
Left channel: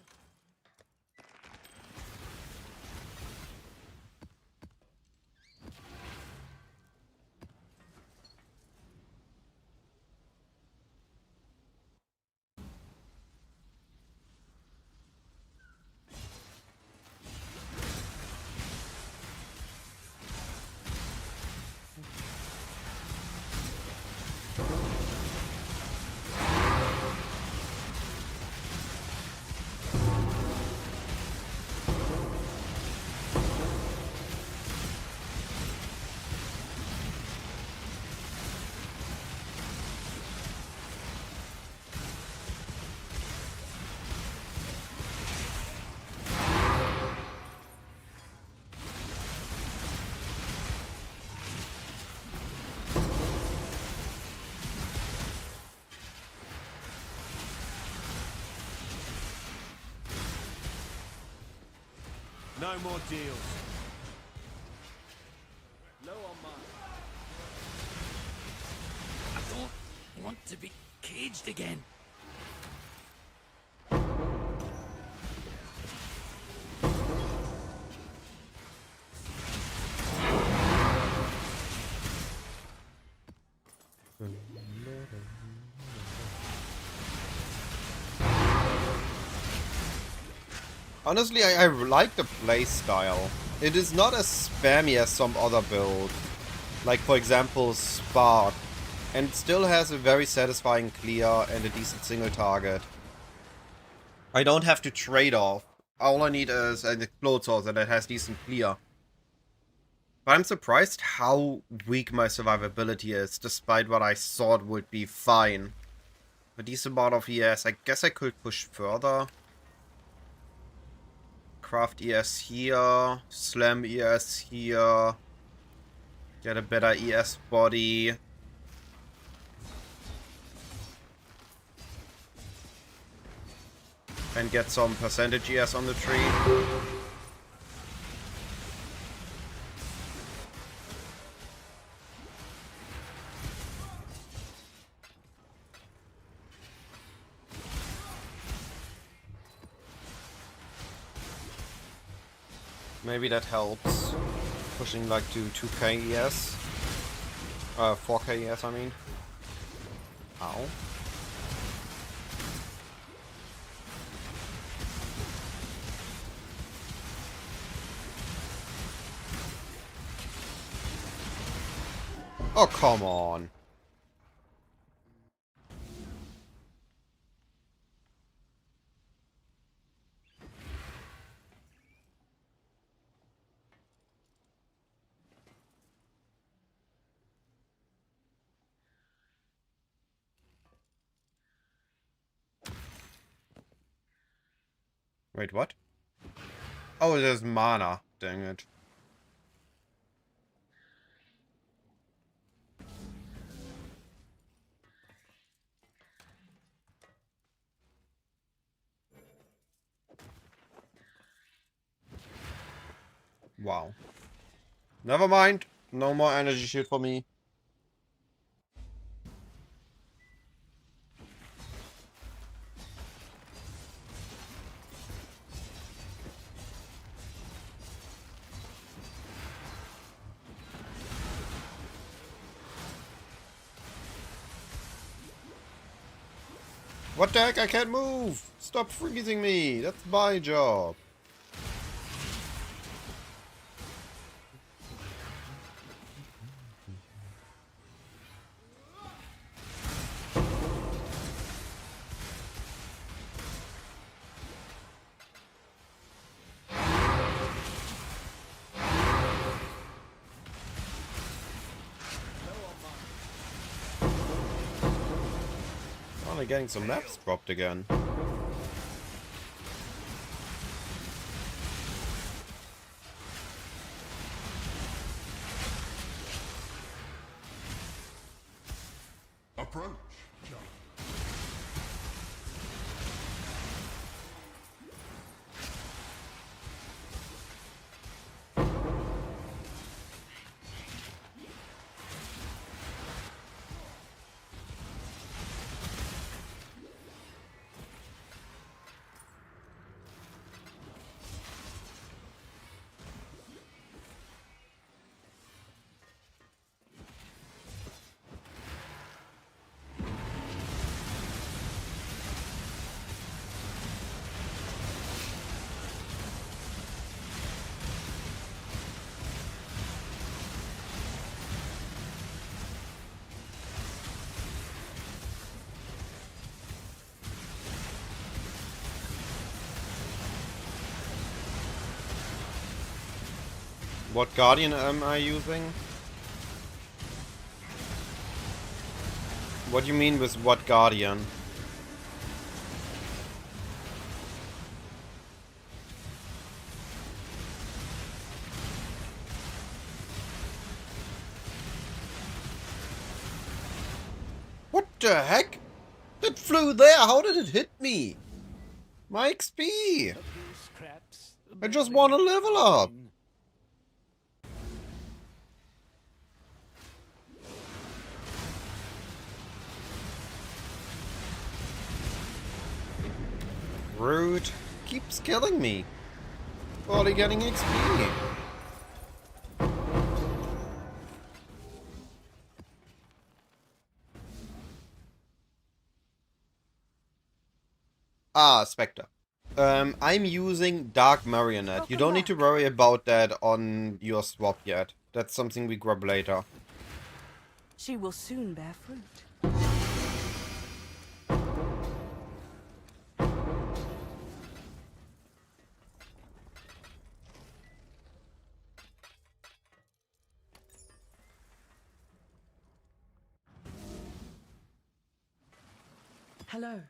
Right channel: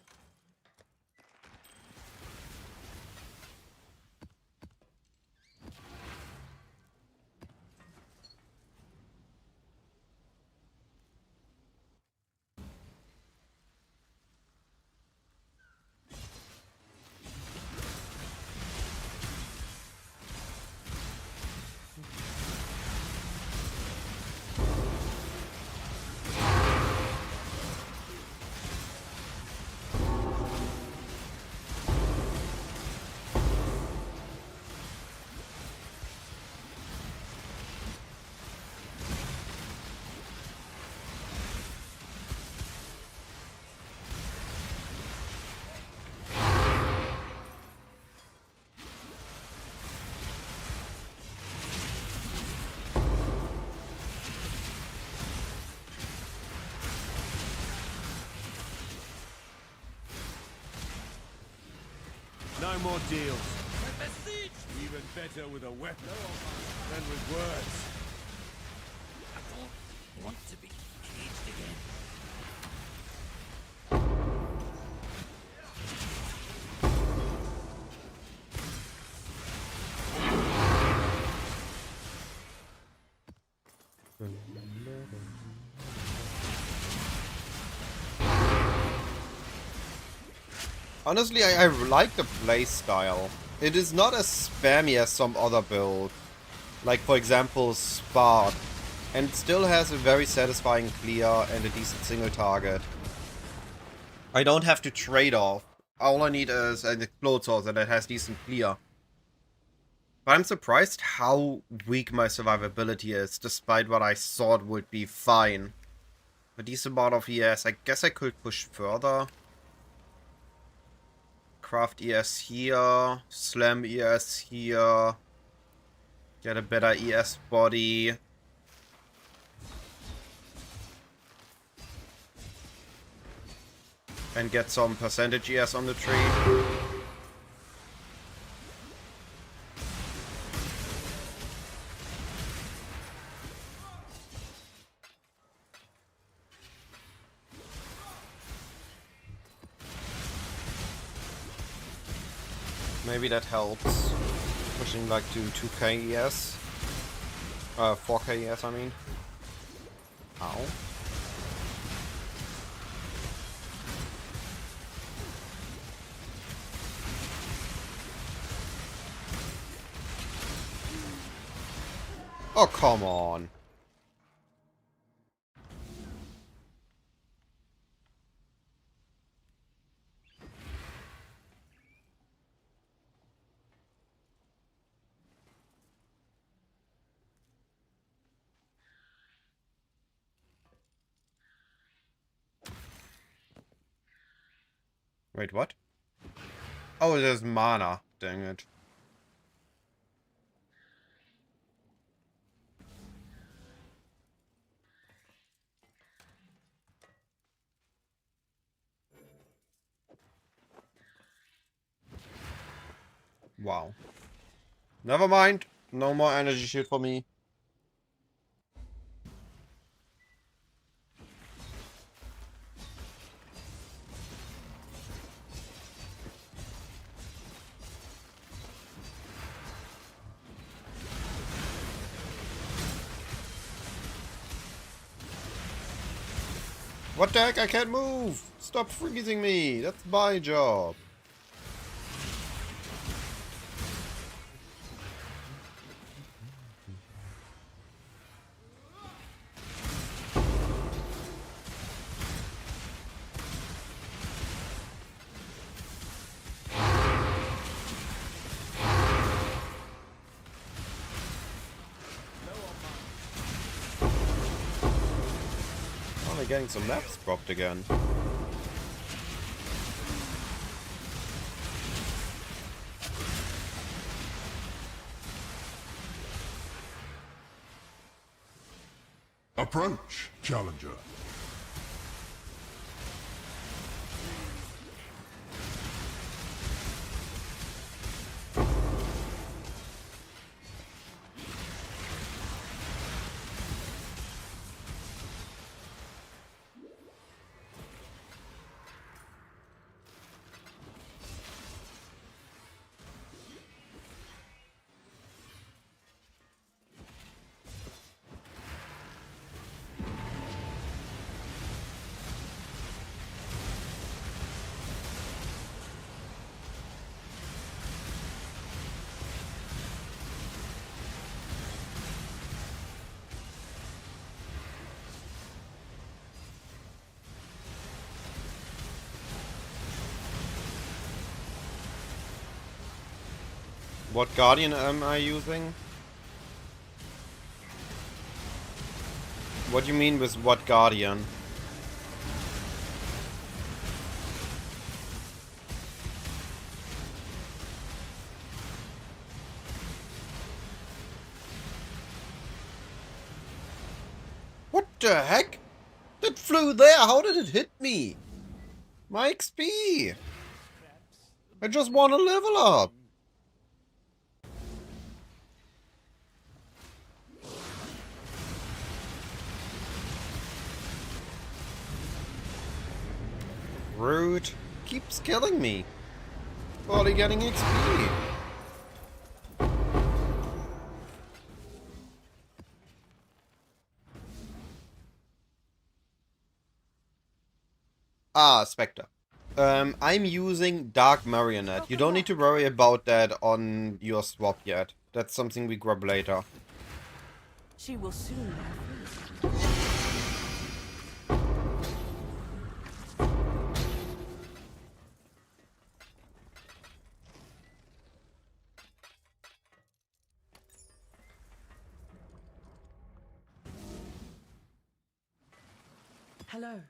No more deals. Even better with a weapon than with words. I don't want to be caged again. Honestly, I like the playstyle. It is not as spammy as some other builds. Like, for example, Spark. And it still has a very satisfying clear and a decent single target. I don't have to trade off. All I need is an explode source and it has decent clear. But I'm surprised how weak my survivability is, despite what I thought would be fine. A decent amount of ES. I guess I could push further. Craft ES here. Slam ES here. Get a better ES body. And get some percentage ES on the tree. Maybe that helps. Pushing like to 2k ES. 4k ES, I mean. Ow. Oh, come on. Wait, what? Oh, there's mana. Dang it. Wow. Never mind. No more energy shield for me. What the heck? I can't move! Stop freezing me! That's my job. Finally getting some maps dropped again. Approach, challenger. What Guardian am I using? What do you mean with what Guardian? What the heck? That flew there! How did it hit me? My XP! Scraps, I just want to level up. Rude. Keeps killing me. Only getting XP. Ah, Spectre. I'm using Dark Marionette. You don't need to worry about that on your swap yet. That's something we grab later. She will soon bear fruit. Hello.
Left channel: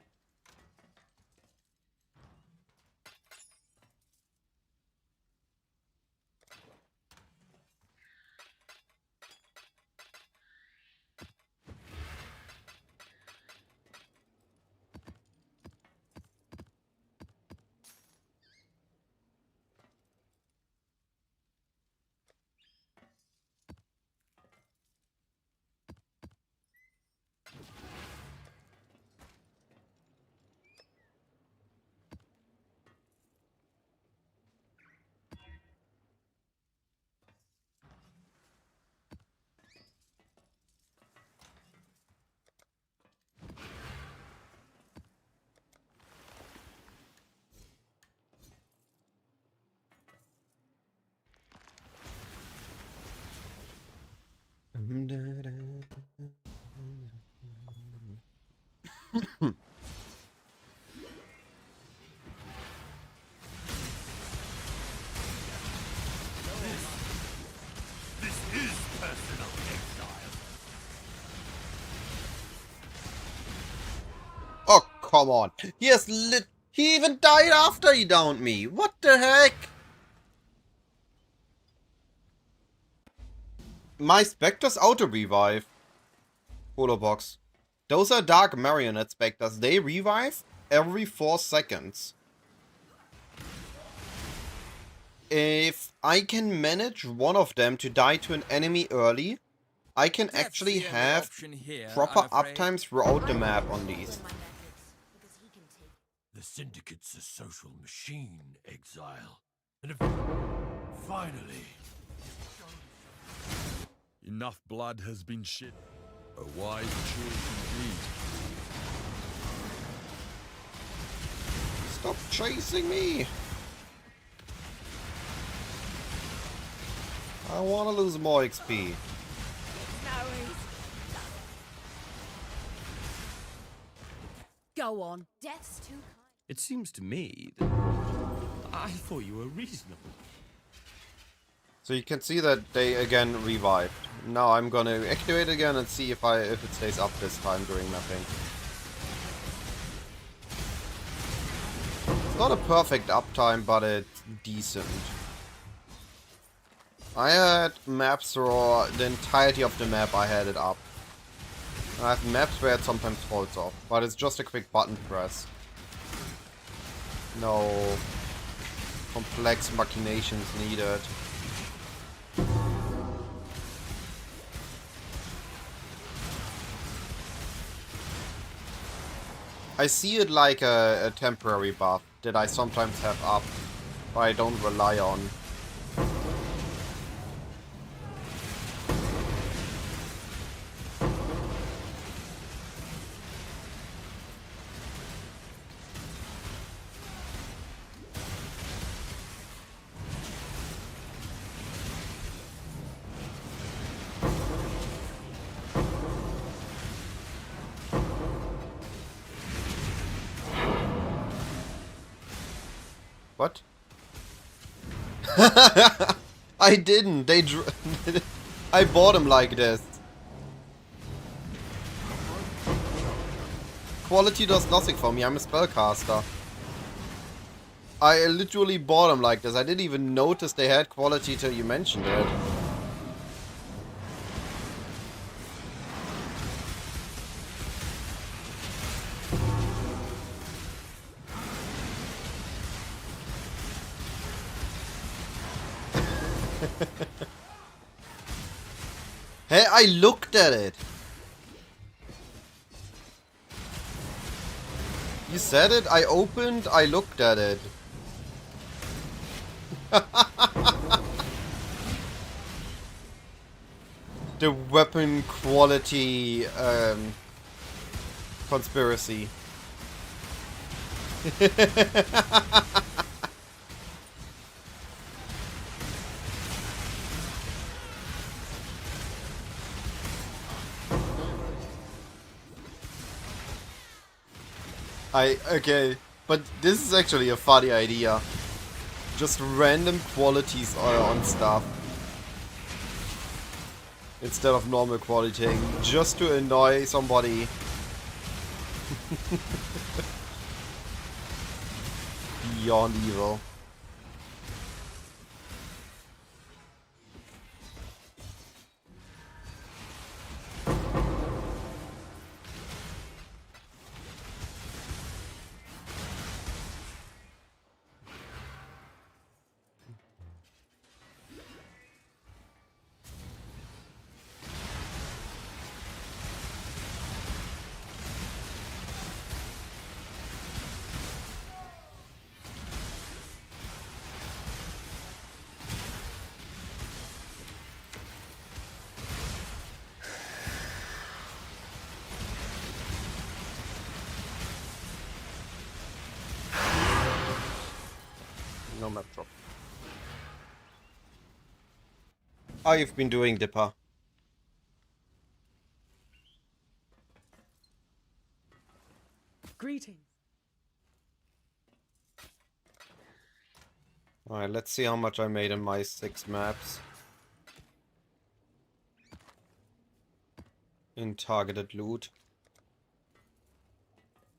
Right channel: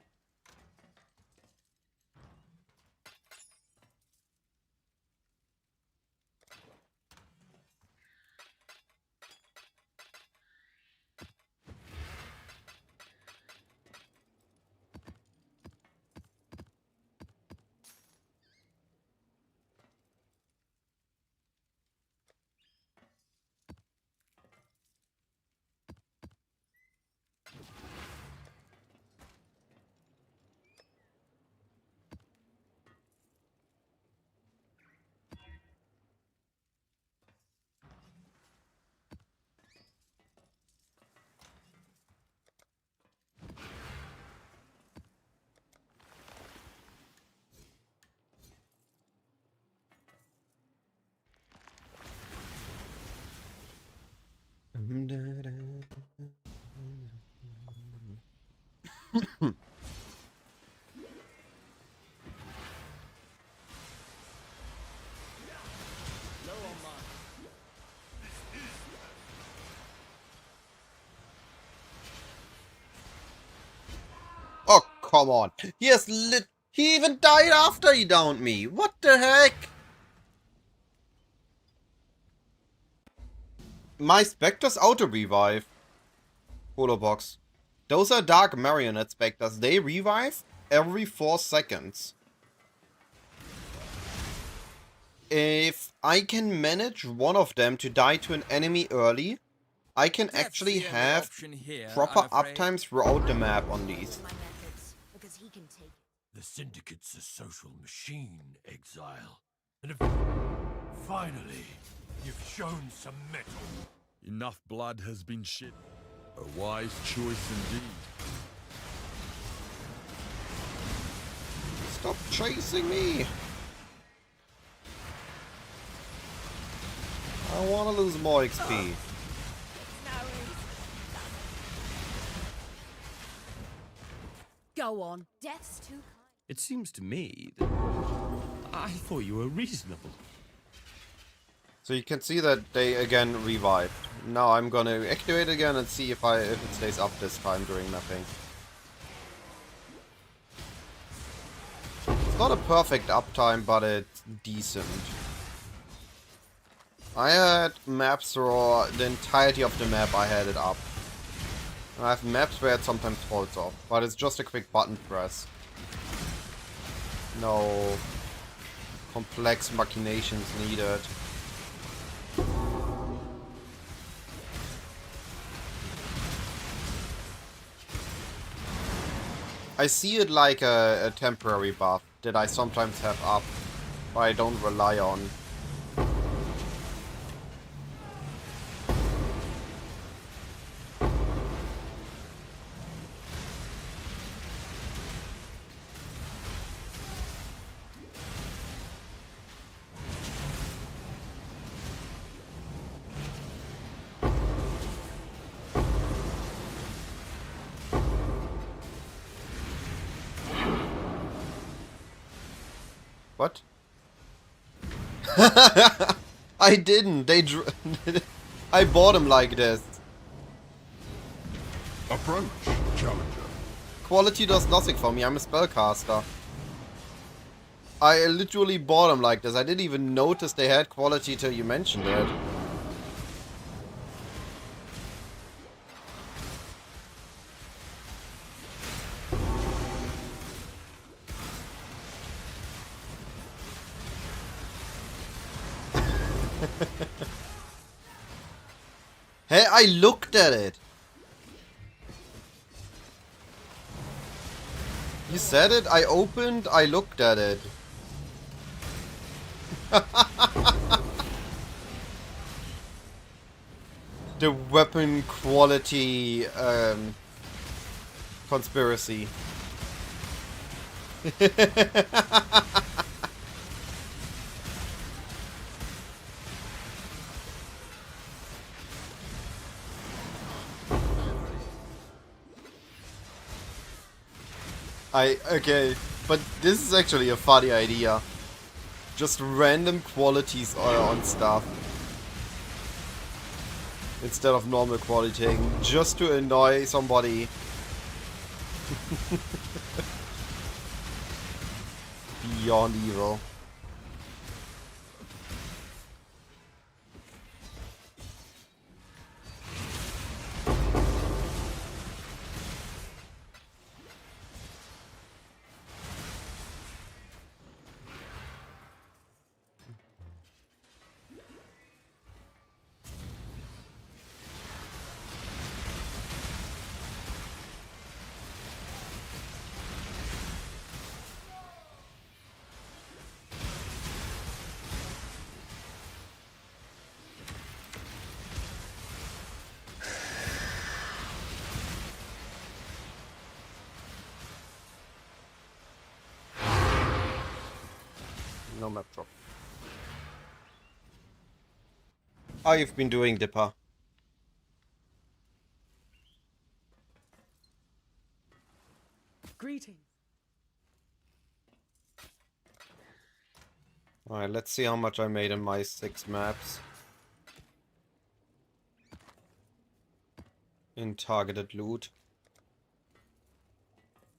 Oh, come on. He even died after he downed me. What the heck? My Spectres auto-revive. Holo box. Those are Dark Marionette Spectres. They revive every 4 seconds. If I can manage one of them to die to an enemy early, I can actually have proper uptime throughout the map on these. The Syndicate's a social machine, Exile. And finally, you've shown some merit. Enough blood has been shed. A wise choice indeed. Stop chasing me! I want to lose more XP. Go on. Death's too kind. It seems to me that, well, I thought you were reasonable. So you can see that they again revived. Now I'm gonna activate again and see if it stays up this time during mapping. It's not a perfect uptime, but it's decent. I had maps for the entirety of the map I had it up. I have maps where it sometimes falls off, but it's just a quick button press. No complex machinations needed. I see it like a temporary buff that I sometimes have up, but I don't rely on. What? I didn't. I bought him like this. Approach, challenger. Quality does nothing for me. I'm a spellcaster. I literally bought him like this. I didn't even notice they had quality till you mentioned it. Hey, I looked at it. You said it, I opened, I looked at it. The weapon quality conspiracy. Okay, but this is actually a funny idea. Just random qualities on stuff. Instead of normal quality, just to annoy somebody. Beyond evil. No map drop. I've been doing Dipper. Greetings. Alright, let's see how much I made in my 6 maps. In targeted loot.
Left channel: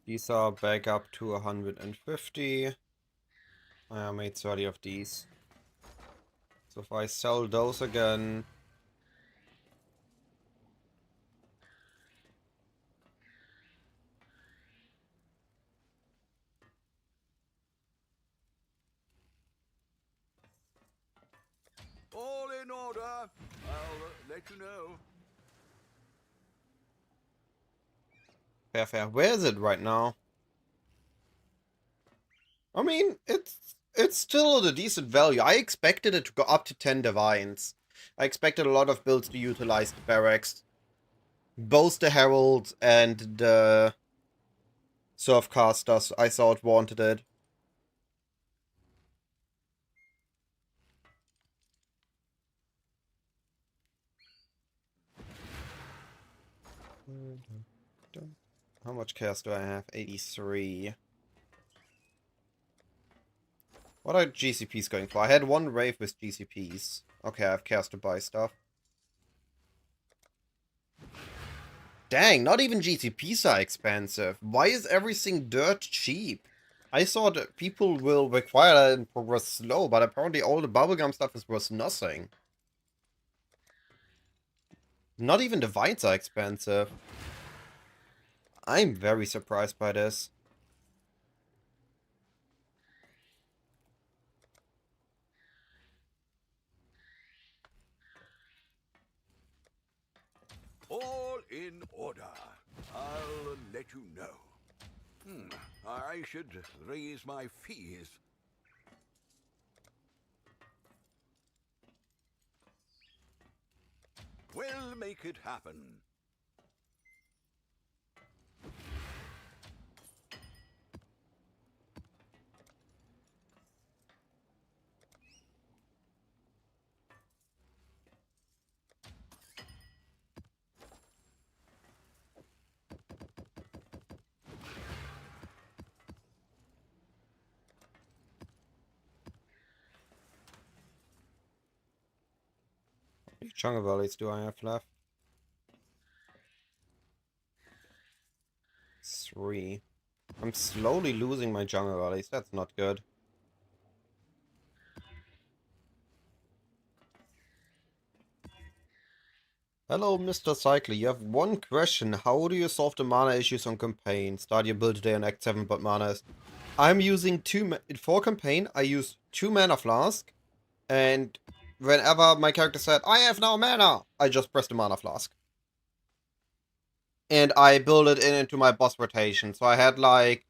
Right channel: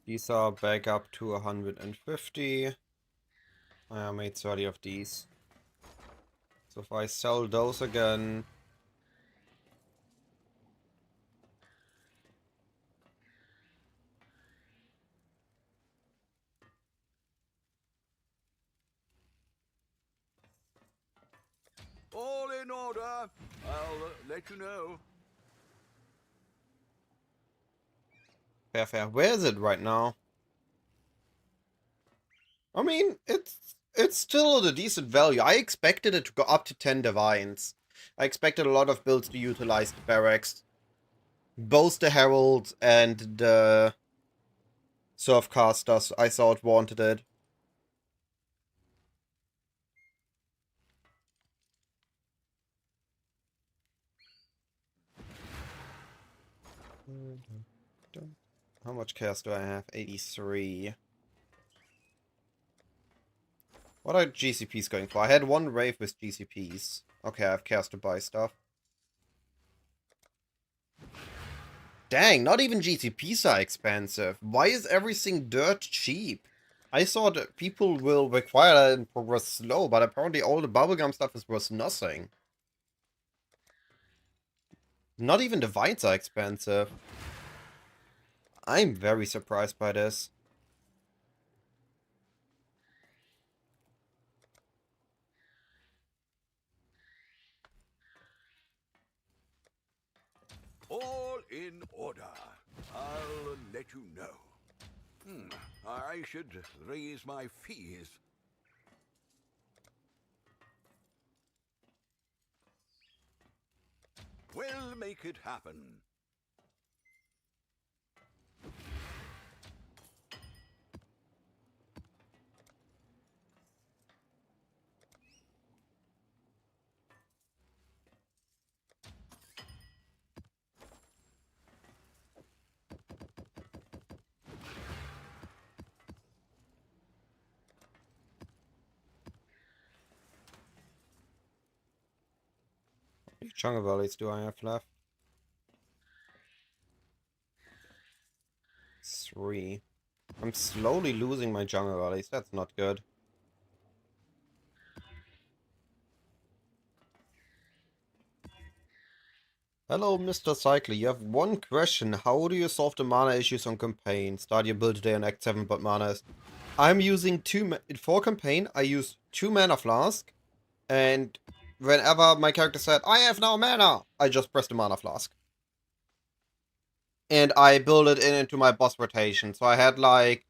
These are back up to 150. I made 30 of these. So if I sell those again... All in order. I'll let you know. Fair. Where is it right now? I mean, it's still at a decent value. I expected it to go up to 10 divines. I expected a lot of builds to utilize the barracks. Both the heralds and the surfcasters I thought wanted it. How much chaos do I have? 83. What are GCPs going for? I had one rave with GCPs. Okay, I have chaos to buy stuff. Dang, not even GCPs are expensive. Why is everything dirt cheap? I thought people will require that and progress slow, but apparently all the bubblegum stuff is worth nothing. Not even the vines are expensive. I'm very surprised by this. All in order. I'll let you know. I should raise my fees. We'll make it happen. How many jungle valleys do I have left? 3. I'm slowly losing my jungle valleys. That's not good. Hello, Mr. Cycler. You have one question. How do you solve the mana issues on campaign? Start your build today on Act 7, but mana is... I'm using for campaign, I use 2 mana flask, and whenever my character said, I have no mana, I just pressed the mana flask. And I built it into my boss rotation. So I had like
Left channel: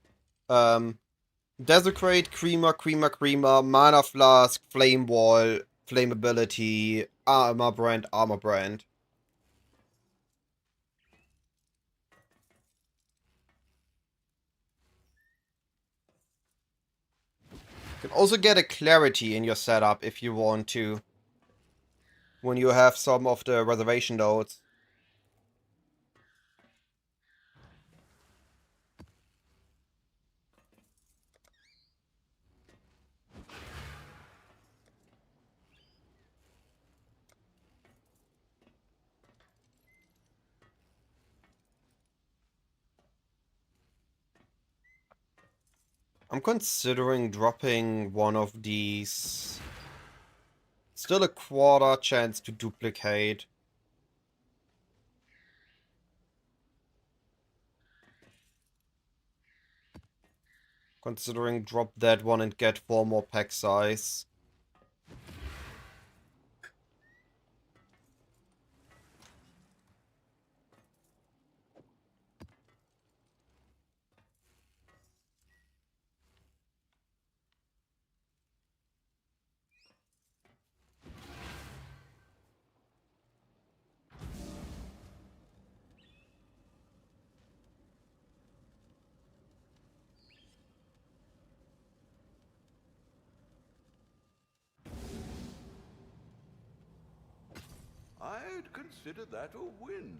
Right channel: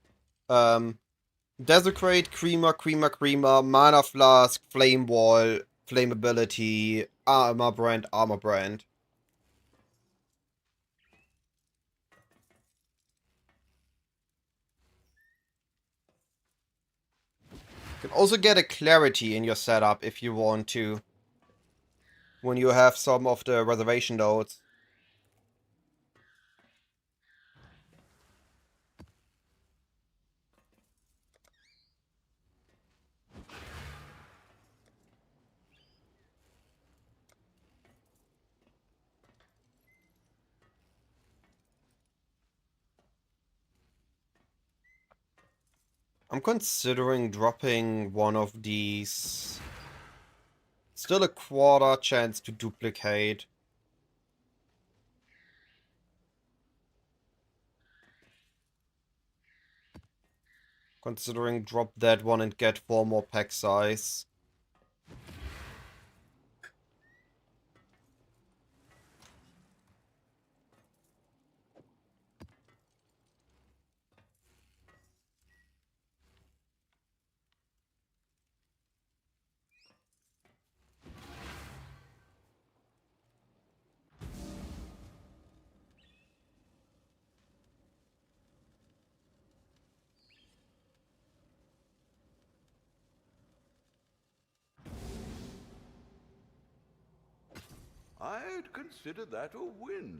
Desecrate, Creamer, Mana Flask, Flame Wall, Flammability, Armor Brand. You can also get a Clarity in your setup if you want to, when you have some of the reservation nodes. I'm considering dropping one of these. Still a quarter chance to duplicate. Considering drop that one and get 4 more pack size. I'd consider that a win.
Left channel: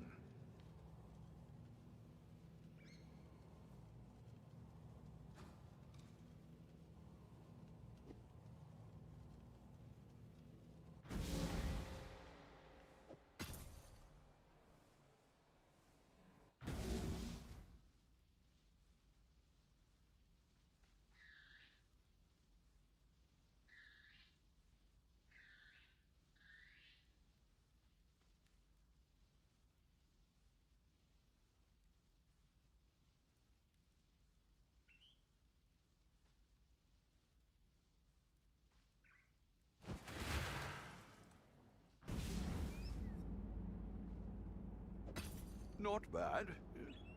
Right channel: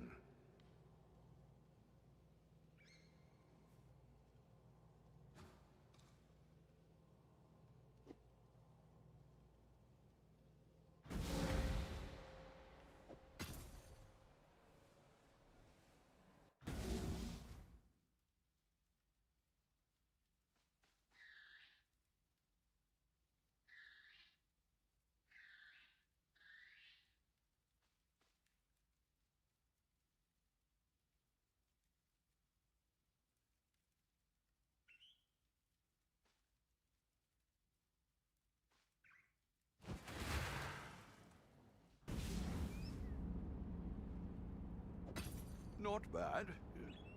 Not bad.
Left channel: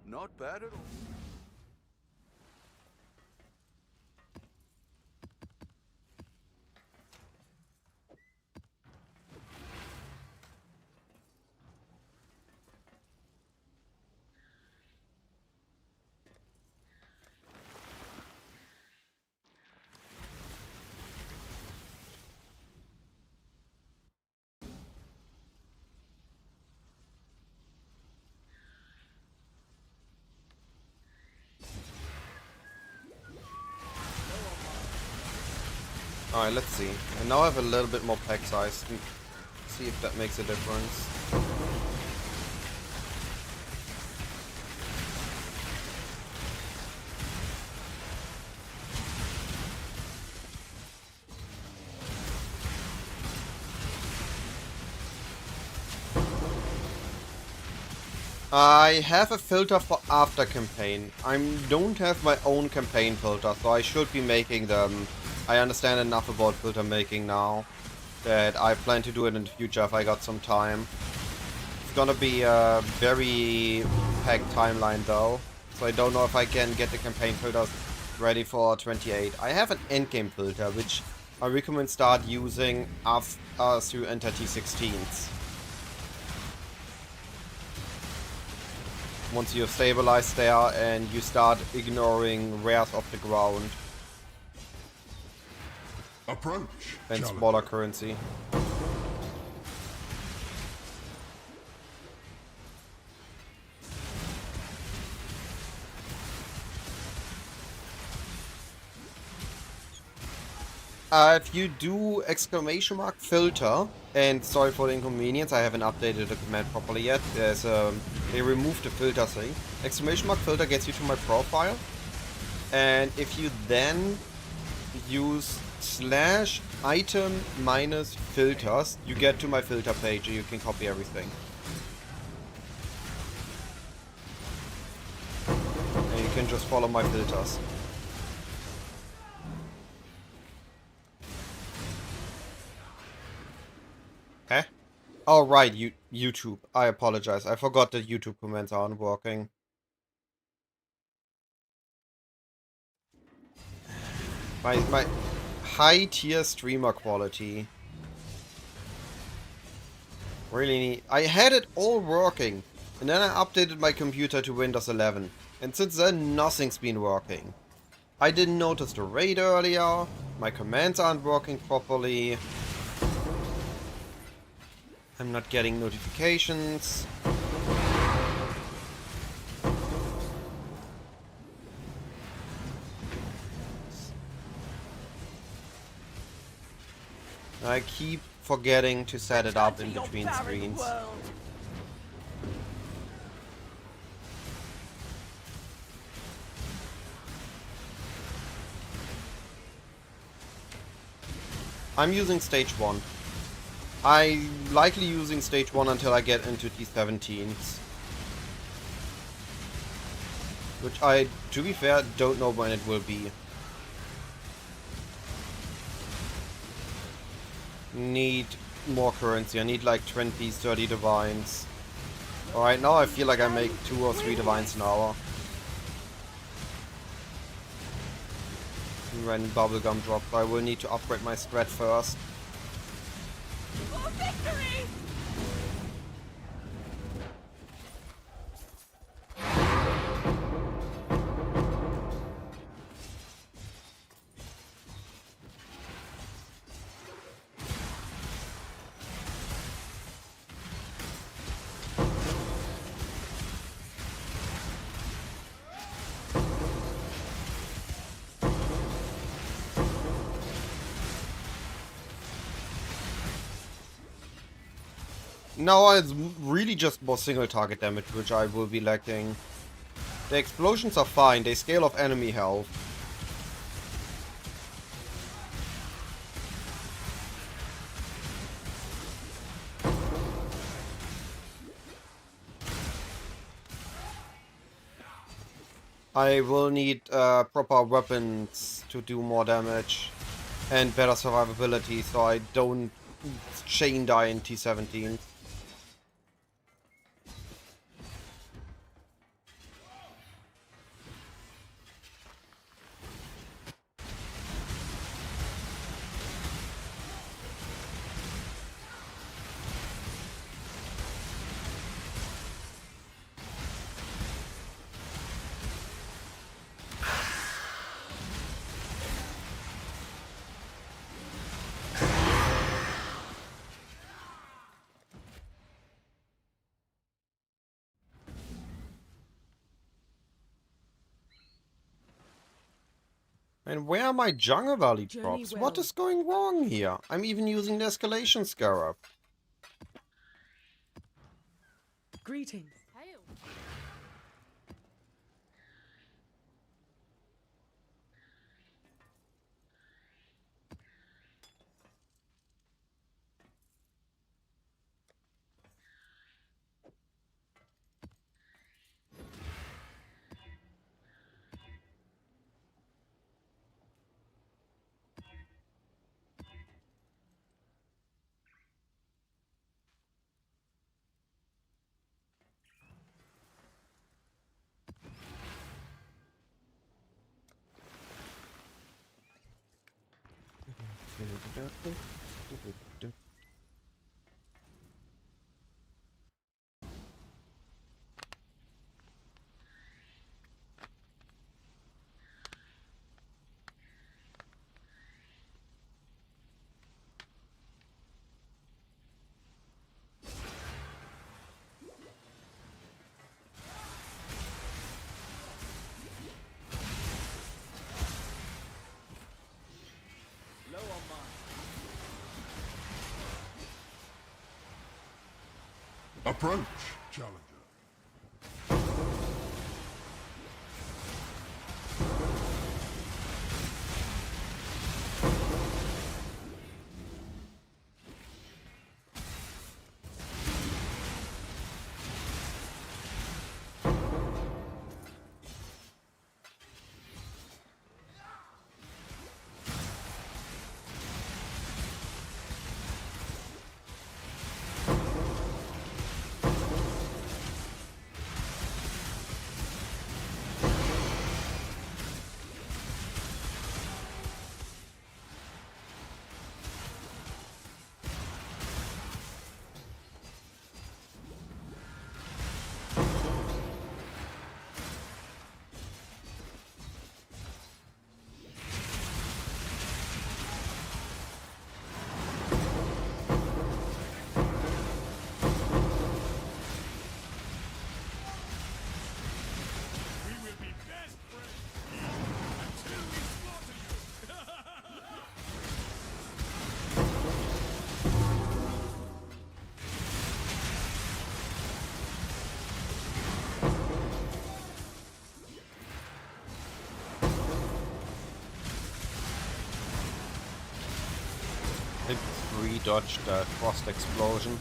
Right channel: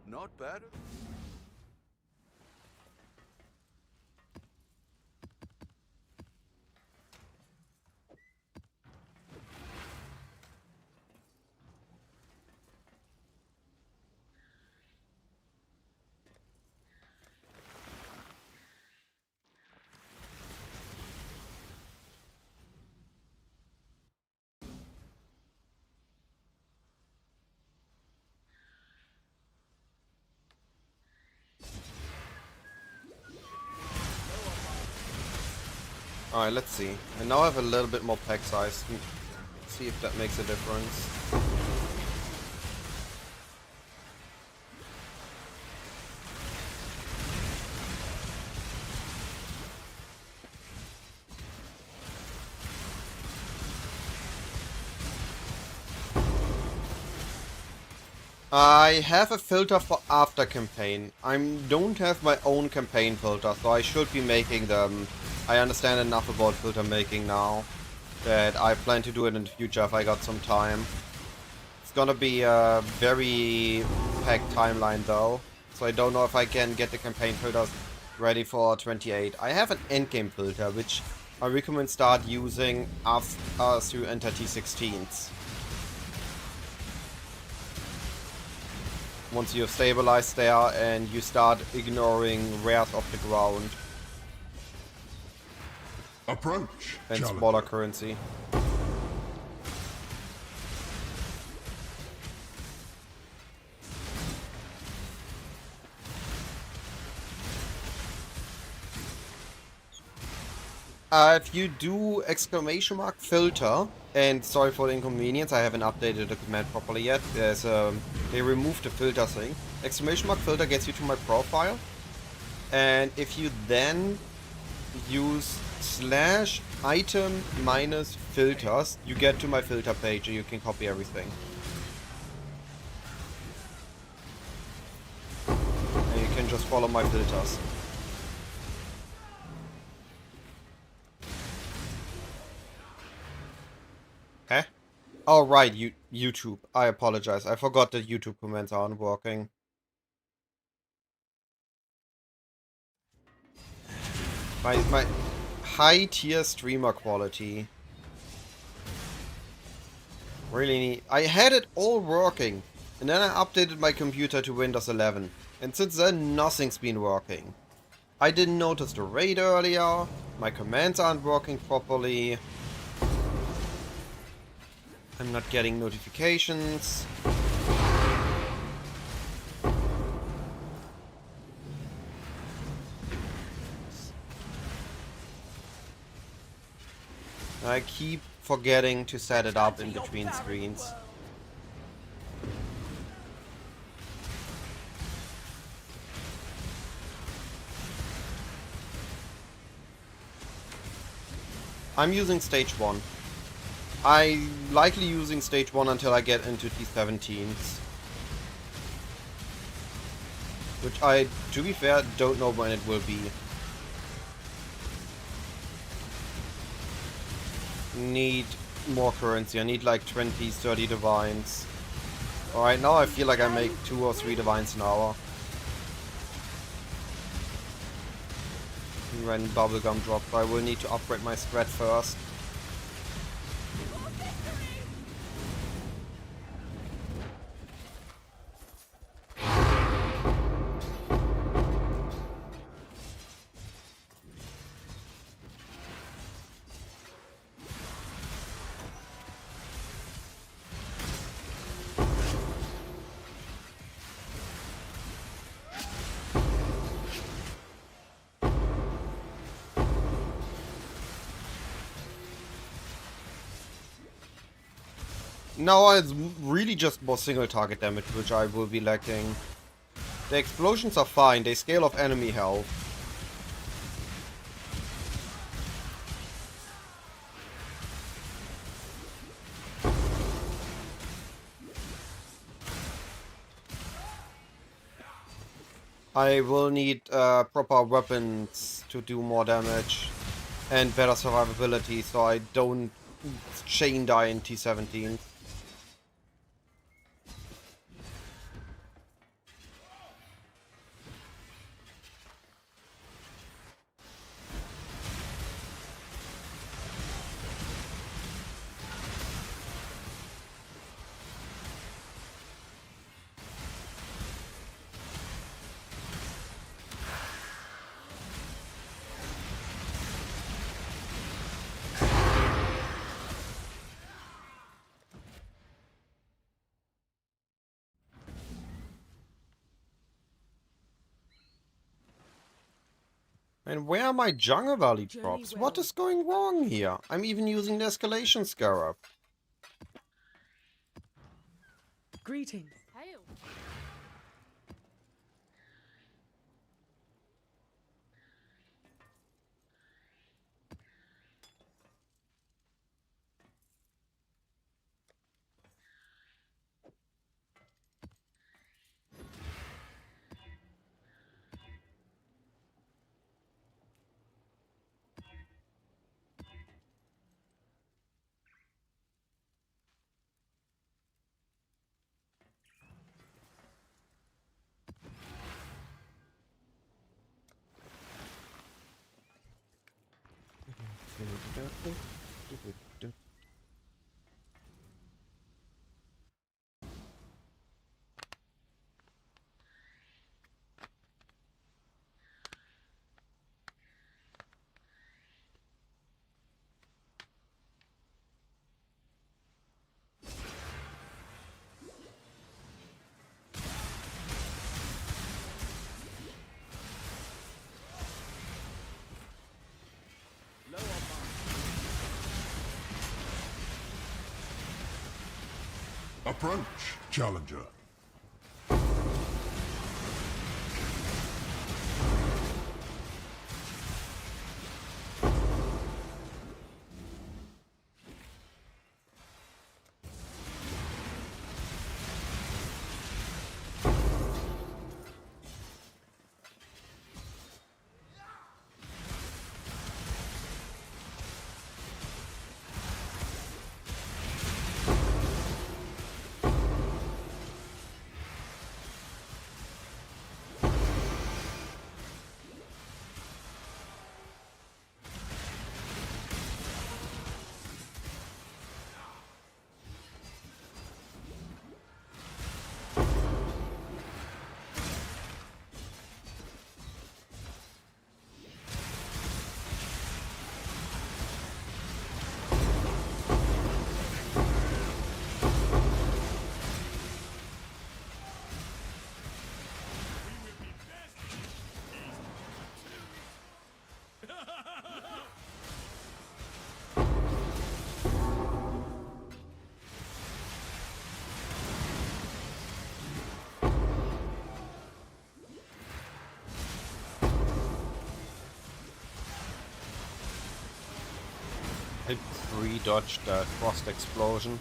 Not bad at all. Alright, let's see. I now have a little bit more pack size. See if that makes a difference. I have a filter for after campaign. I don't have my own campaign filter, so I should be making them. I understand enough about filter making now that I plan to do it in the future if I got some time. It's gonna be a very packed timeline though, so I don't know if I can get the campaign filters ready for 28. I have an endgame filter, which I recommend start using as you enter T16s. Once you have stabilized there and you start ignoring rares off the ground. Approach. And smaller currency. If you do exclamation mark filter, and sorry for the inconvenience, I haven't updated the command properly yet. There's they removed the filter thing. Exclamation mark filter gets you to my profile, and if you then use /item minus filters, you get to my filter page and you can copy everything. And you can just follow my filters. Oh, right, YouTube. I apologize. I forgot that YouTube comments aren't working. My high tier streamer quality. Really, I had it all working, and then I updated my computer to Windows 11, and since then nothing's been working. I didn't notice the raid earlier, my commands aren't working properly, I'm not getting notifications. I keep forgetting to set it up in between screens. I'm using stage 1. I'm likely using stage 1 until I get into T17s. Which I, to be fair, don't know when it will be. Need more currency. I need like 20, 30 divines. Alright, now I feel like I make 2 or 3 divines an hour. When bubblegum drops, I will need to upgrade my strat first. Now it's really just more single target damage which I will be lacking. The explosions are fine, they scale off enemy health. I will need proper weapons to do more damage and better survivability so I don't chain die in T17. And where are my Jungle Valley props? What is going wrong here? I'm even using the Escalation Scarab. Greetings. Hail. Approach, challenger. It pre-dodged that frost explosion.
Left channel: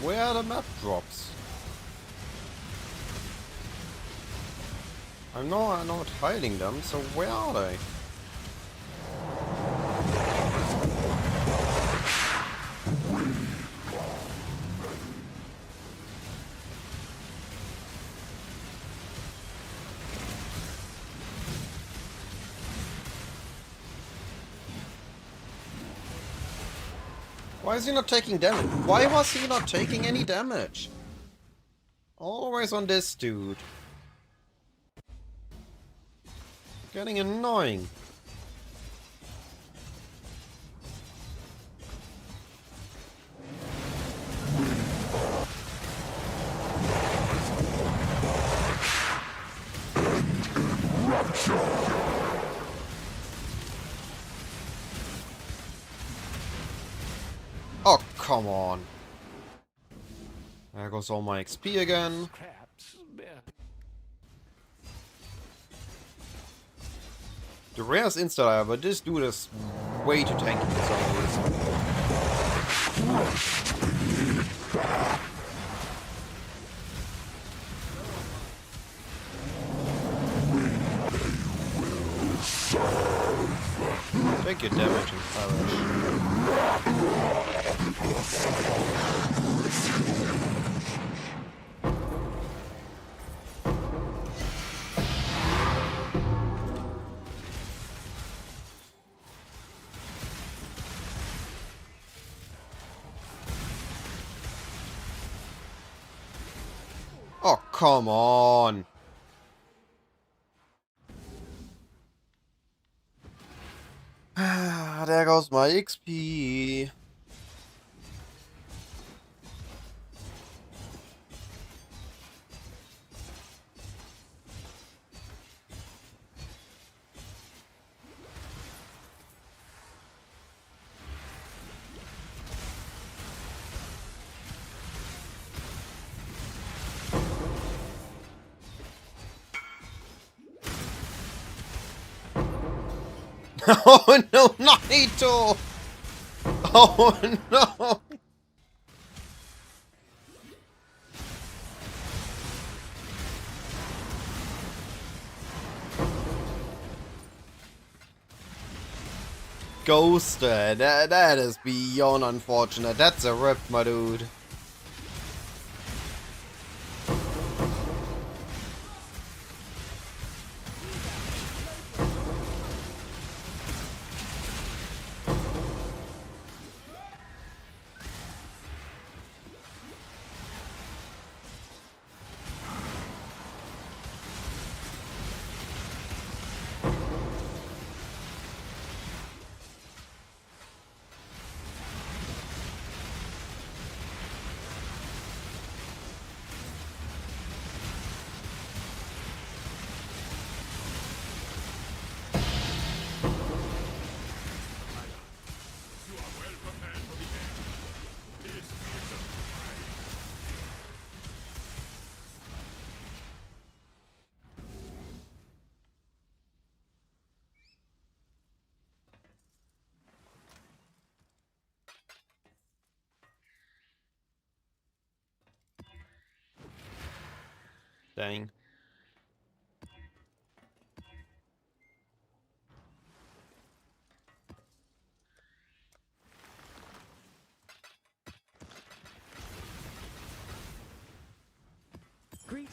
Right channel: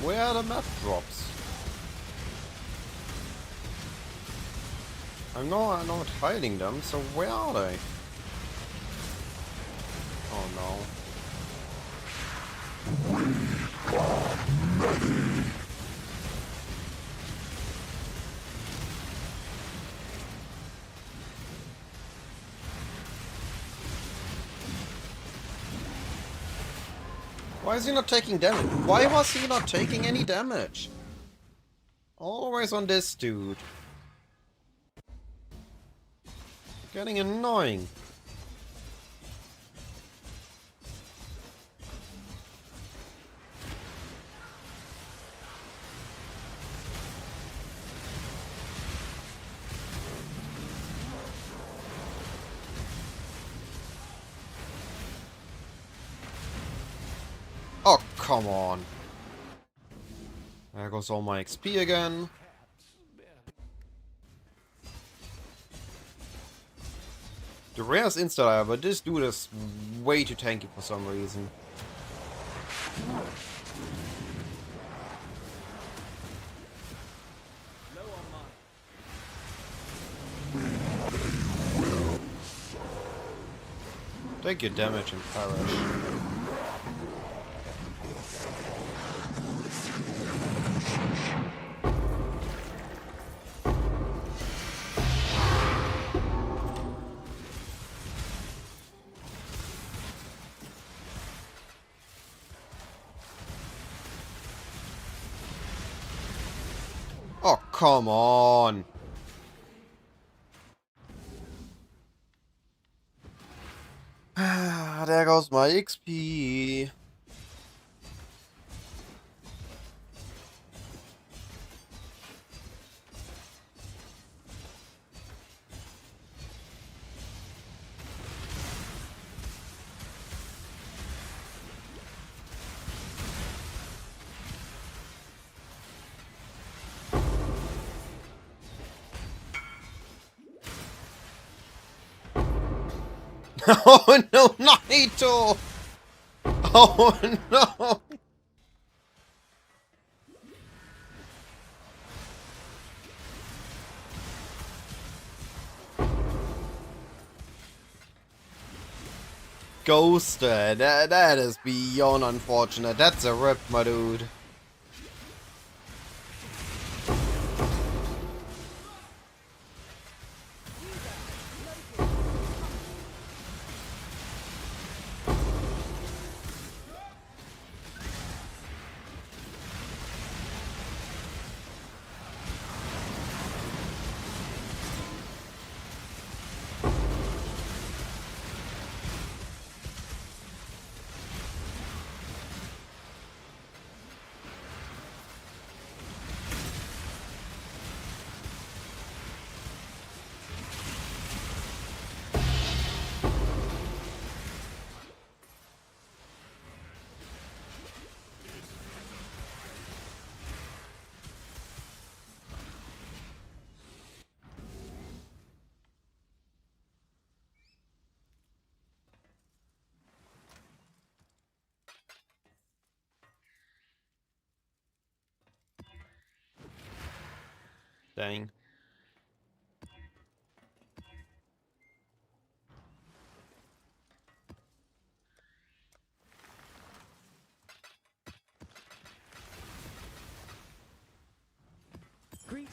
Where are the map drops? I'm not hiding them, so where are they? Why is he not taking damage? Why was he not taking any damage? Always on this dude. Getting annoying. Oh, come on. There goes all my XP again. The rare's insta, but this dude is way too tanky for some reason. Take your damage and perish. Oh, come on. There goes my XP. Oh no, Naito! Oh no! Ghosted. That is beyond unfortunate. That's a rip, my dude. Dang. Greet.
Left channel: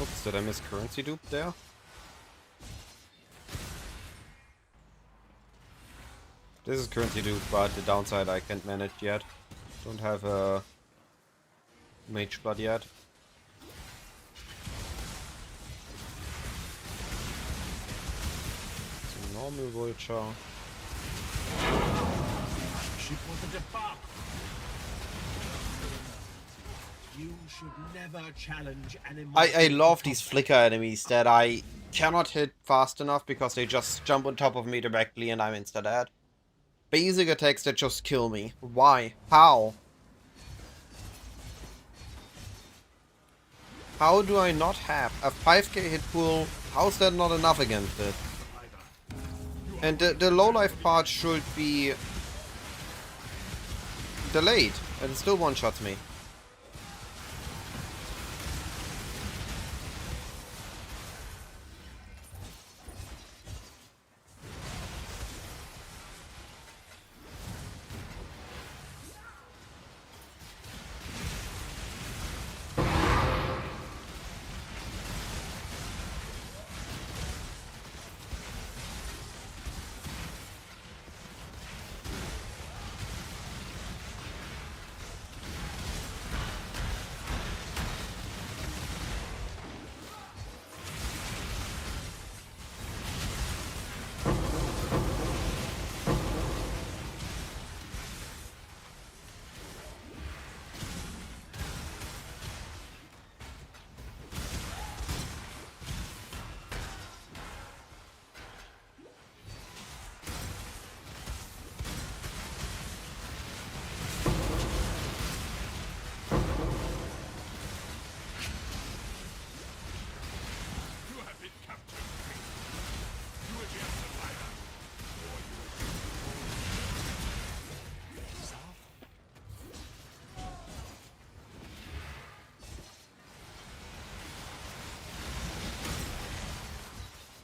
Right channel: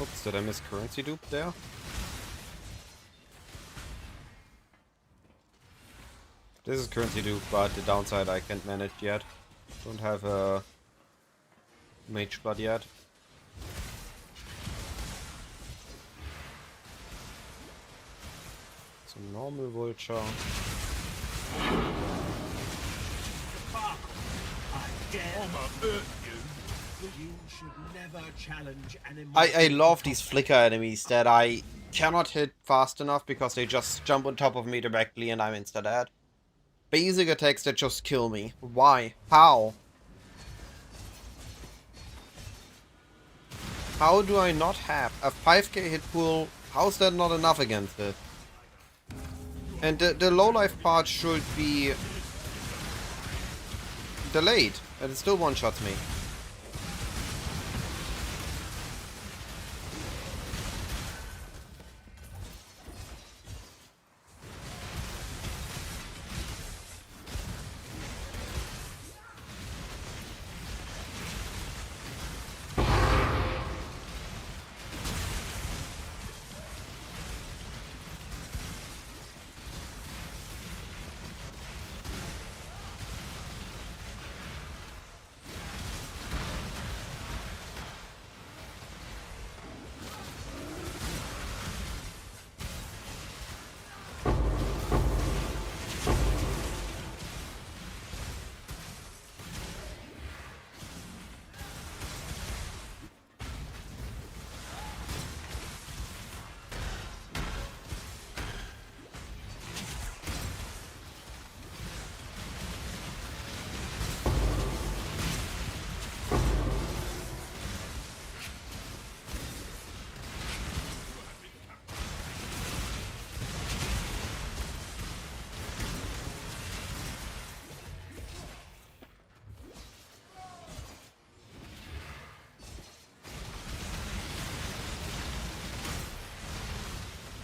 Oops, did I miss currency dupe there? This is currency dupe, but the downside I can't manage yet. Don't have a mage blood yet. It's a normal vulture. You should never challenge I love these flicker enemies that I cannot hit fast enough because they just jump on top of me directly and I'm insta dead. Basic attacks that just kill me. Why? How? How do I not have a 5k hit pool? How's that not enough against it? And the low life part should be delayed, and it still one-shots me.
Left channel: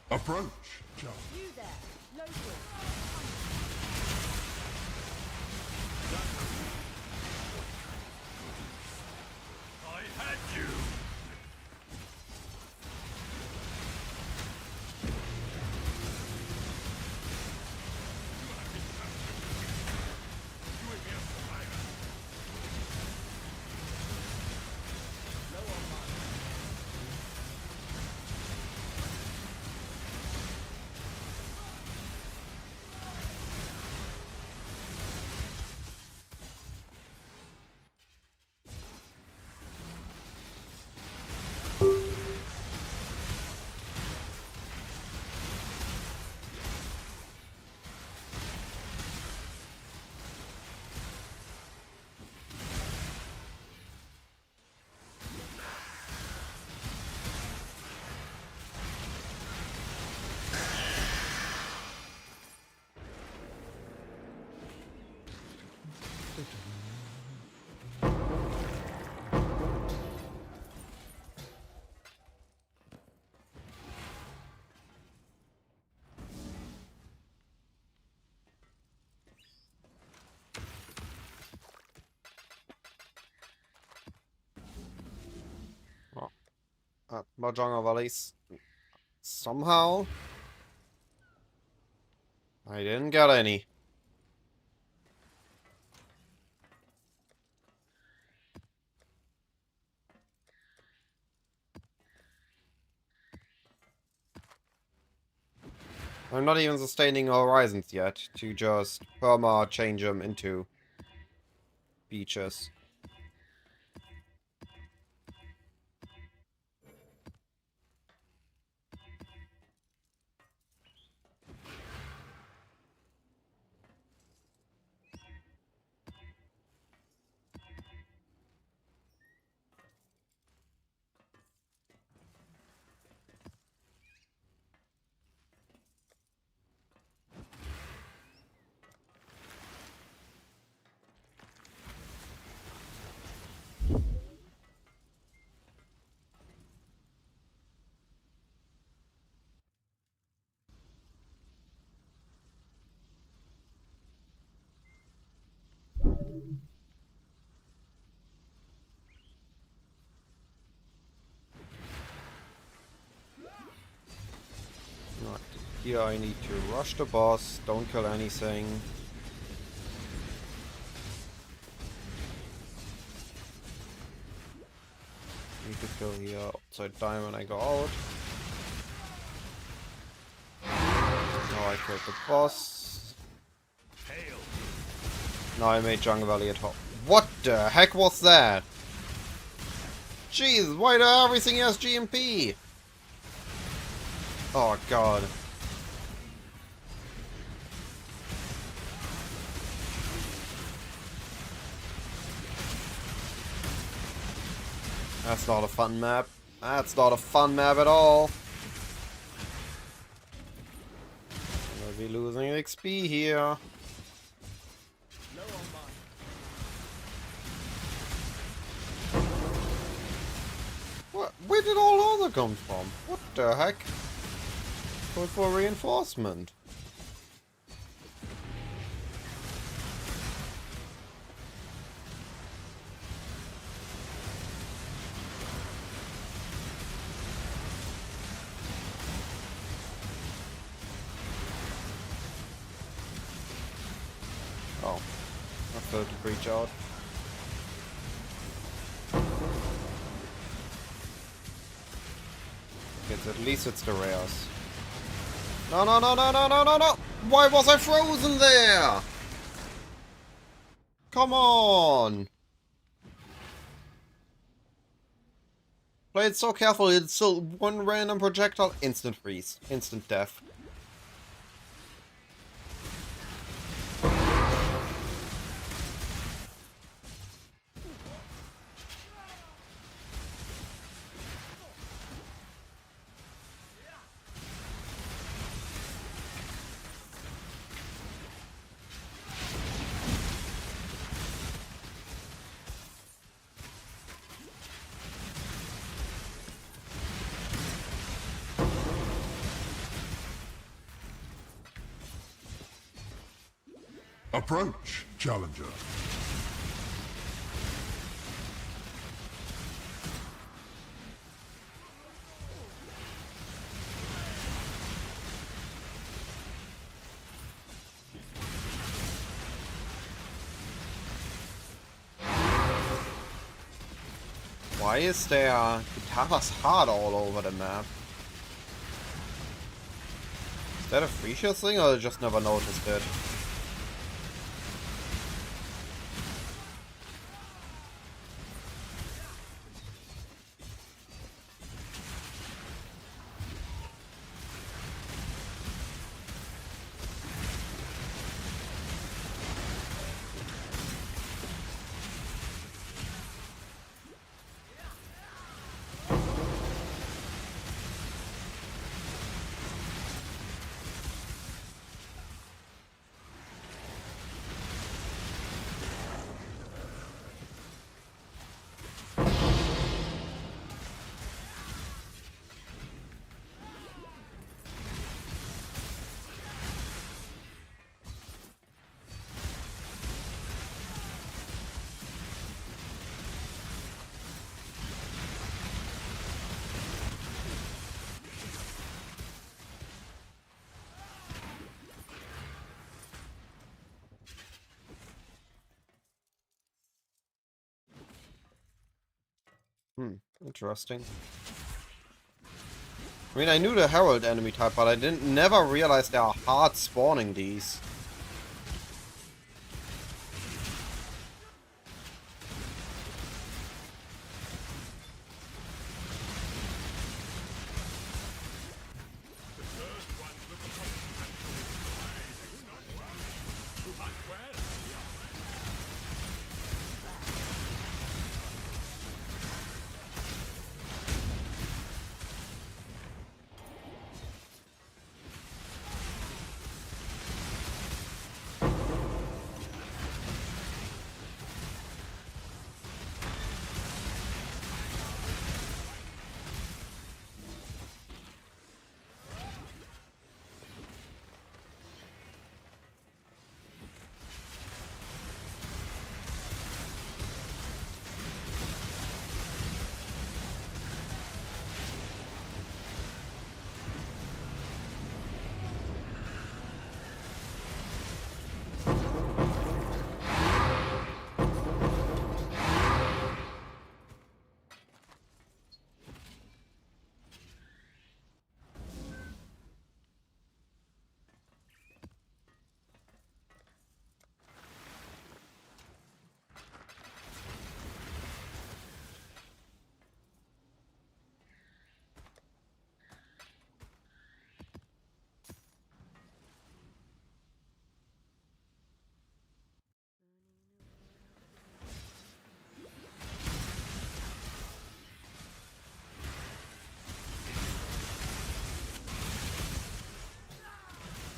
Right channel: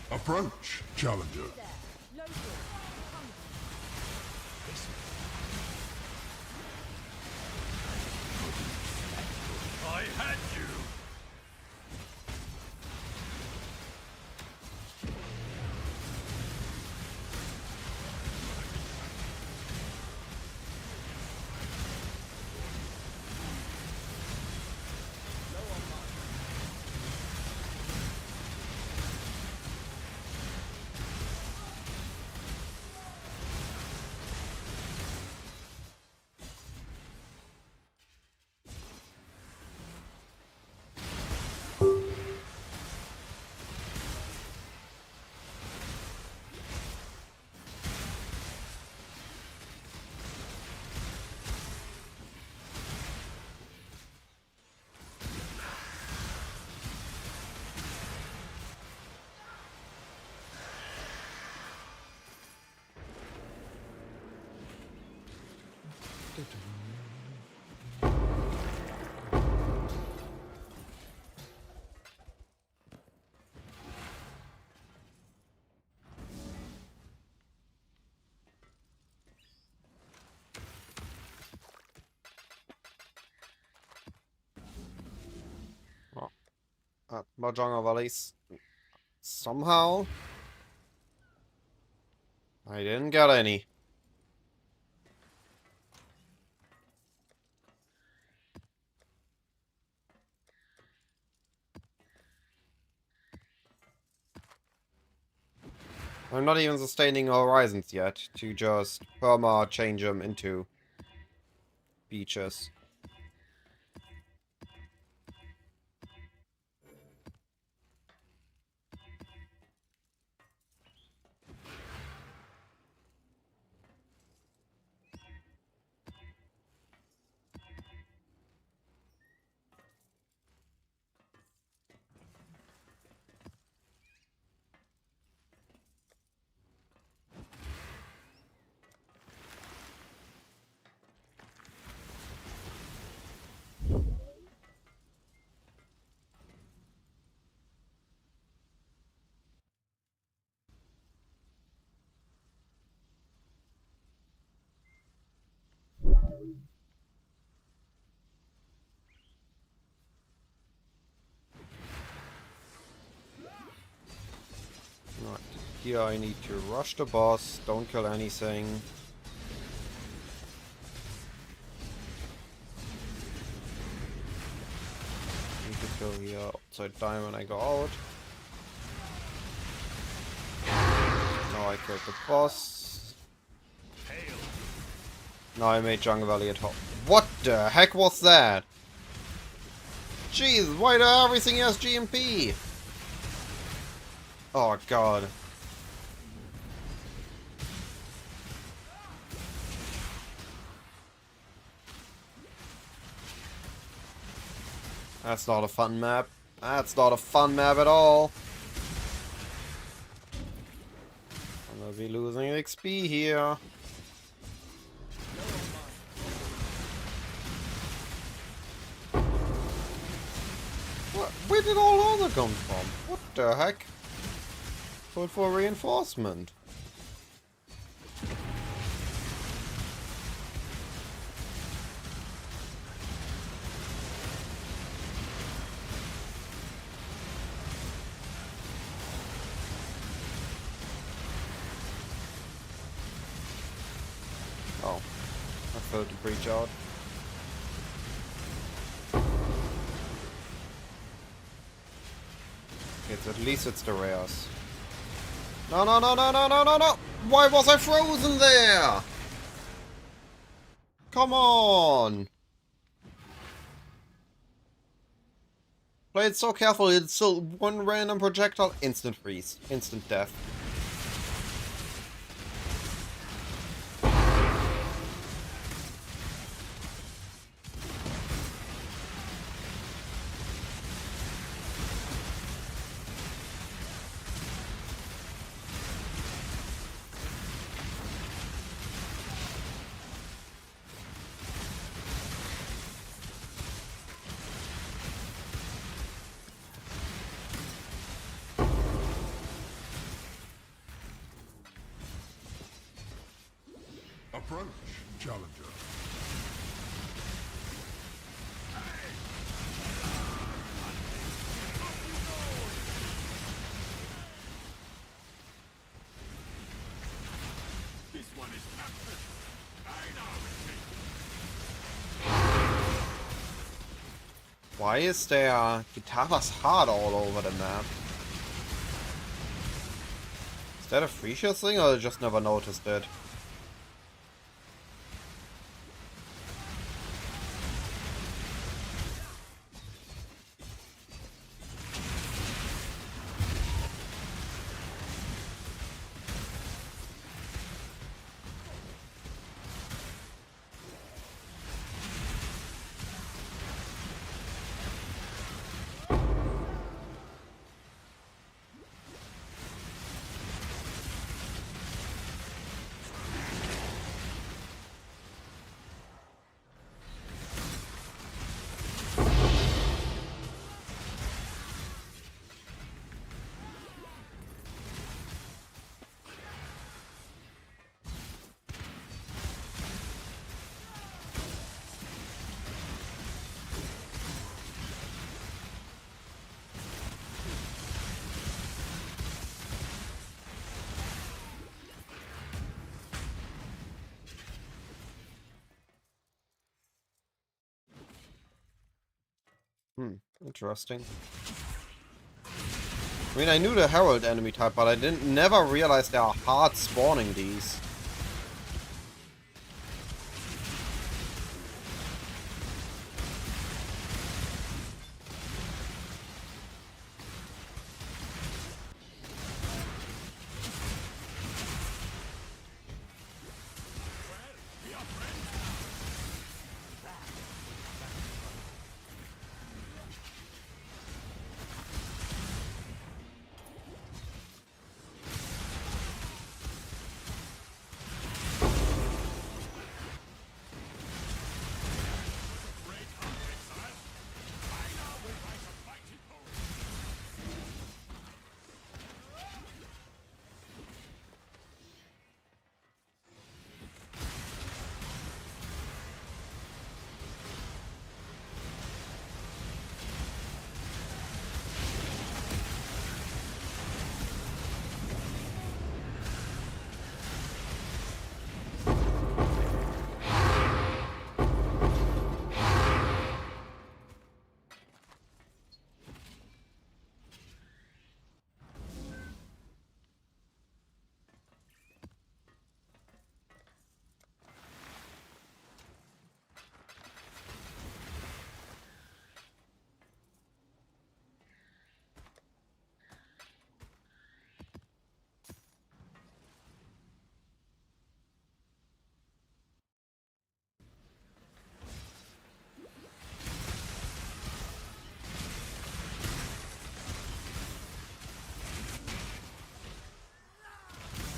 Approach, challenger. I had you! Mahjong Valleys. Somehow I didn't get any. I'm not even sustaining horizons yet to just perma change them into beaches. Here I need to rush the boss, don't kill anything. Need to kill here outside time when I go out. Now I killed the boss. Now I made Jungle Valley at home. What the heck was that? Jeez, why do everything has GMP? Oh god. That's not a fun map. That's not a fun map at all. I'm gonna be losing XP here. What? Where did all other come from? What the heck? Called for reinforcement. Oh, I failed to breach out. At least it's the rares. No, no, no, no, no, no, no, no! Why was I frozen there? Come on! Play it so carefully, it's still one random projectile, instant freeze, instant death. Approach, challenger. Why is there guitar's heart all over the map? Is that a Phrecia thing, or I just never noticed it? Interesting. I mean, I knew the Herald enemy type, but I never realized they are hard spawning these.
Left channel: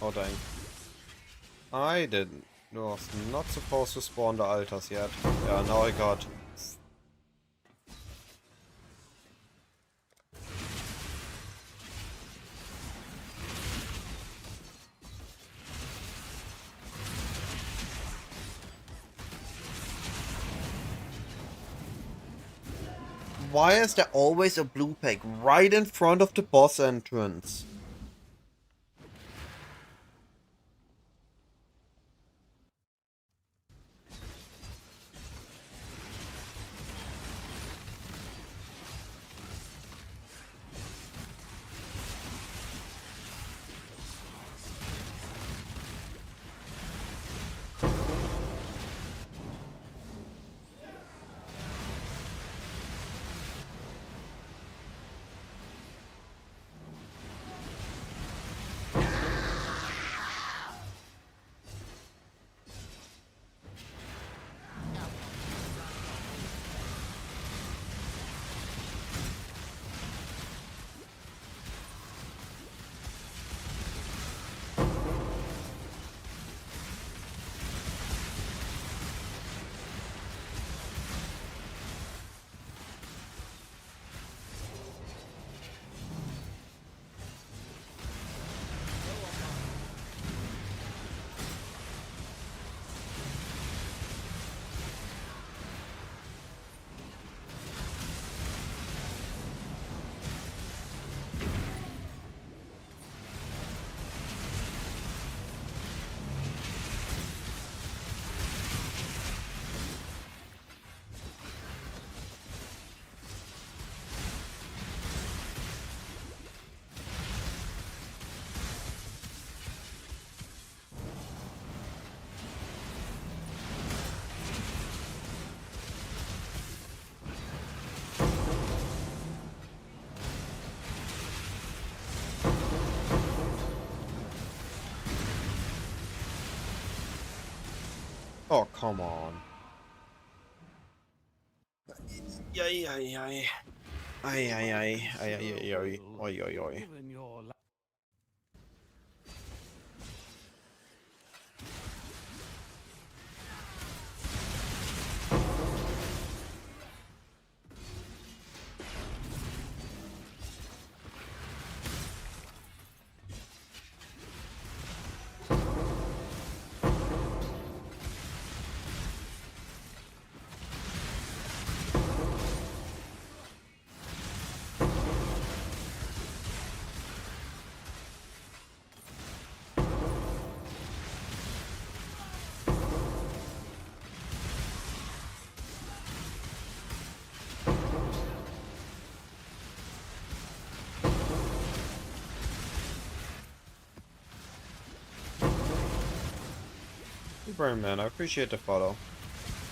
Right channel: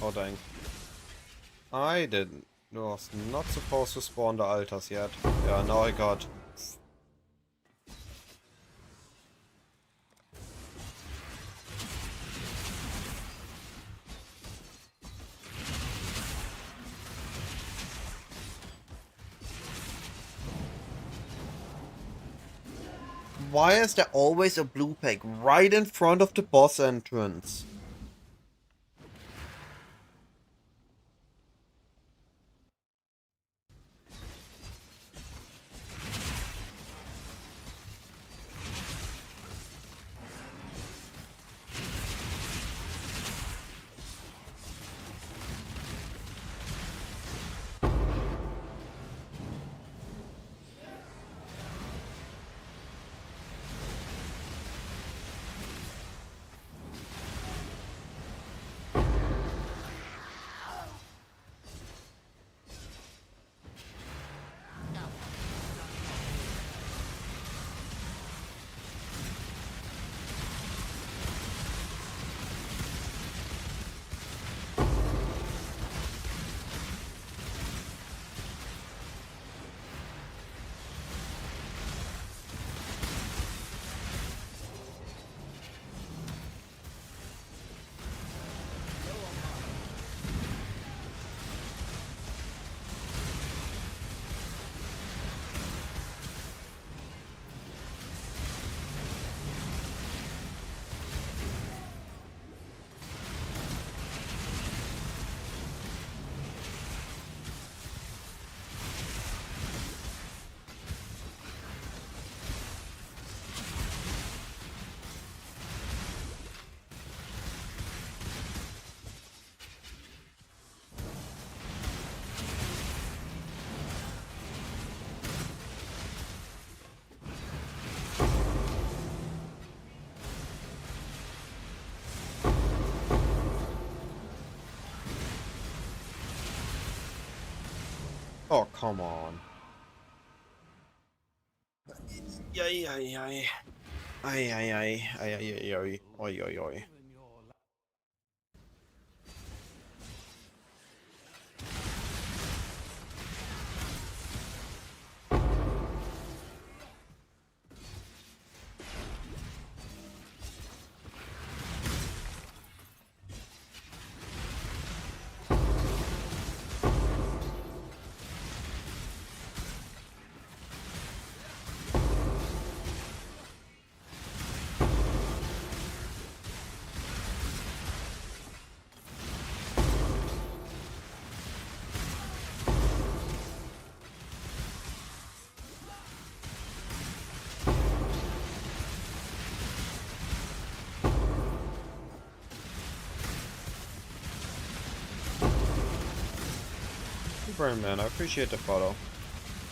Oh dang. I didn't. Was not supposed to spawn the altars yet. Yeah, now I got. Why is there always a blue pack right in front of the boss entrance? Oh, come on. Yay, yay, yay. Ay, ay, ay. Ay, ay, ay, ay. Oi, oi, oi. Brain Man, I appreciate the follow.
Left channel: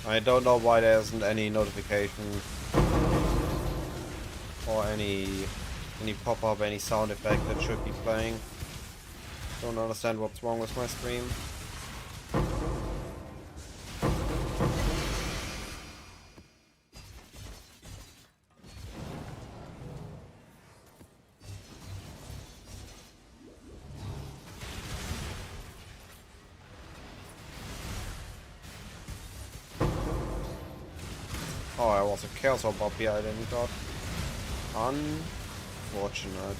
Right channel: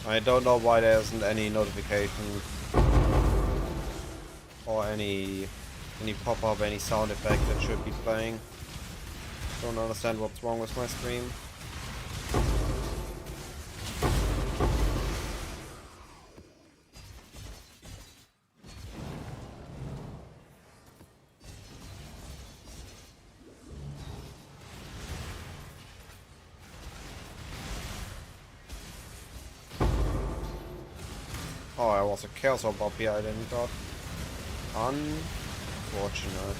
I don't know why there isn't any notification or any pop-up, any sound effect that should be playing. Don't understand what's wrong with my stream. Oh, I was a Chaos Orb up here I didn't got. Unfortunate.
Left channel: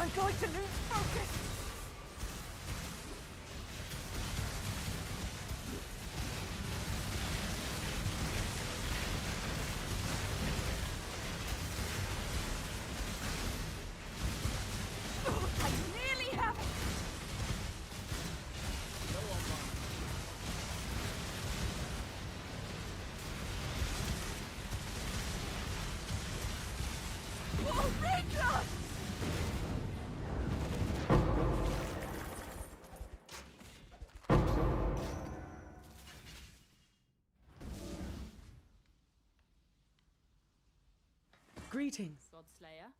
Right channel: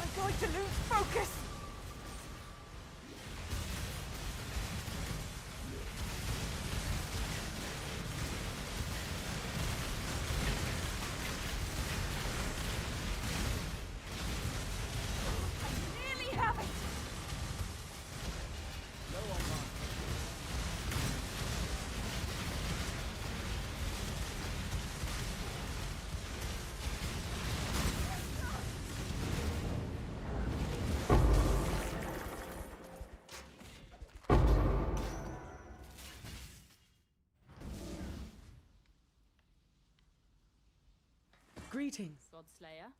I'm going to lose focus! I nearly have it! Oh, Phrecia! Greetings. Sword Slayer.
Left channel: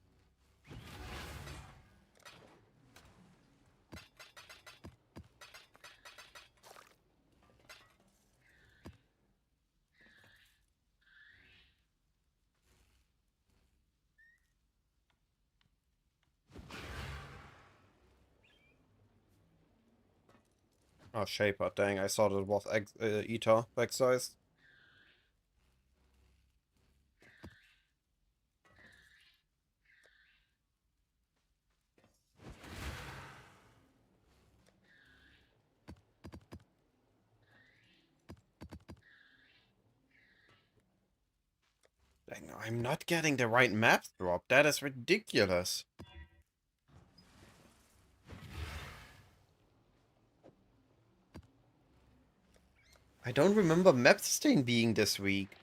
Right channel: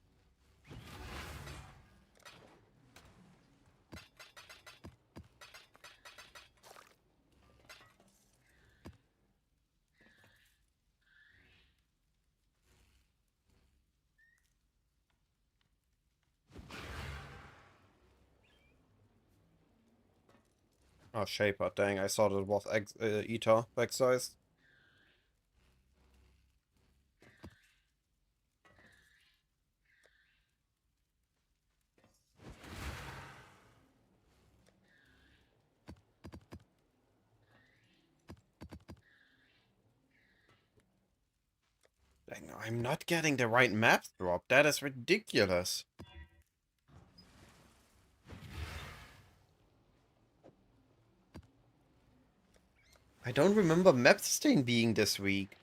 Oh, Shaper, dang, I thought it was Eater backsized. Dang, I'm not getting the right map drop. That is ridiculous. I don't remember map sustain being this weak.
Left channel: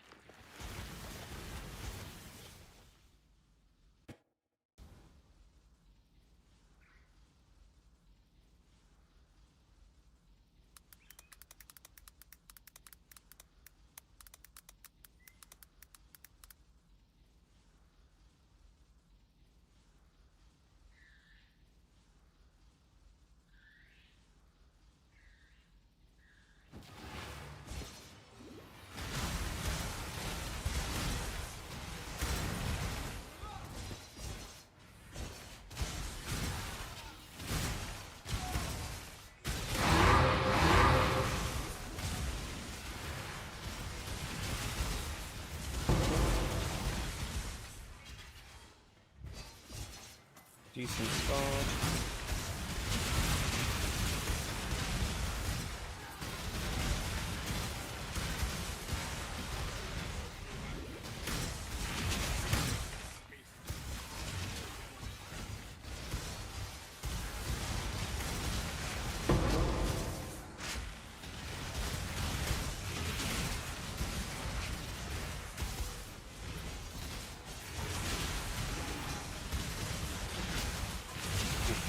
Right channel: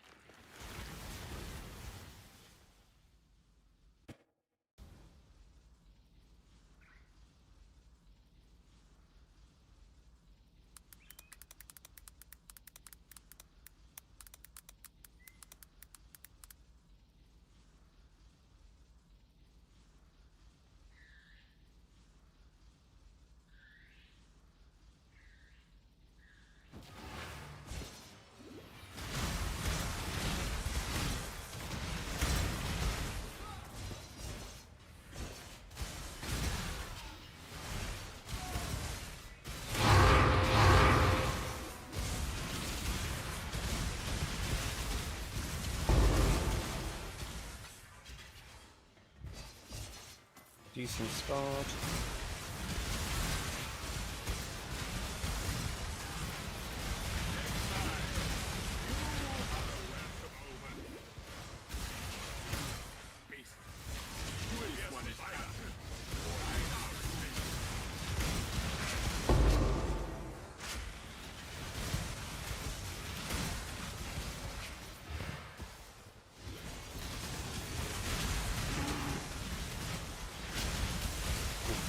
Decent start.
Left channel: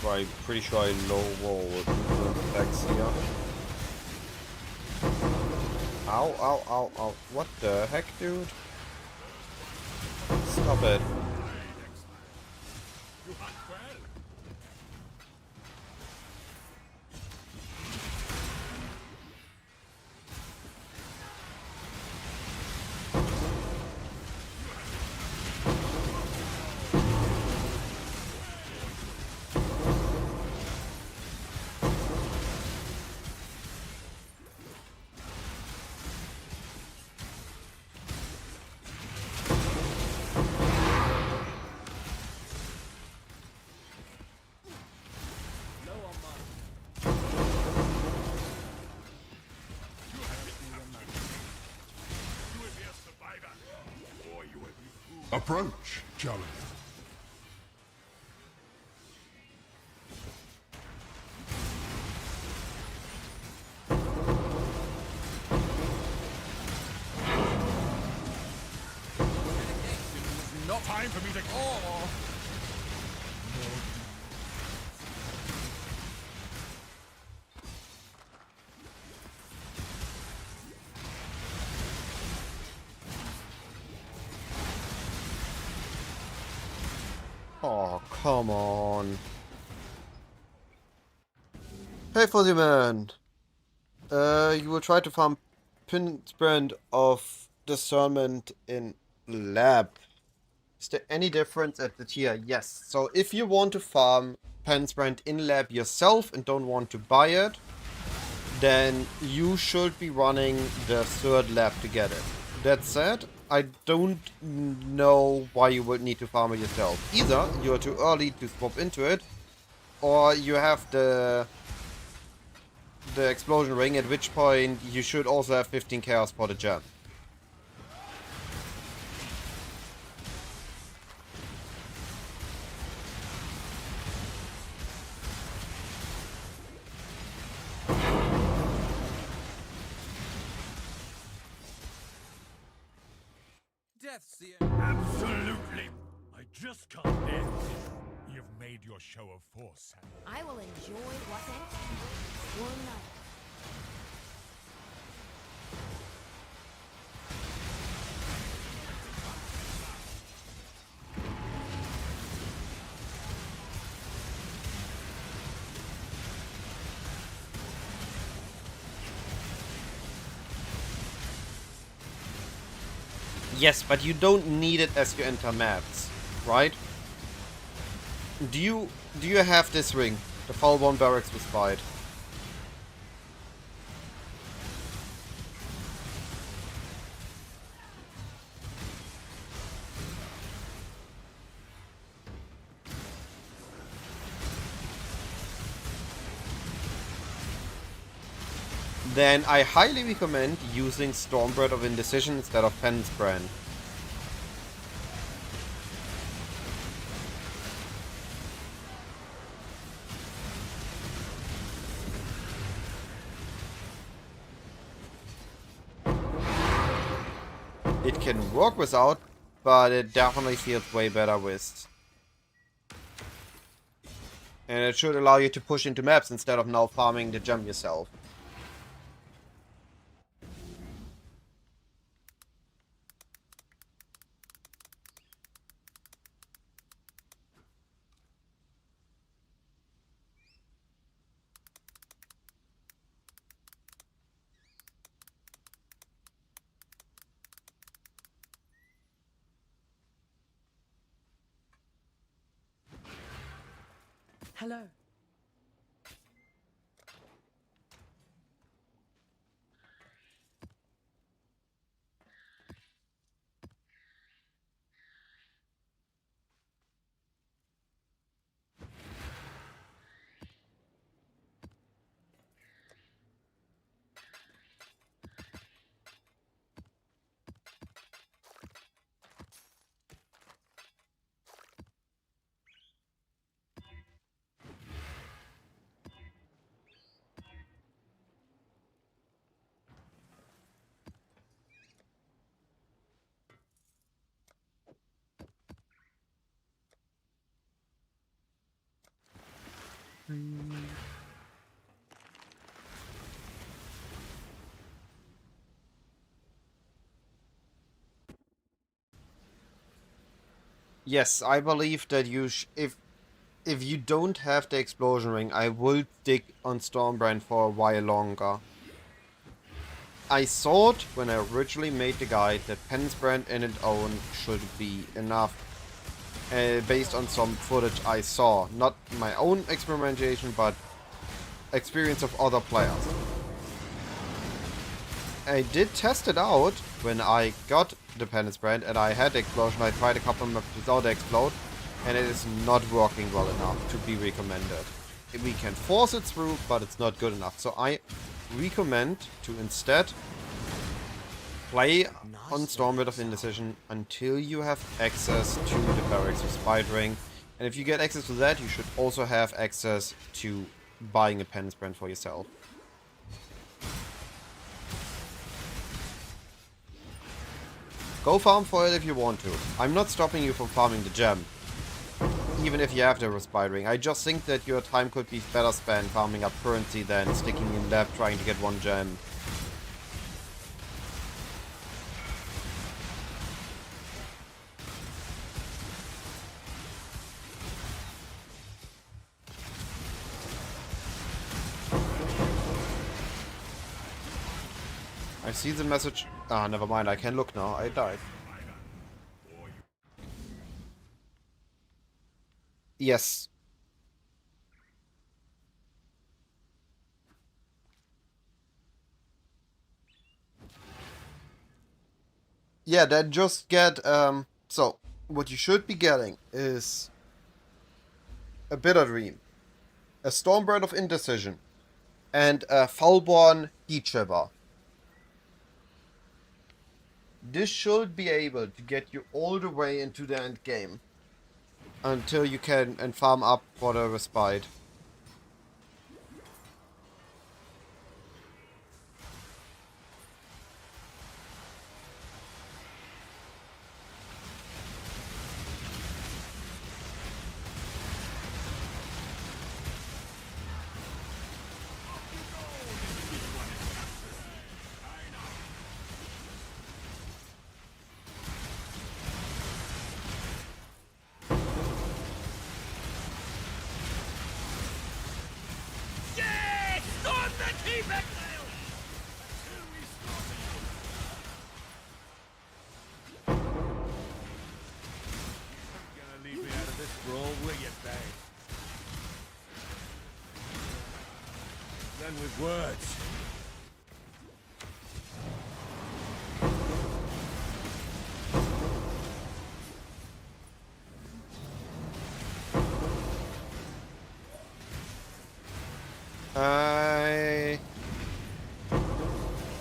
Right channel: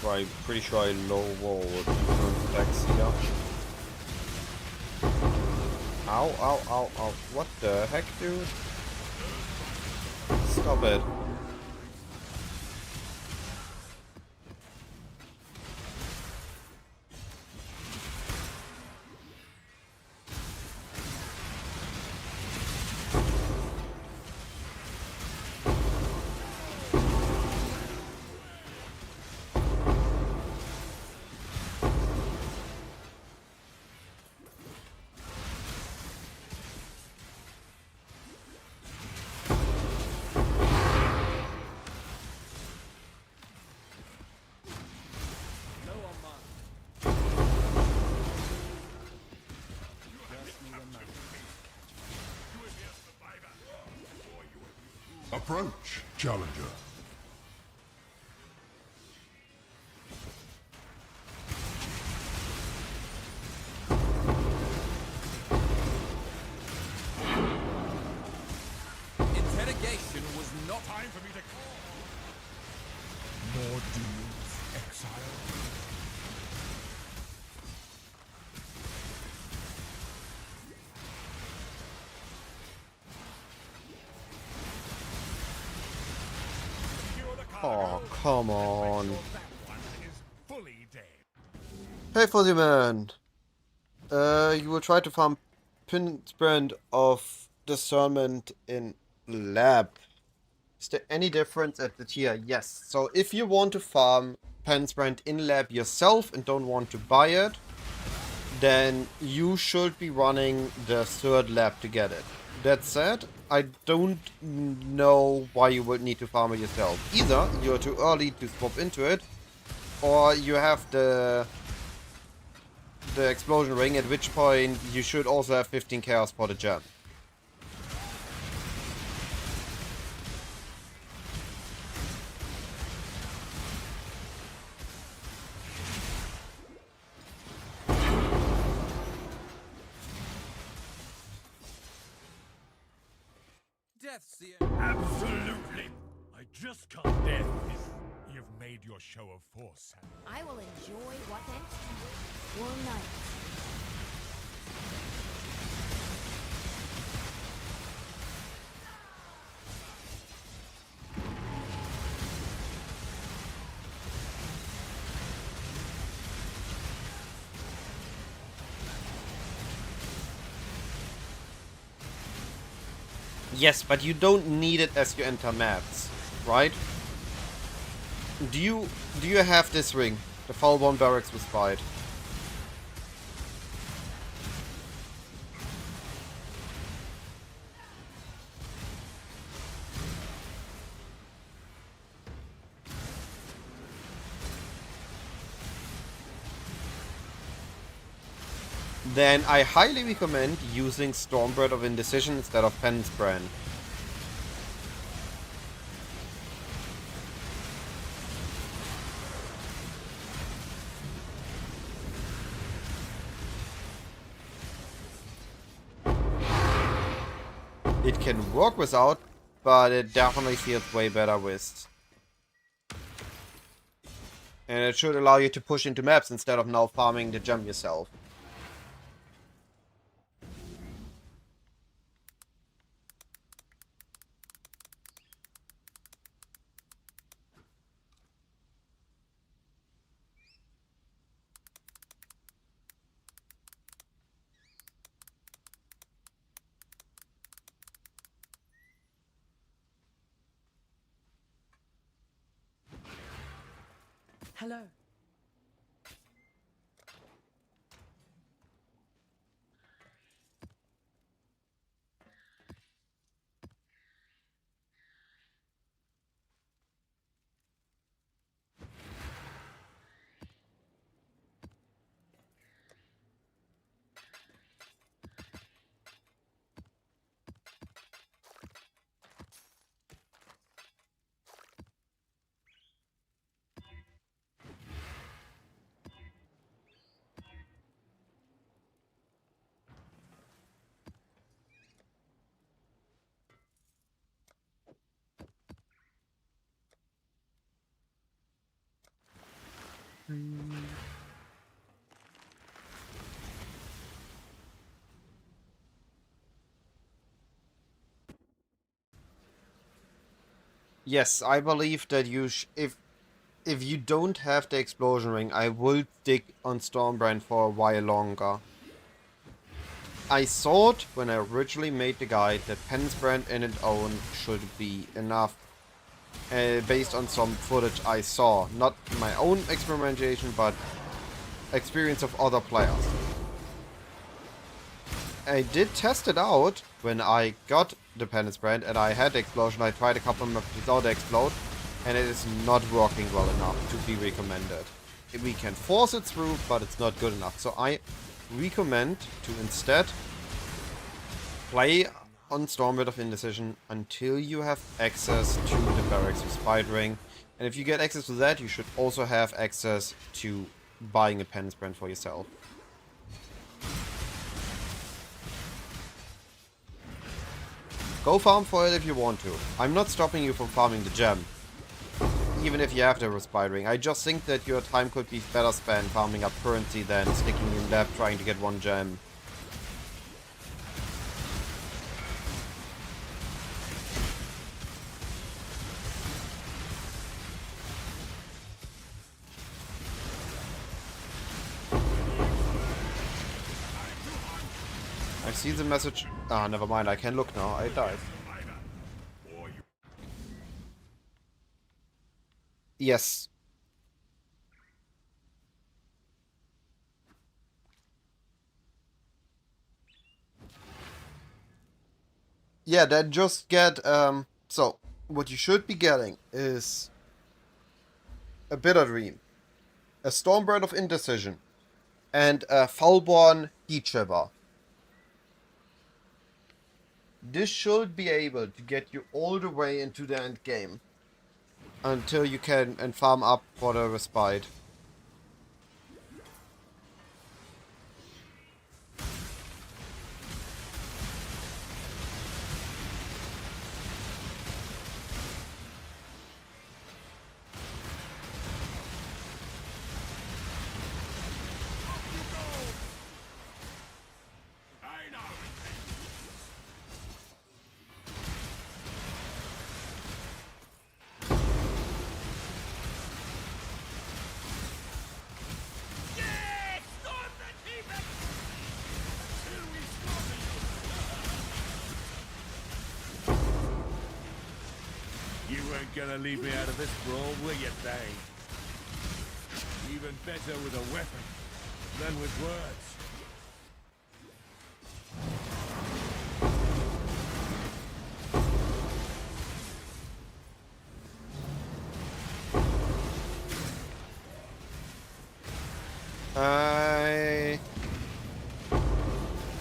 I'm pretty sure I low roll different flags here. Ow, ow, ow, ow. What the heck, dude? Stop it. Approach, challenger. Interrogation was not time for me to call. More duels, Exarch. Oh, come on. Hey, Fuzzy Man. You will try to farm Pinbrand of Discernment in Lab. Is there any difference at the tier? Yes. So if you want to farm Pinbrand in Lab yourself and don't want to buy it, then you should be running the third lab to get it. That said, I don't know why you would need to farm it yourself. Either you're too early to swap into it, or you have the explosion ring, at which point you should also have 15 chaos for the gem. Absolutely. I just can't. Death is. You've made your show of force. I will enjoy what ends one night. Yes, but you don't need it as you enter maps, right? Do you have this ring? The Falborn Barracks with Spite. Then I highly recommend using Stormbread of Indecision instead of Penance Brand. It can work without, but it definitely feels way better with. And it should allow you to push into maps instead of now farming the gem yourself. Hello. Yes, I believe that if you don't have the explosion ring, I will stick on Stormbrand for a while longer. I thought when I originally made the guide that Penance Brand in its own should be enough. Based on some footage I saw. Not my own experimentation, but experience of other players. I did test it out when I got the Penance Brand and I had the explosion. I tried a couple of maps without the explode, and it is not working well enough to be recommended. We can force it through, but it's not good enough. So I recommend to instead play on Stormbread of Indecision until you have access to the Barracks of Spite Ring. And if you get access to that, you should also have access to buying a Penance Brand for yourself. Go farm for it if you want to. I'm not stopping you from farming the gem, even if you have the Respite Ring. I just think that your time could be better spent farming up currency than sticking in lab trying to get one gem. I see the message. Ah, never mind. I can look now. I died. Yes. Yeah, then just get, so, what you should be getting is a Bitter Dream, a Stormbread of Indecision, and a Foulborn Heatchipper. This should be able to get you all the way into the end game. Until you can and farm up for the Respite. gonna leave me out of this brawl, will you, Thane? Even better with a weapon than with words.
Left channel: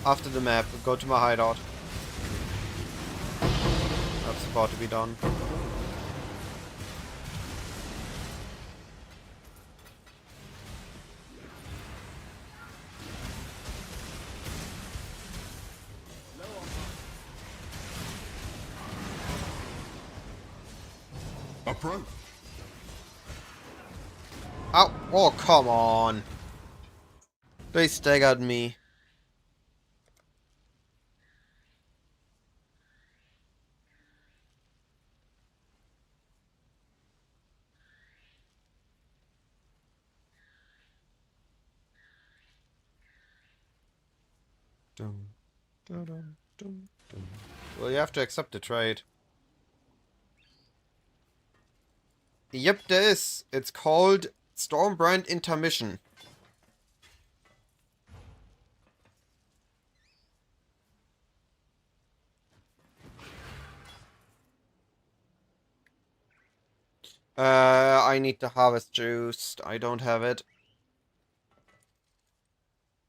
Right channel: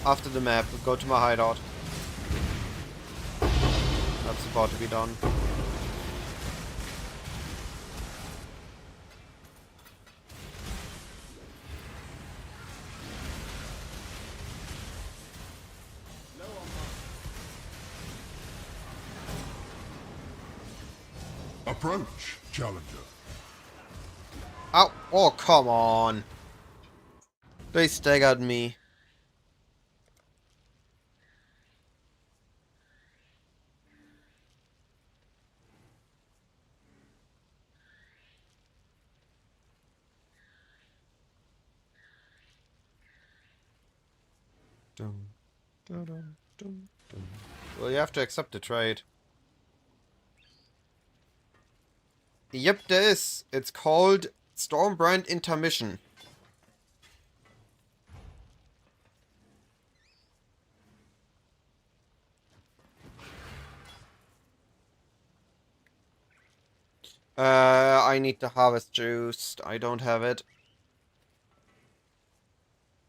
After the map, go to my hideout. That's about to be done. Approach, challenger. Ow! Oh, come on! They staggered me. Dum, dum, dum, dum. Well, you have to accept the trade. Yep, there is. It's called Stormbrand Intermission. I need the harvest juice. I don't have it.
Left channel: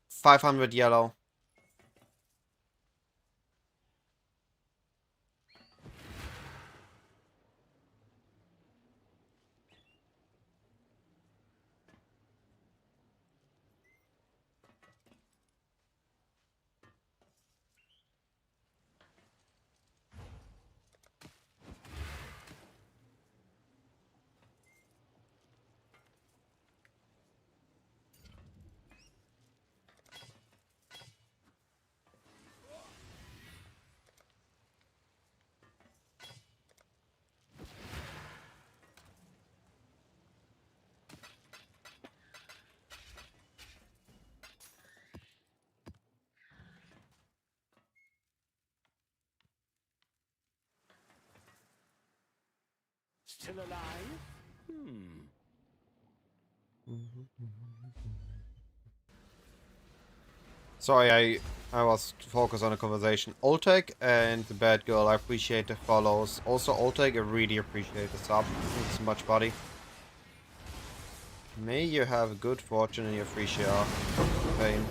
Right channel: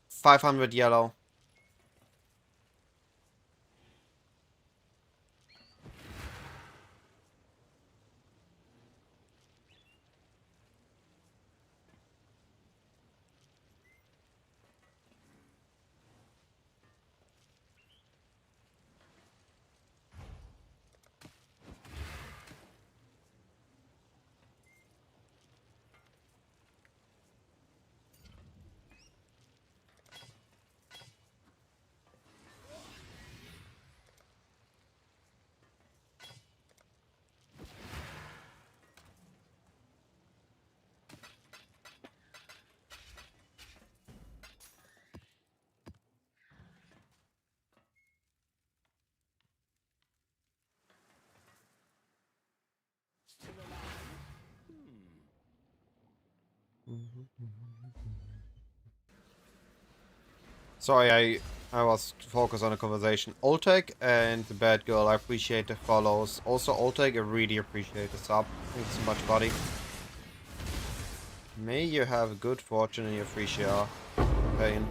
500 yellow. Still alive? Sorry, I was focused on a conversation. Oltec and the bad girl, I appreciate the follows. Also, Oltec, I really appreciate the sub. Thanks so much, buddy. May you have good fortune in your Phrecia campaign.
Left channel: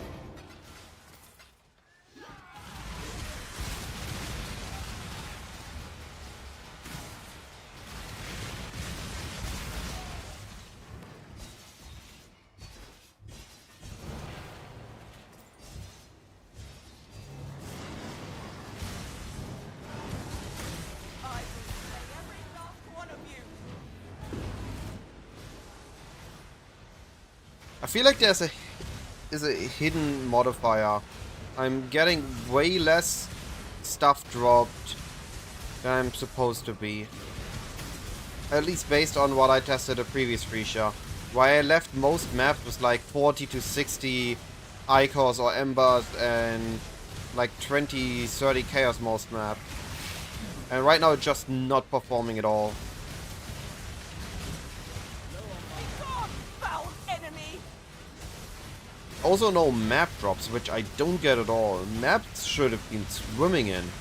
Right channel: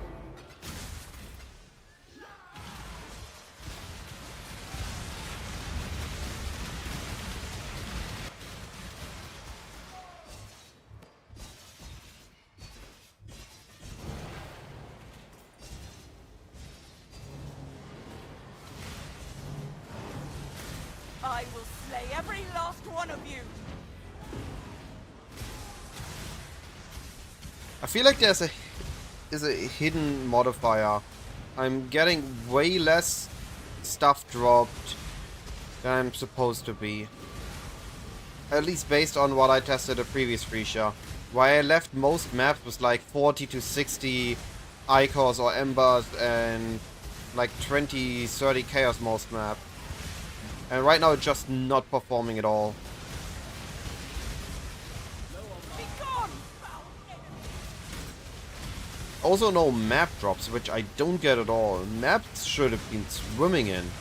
I will slay every last one of you. I feel like there's a hidden modifier. I'm getting way less stuff dropped than I'm supposed to be. At least based on what I tested the previous Phrecia. Why I left most maps was like 40 to 60 Icors or Embers and like 20, 30 Chaos most map. And right now it's just not performing at all. Begone, foul enemy! Also no map drops, which I don't get at all. Maps should have been swimming in.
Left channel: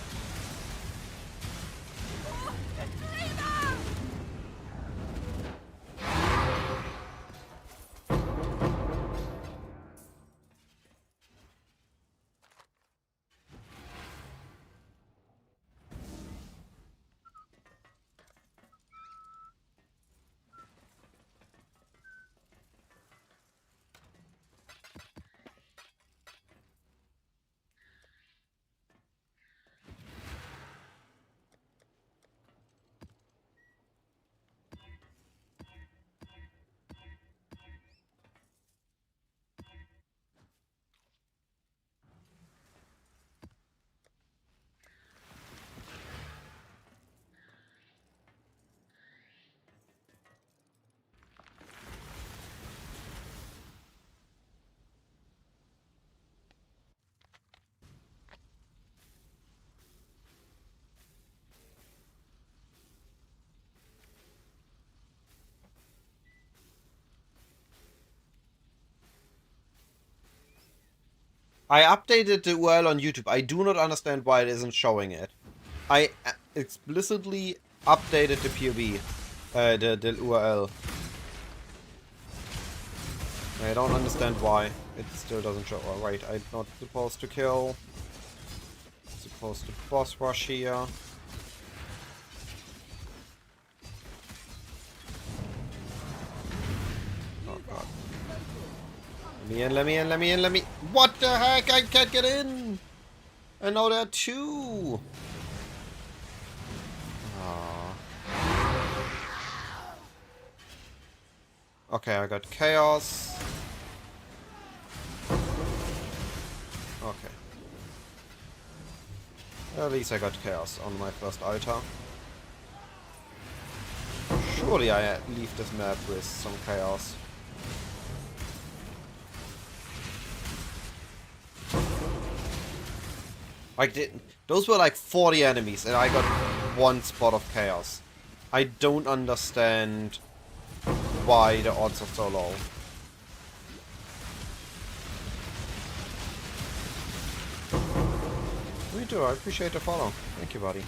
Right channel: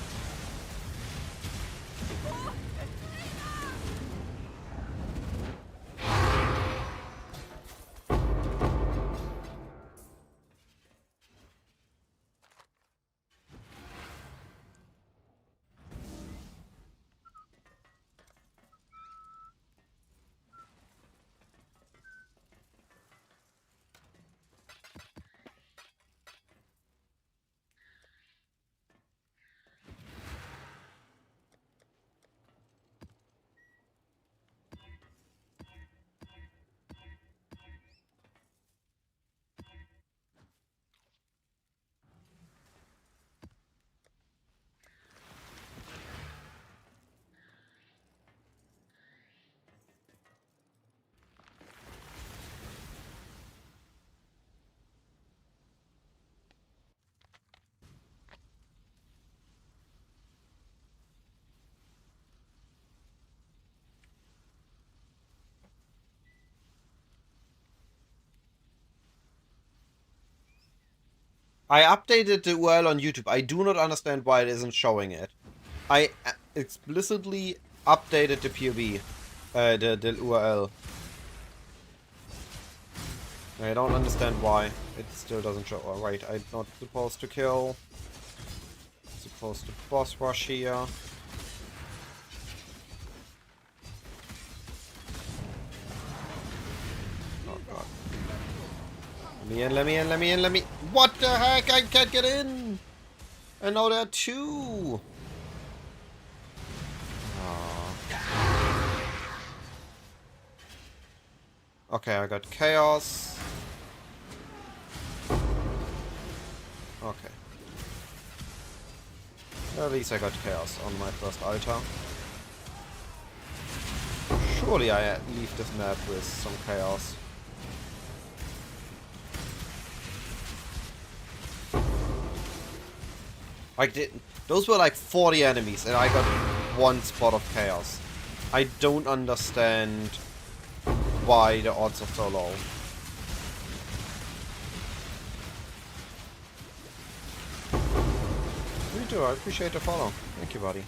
I updated the URL on YouTube. I do not understand why it isn't showing it. I explicitly updated the POB, the URL. I don't understand why it still doesn't show. Oh, right, I'm not supposed to kill. Supposed to boss rush here. Oh god. Let me in, let me in, let me in, let me... What the heck? I can't get in! And now there are two! Aww. Okay, I got chaos. Okay. At least I got chaos on my first altar. Surely I leave this map with some chaos. Like, those were like 40 enemies and I got one spot of chaos. I don't understand why the odds are so low. Me too, I appreciate the follow. Thank you, buddy.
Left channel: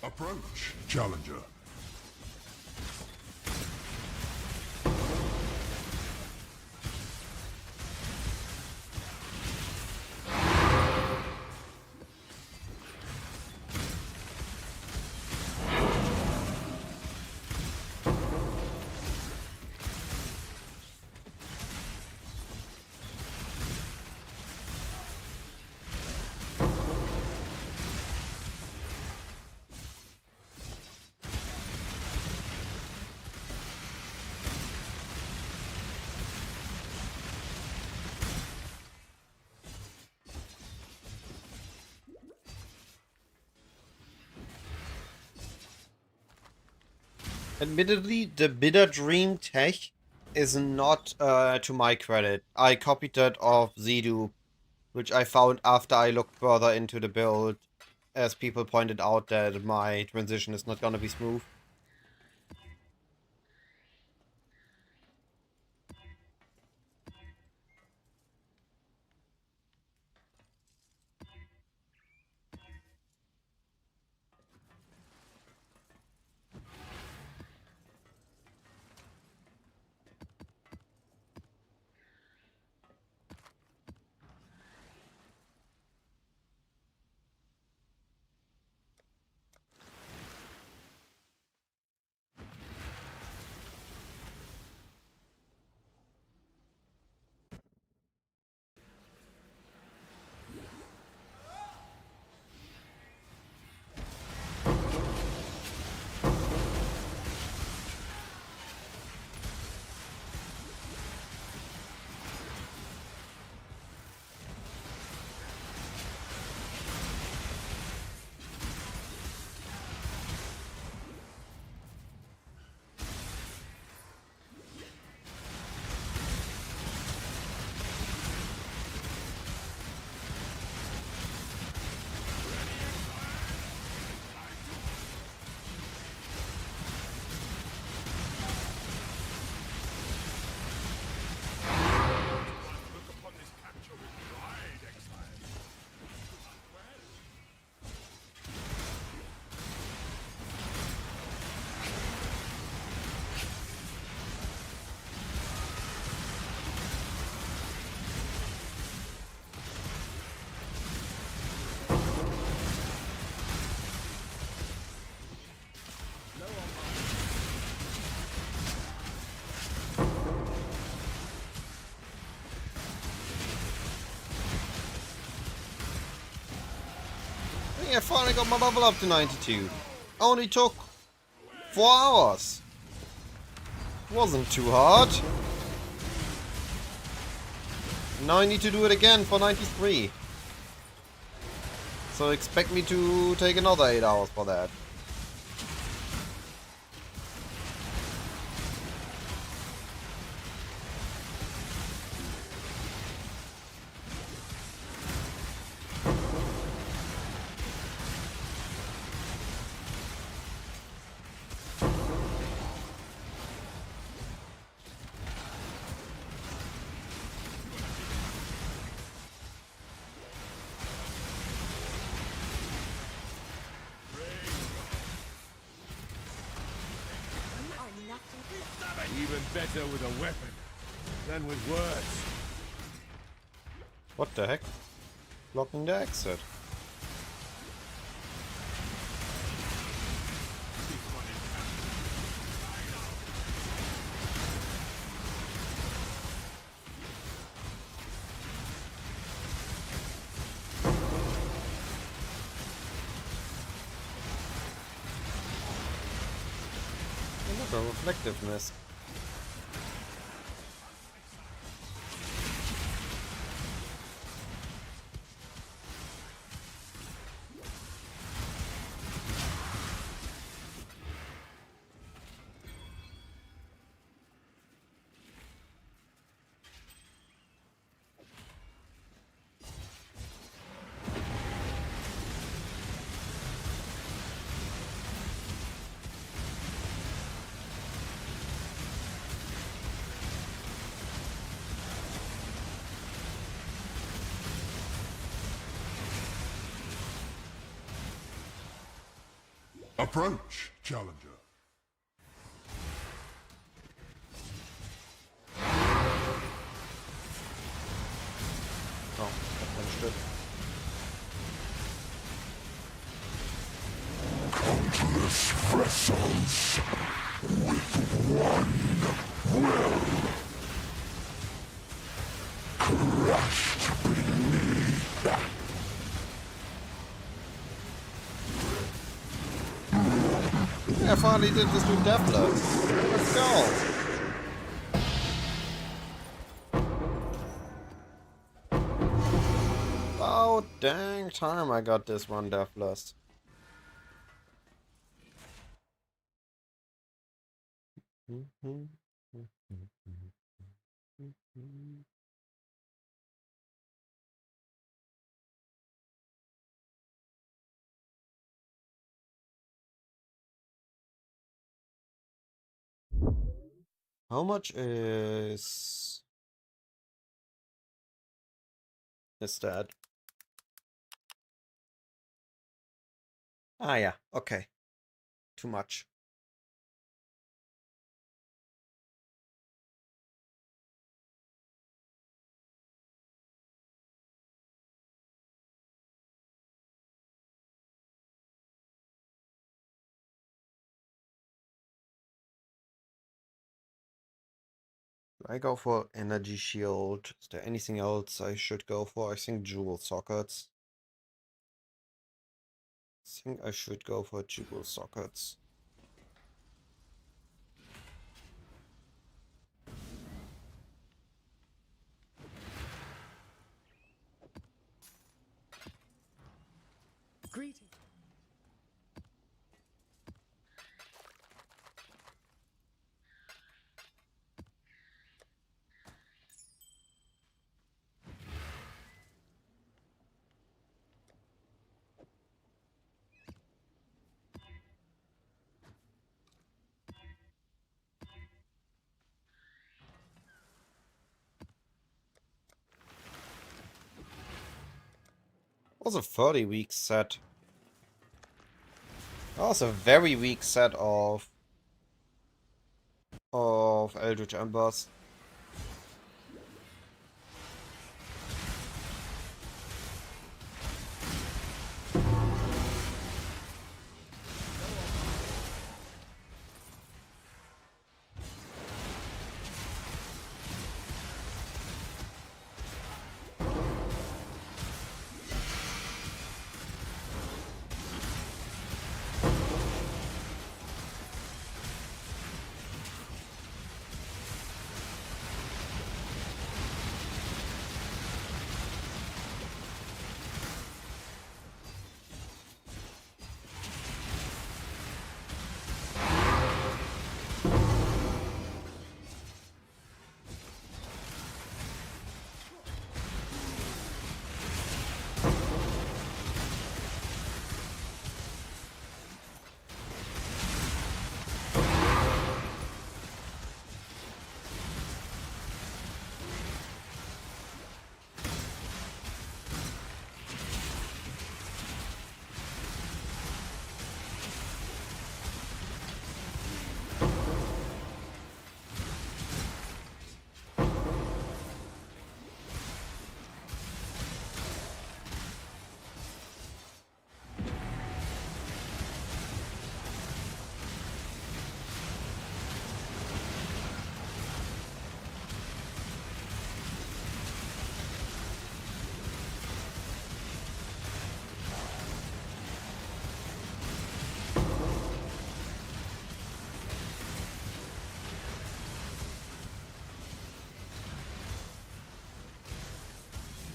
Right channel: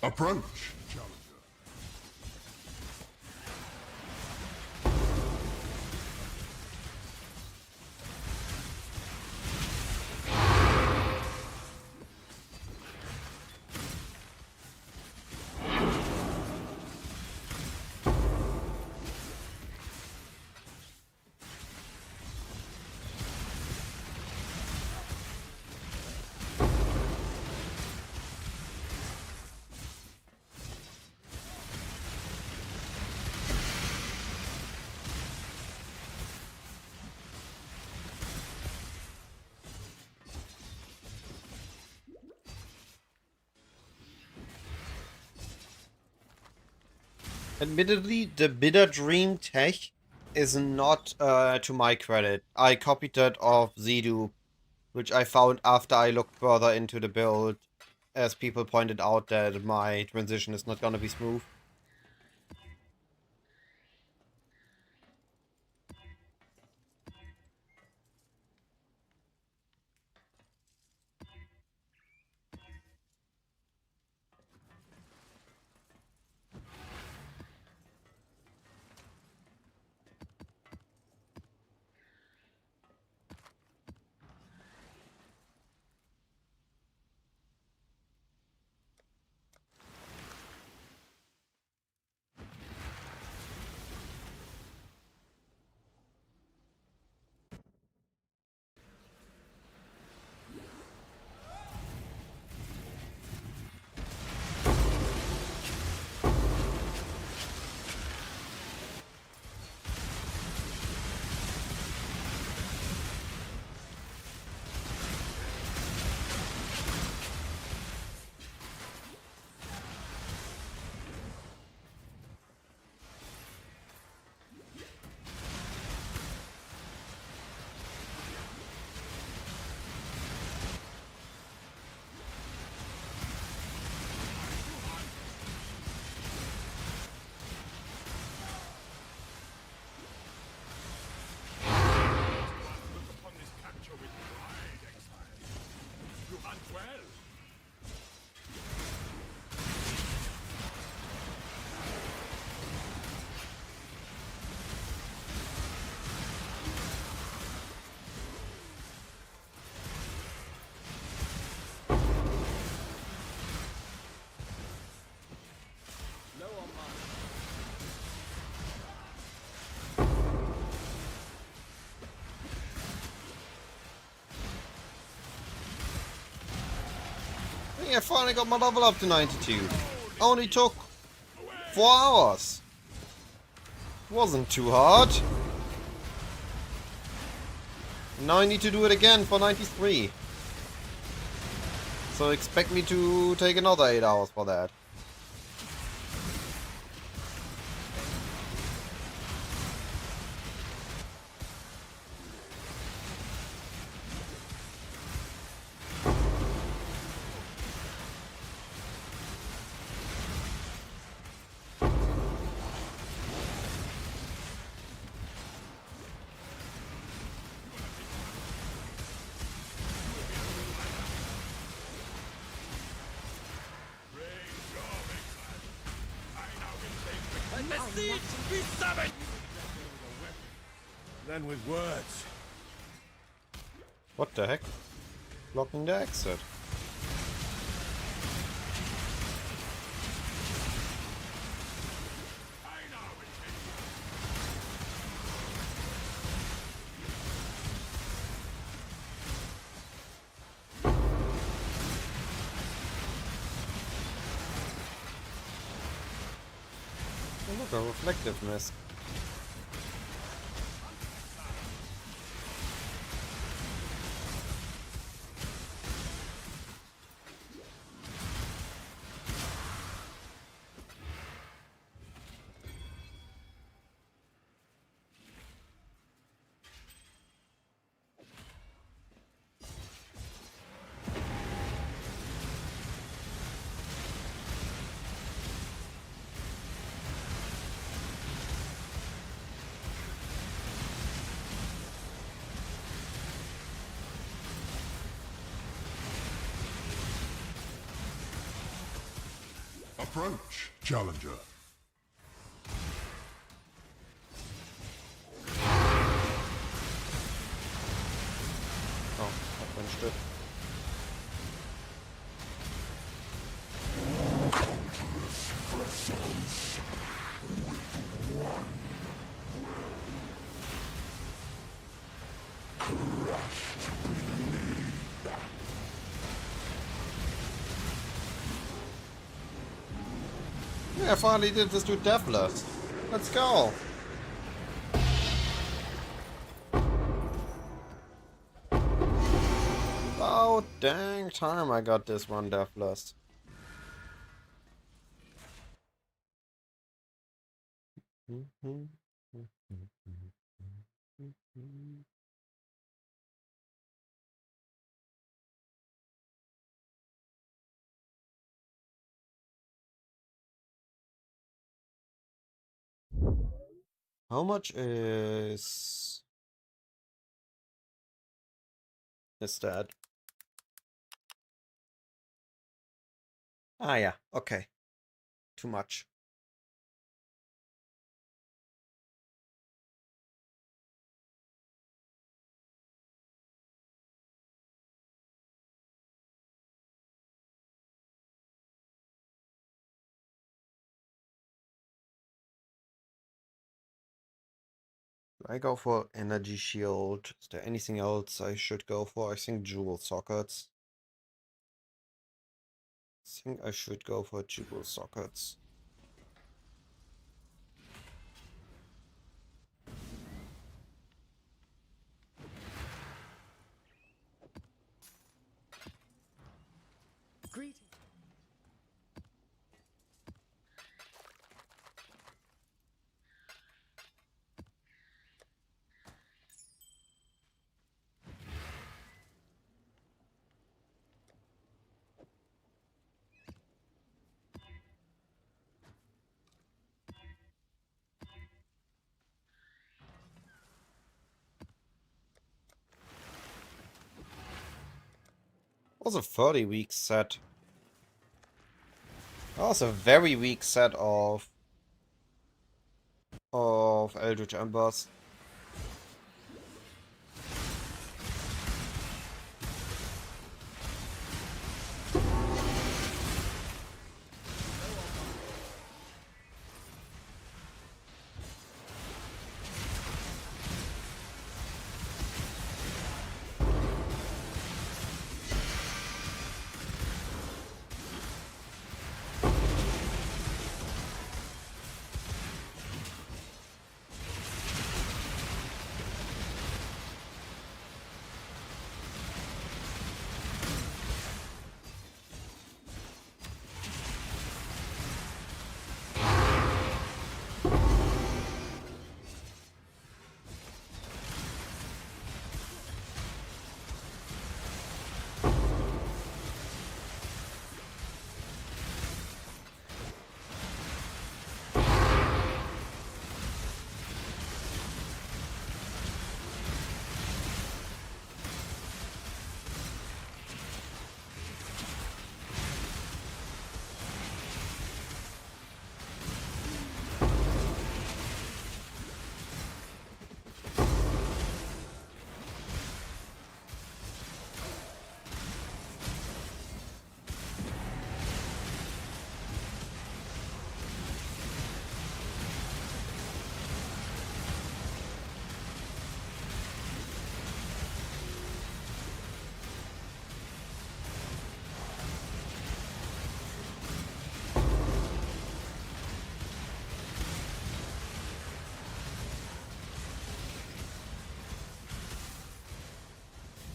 Approach, challenger. Admittedly, the Bitter Dream tech is not to my credit. I copied that off Zidu, which I found after I looked further into the build, as people pointed out that my transition is not gonna be smooth. Yeah, I finally got my level up to 92. Only took 4 hours. Wasn't too hard. Now I need to do it again for 93. So expect me to take another 8 hours for that. Even better with a weapon than with words. What the heck? Blocking the exit. Oh, look, a reflective mist. Approach, challenger. Oh, that finished it. Countless vessels with one will crushed beneath. Yeah, I finally did this to Deathless. Let's go. Oh, dang time I got this one Deathless. How much is that? Ah, yeah. Okay. Too much. I go for energy shield. Is there anything else I should go for? I think jewel sockets. I think I should go for jewel sockets. Greetings. Was a 30-week set. That was a very weak set of Eldritch Embers.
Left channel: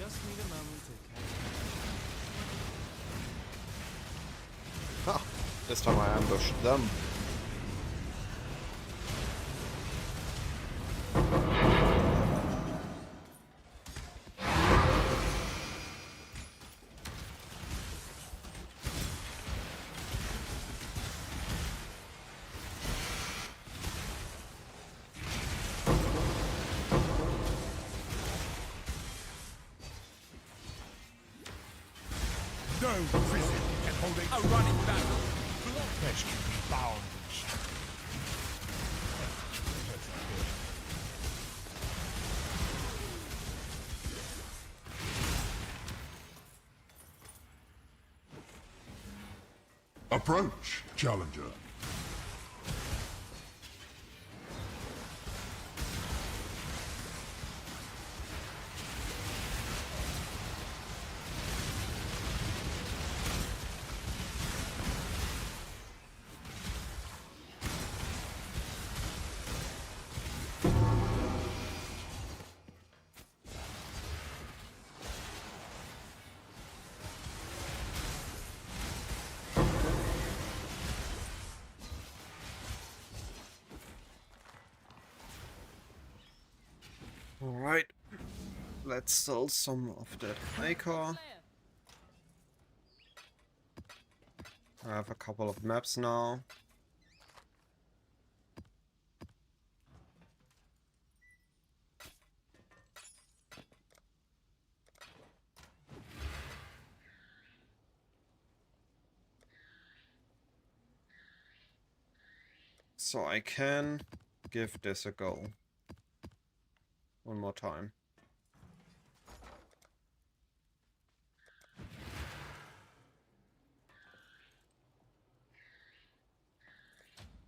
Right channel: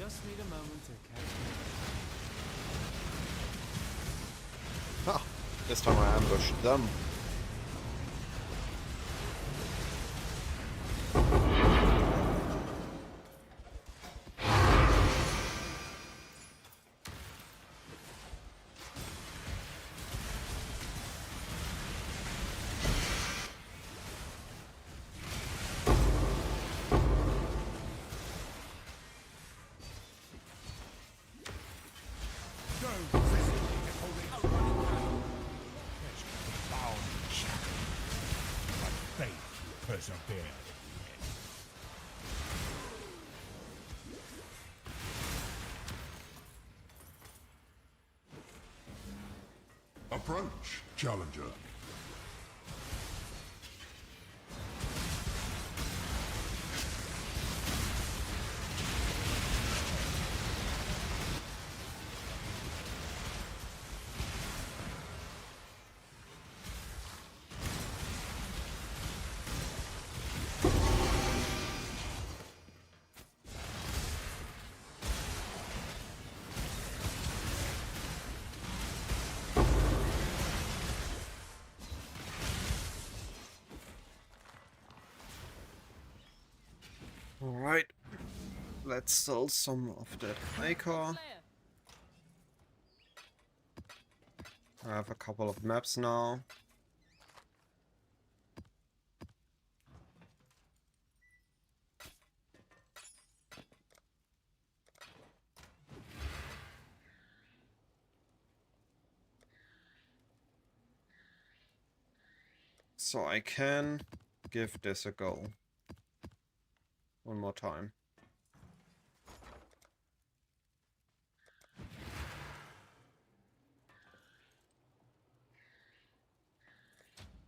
Just need a moment to catch Ah, this time I ambushed them. No prison can hold A running battle. flesh can be bound and shackled. Faith persevere. Approach, challenger. Alright. Let's sell some of that ichor. I have a couple of maps now. So I can give this a go. One more time.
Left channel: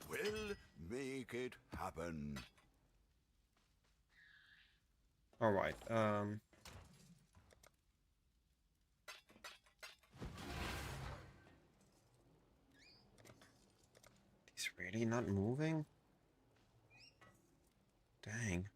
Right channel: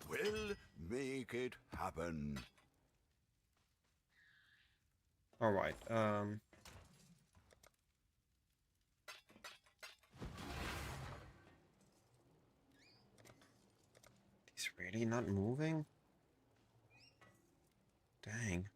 We'll make it happen. Alright, he's really not moving? Dang.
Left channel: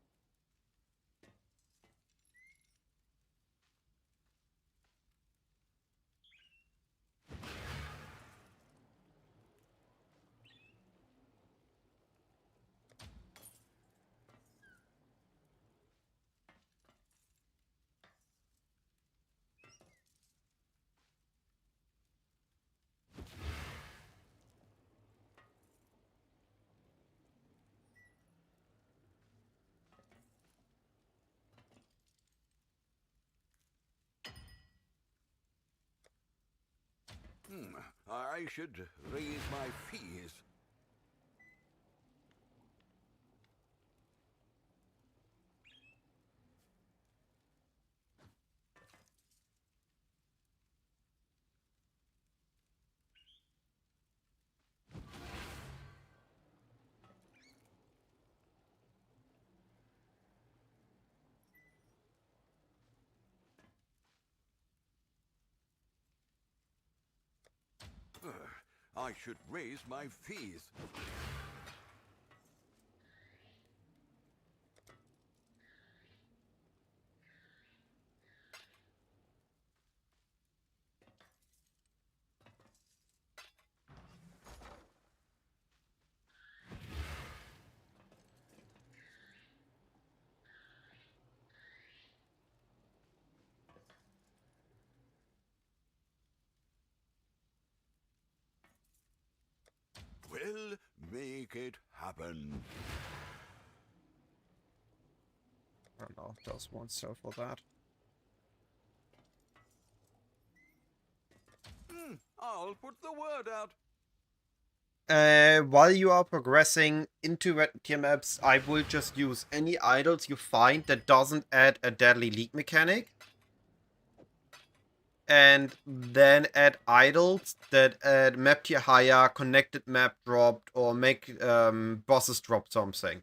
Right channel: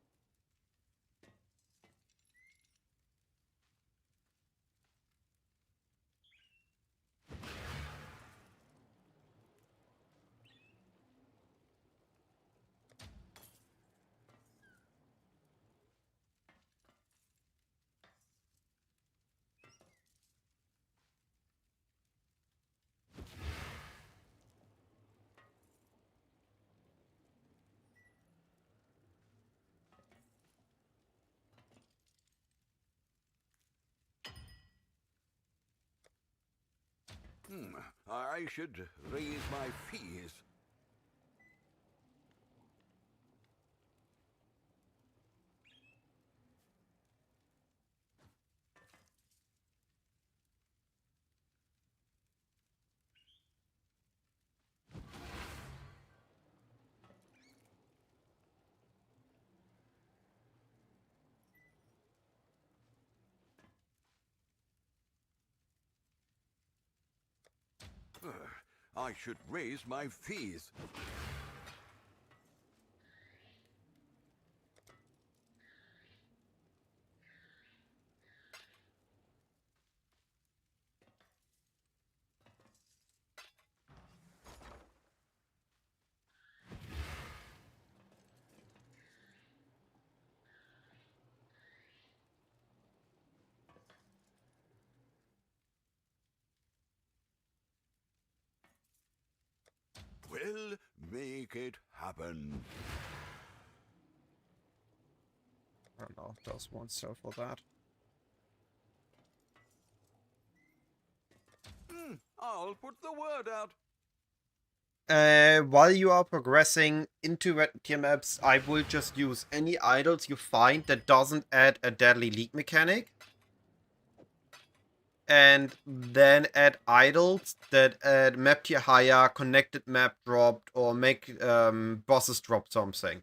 I should raise my fees. I should raise my fees. We'll make it happen. I don't know, those won't sell for that. I'll put the word out. While you are progressing into red tier maps, I will just use any idols you find that doesn't add a deadly leak mechanic. And then add idols that add map tier higher, connected map dropped, or make bosses drop something.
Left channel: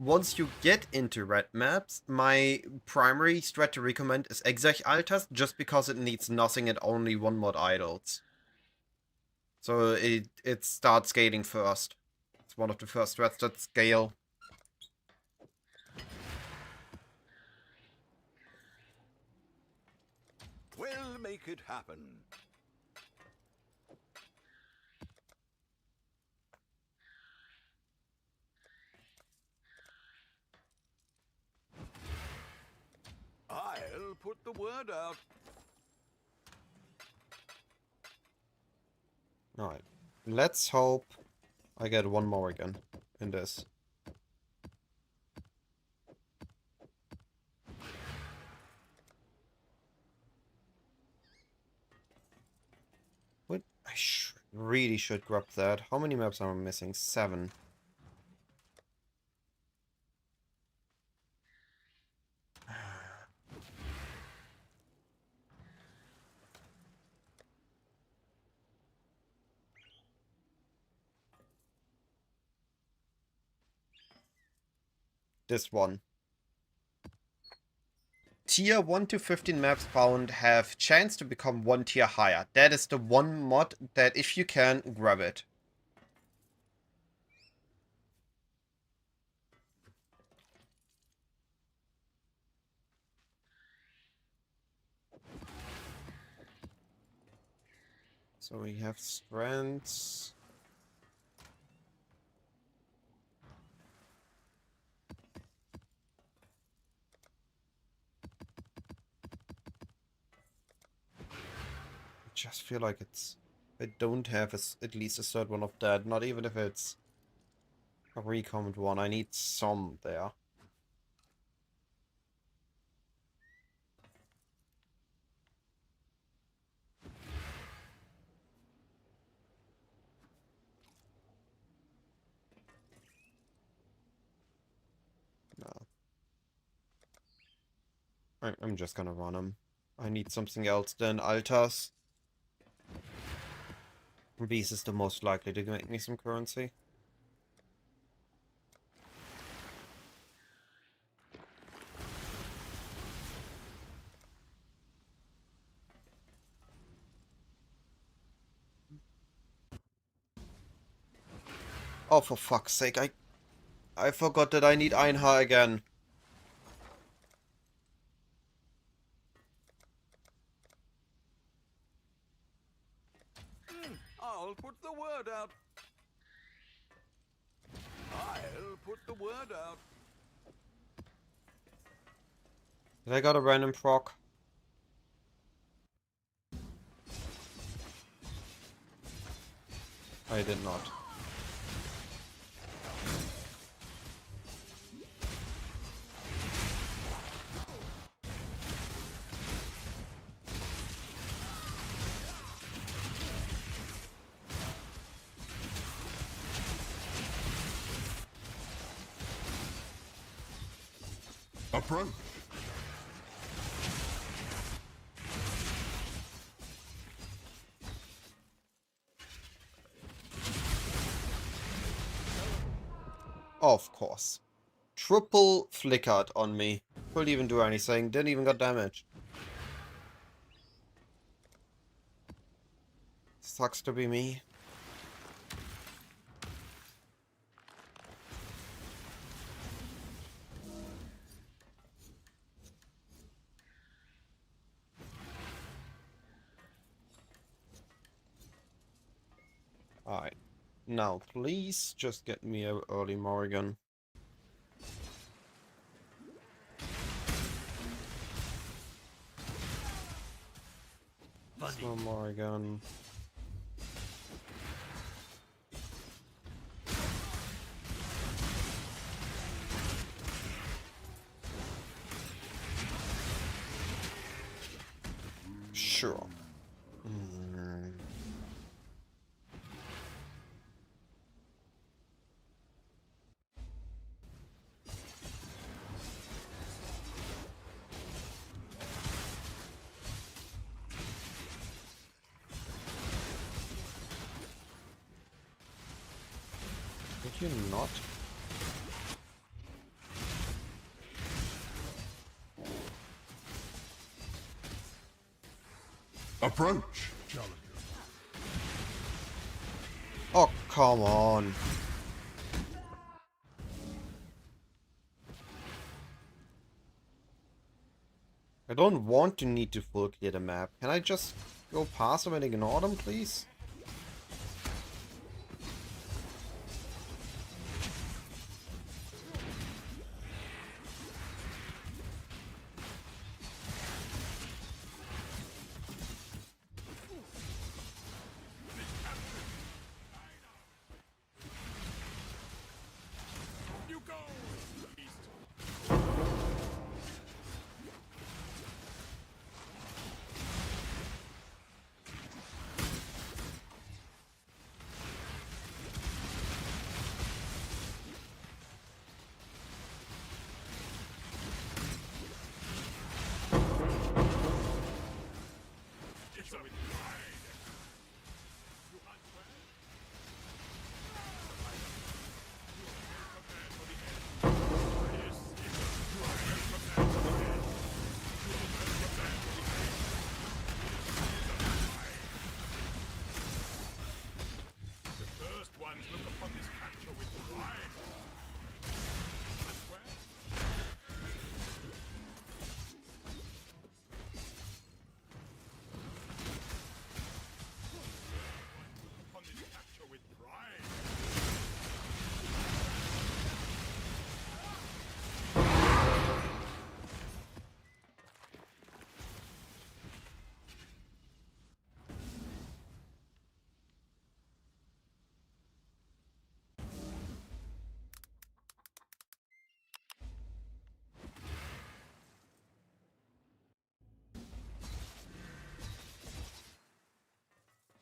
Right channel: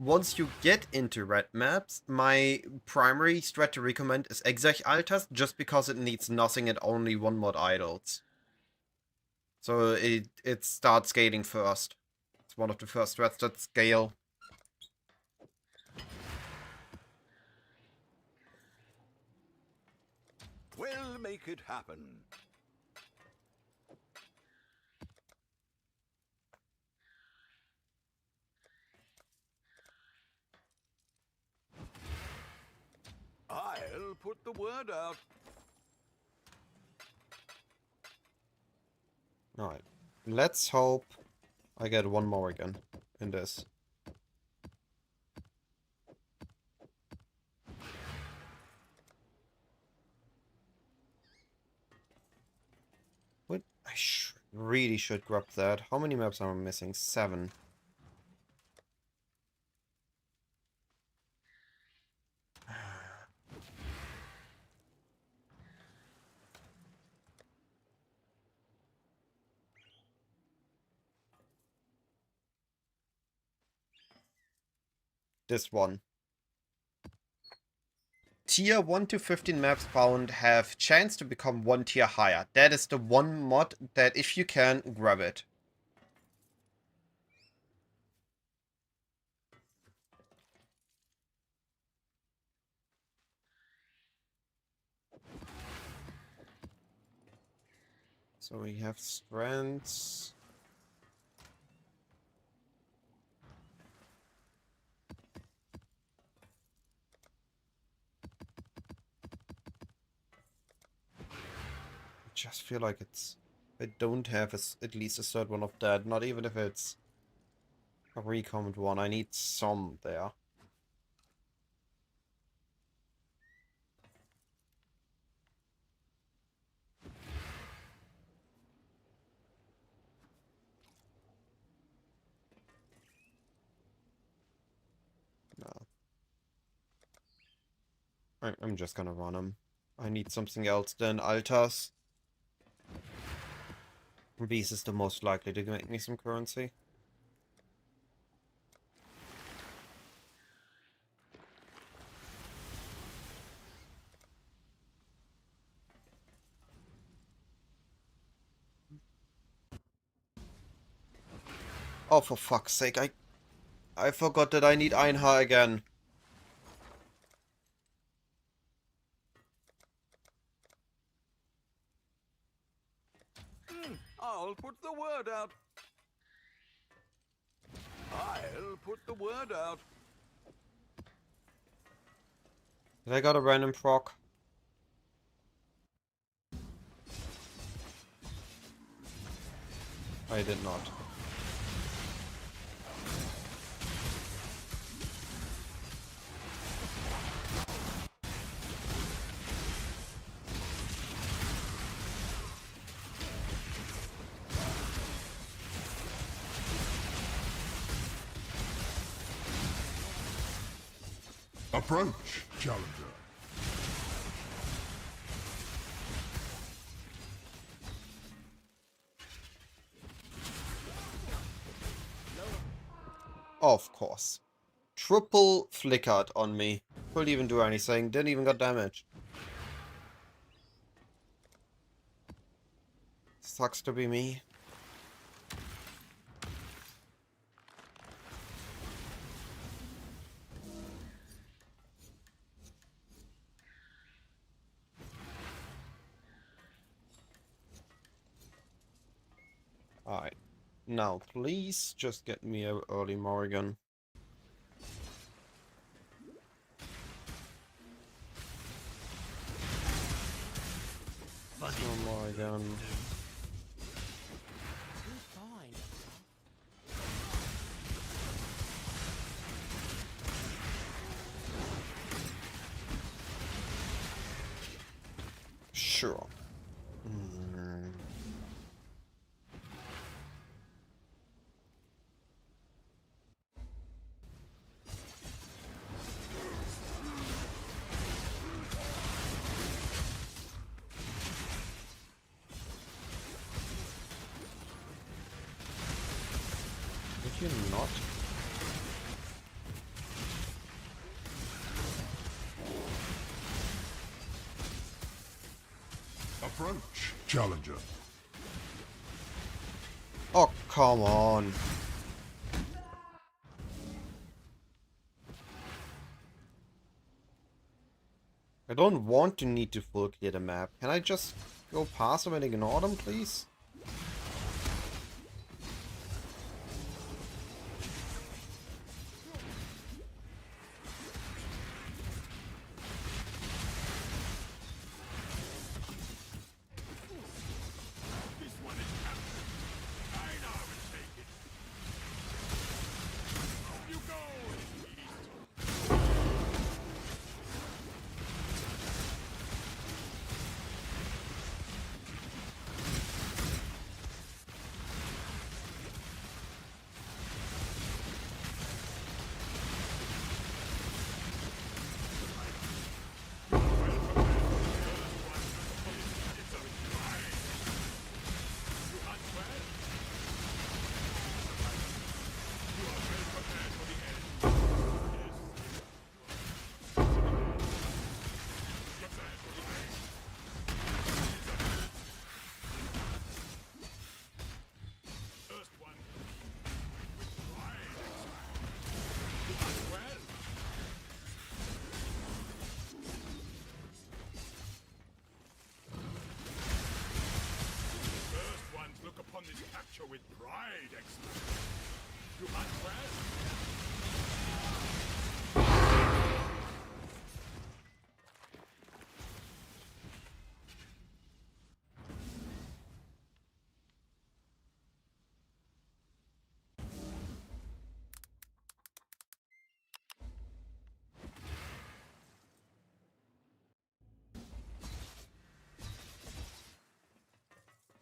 Once you get into red maps, my primary strat to recommend is Exarch altars, just because it needs nothing and only one mod idols. So it starts scaling first. It's one of the first strats that scale. I'll make it happen. I'll put the word out. Alright. Let's hope I get one more again in this. What? I really should grab that. How many maps am I missing? 7. This one. Tier 1 to 15 maps found have chance to become 1 tier higher. That is the one mod that if you can, grab it. So we have strengths. I just feel like I don't have at least a third one of that. Not even if it's a recommed one. I need some there. No. I'm just gonna run them. I need something else than Altars. Beast is the most likely to make me some currency. Oh, for fuck's sake, I forgot that I need Einhar again. I'll put the word out. I'll put the word out. Did I got a random proc? I did not. Approach, challenger. Of course. Triple flickered on me. Couldn't even do anything. Didn't even got damage. Sucks to be me. Alright. Now, please just get me a early Morrigan. No Morrigan. Sure. Did you not? Approach, challenger. Oh, come on. I don't want to need to full clear the map. Can I just go past them and ignore them, please?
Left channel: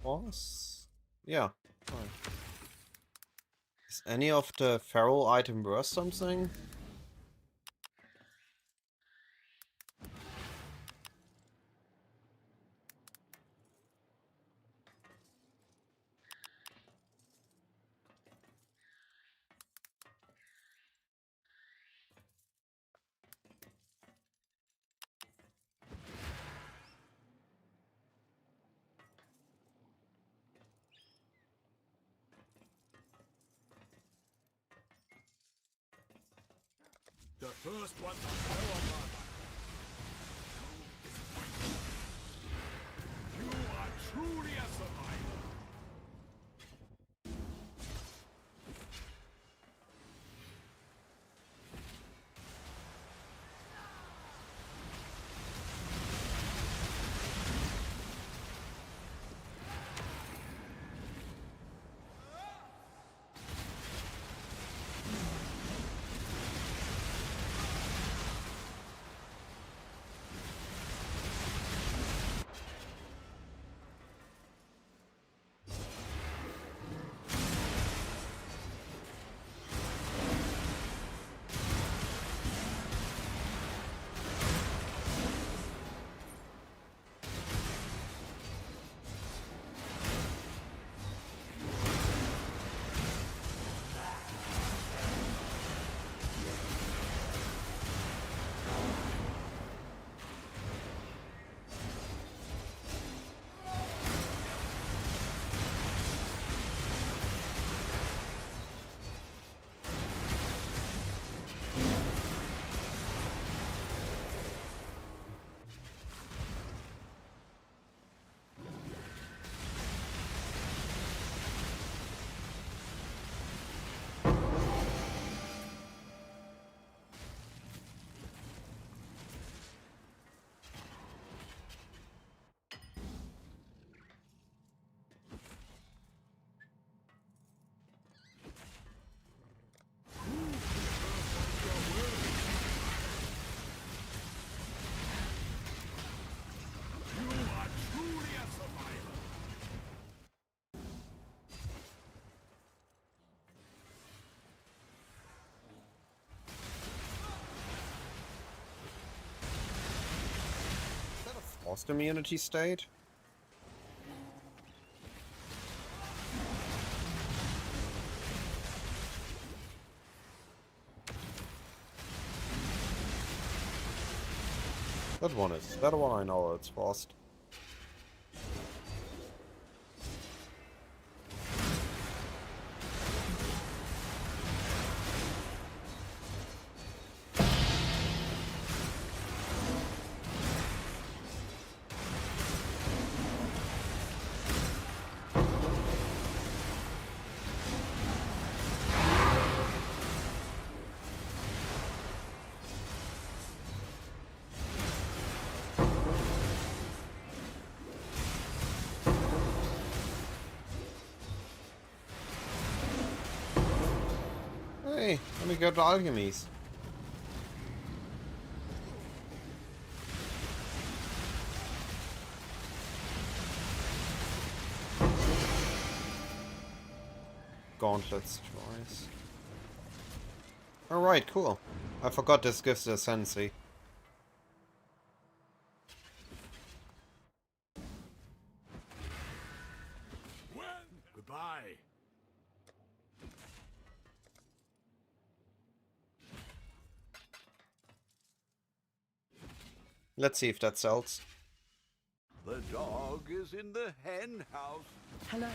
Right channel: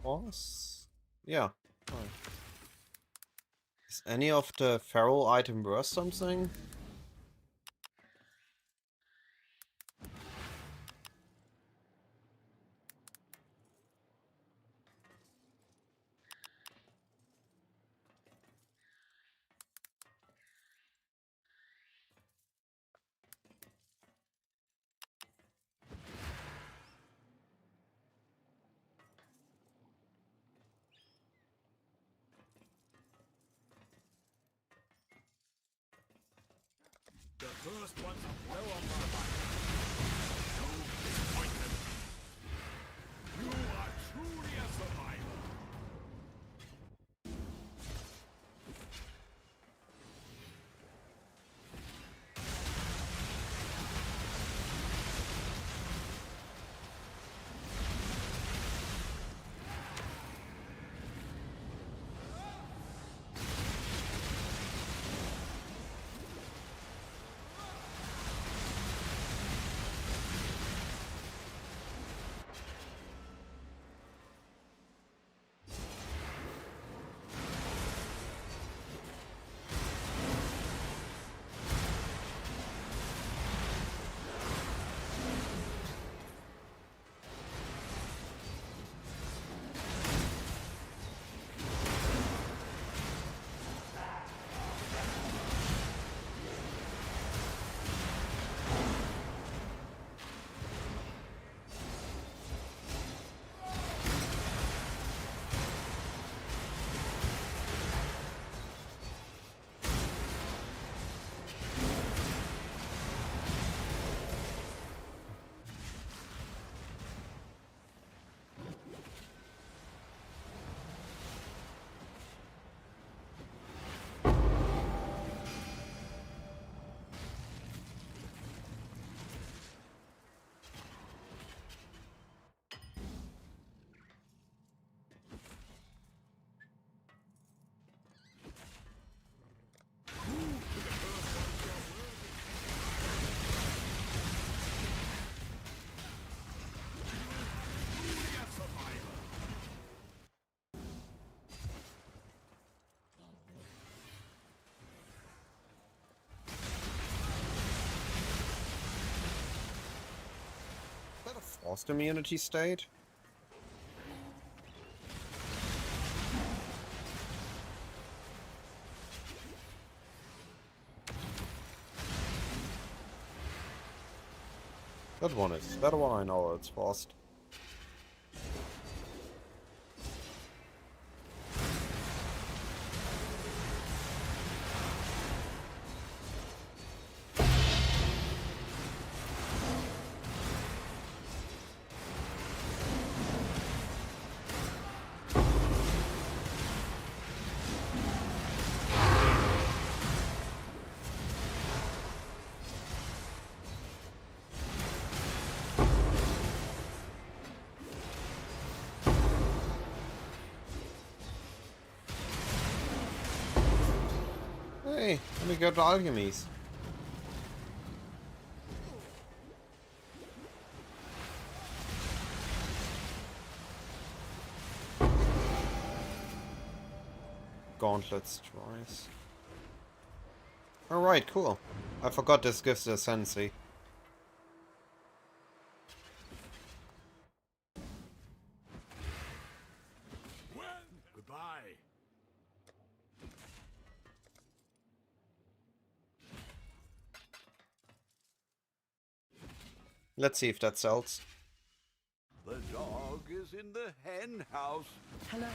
Boss? Yeah. Fine. Is any of the feral item worth something? The first one to blow on my back. No disappointment. You are truly a survivor. Frost immunity state? That one I know it's frost. Hey, let me go to alchemies. Gauntlets twice. Alright, cool. I forgot this gives the Sensei. Goodbye. Let's see if that sells. The dog is in the hen house. Hello.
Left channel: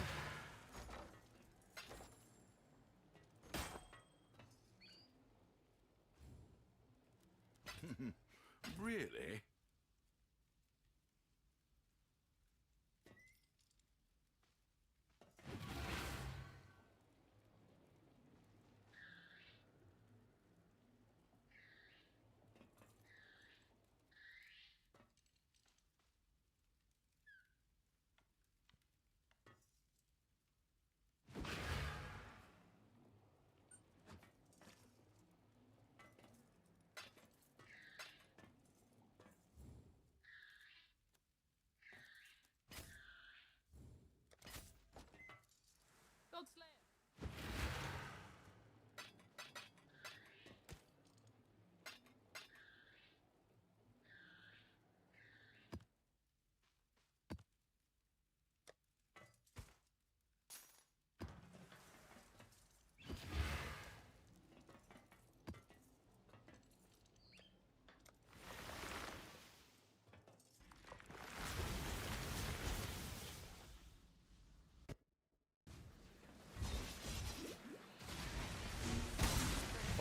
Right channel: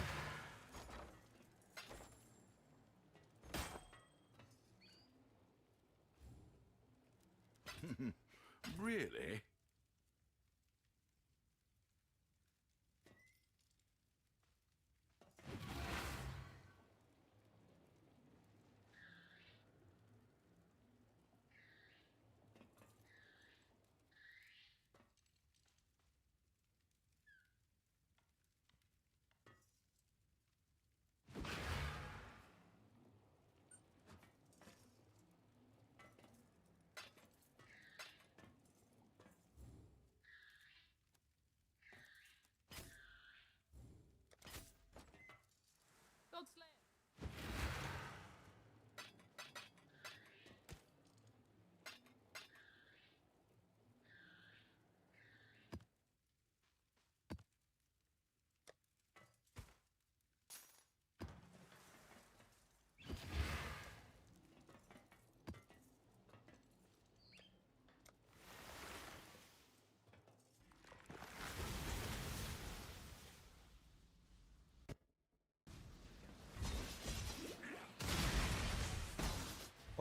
Really? Dog Slayer.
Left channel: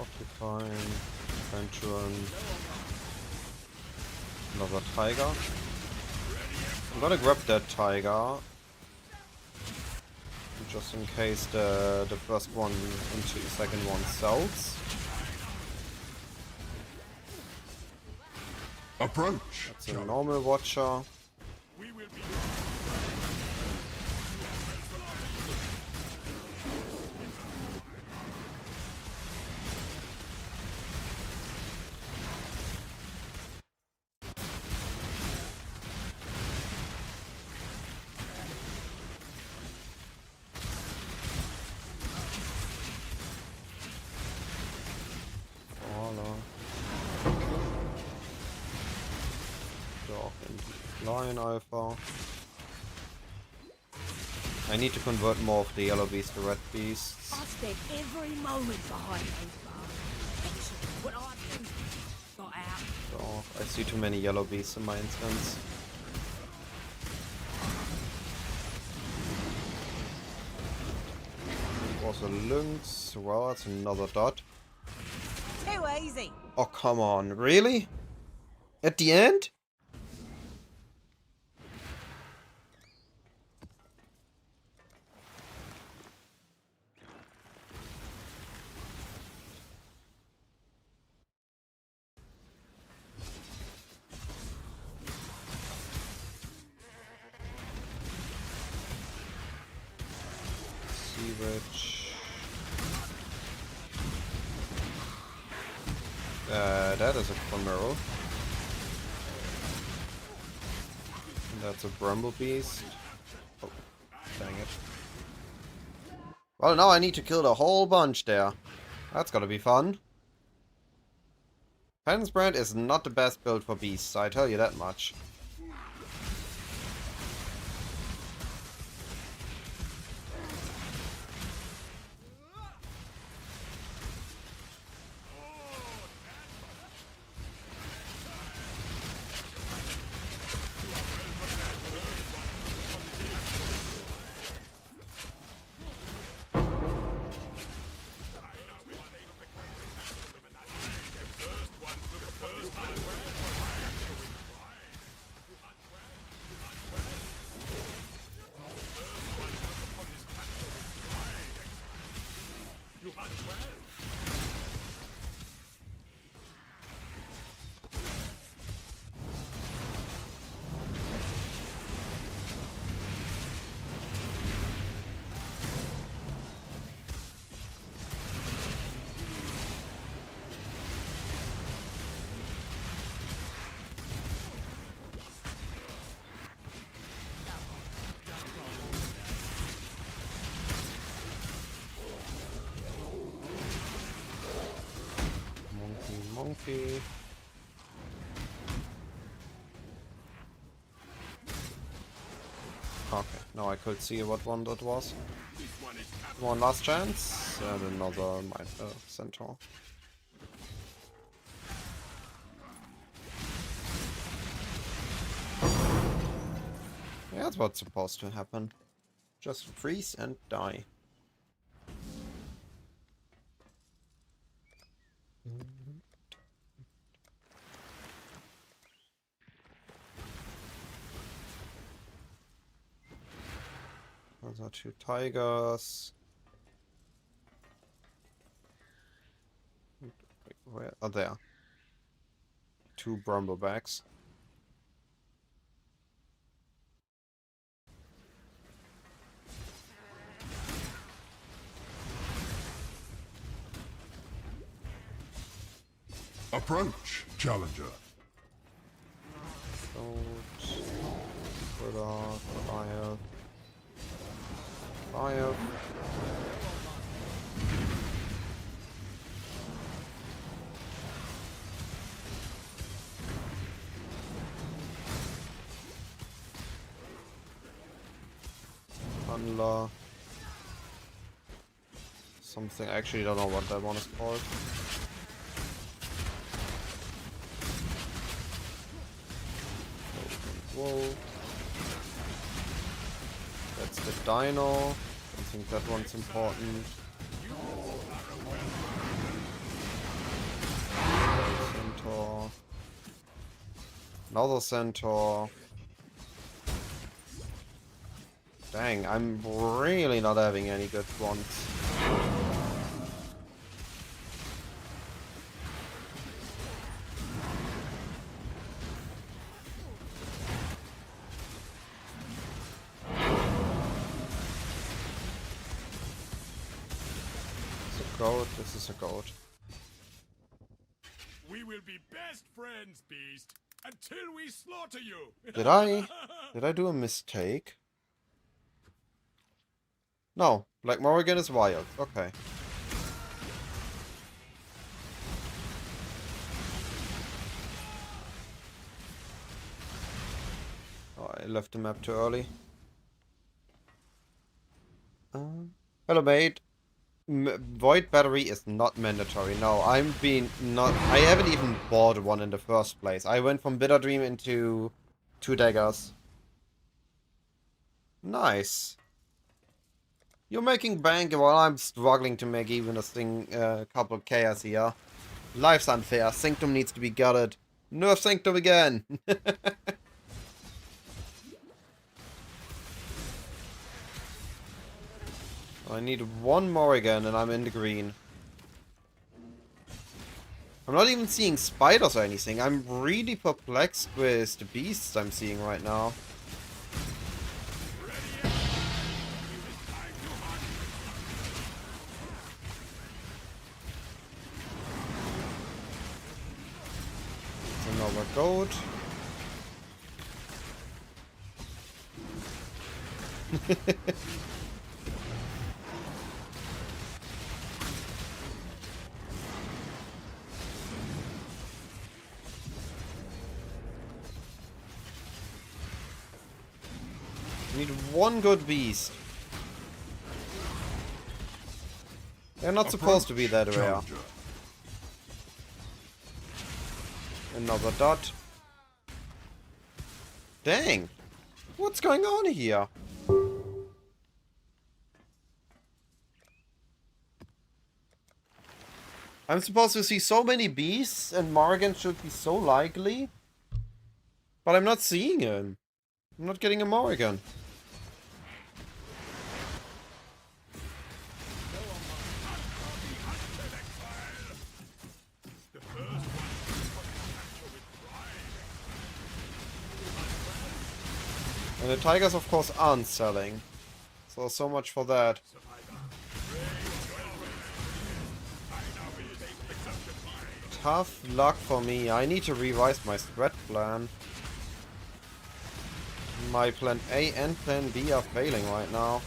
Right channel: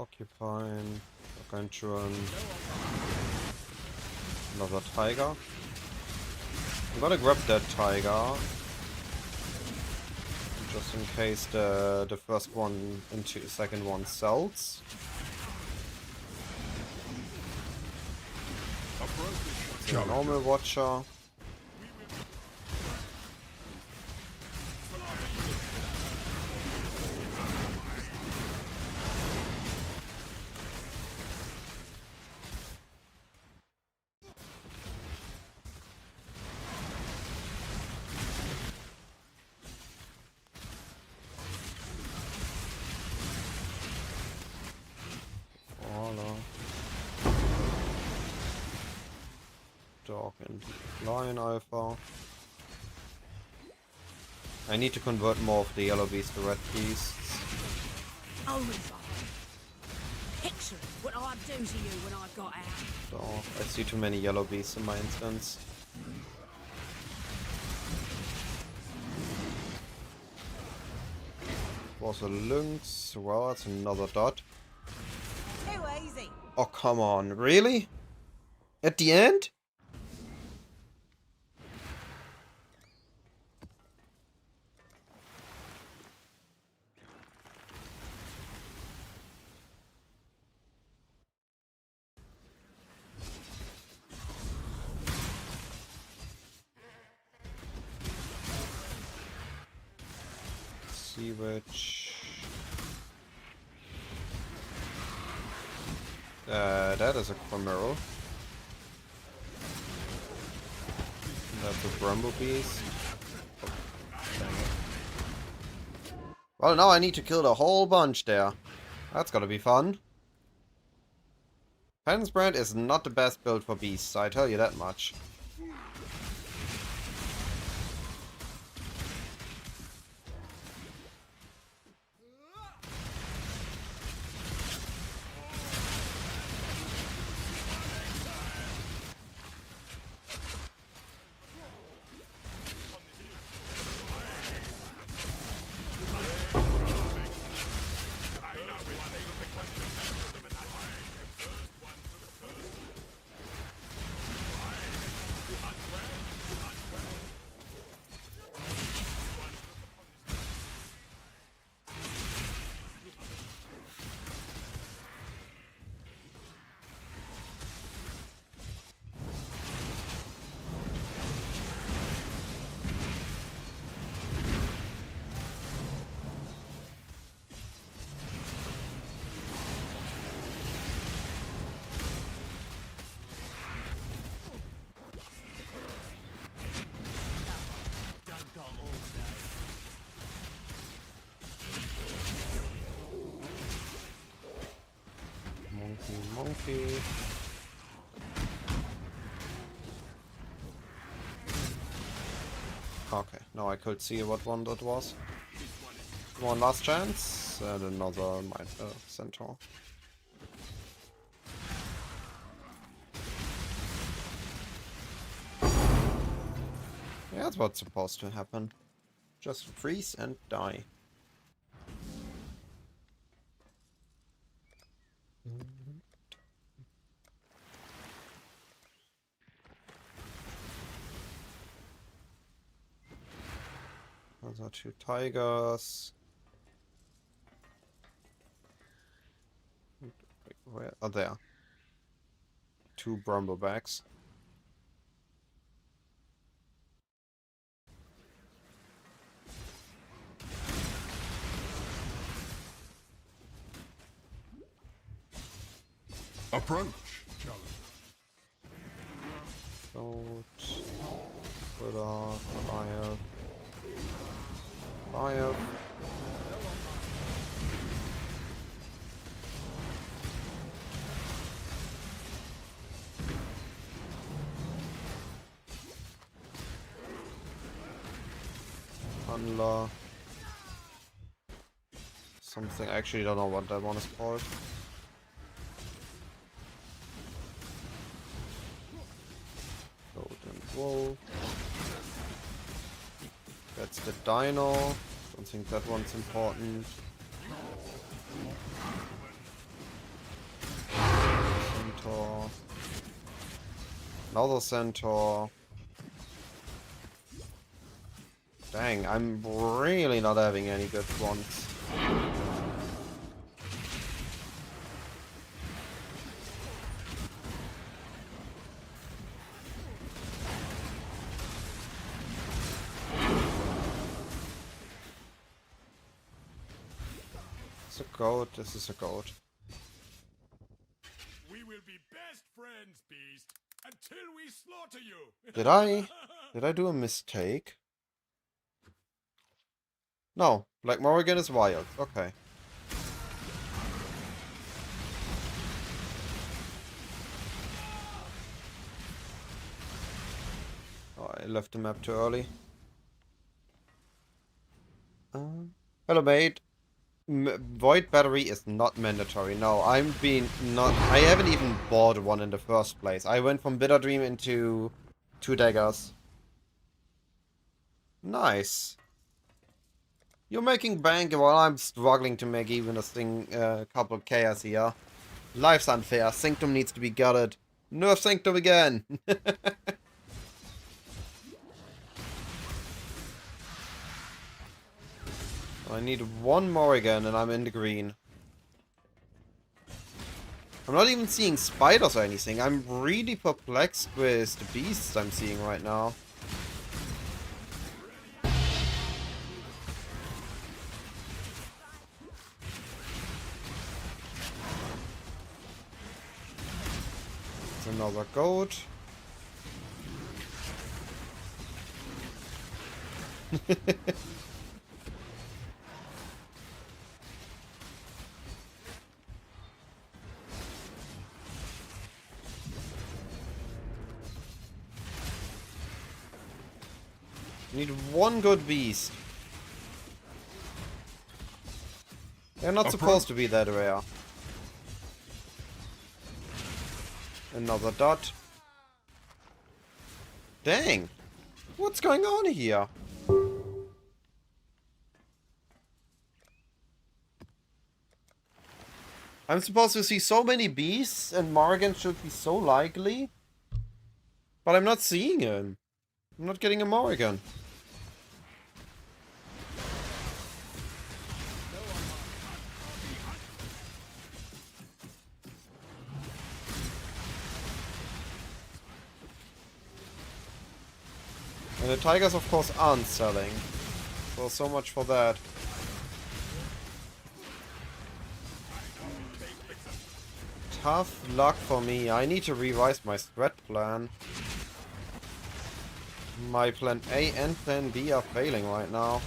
Occupying, Venturing, another tiger. I'm gonna grab that tiger, just in case the first one into the second one sells. Approach. It's a normal watcher. Dog and Lion Alpha. I need to convert more of the yellow beasts to red beasts. I spent every moment behind those bars. Picture what I'd do to you when I got out. Dog. I see too many yellow beasts in my instance. Was a lynx. Well, that's another dot. Too easy. Oh, come on. Really? At the end? Sea Witch. That is a Chimera. That's a Bramble Beast. Oh, dang it. Well, now I need to kill the whole bunch there. That's gotta be fun. Penance Brand is not the best build for beasts, I tell you that much. monkey. Okay, now I could see what one that was. One last chance, and another centaur. Yeah, that's what's supposed to happen. Just freeze and die. Those are 2 tigers. Where are there? 2 brumblebacks. Approach, challenger. Goat. Fire. Fire. Handler. Something, I actually don't know what that one is called. Whoa. That's the dino. Don't think that one's important. Centaur. Another centaur. Dang, I'm really not having any good ones. Goat, this is a goat. We will be best friends, Beast, until we slaughter you. Did I do a mistake? No, Black Morrigan is wild. Okay. Oh, I left the map too early. Hello, mate. Void battery is not mandatory. No, I haven't even bought one in the first place. I went from Bitter Dream into 2 daggers. Nice. You're making bank while I'm struggling to make even a couple chaos here. Life's unfair. Sanctum needs to be gutted. Nerf Sanctum again. I need 1 more again and I'm in the green. I'm not even seeing spiders or anything. I'm really perplexed with the beasts I'm seeing right now. It's another goat. Need 1 good beast. They're not supposed to be that rare. Another dot. Dang! What's going on here? I'm supposed to see so many beasts and Morrigan should be so likely. But I'm not seeing him. I'm not getting a Morrigan. And the tigers of course aren't selling. So much for that. Tough luck for me. I need to revise my strat plan. My plan A and plan B are failing right now.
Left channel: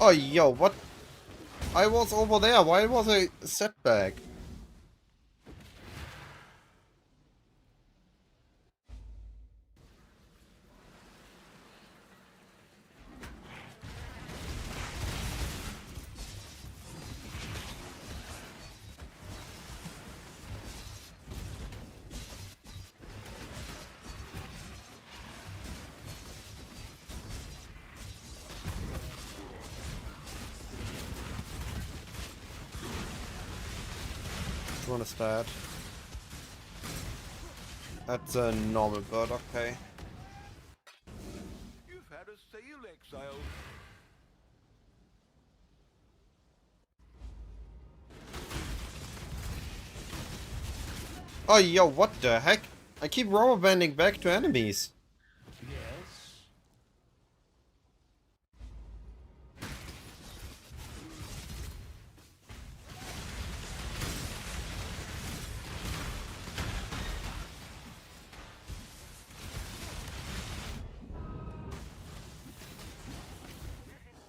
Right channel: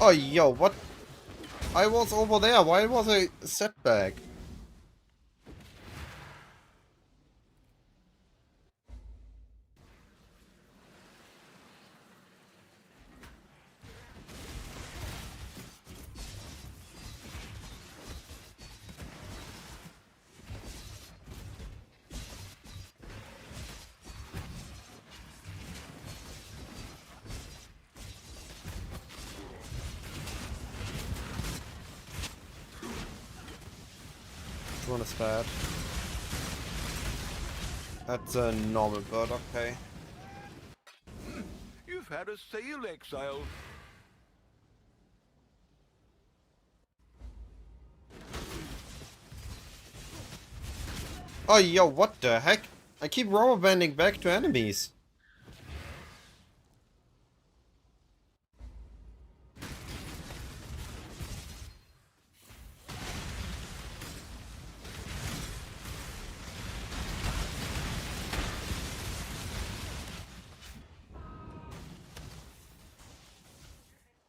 Oh, yo, what? I was over there. Why was I set back? Which one is that? That's a normal bird, okay. You've had a sail, Exile. Oh, yo, what the heck? I keep rubber banding back to enemies.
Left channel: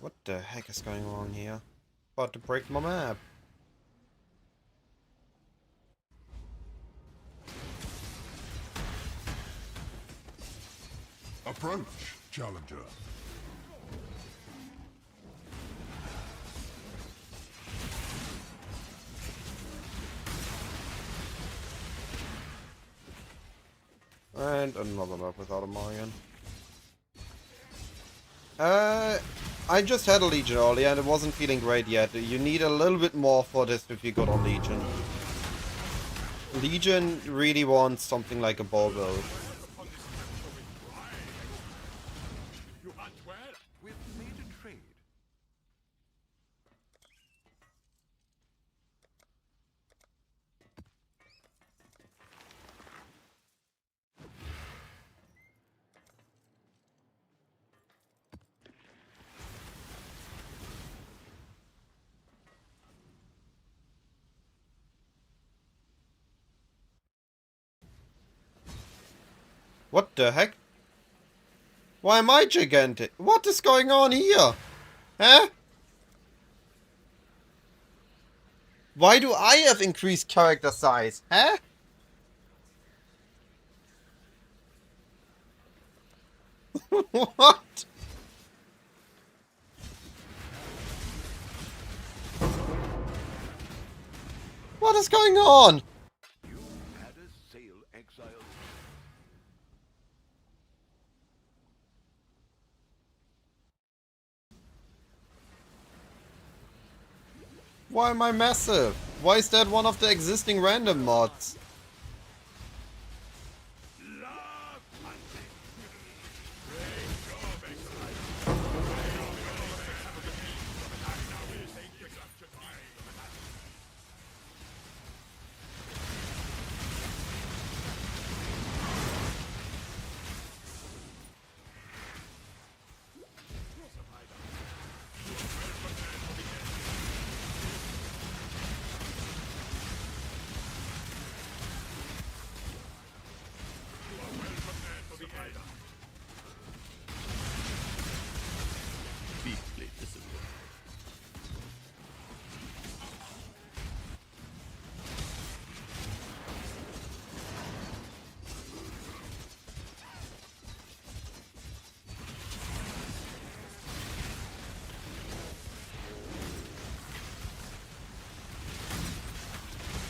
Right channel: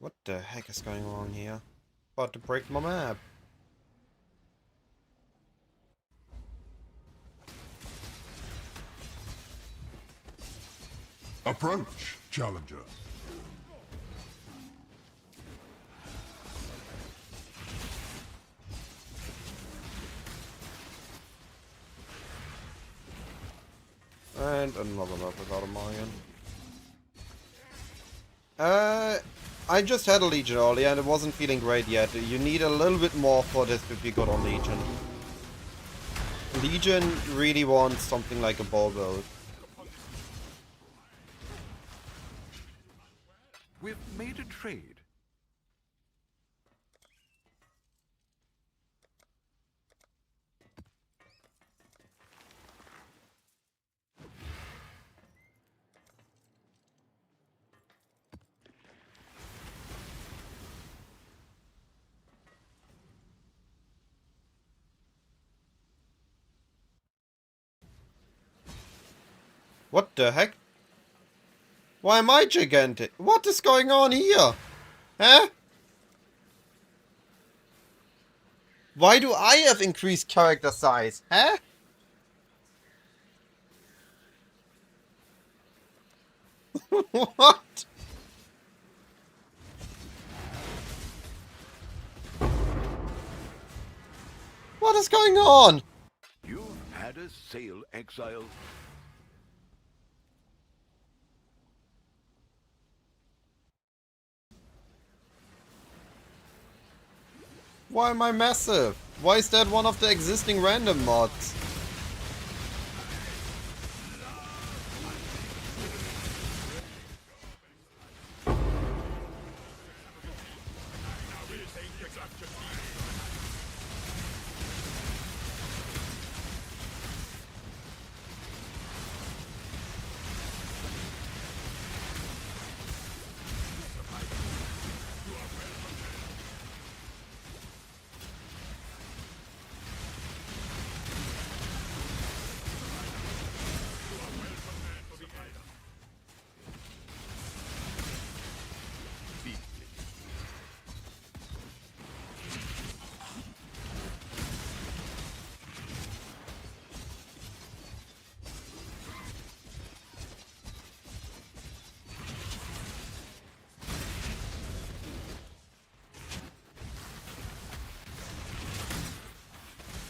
What the heck is going on here? About to break my map. Approach, challenger. And another map without a Mayan. I just had a Legion earlier and it wasn't feeling great yet. You need a little bit more for this to be good on Legion. Legion really wants something like a ball build. We've made a trade. What the heck? Why am I gigantic? What is going on here? Huh? Why do I have increased character size? Huh? What? What is going on? You've had a sail, Exile. Why am I massive? Why is that one of the existing random mods?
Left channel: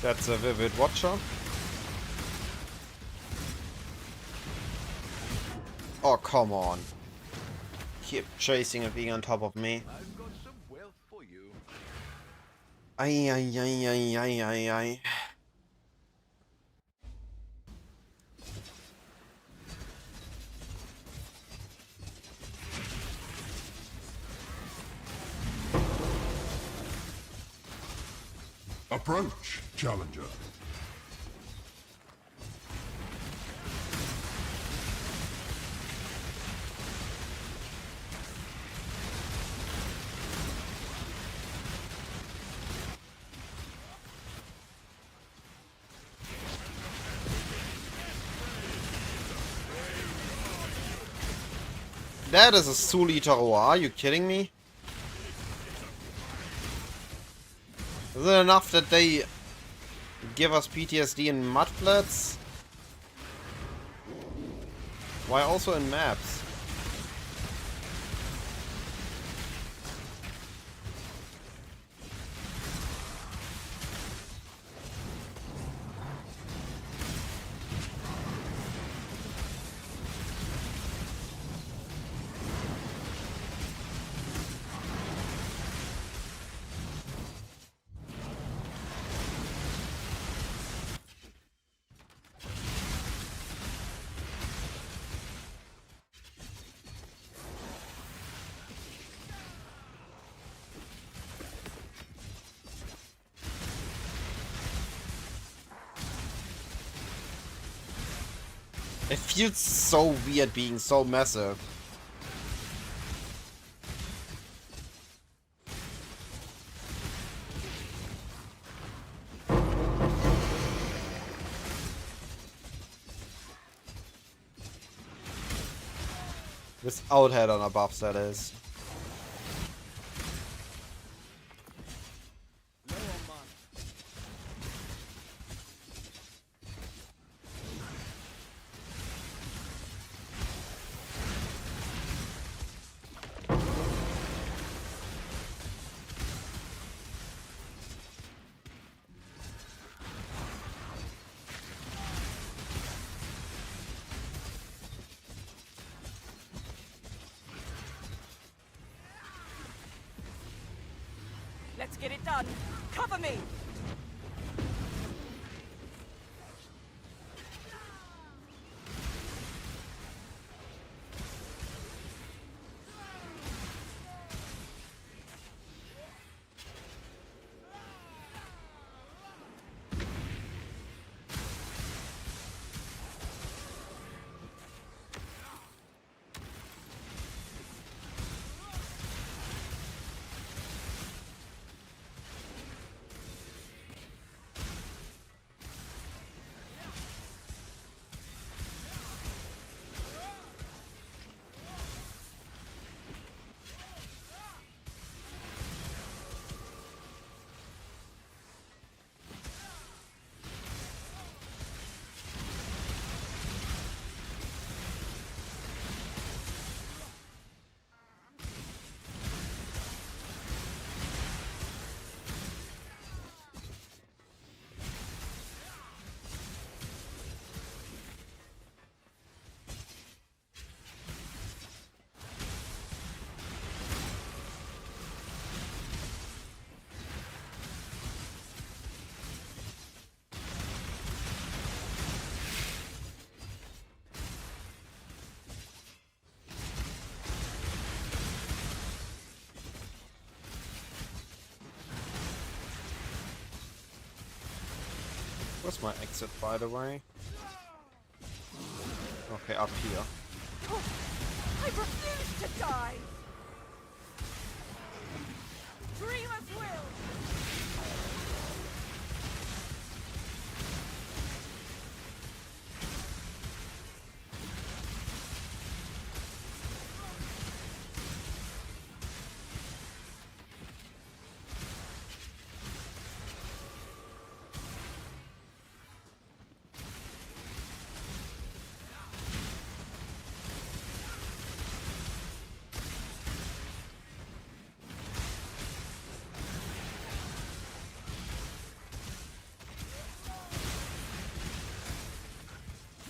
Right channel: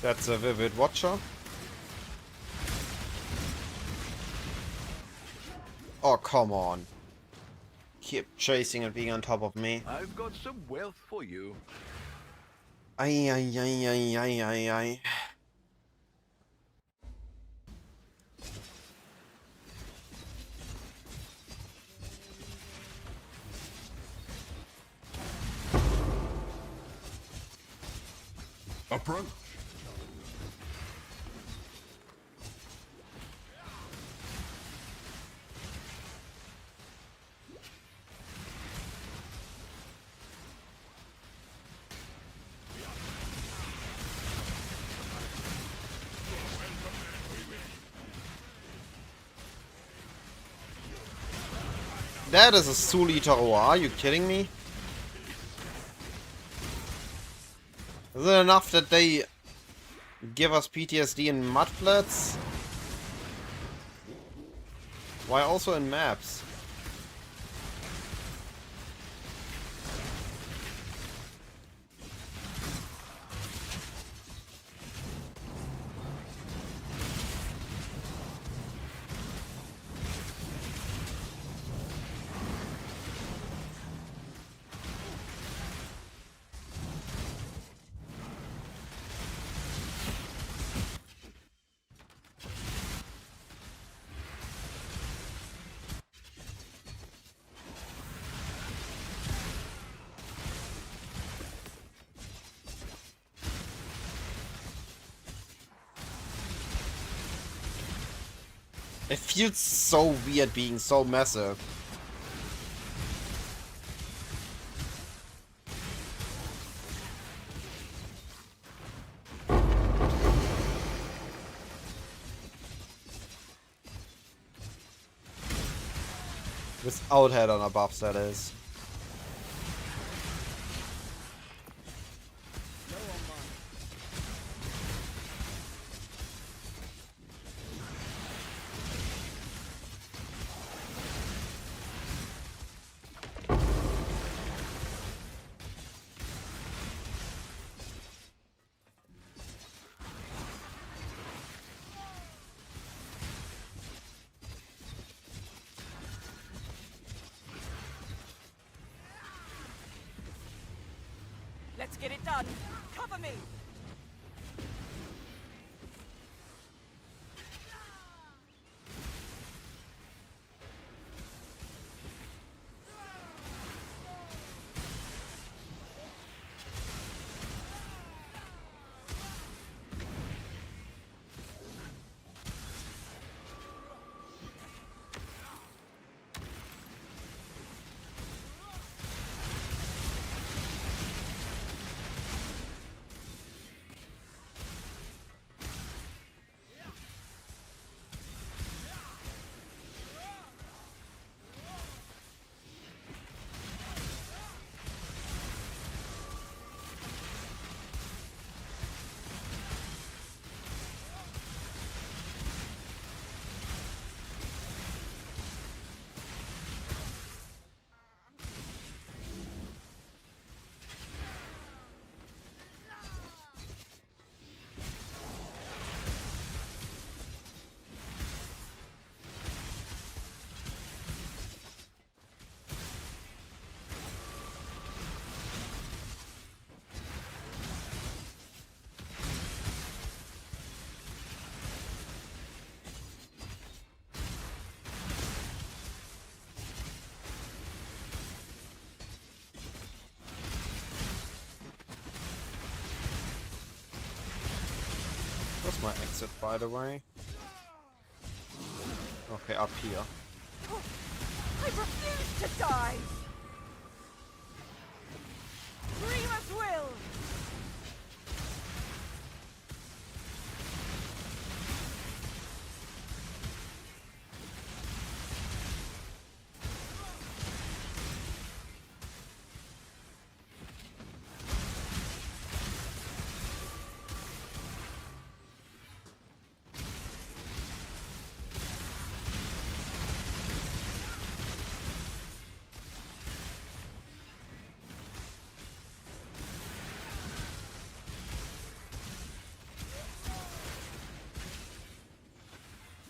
That's a Vivid Watcher. Oh, come on. Keep chasing and being on top of me. I've got some wealth for you. Ay, ay, ay, ay, ay, ay, ay. Approach, challenger. That is a Suli Taro. Are you kidding me? Is it enough that they give us PTSD in mudflats? Why also in maps? It feels so weird being so massive. Without head on buffs, that is. Let's get it done. Cover me. Where's my exit, by the way? Okay, up here. I refuse to die. Dreamer's will.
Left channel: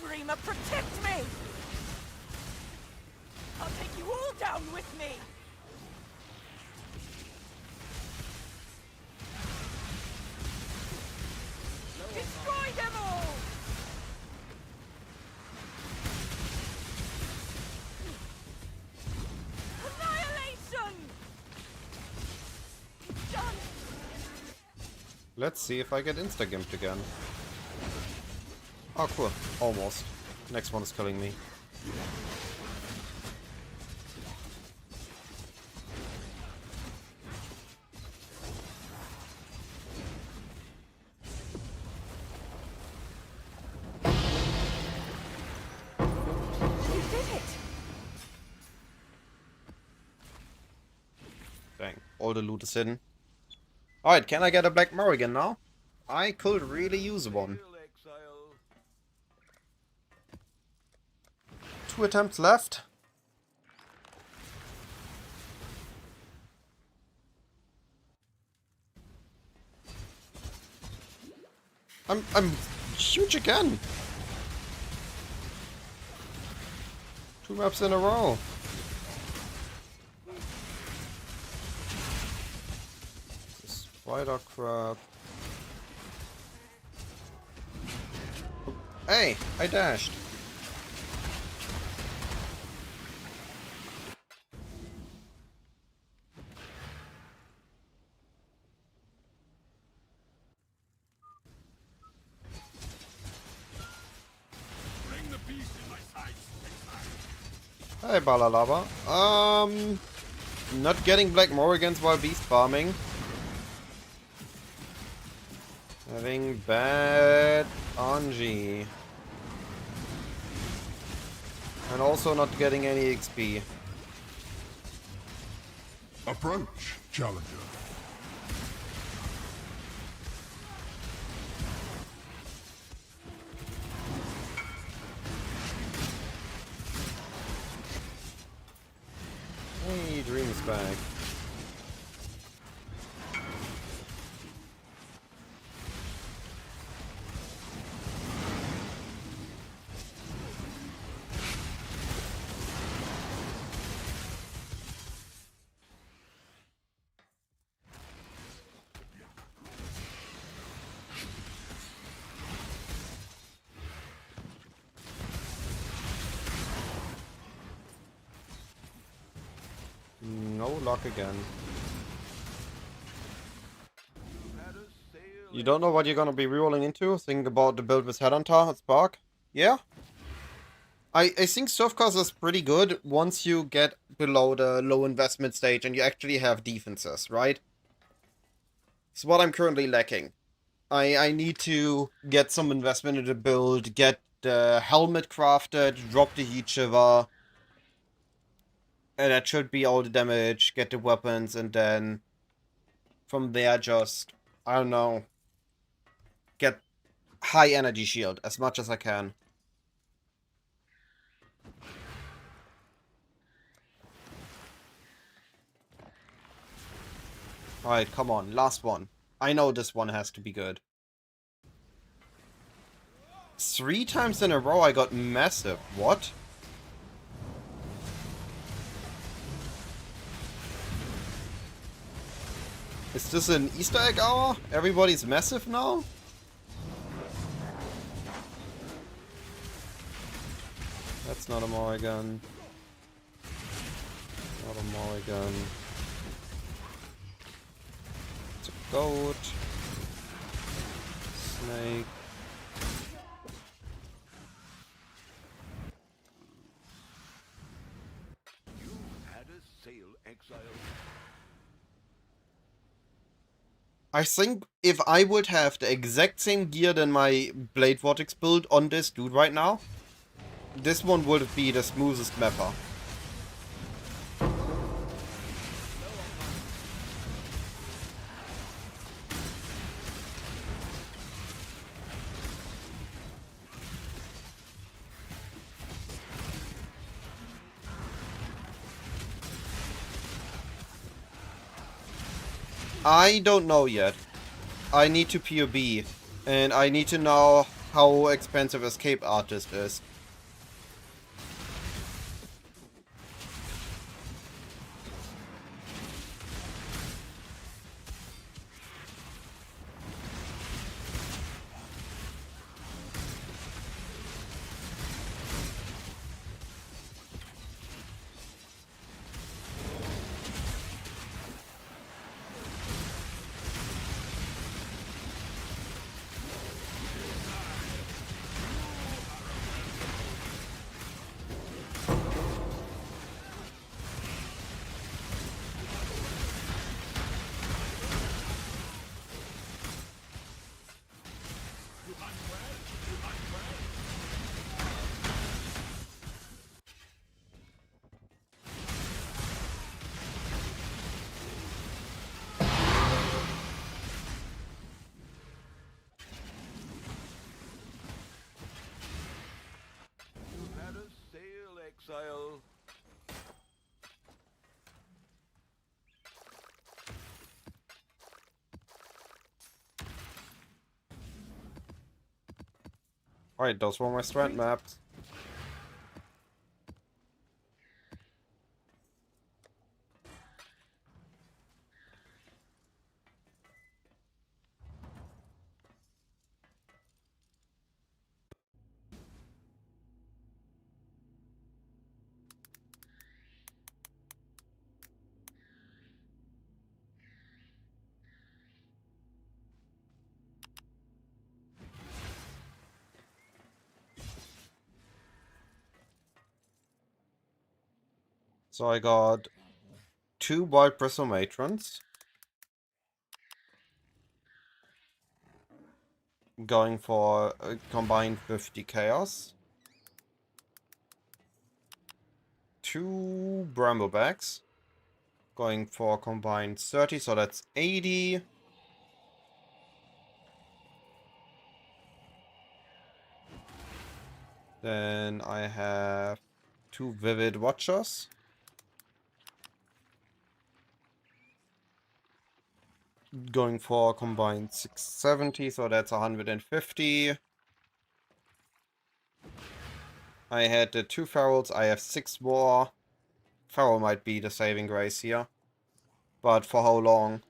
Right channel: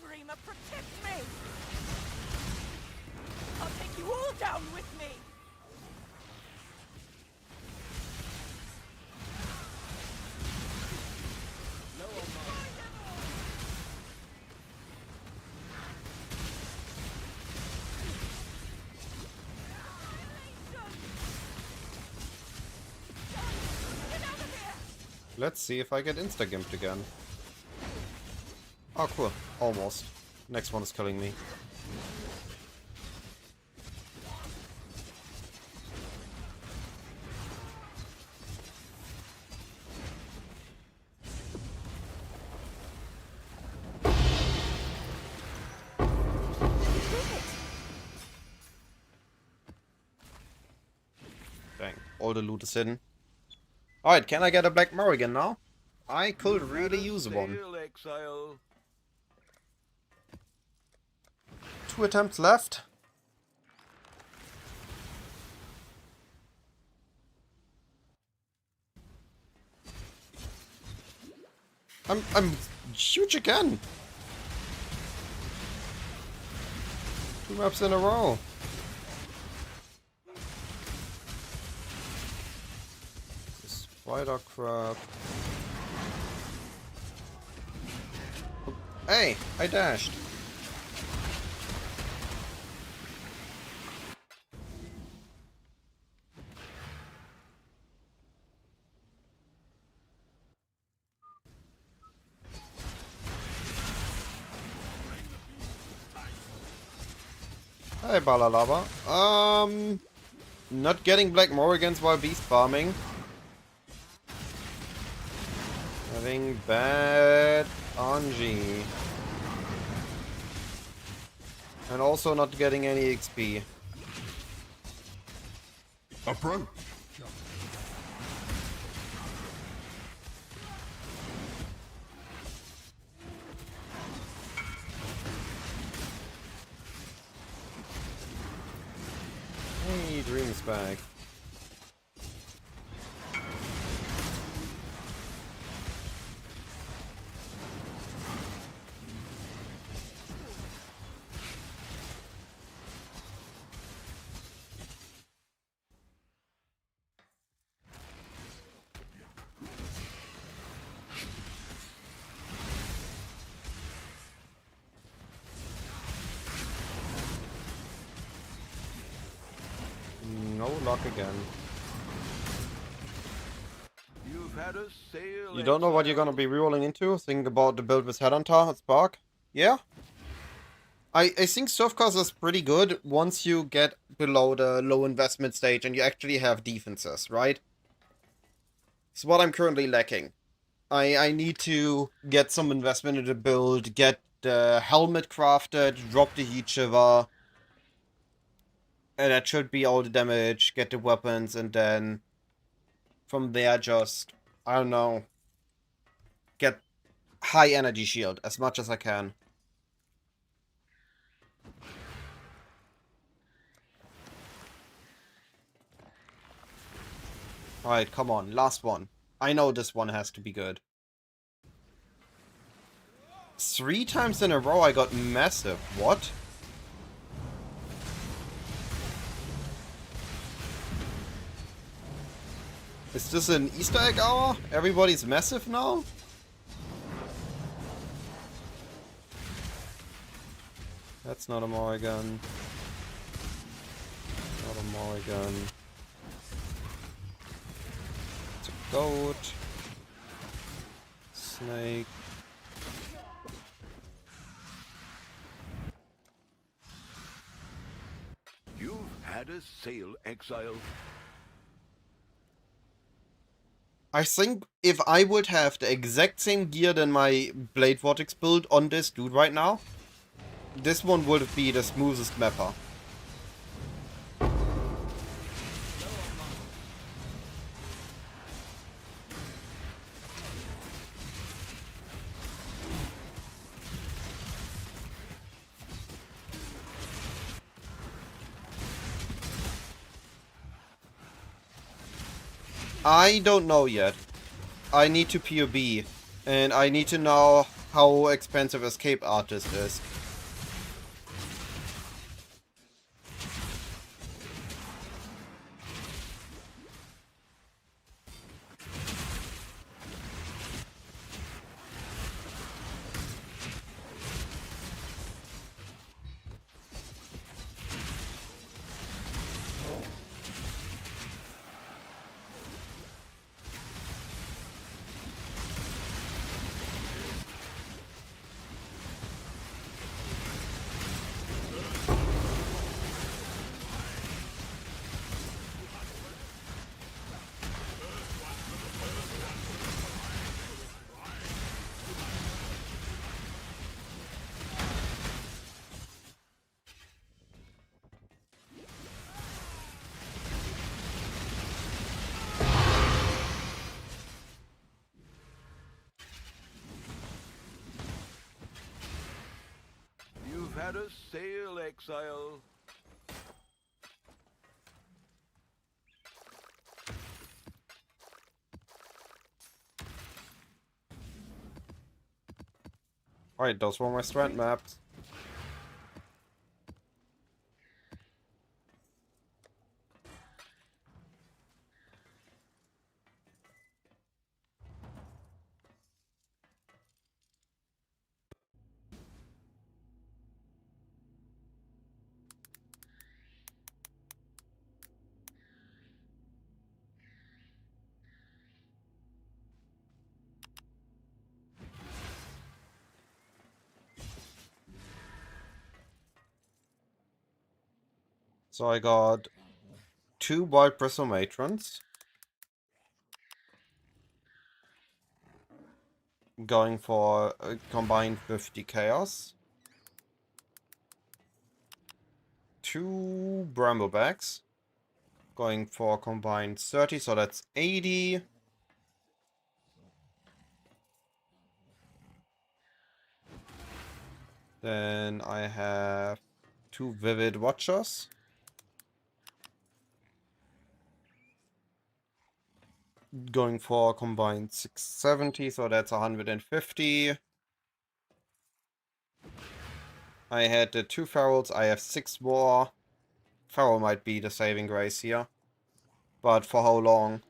Dreamer, protect me! I'll take you all down with me! Destroy them all! Annihilation! Done! Get out of here! Let's see if I get insta-gimped again. Oh, cool. Almost. Next one is killing me. You did it! Dang. All the loot is hidden. Alright, can I get a Black Morrigan now? I could really use one. Sail, exile. 2 attempts left. I'm huge again. 2 maps in a row. Spider crab. Hey, I dashed. Hey, Balalaba. Not getting Black Morrigans while beast farming. Having bad Anji. And also not getting any XP. Approach, challenger. Hey, Dreams back. No luck again. You've had a sail. You don't know what you're gonna be rerolling into? Think about the build with Headhunter and Spark? Yeah? I think Surfcaster is pretty good once you get below the low investment stage and you actually have defenses, right? It's what I'm currently lacking. I need to get some investment in the build, get the helmet crafted, drop the heat shiver. And that should be all the damage, get the weapons, and then from there just, I don't know, get high energy shield as much as I can. Alright, come on, last one. I know this one has to be good. 3 times in a row I got massive. What? Is this an Easter egg hour? Everybody's massive now? That's not a Morrigan. Not a Morrigan. It's a goat. Snake. You've had a sail, exile. I think if I would have the exact same gear than my Blade Vortex build on this dude right now, this one would be the smoothest mapper. I don't know yet. I need to PoB, and I need to know how expensive Escape Artist is. Prepare to sail, exile. Alright, those were my strand maps. So I got 2 Wild Bristle Matrons. Going for a combined 50 Chaos. 2 Bramblebacks. Going for combined 30, so that's 80. Then I have 2 Vivid Watchers. Going for combined 670, so that's 150. I had the 2 Ferals, I have 6 more. Feral might be the saving grace here. But for how long?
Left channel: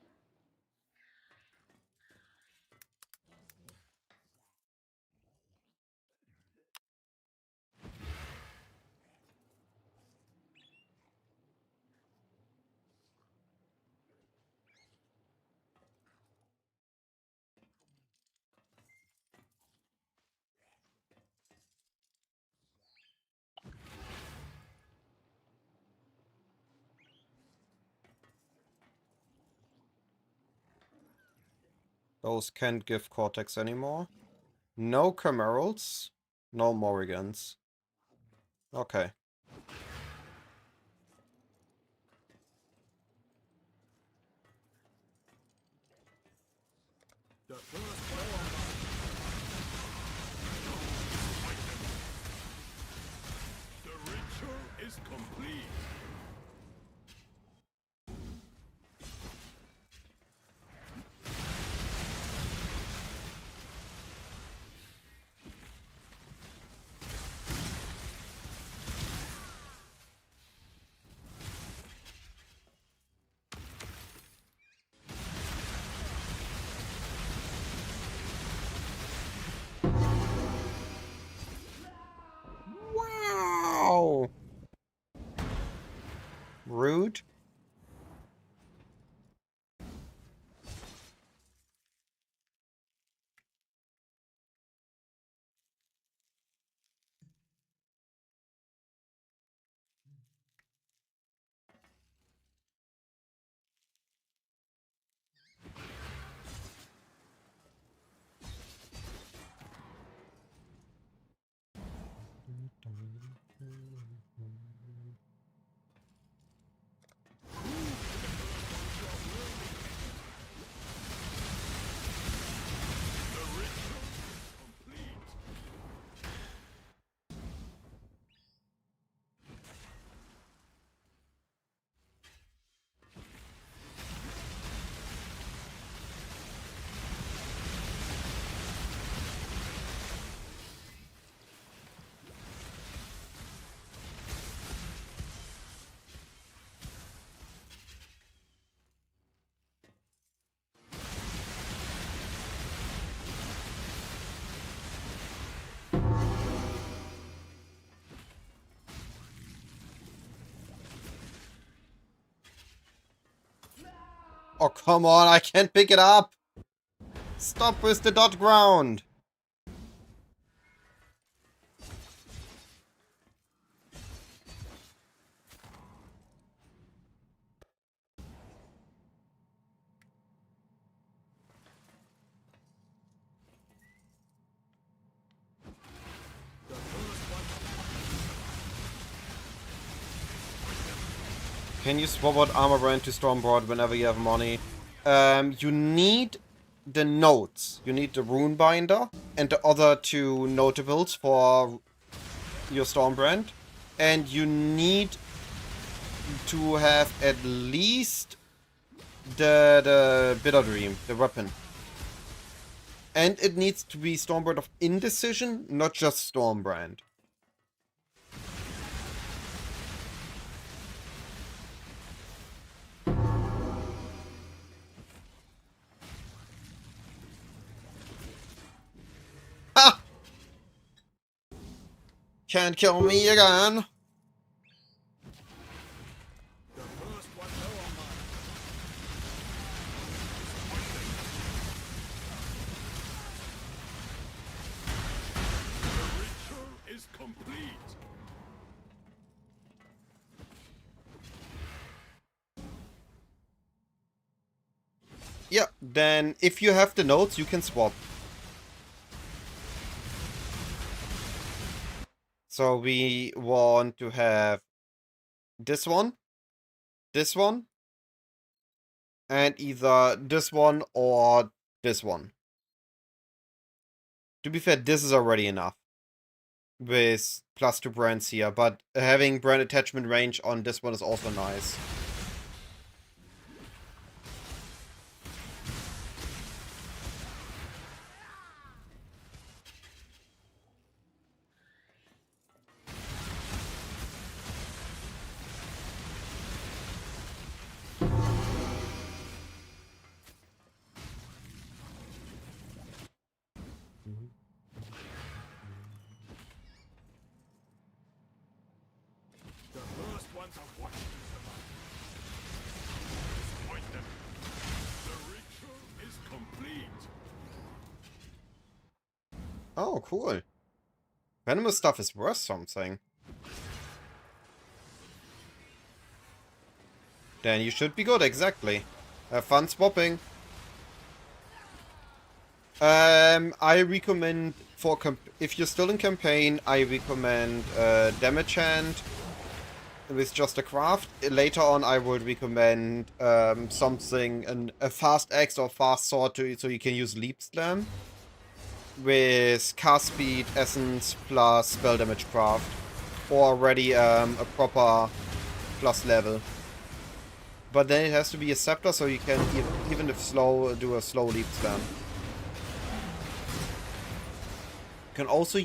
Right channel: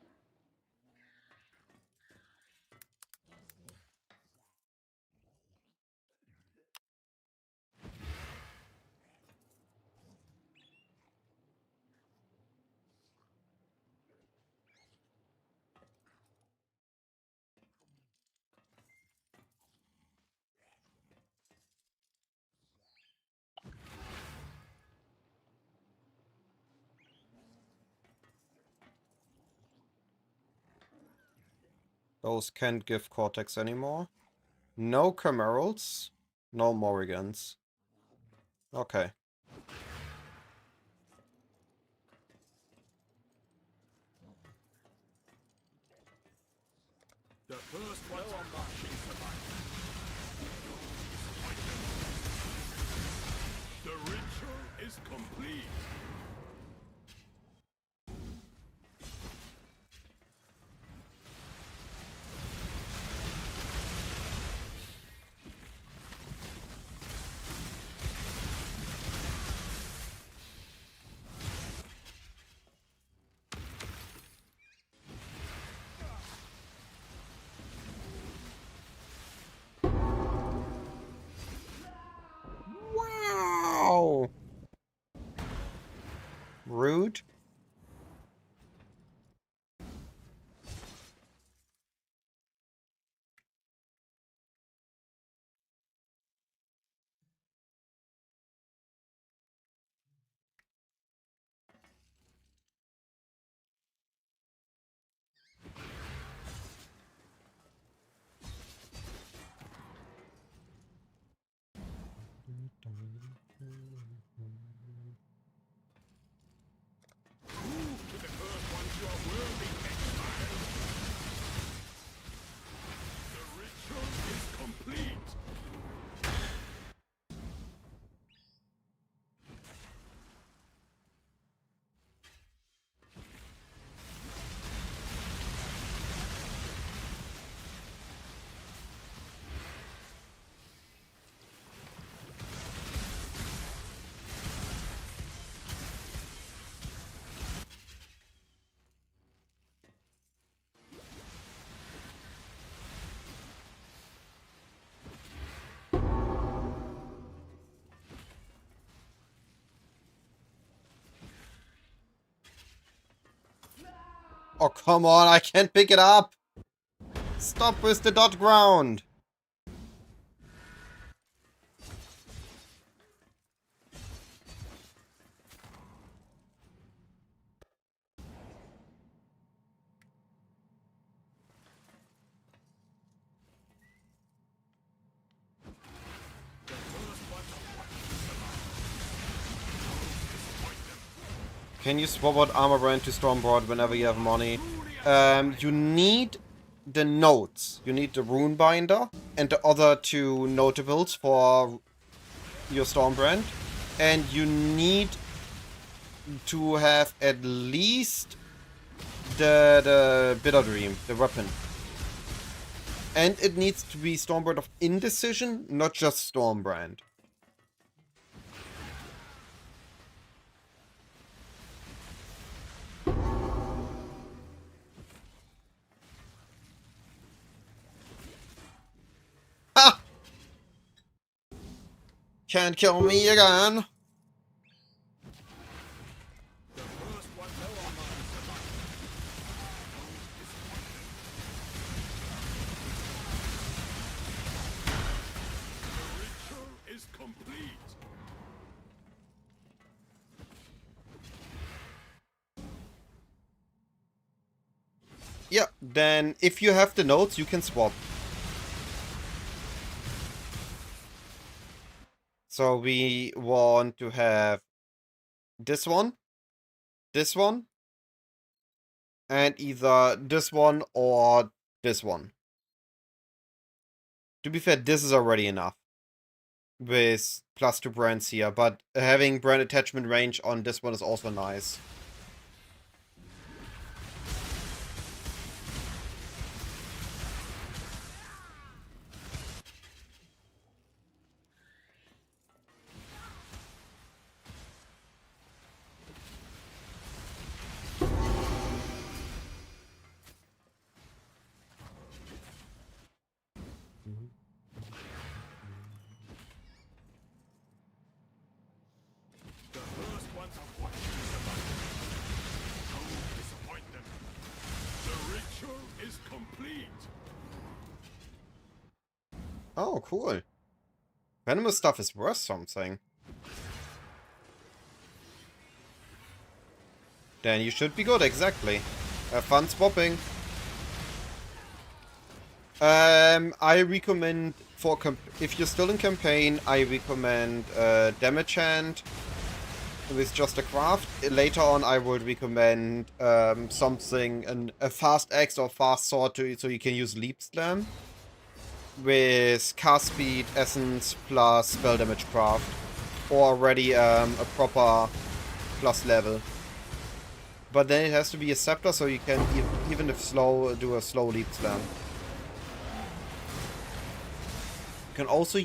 Those can't give Cortex anymore. No Camerals. No Morrigans. Okay. The first one on my The ritual is complete. Wow! Rude. Oh, come on, I can't pick it up! Stop with the dot ground! Can you swap out Armor Brand to Stormboard whenever you have money? You need the notes. You need the Rune Binder and the other 2 notables for your Stormbrand, and you need to have at least the Bitter Dream, the weapon. And it needs to be Stormbrand of Indecision, not just Stormbrand. Ha! Can't kill me again. Is complete. Yeah, then if you have the notes, you can swap. So we want to have this one, and either this one or this one. To be fair, this is already enough with +2 brands here, but having brand attachment range on this one is also nice. The first ones are watching you survive. Don't disappoint them. The ritual is complete. Oh, cool. Venomous stuff is worth something. Then you should be good, exactly. Have fun swapping. I recommend for if you're still in campaign, I recommend damage hand with just a craft. Later on, I would recommend something, a fast axe or fast sword so you can use leap slam with cast speed, essence plus spell damage craft, or already a proper plus level. But then it has to be a scepter, so you can even if slow do a slow leap slam. You can also,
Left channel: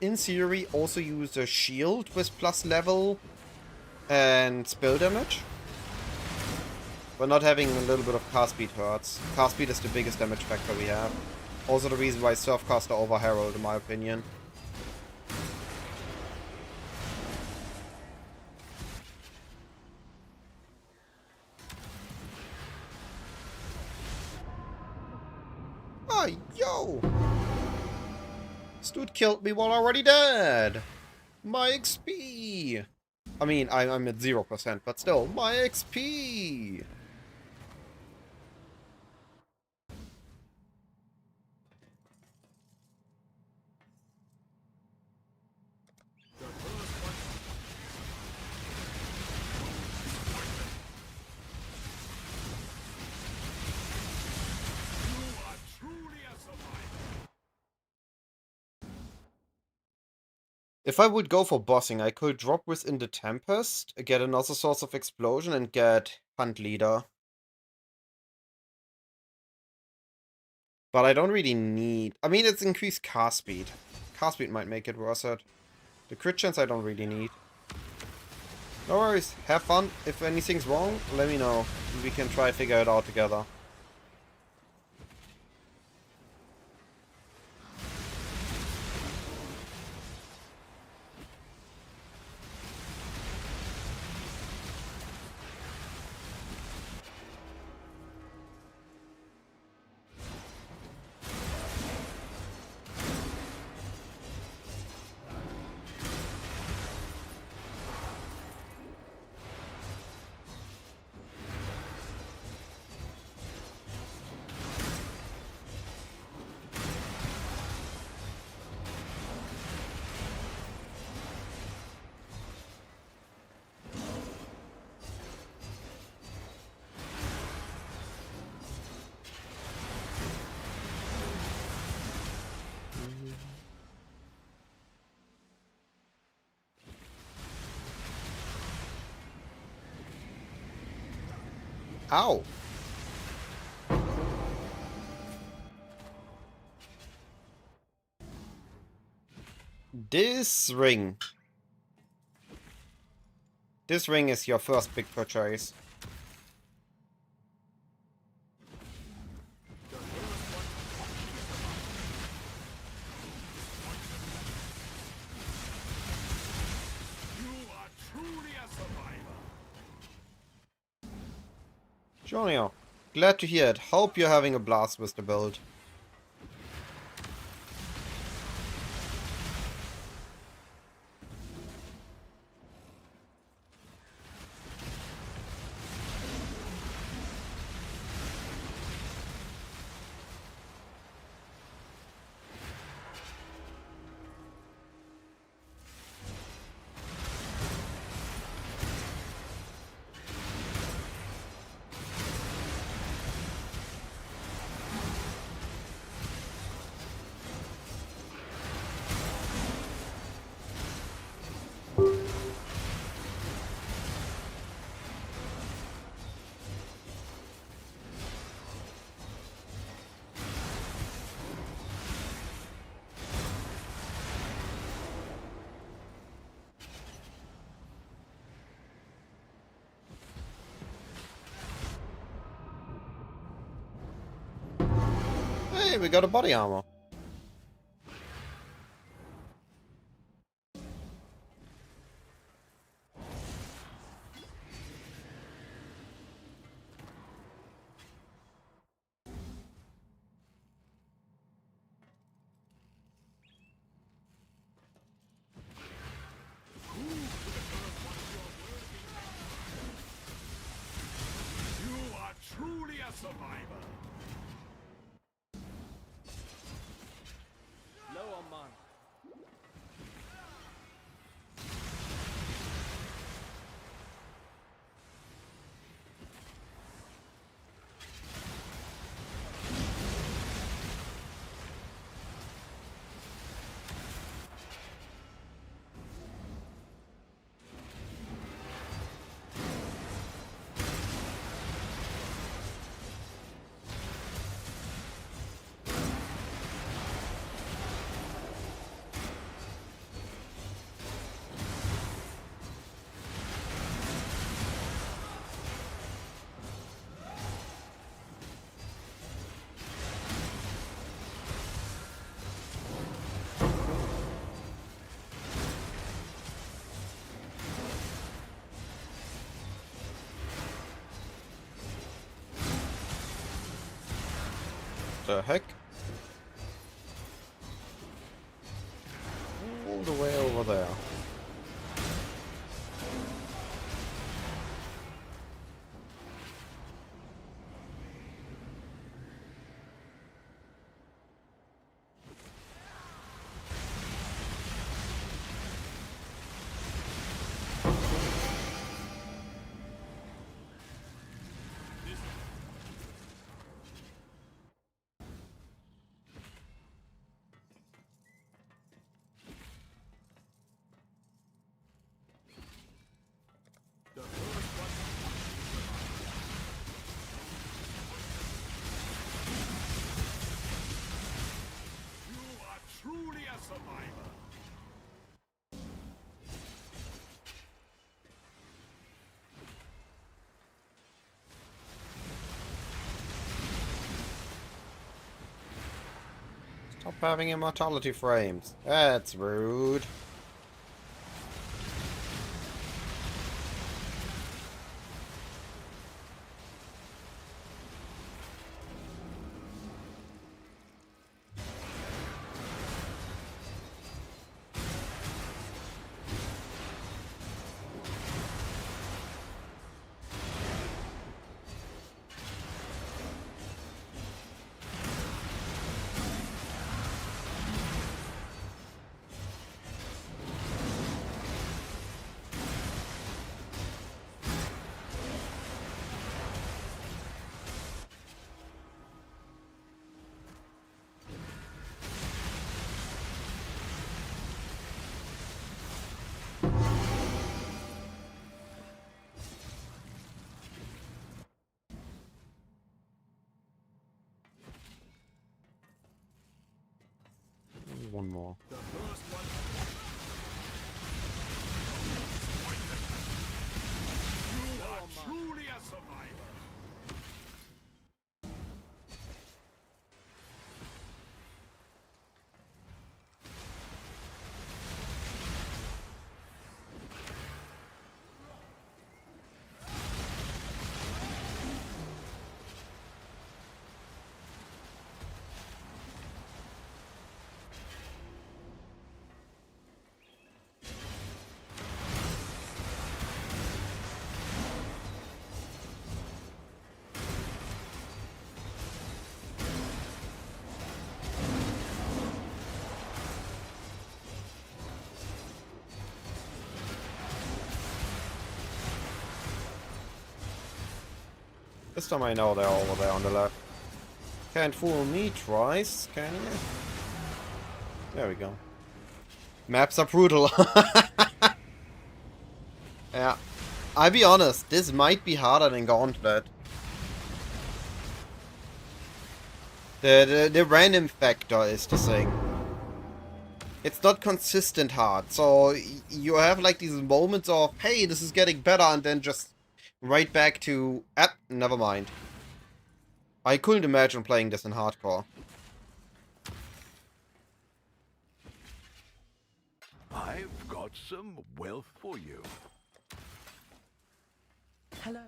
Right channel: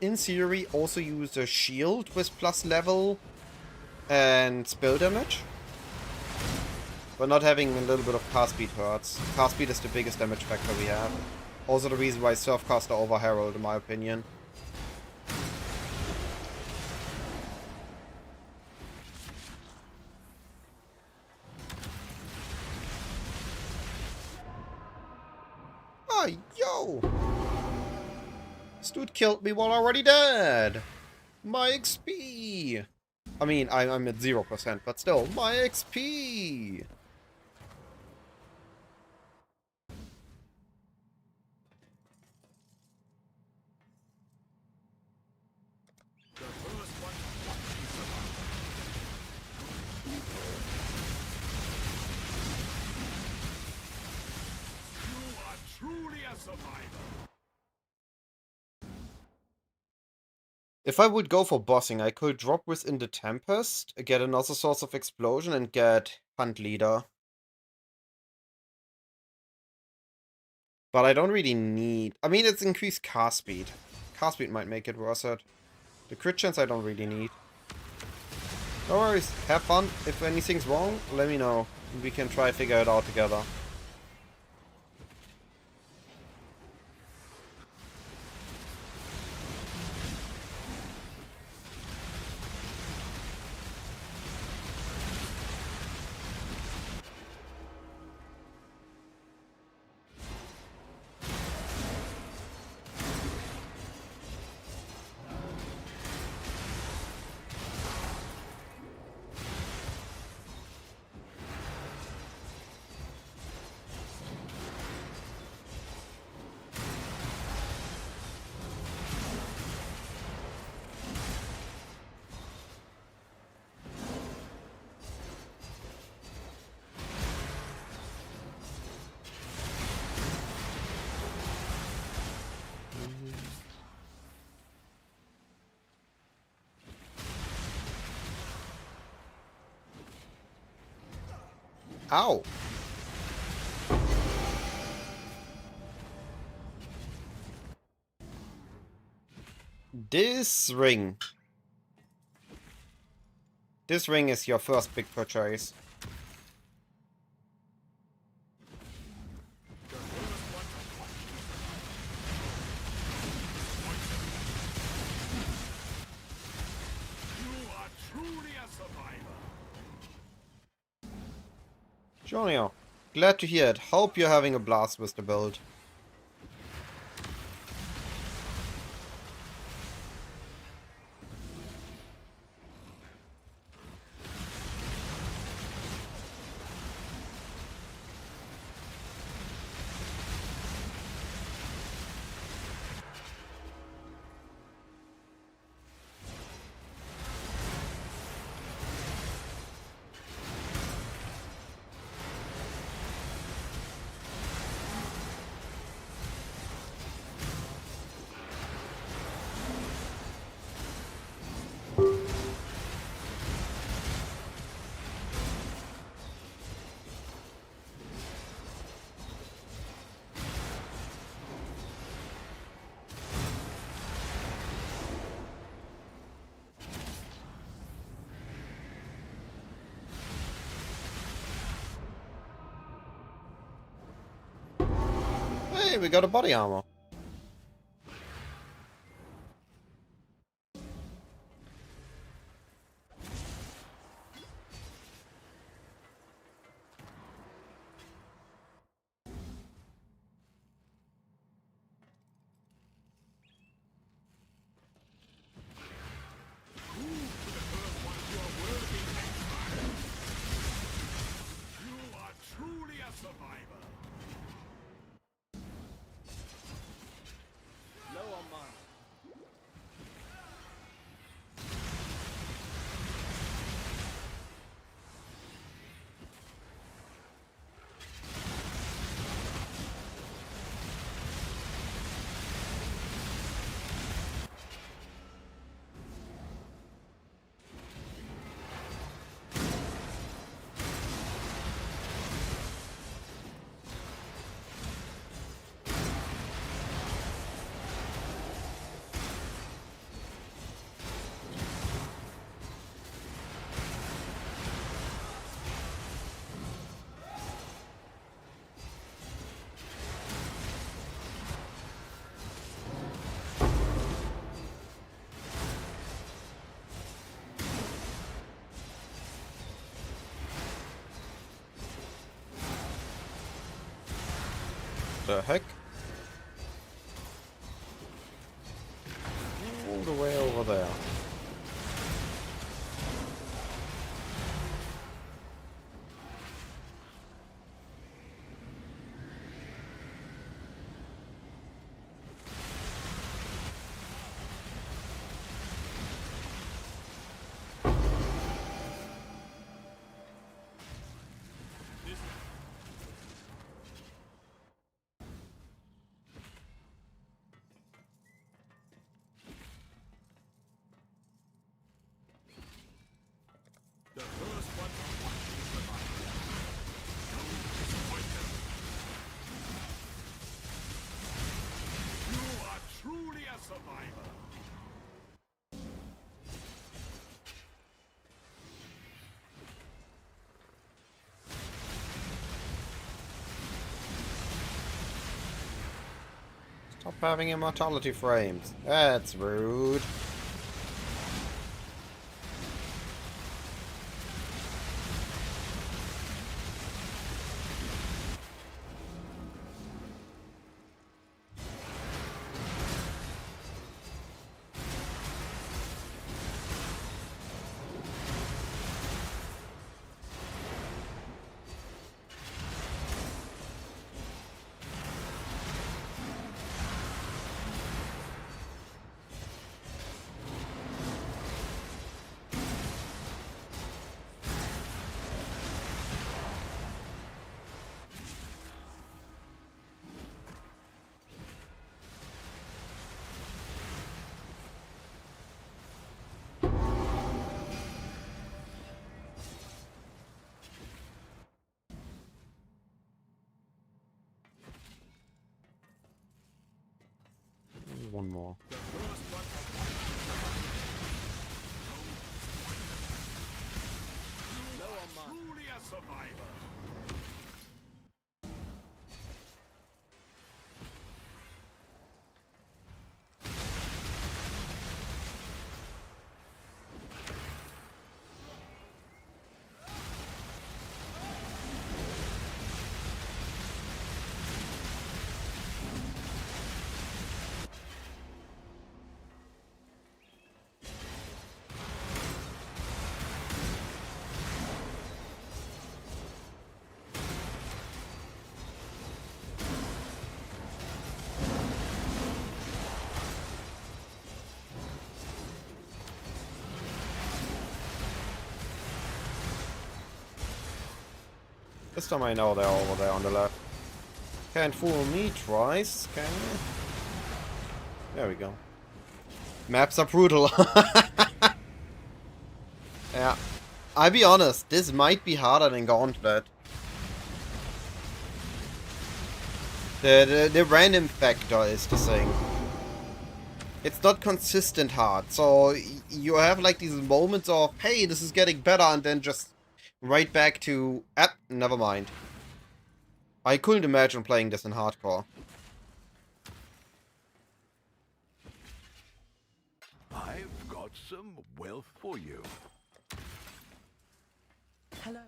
in theory, also use a shield with plus level and spell damage. But not having a little bit of cast speed hurts. Cast speed is the biggest damage factor we have. Also the reason why Surfcaster over Herald, in my opinion. Ah, yo! This dude killed me while already dead! My XP! I mean, I'm at 0%, but still, my XP! If I would go for bossing, I could drop within the Tempest, get another source of explosion, and get Hunt Leader. But I don't really need... I mean, it's increased cast speed. Cast speed might make it worth it. The crit chance I don't really need. No worries, have fun. If anything's wrong, let me know. We can try to figure it out together. Ow! This ring. This ring is your first big purchase. Jonio, glad to hear it. Hope you're having a blast with the build. Hey, we got a body armor. You are truly a survivor. Low on mana. The heck? All the way over there. The first one to watch you survive. Don't disappoint them. You are truly a survivor. Stop having immortality frames. That's rude. one more. The first one to watch. You are truly a survivor. This time I know they're over there on the left. Can't fool me twice, can you? There we go. Maps are brutal. Yeah. I'll be honest, this might be harder than Gauntlet. The random factor is the thing. It's not consistent hard, so you have like these moments of, hey, this is getting better, and then just right back to, never mind. I couldn't imagine playing this in hardcore. I've got some wealth for you. Hello.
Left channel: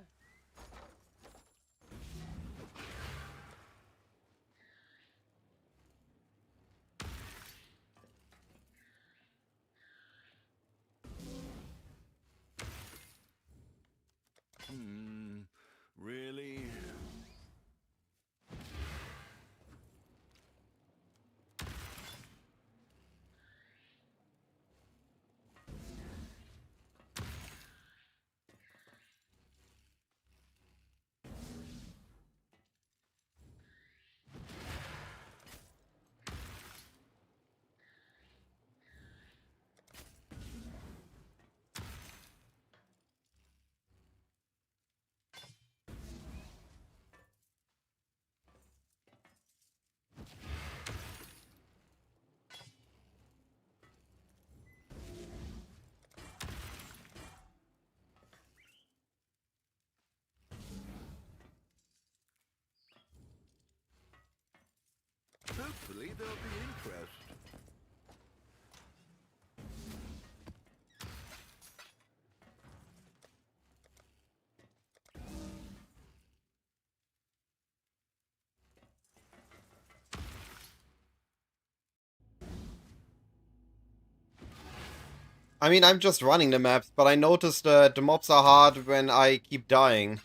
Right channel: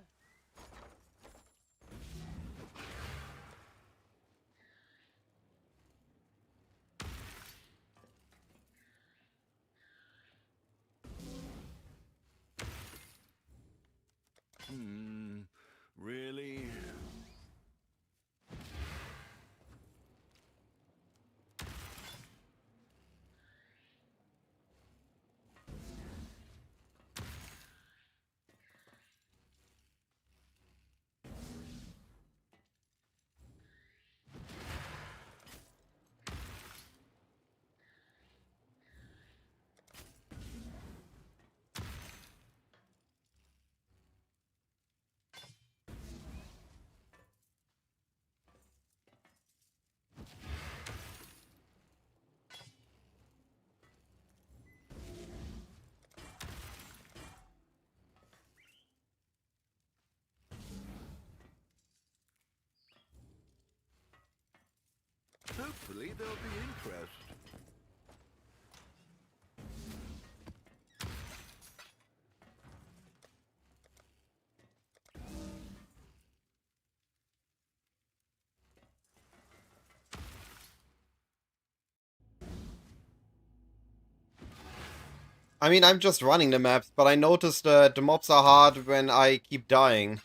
Really? Hopefully there'll be interest. I mean, I'm just running the maps, but I noticed the mobs are hard when I keep dying.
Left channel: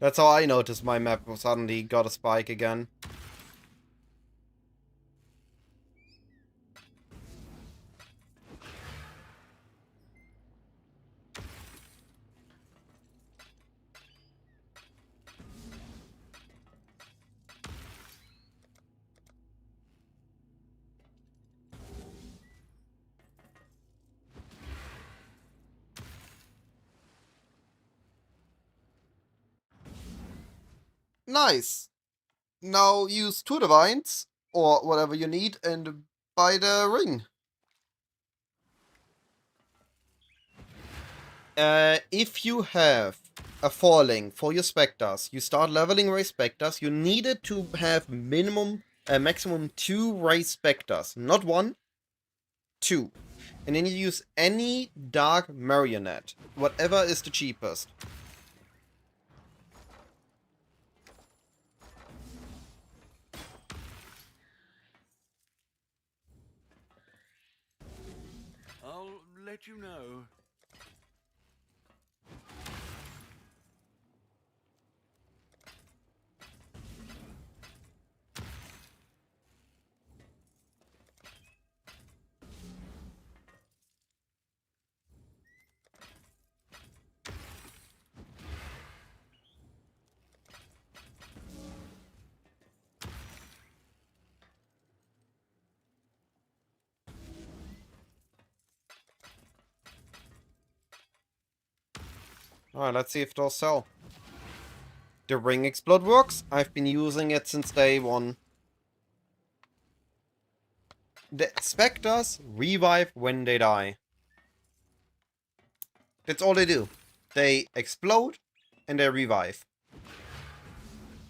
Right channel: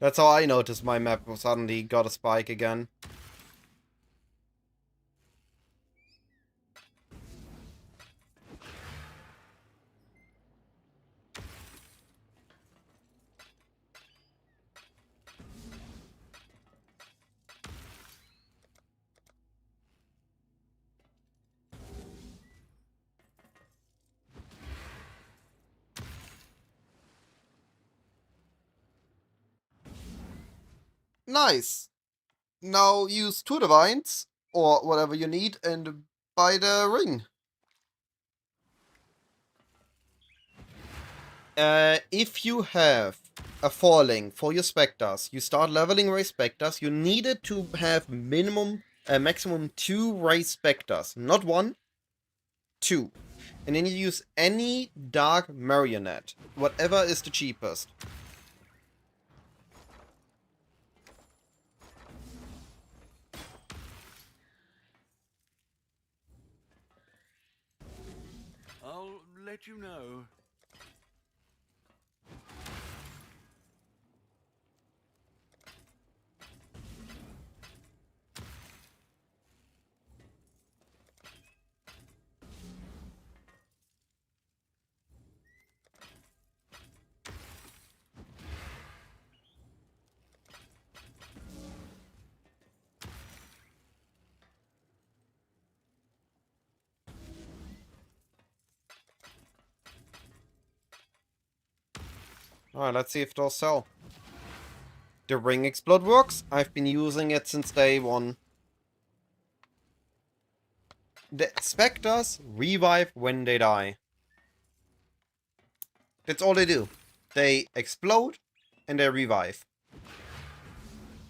That's how I noticed my map suddenly got a spike again. Nice! Now use 2 divines, or whatever you need, and buy the ring. If you have a falling for your specters, you start leveling raised specters, you needed to have maximum 2 raised specters. Not 1, 2. And then you use any dark marionette, whatever is the cheapest. I'll let you know. Alright, let's see if those sell. The ring explode works. I've been using it since day 1. The specters revive when they die. That's all they do. They explode and they revive.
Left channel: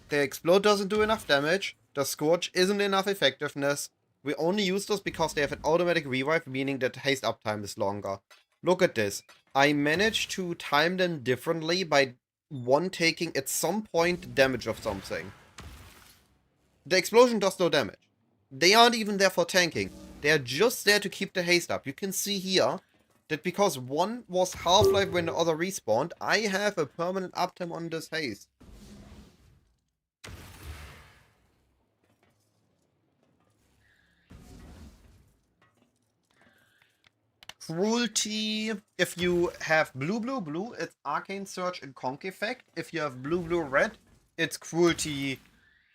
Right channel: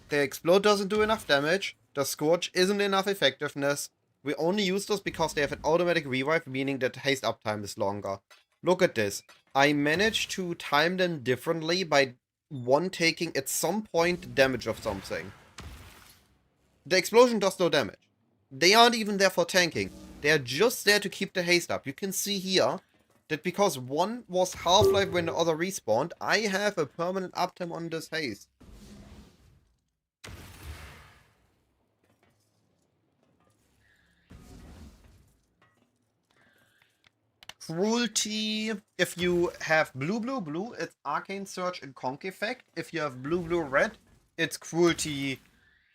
The explode doesn't do enough damage. The scorch isn't enough effectiveness. We only use those because they have an automatic revive, meaning that haste uptime is longer. Look at this. I managed to time them differently by one taking at some point damage of something. The explosion does no damage. They aren't even there for tanking. They are just there to keep the haste up. You can see here that because one was half-life when the other respawned, I have a permanent uptime on this haste. Cruelty, if you have blue, it's Arcane Surge and Conk Effect. If you have blue, red, it's Cruelty,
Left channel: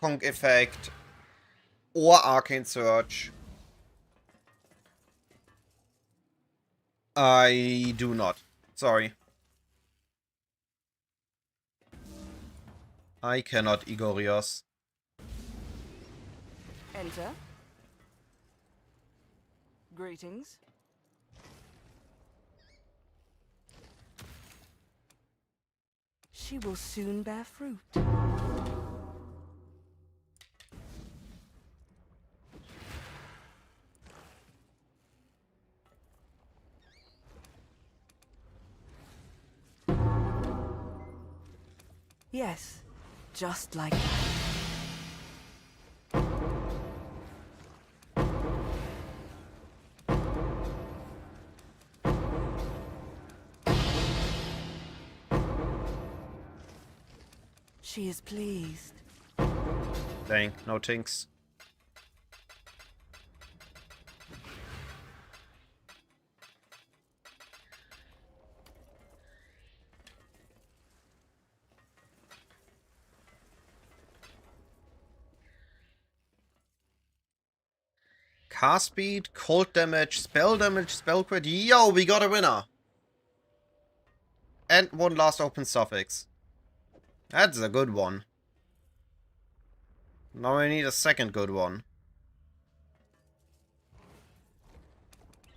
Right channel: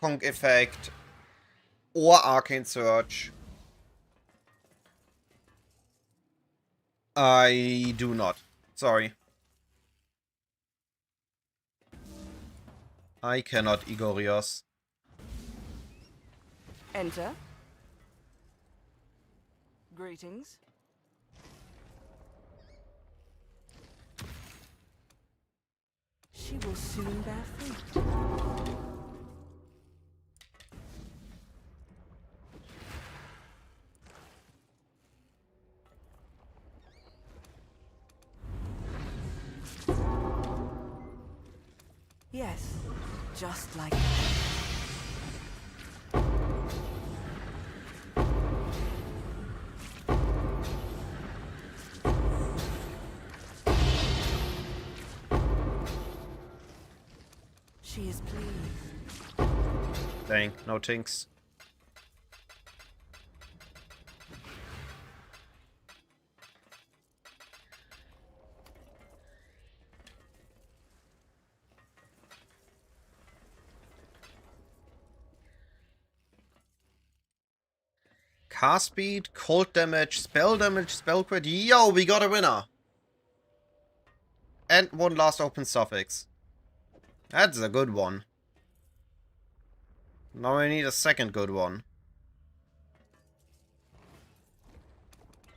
Conk Effect, or Arcane Surge. I do not. Sorry. I cannot Igorios. Enter. Greetings. She will soon bear fruit. Yes, just like that. She is pleased. Dang, no tinks. Cast speed, cold damage, spell crit. Yo, we got a winner! And one last open suffix. That's a good one. Now I need a second good one.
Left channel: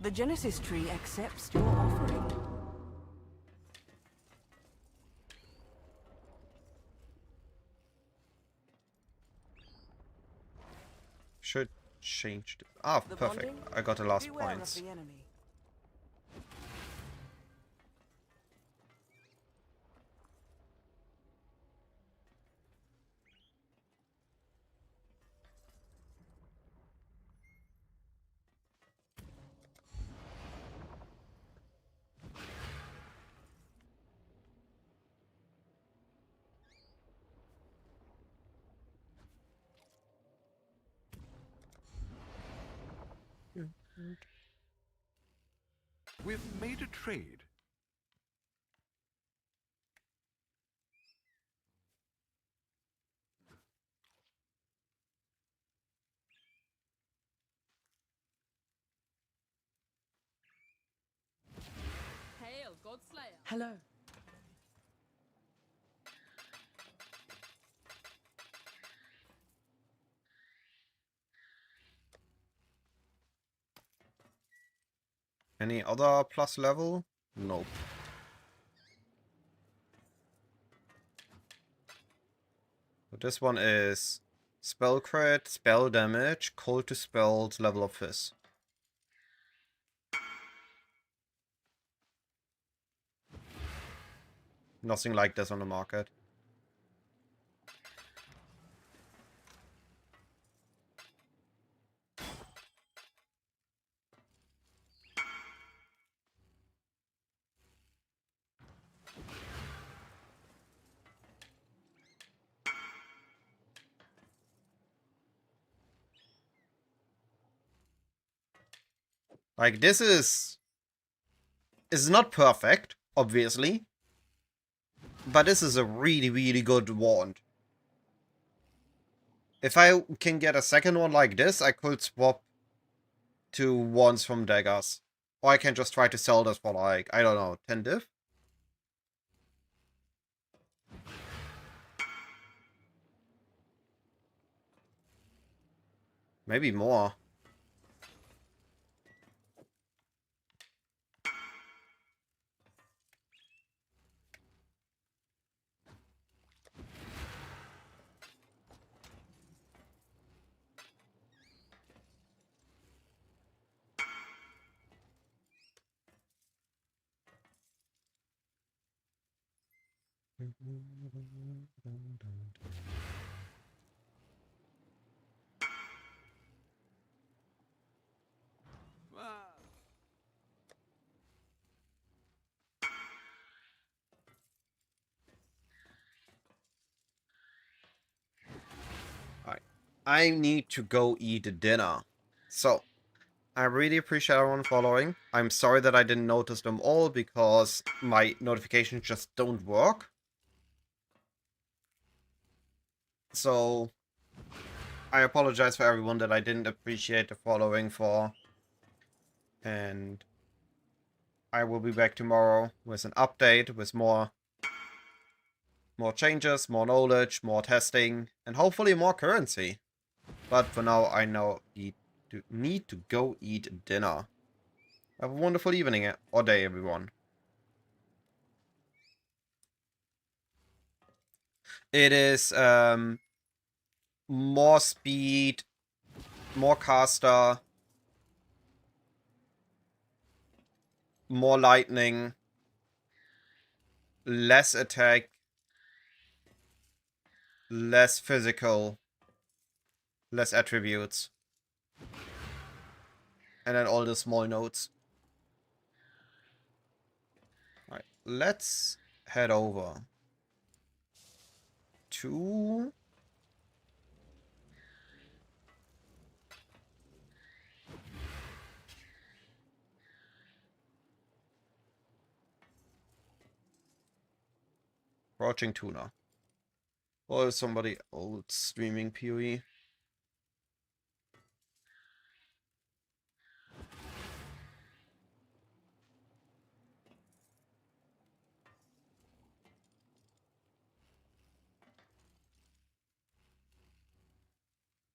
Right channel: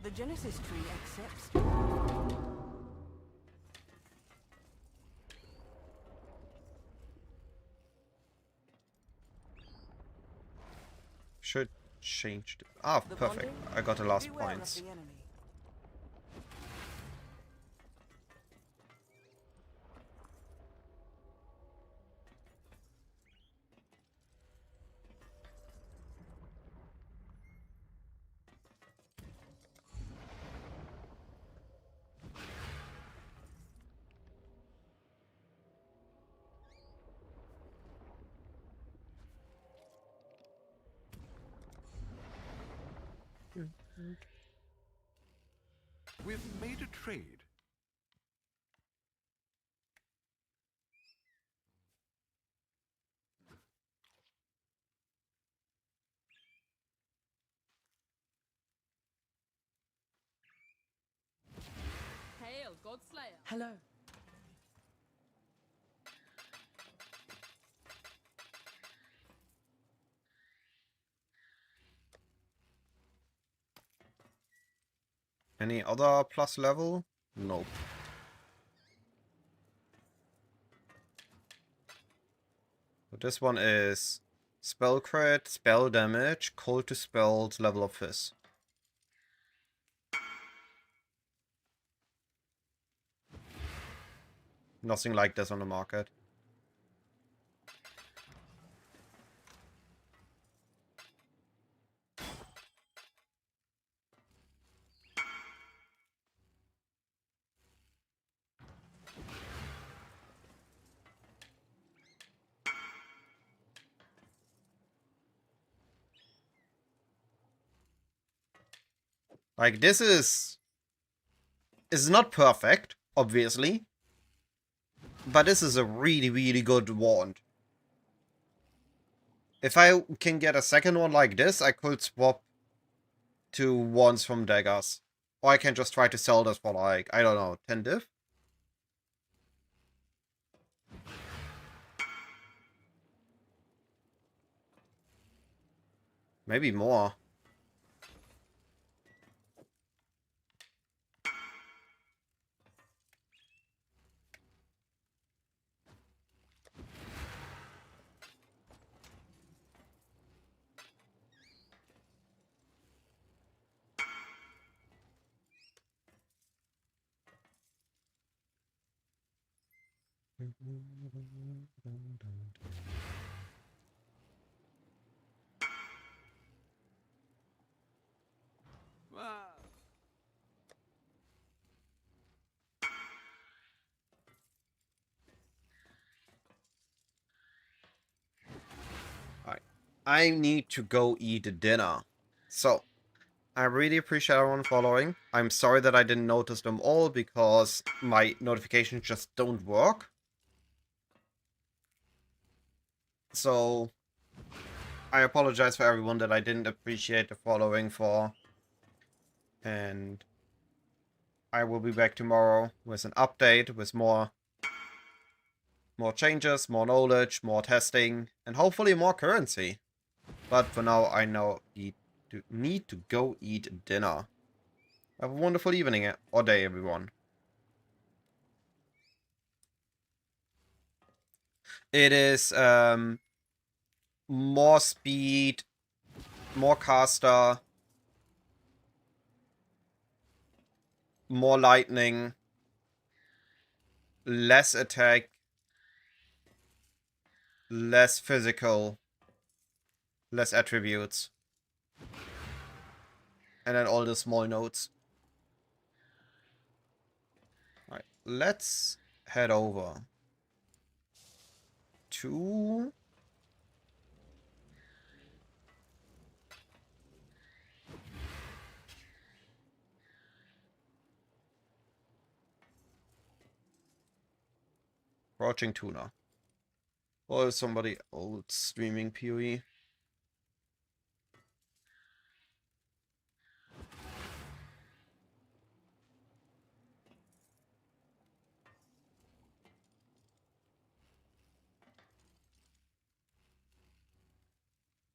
The Genesis tree accepts your offering. Should change. Ah, perfect. I got the last Beware of points. the enemy. We've made a trade. Hail, Godslayer. Hello. Any other plus level? Nope. But this one is spell crit, spell damage, cold to spells, level of fizz. Nothing like this on the market. Like, this is not perfect, obviously. But this is a really, really good wand. If I can get a second one like this, I could swap to wands from daggers. Or I can just try to sell this for like, I don't know, 10 div? Maybe more. Ah. Alright. I need to go eat dinner. So, I really appreciate everyone following. I'm sorry that I didn't notice them all because my notifications just don't work. So, I apologize for everyone that I didn't appreciate the following for. And I will be back tomorrow with an update, with more changes, more knowledge, more testing, and hopefully more currency. But for now, I now need to go eat dinner. Have a wonderful evening or day, everyone. It is more speed, more caster, more lightning, less attack, less physical, less attributes, and then all the small notes. Alright, let's head over to... Crouching Tuna. Or is somebody else streaming PoE?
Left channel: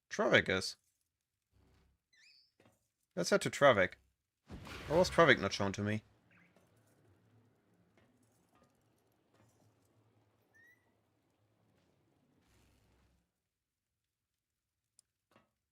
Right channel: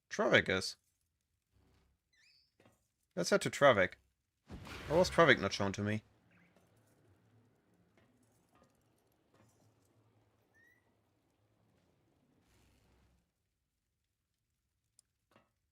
Travik is. Let's head to Travik. Why was Travik not shown to me?